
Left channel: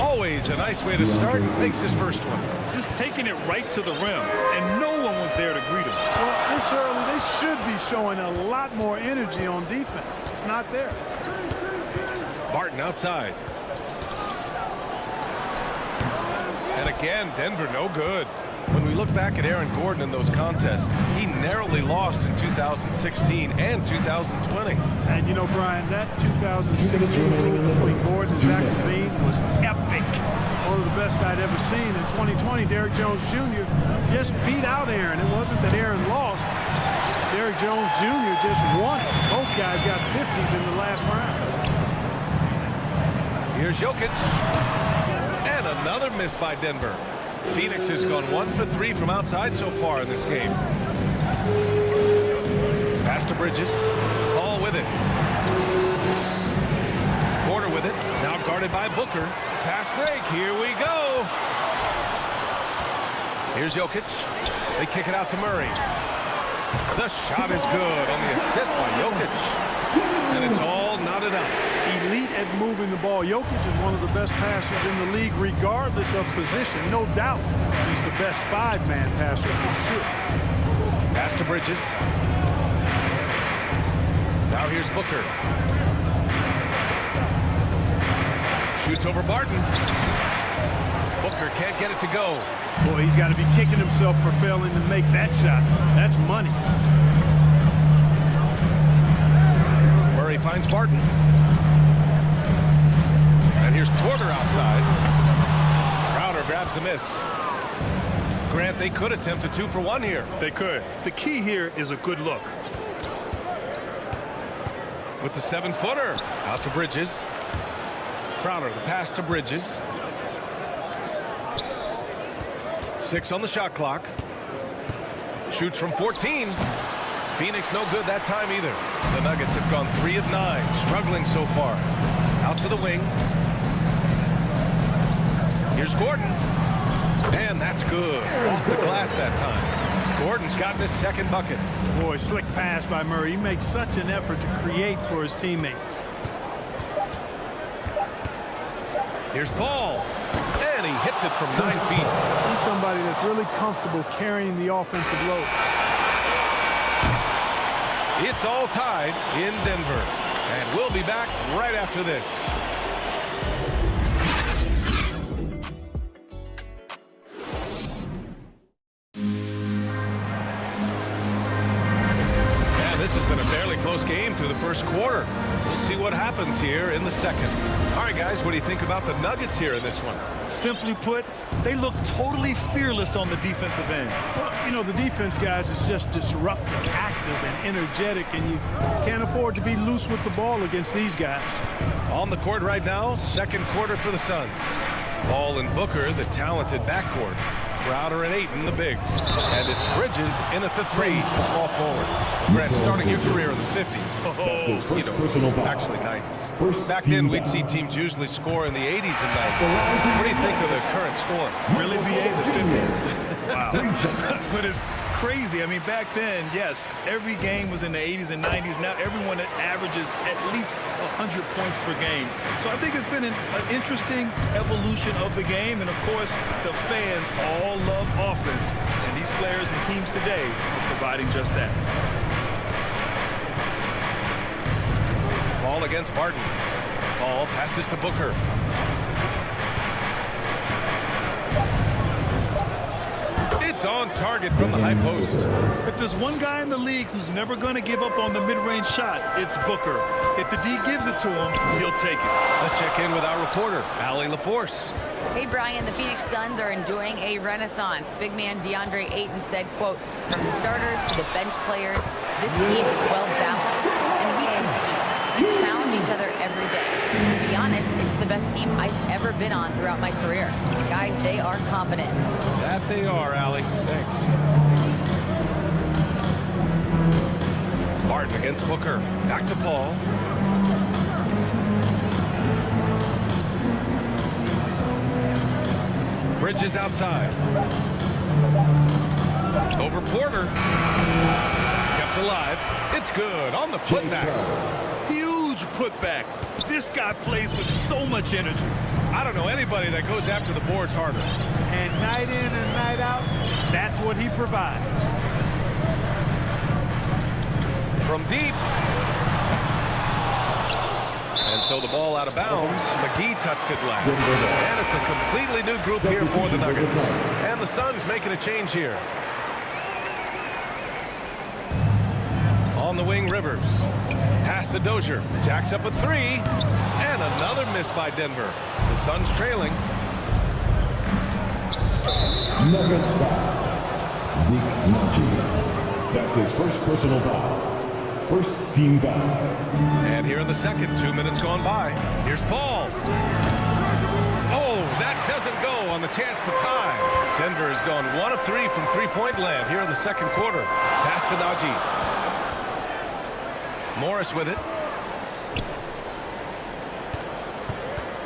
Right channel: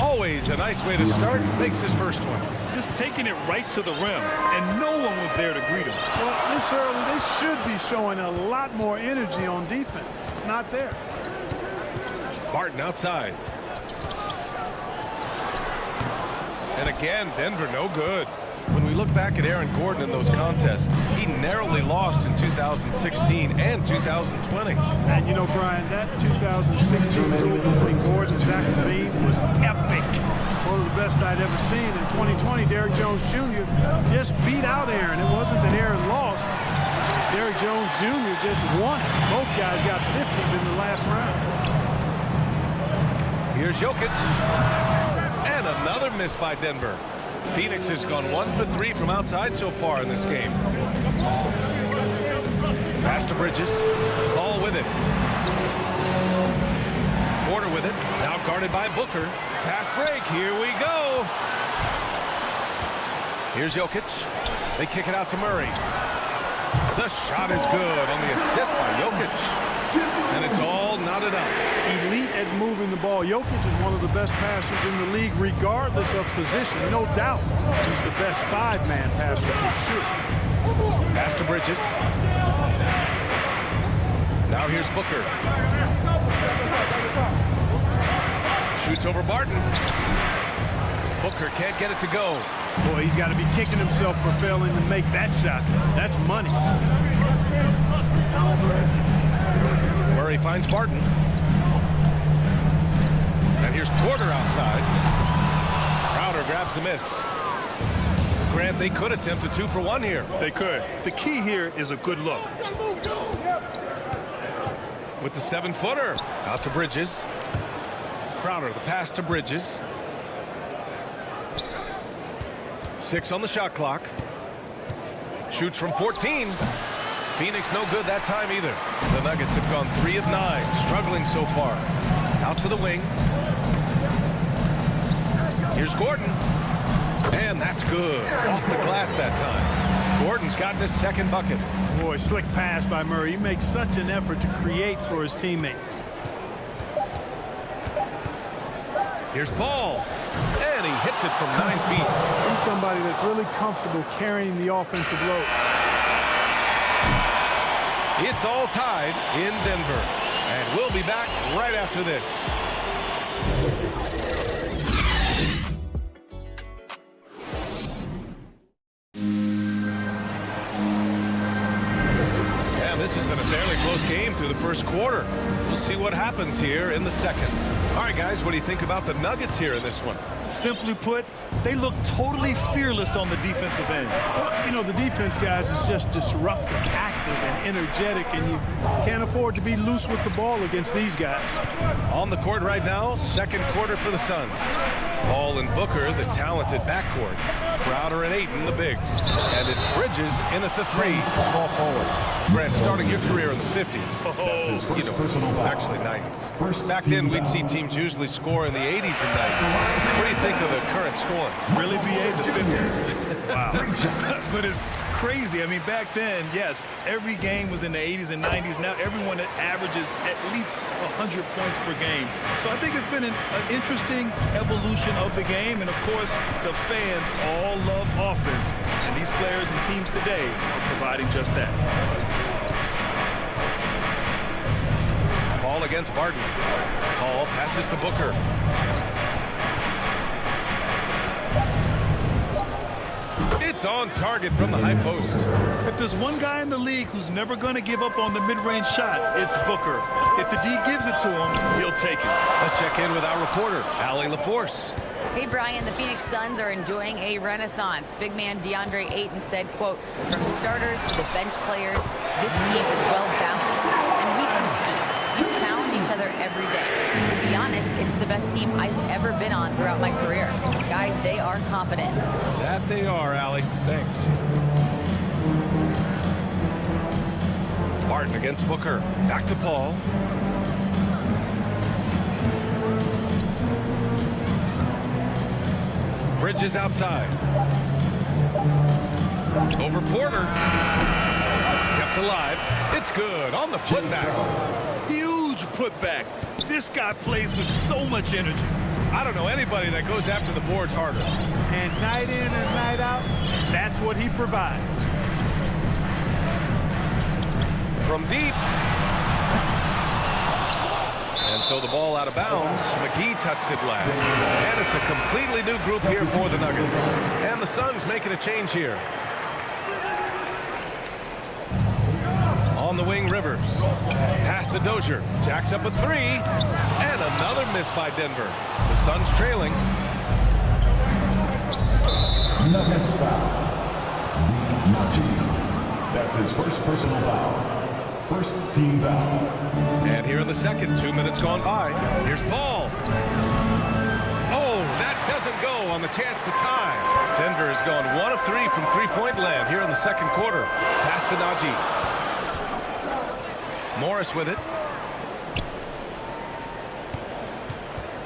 Always a nice way to start. Makes his first one. Just taking it right to the rim, and no one was there to greet him. Well, this early, they should be showing a lot more energy on defense. It's not there. Barton outside. And again, Denver no good. When we look back at Aaron Gordon in those contests, he narrowly lost in 2016 and 2020. And you know, Brian, that 2016 duel between Gordon and Zach LaVine was epic. One of the best I'd ever seen. In 2020, Derrick Jones Jr. just beat out Aaron. It wasn't that Aaron lost. Derrick Jones Jr. just won it. Both guys got 50s in the last round. Here's Jokic. And another miss by Denver. Phoenix has gone 1 for 3 from outside so far in this game. Pass to Bridges. Paul with it. Porter with it. Now guarded by Booker. Pass break. Here we go. Here's Jokic. They kick it out to Murray. The shot is good on the assist by Jokic. And it's all knotted up. Elite at moving the ball. Jokic is one of the best passers in the league, regardless of position. No doubt he's the best 5-man passer for sure. Pass to Bridges. Now here's Booker. Shoots over Barton. Booker can't get it to go. Boy, he's got to be kicking himself for failing to make that shot. That's money. Murray finds Barton. And here's Porter outside. Crowder grabs the miss. Grant, they could attempt a 2 for 1 here. They could. The key here is a good look. With the 7-footer. Out to Bridges. Crowder, the pass to Bridges. 6 on the shot clock. Shoots from 14. Phoenix no good that time either. The Nuggets have gone 3 of 9, struggling so far. Out to the wing. Here's Gordon. And that's good. Off the glass that time. Gordon's gotten his second bucket. Boy, slick pass by Murray. He makes such an effort to create for his teammates. Here's Paul. And he hits it from 9 feet. He's somebody that's really comfortable carrying the offensive load. It's all tied in Denver. And we'll be back right after this. This has been a fairly close game through the first quarter. We'll see what happens here in the second. All right, guys, what do you think about the Nuggets here in this one? Simply put, they look totally fearless on the defensive end. Well, you know, the defense, guys, is just disruptive, active, and energetic, and you can't afford to be loose with the ball against these guys. On the court right now, second quarter for the Suns. Paul and Booker, the talented backcourt. Crowder and Ayton, the bigs. And it's Bridges in at the 3, small forward. Grant, starting your career in the 50s. You know, actually 90s. Back then, we'd see teams usually score in the 80s and 90s. What do you think of the current score? Really, BA, the 50s? Wow. But it's crazy. I mean, back then, yes, every game was in the 80s and 90s. Now everyone averages at least 100 points per game. So I think it's been an interesting evolution of the game. And, of course, the fans all love offense. And these players and teams today are providing just that. Paul against Barton. Paul passes to Booker. It's on target from the high post. If there's one guy in the league who's never going to give up on the mid-range shot, it's Booker. If the D gives it to him, he'll take it. Let's check in with our reporter, Allie LaForce. Hey, Brian, the Phoenix Suns are enjoying a renaissance. Big man DeAndre Ayton said, quote, from starters to the bench players, this team is well balanced, and we compete. We challenge each other every day. To be honest, it's the best team I've ever been on throughout my career. Guys, they are confident. That they are, Allie. Thanks. Barton against Booker. Back to Paul. Bridges outside. Over Porter. Kept alive. It's good on the putback. Huge putback. This guy plays with so much energy. I don't know anybody that goes after the boards harder. And night in and night out, that's what he provides. From deep. And so the ball out of bounds. McGee touched it last. And it's a completely new group here for the Nuggets. And the Suns making a change here. On the wing, Rivers. Pass to Dozier. Jacks up a 3. And another miss by Denver. The Suns trailing. Nuggets foul. Zeke Naji. That's his first personal foul. First team foul. And here in the second, 2 minutes gone by. Here's Paul. Oh, that doesn't go on the chance to tie. Denver has gone 1 of 3 from three-point land here in the second quarter. Pass to Naji. Morris with it.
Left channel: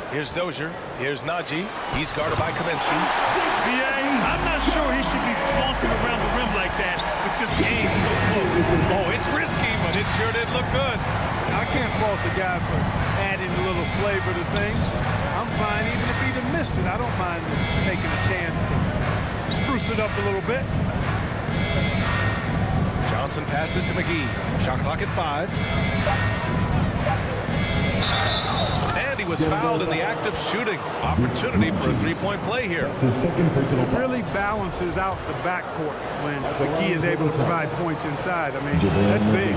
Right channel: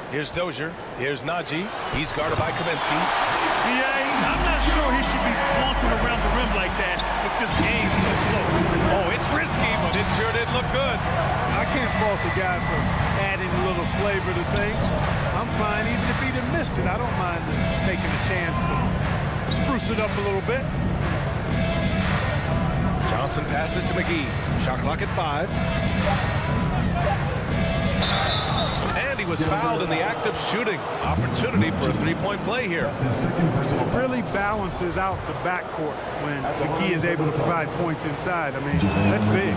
Here's Dozier. Here's Naji. He's guarded by Kaminsky. BA, I'm not sure he should be flaunting around the rim like that with this game so close. Oh, it's risky, but it sure did look good. I can't fault the guy for adding a little flavor to things. I'm fine even if he'd have missed it. I don't mind taking a chance to spruce it up a little bit. Johnson passes to McGee. Shot clock at 5. And he was fouled in the act of shooting. Opportunity for a three-point play here. That's his second personal foul. Really balances out the backcourt when McGee is able to provide points inside. I mean, that's big.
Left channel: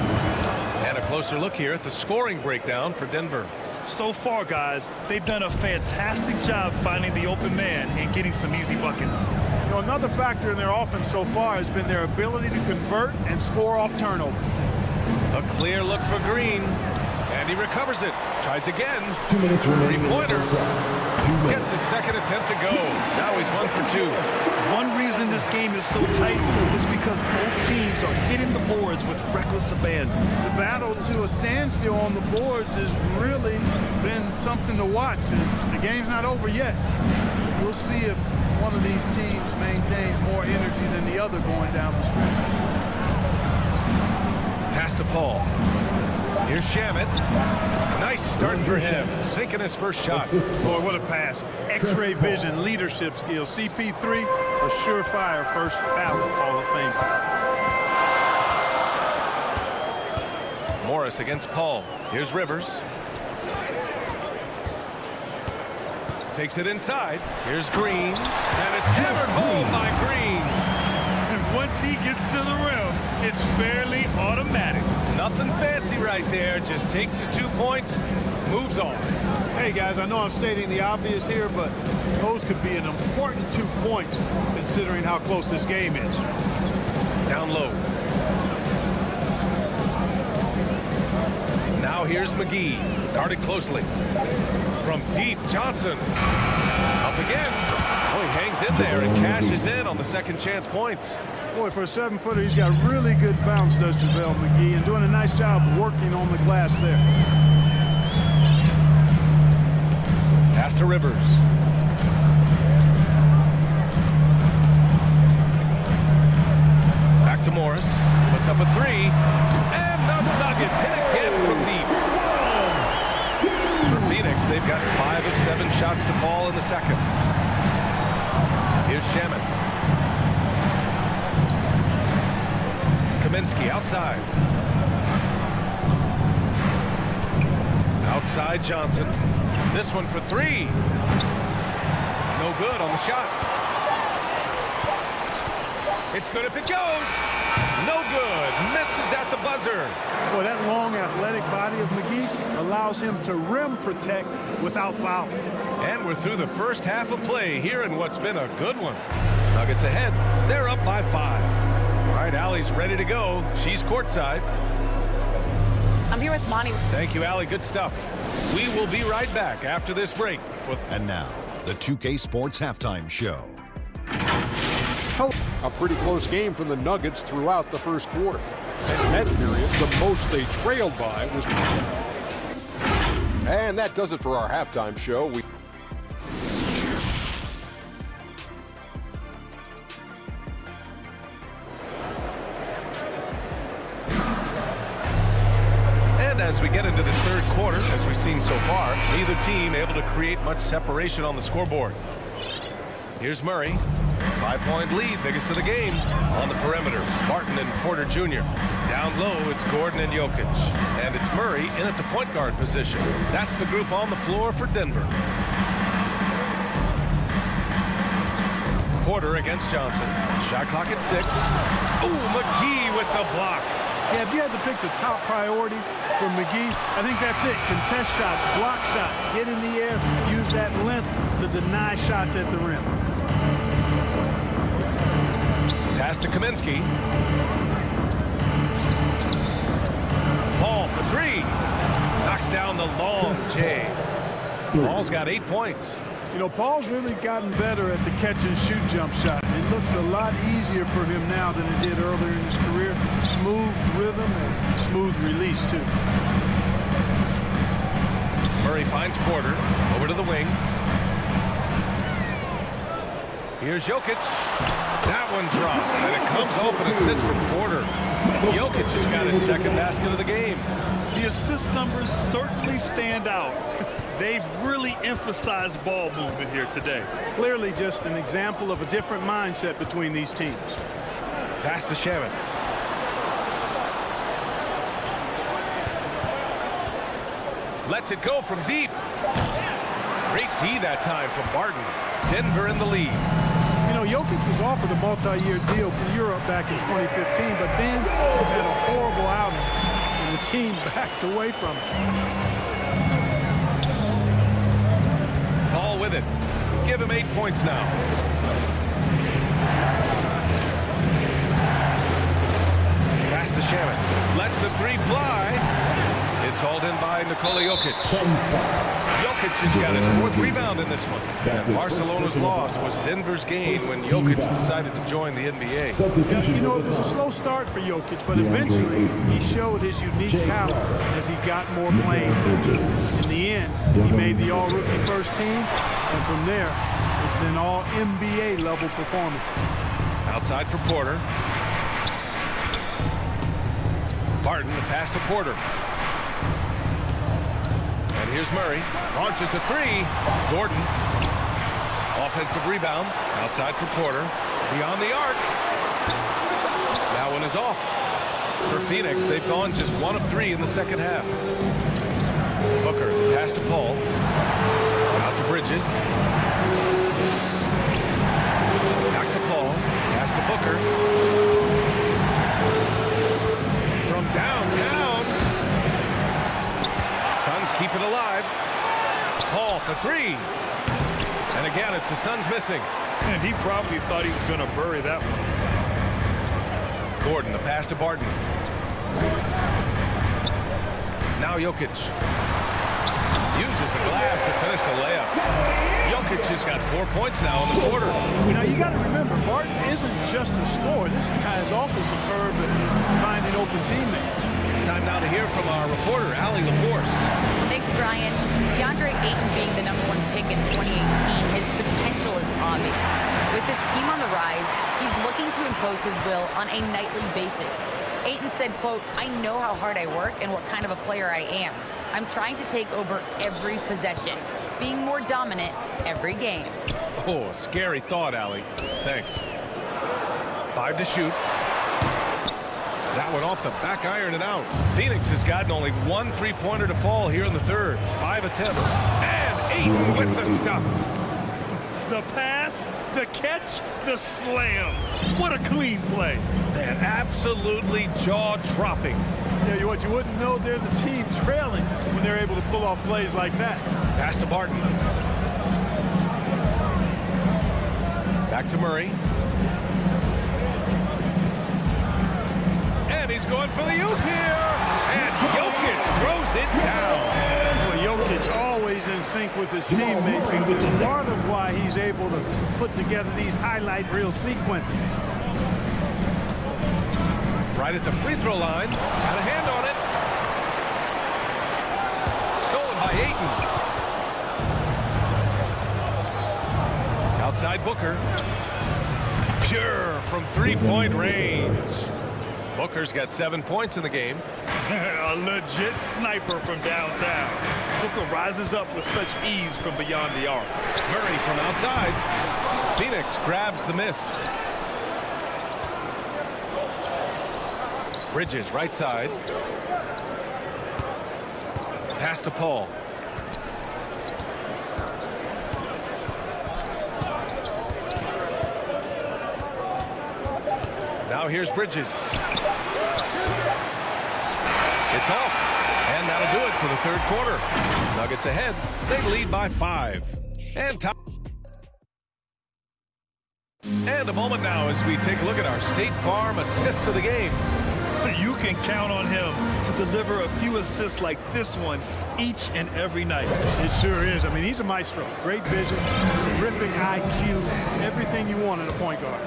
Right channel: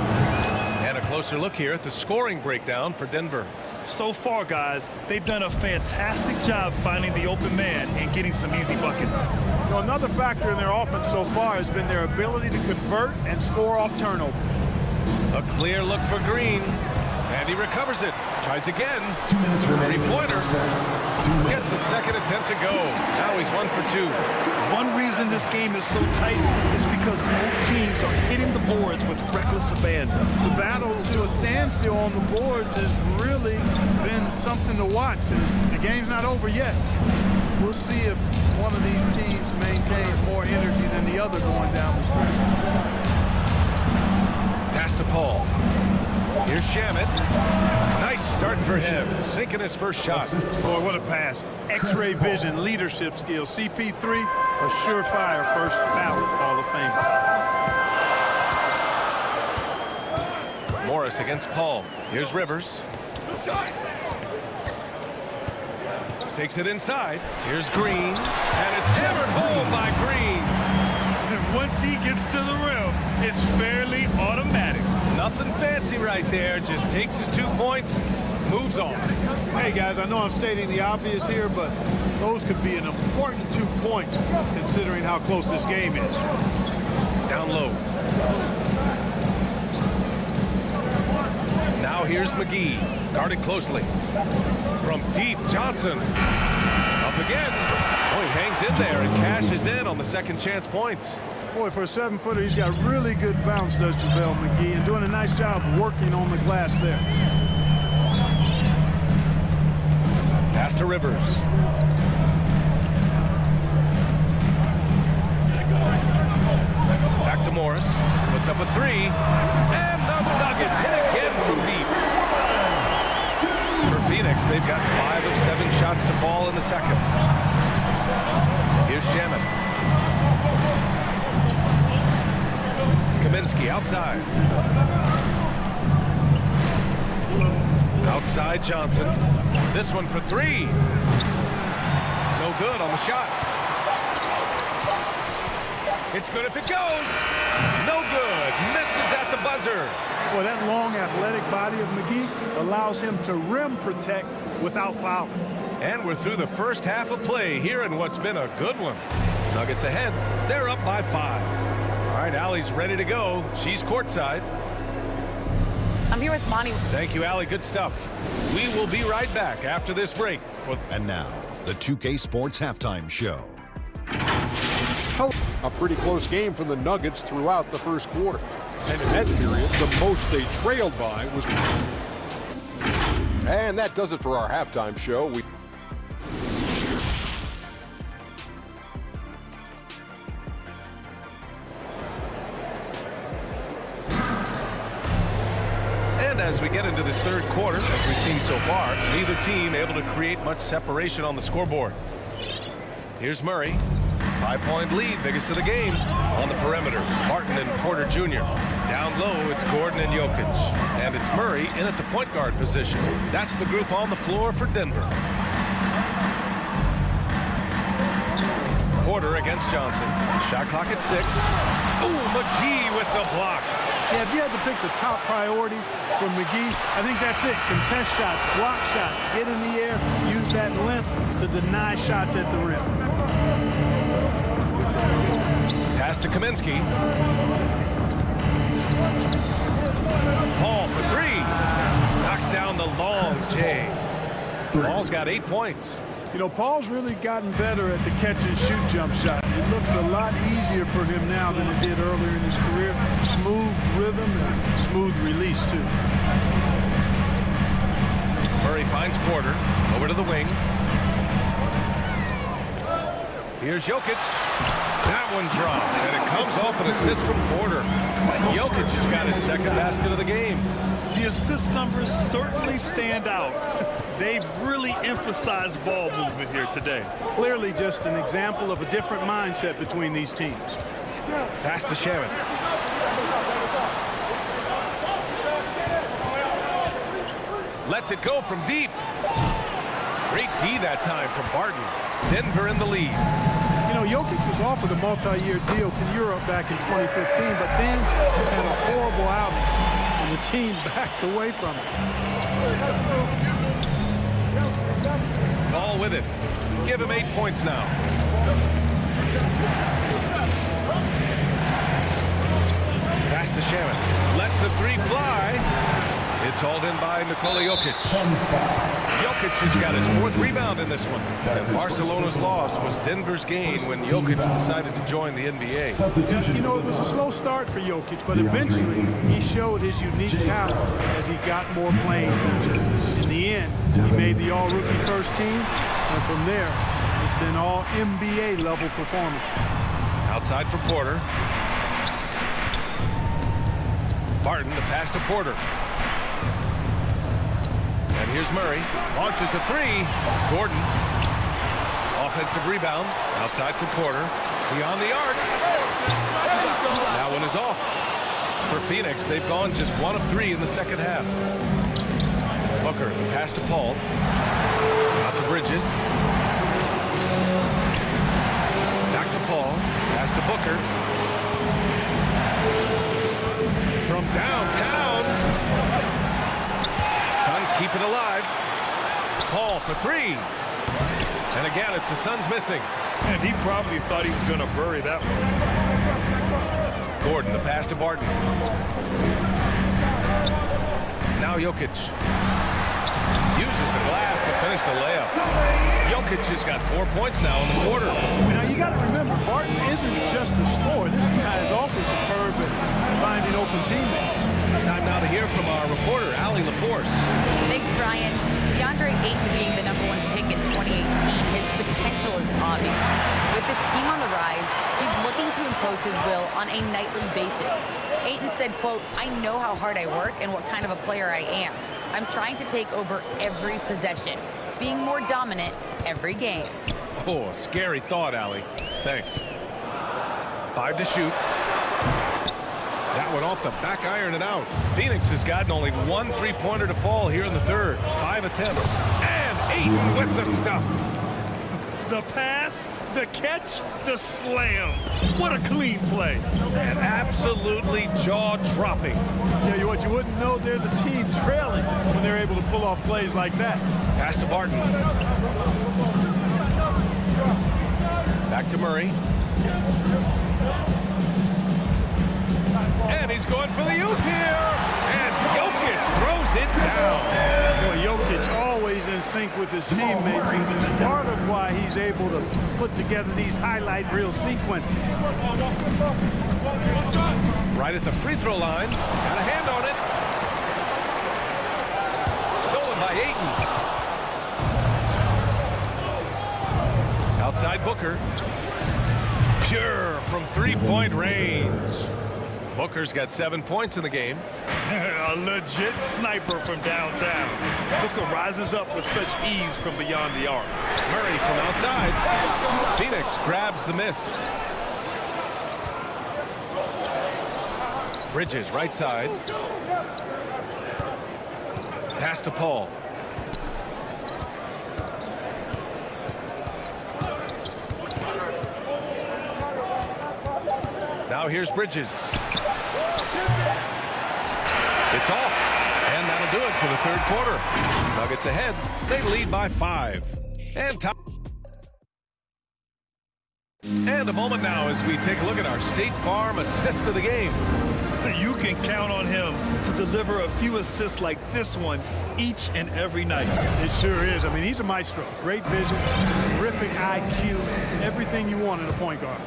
And a closer look here at the scoring breakdown for Denver. So far, guys, they've done a fantastic job finding the open man and getting some easy buckets. You know, another factor in their offense so far has been their ability to convert and score off turnovers. A clear look for Green, and he recovers it. Tries again. 2 minutes remaining. Three-pointer. Gets his second attempt to go. Now he's 1 for 2. One reason this game is so tight is because both teams are hitting the boards with reckless abandon. The battle to a standstill on the boards has really been something to watch, and the game's not over yet. We'll see if one of these teams maintains more energy than the other going down the stretch. Pass to Paul. Here's Shamet. Nice start for him. Sinking his first shot. Boy, what a pass. X-ray vision, leadership skills. CP3, a surefire first ballot Hall of Famer. Morris against Paul. Here's Rivers. Takes it inside. Here's Green. And it's hammered home by Green. And once he gets to the rim, it's fairly automatic. Nothing fancy right there. Just takes his 2 points, moves on. Hey, guys, I know I'm stating the obvious here, but those could be an important 2 points considering how close this game is. Down low. Now here's McGee. Guarded closely. From deep, Johnson. Up again. Oh, he hangs in there and cashes in on the second chance points. Boy, for a 7-footer, he's got really good bounce, does JaVale McGee, and doing a nice job working on the glass there. Pass to Rivers. Back to Morris. Puts up a 3. And the Nuggets hit again from deep. For Phoenix, they've got 5 of 7 shots to fall in the second. Here's Shamet. Kaminsky outside. Outside Johnson. This one for 3. No good on the shot. It's good if it goes. No good. Misses at the buzzer. Boy, that long athletic body of McGee allows him to rim protect without fouling. And we're through the first half of play here in what's been a good one. Nuggets ahead. They're up by 5. All right, Allie's ready to go. She's courtside. I'm here with Monty. Thank you, Allie. Good stuff. We will be right back after this break. And now, the 2K Sports Halftime Show. A pretty close game for the Nuggets throughout the first quarter. And in that period, the most they trailed by was... And that does it for our halftime show. And as we get into this third quarter, as we've seen so far, neither team able to create much separation on the scoreboard. Here's Murray. 5-point lead, biggest of the game. On the perimeter, Martin and Porter Jr. Down low, it's Gordon and Jokic. And it's Murray in at the point guard position. That's the group on the floor for Denver. Porter against Johnson. Shot clock at 6. Ooh, McGee with the block. Yeah, if you had to pick the top priority for McGee, I think that's it. Contest shots, block shots, get in the air, use that length to deny shots at the rim. Pass to Kaminsky. Paul for 3. Knocks down the long J. Paul's got 8 points. You know, Paul's really gotten better at the catch-and-shoot jump shot. It looks a lot easier for him now than it did earlier in his career. Smooth rhythm and smooth release, too. Murray finds Porter. Over to the wing. Here's Jokic. That one drops, and it comes off an assist from Porter. Jokic has got his second basket of the game. The assist numbers certainly stand out. They've really emphasized ball movement here today. Clearly just an example of a different mindset between these teams. Pass to Shamet. Lets it go from deep. Great D that time from Barton. Denver in the lead. You know, Jokic was offered a multi-year deal in Europe back in 2015, but then had a horrible outing, and the team backed away from it. Paul with it. Give him 8 points now. Pass to Shamet. Lets the 3 fly. It's hauled in by Nikola Jokic. Jokic has got his 4th rebound in this one. And Barcelona's loss was Denver's gain when Jokic decided to join the NBA. Yeah, you know, it was a slow start for Jokic, but eventually he showed his unique talent as he got more playing time. In the end, he made the all-rookie first team, and from there, it's been all NBA level performances. Outside for Porter. Barton, the pass to Porter. And here's Murray. Launches a 3. Gordon. Offensive rebound. Outside for Porter. Beyond the arc. That one is off. For Phoenix, they've gone just 1 of 3 in the second half. Booker, the pass to Paul. Out to Bridges. Back to Paul. Pass to Booker. From downtown. Suns keep it alive. Paul for 3. And again, it's the Suns missing. And he probably thought he was going to bury that one. Gordon, the pass to Barton. Now Jokic. Uses the glass to finish the layup. Jokic has got 4 points now in the quarter. Now, you got to remember, Barton isn't just a scorer. This guy is also superb at finding open teammates. Time now to hear from our reporter, Allie LaForce. Thanks, Brian. DeAndre Ayton being the #1 pick in 2018, his potential is obvious. With his team on the rise, he's looking to impose his will on a nightly basis. Ayton said, quote, "I know how hard I work and what kind of a player I am. I'm trying to take over every possession, being more dominant every game." Oh, a scary thought, Allie. Thanks. 5 to shoot. That one off the back iron and out. Phoenix has gotten only 1 3-pointer to fall here in the third. 5 attempts. And Ayton with the stuff. The pass, the catch, the slam. What a clean play. And absolutely jaw-dropping. Yeah, what you wouldn't know, they're the team trailing when they're able to pull off plays like that. Pass to Barton. Back to Murray. And he's going for the oop here. And Jokic throws it down. Boy, Jokic always in sync with his teammates, which is part of why he's able to put together these highlight reel sequences. Right at the free throw line. Got a hand on it. Stolen by Ayton. Outside Booker. Pure from 3-point range. Booker's got 7 points in the game. A legit sniper from downtown. Booker rises up with such ease from beyond the arc. Murray from outside. Phoenix grabs the miss. Bridges right side. Pass to Paul. Now here's Bridges. It's off. And that'll do it for the third quarter. Nuggets ahead. They lead by 5. And a moment now as we take a look at our State Farm assist of the game. You can count on him to deliver a few assists like this one each and every night. It sure is. I mean, he's a maestro. Great vision, terrific IQ, everything you want in a point guard.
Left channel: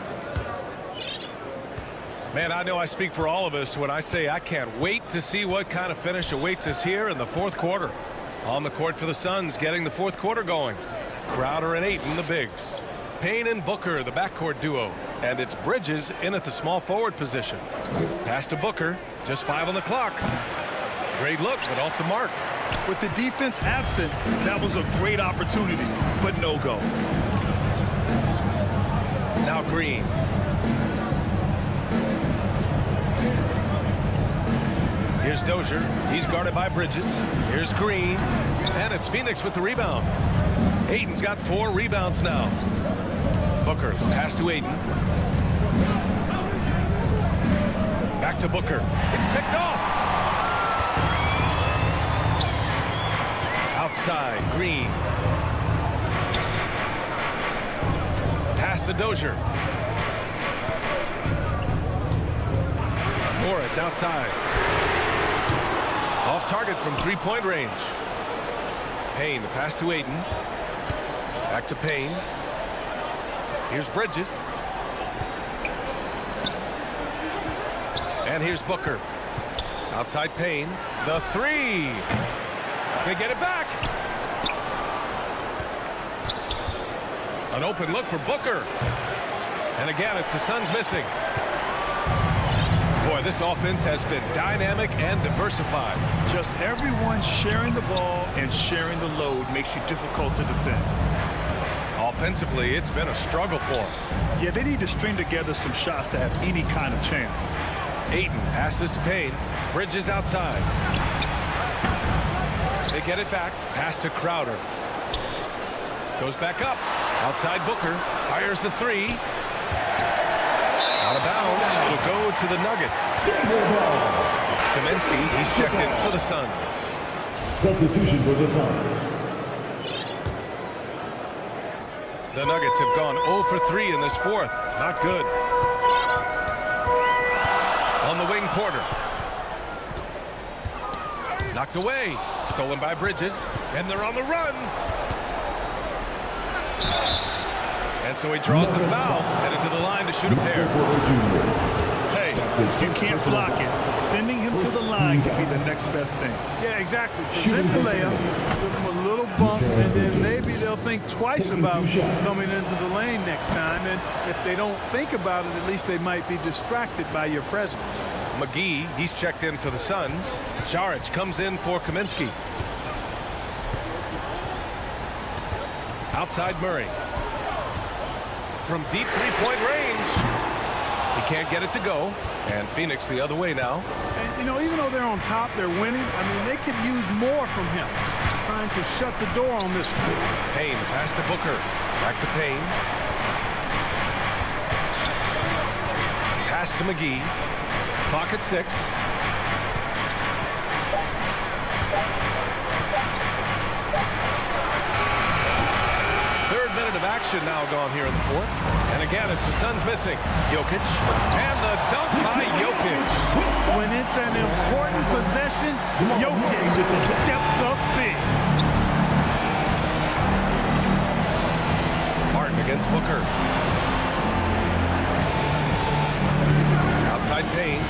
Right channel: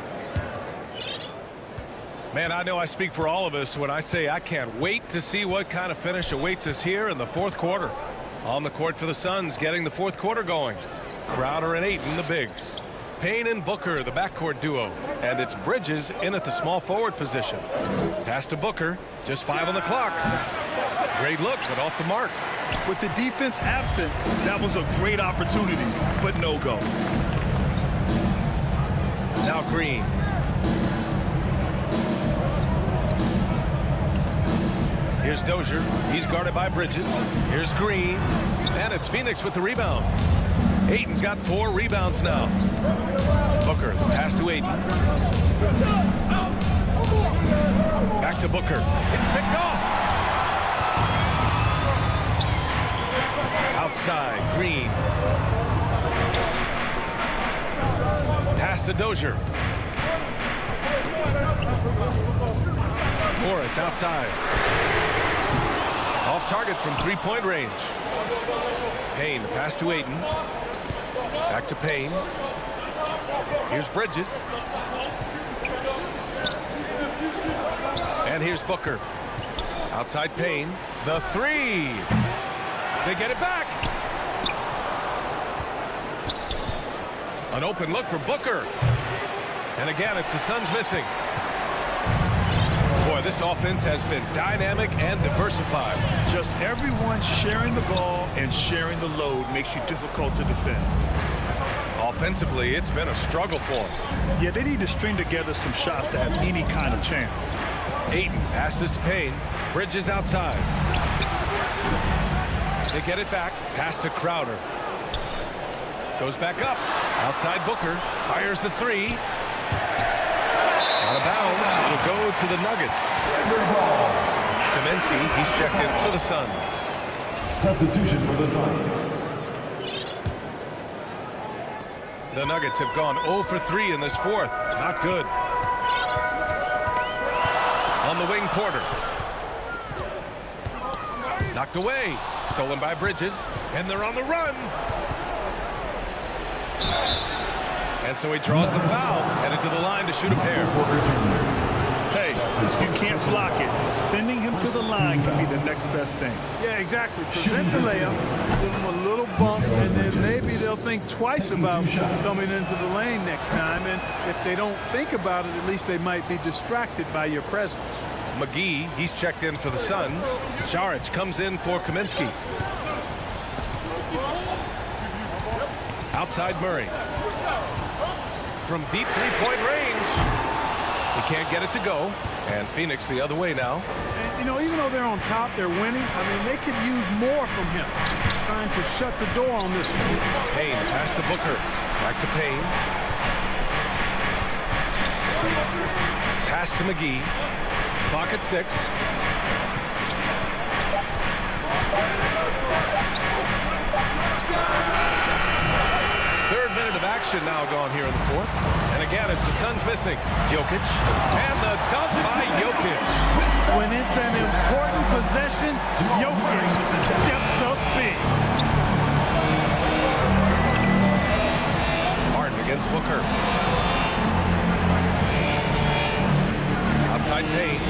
Man, I know I speak for all of us when I say I can't wait to see what kind of finish awaits us here in the fourth quarter. On the court for the Suns, getting the fourth quarter going. Crowder and Ayton, the bigs. Payne and Booker, the backcourt duo. And it's Bridges in at the small forward position. Pass to Booker, just 5 on the clock. Great look, but off the mark. With the defense absent, that was a great opportunity, but no go. Now Green. Here's Dozier. He's guarded by Bridges. Here's Green. And it's Phoenix with the rebound. Ayton's got 4 rebounds now. Booker, the pass to Ayton. Back to Booker. It's picked off. Outside, Green. Pass to Dozier. Morris outside. Off target from three-point range. Payne, the pass to Ayton. Back to Payne. Here's Bridges. And here's Booker. Outside Payne. The three. They get it back. An open look for Booker. And again, it's the Suns missing. Boy, this offense has been dynamic and diversified. Just everyone sharing the ball and sharing the load makes you difficult to defend. Offensively, it's been a struggle for them. Yeah, they need to string together some shots to have any kind of chance. Ayton passes to Payne. Bridges outside. They get it back. Pass to Crowder. Goes back up. Outside Booker. Fires the three. Out of bounds. It'll go to the Nuggets. Kaminsky, he's checked in for the Suns. Substitution for the Suns. The Nuggets have gone 0 for 3 in this fourth. Not good. On the wing, Porter. Knocked away. Stolen by Bridges. And they're on the run. And so he draws the foul. Headed to the line to shoot a pair. Hey, you can't block it. Sending him to the line could be the next best thing. Yeah, exactly. Prevent the layup, give them a little bump, and then maybe they'll think twice about coming into the lane next time. And if they don't think about it, at least they might be distracted by your presence. McGee, he's checked in for the Suns. Saric comes in for Kaminsky. Outside Murray. From deep three-point range. He can't get it to go. And Phoenix the other way now. And, you know, even though they're on top, they're winning. I mean, they could use more from him. Trying to shut the door on this one. Payne, pass to Booker. Back to Payne. Pass to McGee. Clock at 6. Third minute of action now gone here in the fourth. And again, it's the Suns missing. Jokic. And the dunk by Jokic. When it's an important possession, Jokic steps up big. Martin against Booker. Outside Payne.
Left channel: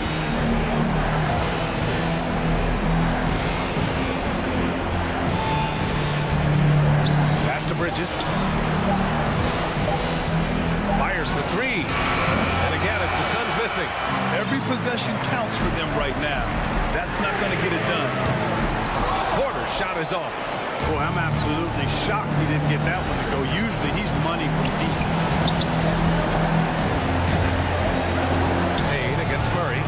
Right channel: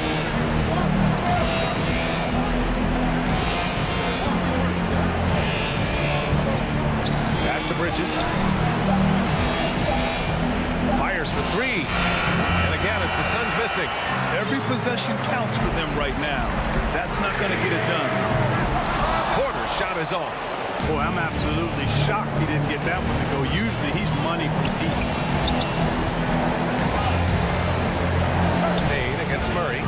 Pass to Bridges. Fires for three. And again, it's the Suns missing. Every possession counts for them right now. That's not going to get it done. Porter's shot is off. Boy, I'm absolutely shocked he didn't get that one to go. Usually he's money from deep. Payne against Murray.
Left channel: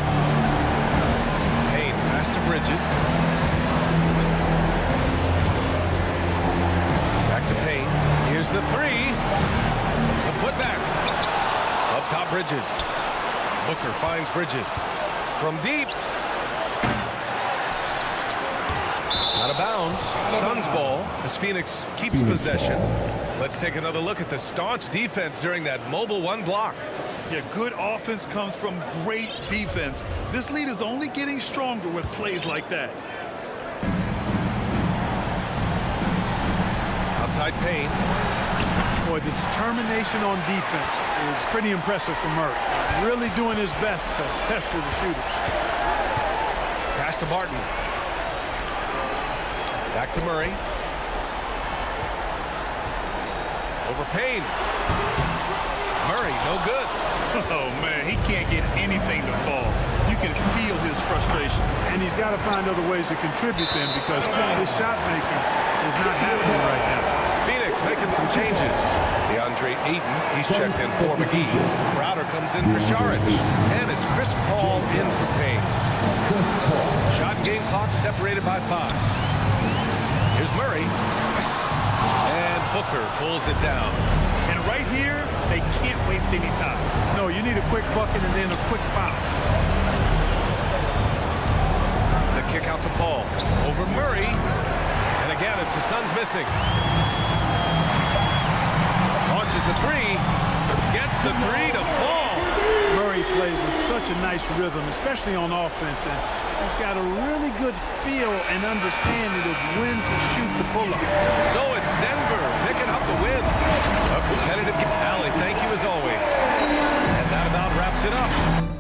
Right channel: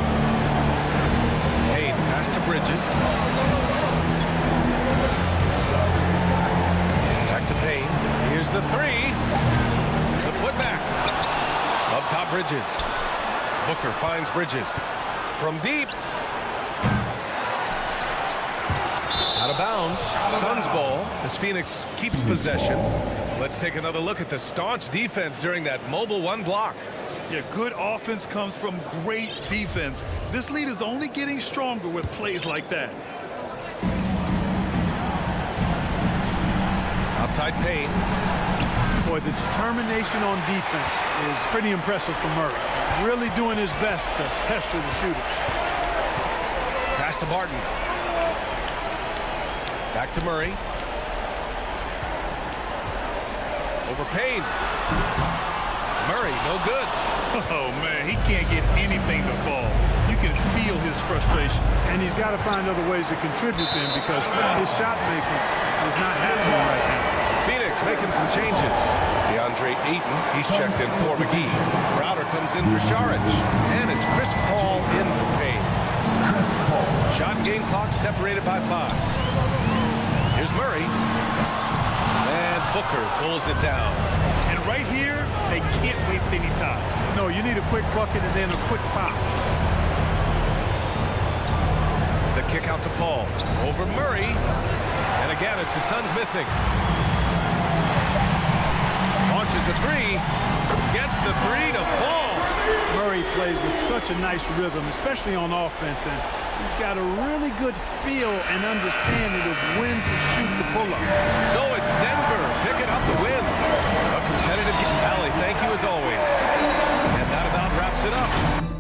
Payne pass to Bridges. Back to Payne. Here's the three. The putback. Up top Bridges. Booker finds Bridges. From deep. Out of bounds. Suns ball as Phoenix keeps possession. Let's take another look at the staunch defense during that mobile one block. Yeah, good offense comes from great defense. This lead is only getting stronger with plays like that. Outside Payne. Boy, the determination on defense is pretty impressive for Murray. Really doing his best to pester the shooters. Pass to Barton. Back to Murray. Over Payne. Murray, no good. Oh, man, he can't get anything to fall. You can feel his frustration. And he's got to find other ways to contribute then because his shot making is not happening right now. Phoenix making some changes. DeAndre Ayton, he's checked in for McGee. Crowder comes in for Saric. And it's Chris Paul in for Payne. Chris Paul. Shot and game clock separated by 5. Here's Murray. And Booker pulls it down. And right here, they can't waste any time. No, you need a quick bucket and then a quick foul. The kick out to Paul. Over Murray. And again, it's the Suns missing. Launches a three. Gets the three to fall. Murray plays with such a nice rhythm, especially on offense. And He's got a really good feel and understanding of when to shoot the pull-up. So it's Denver picking up the win. A competitive game. Allie, thank you as always. And that about wraps it up.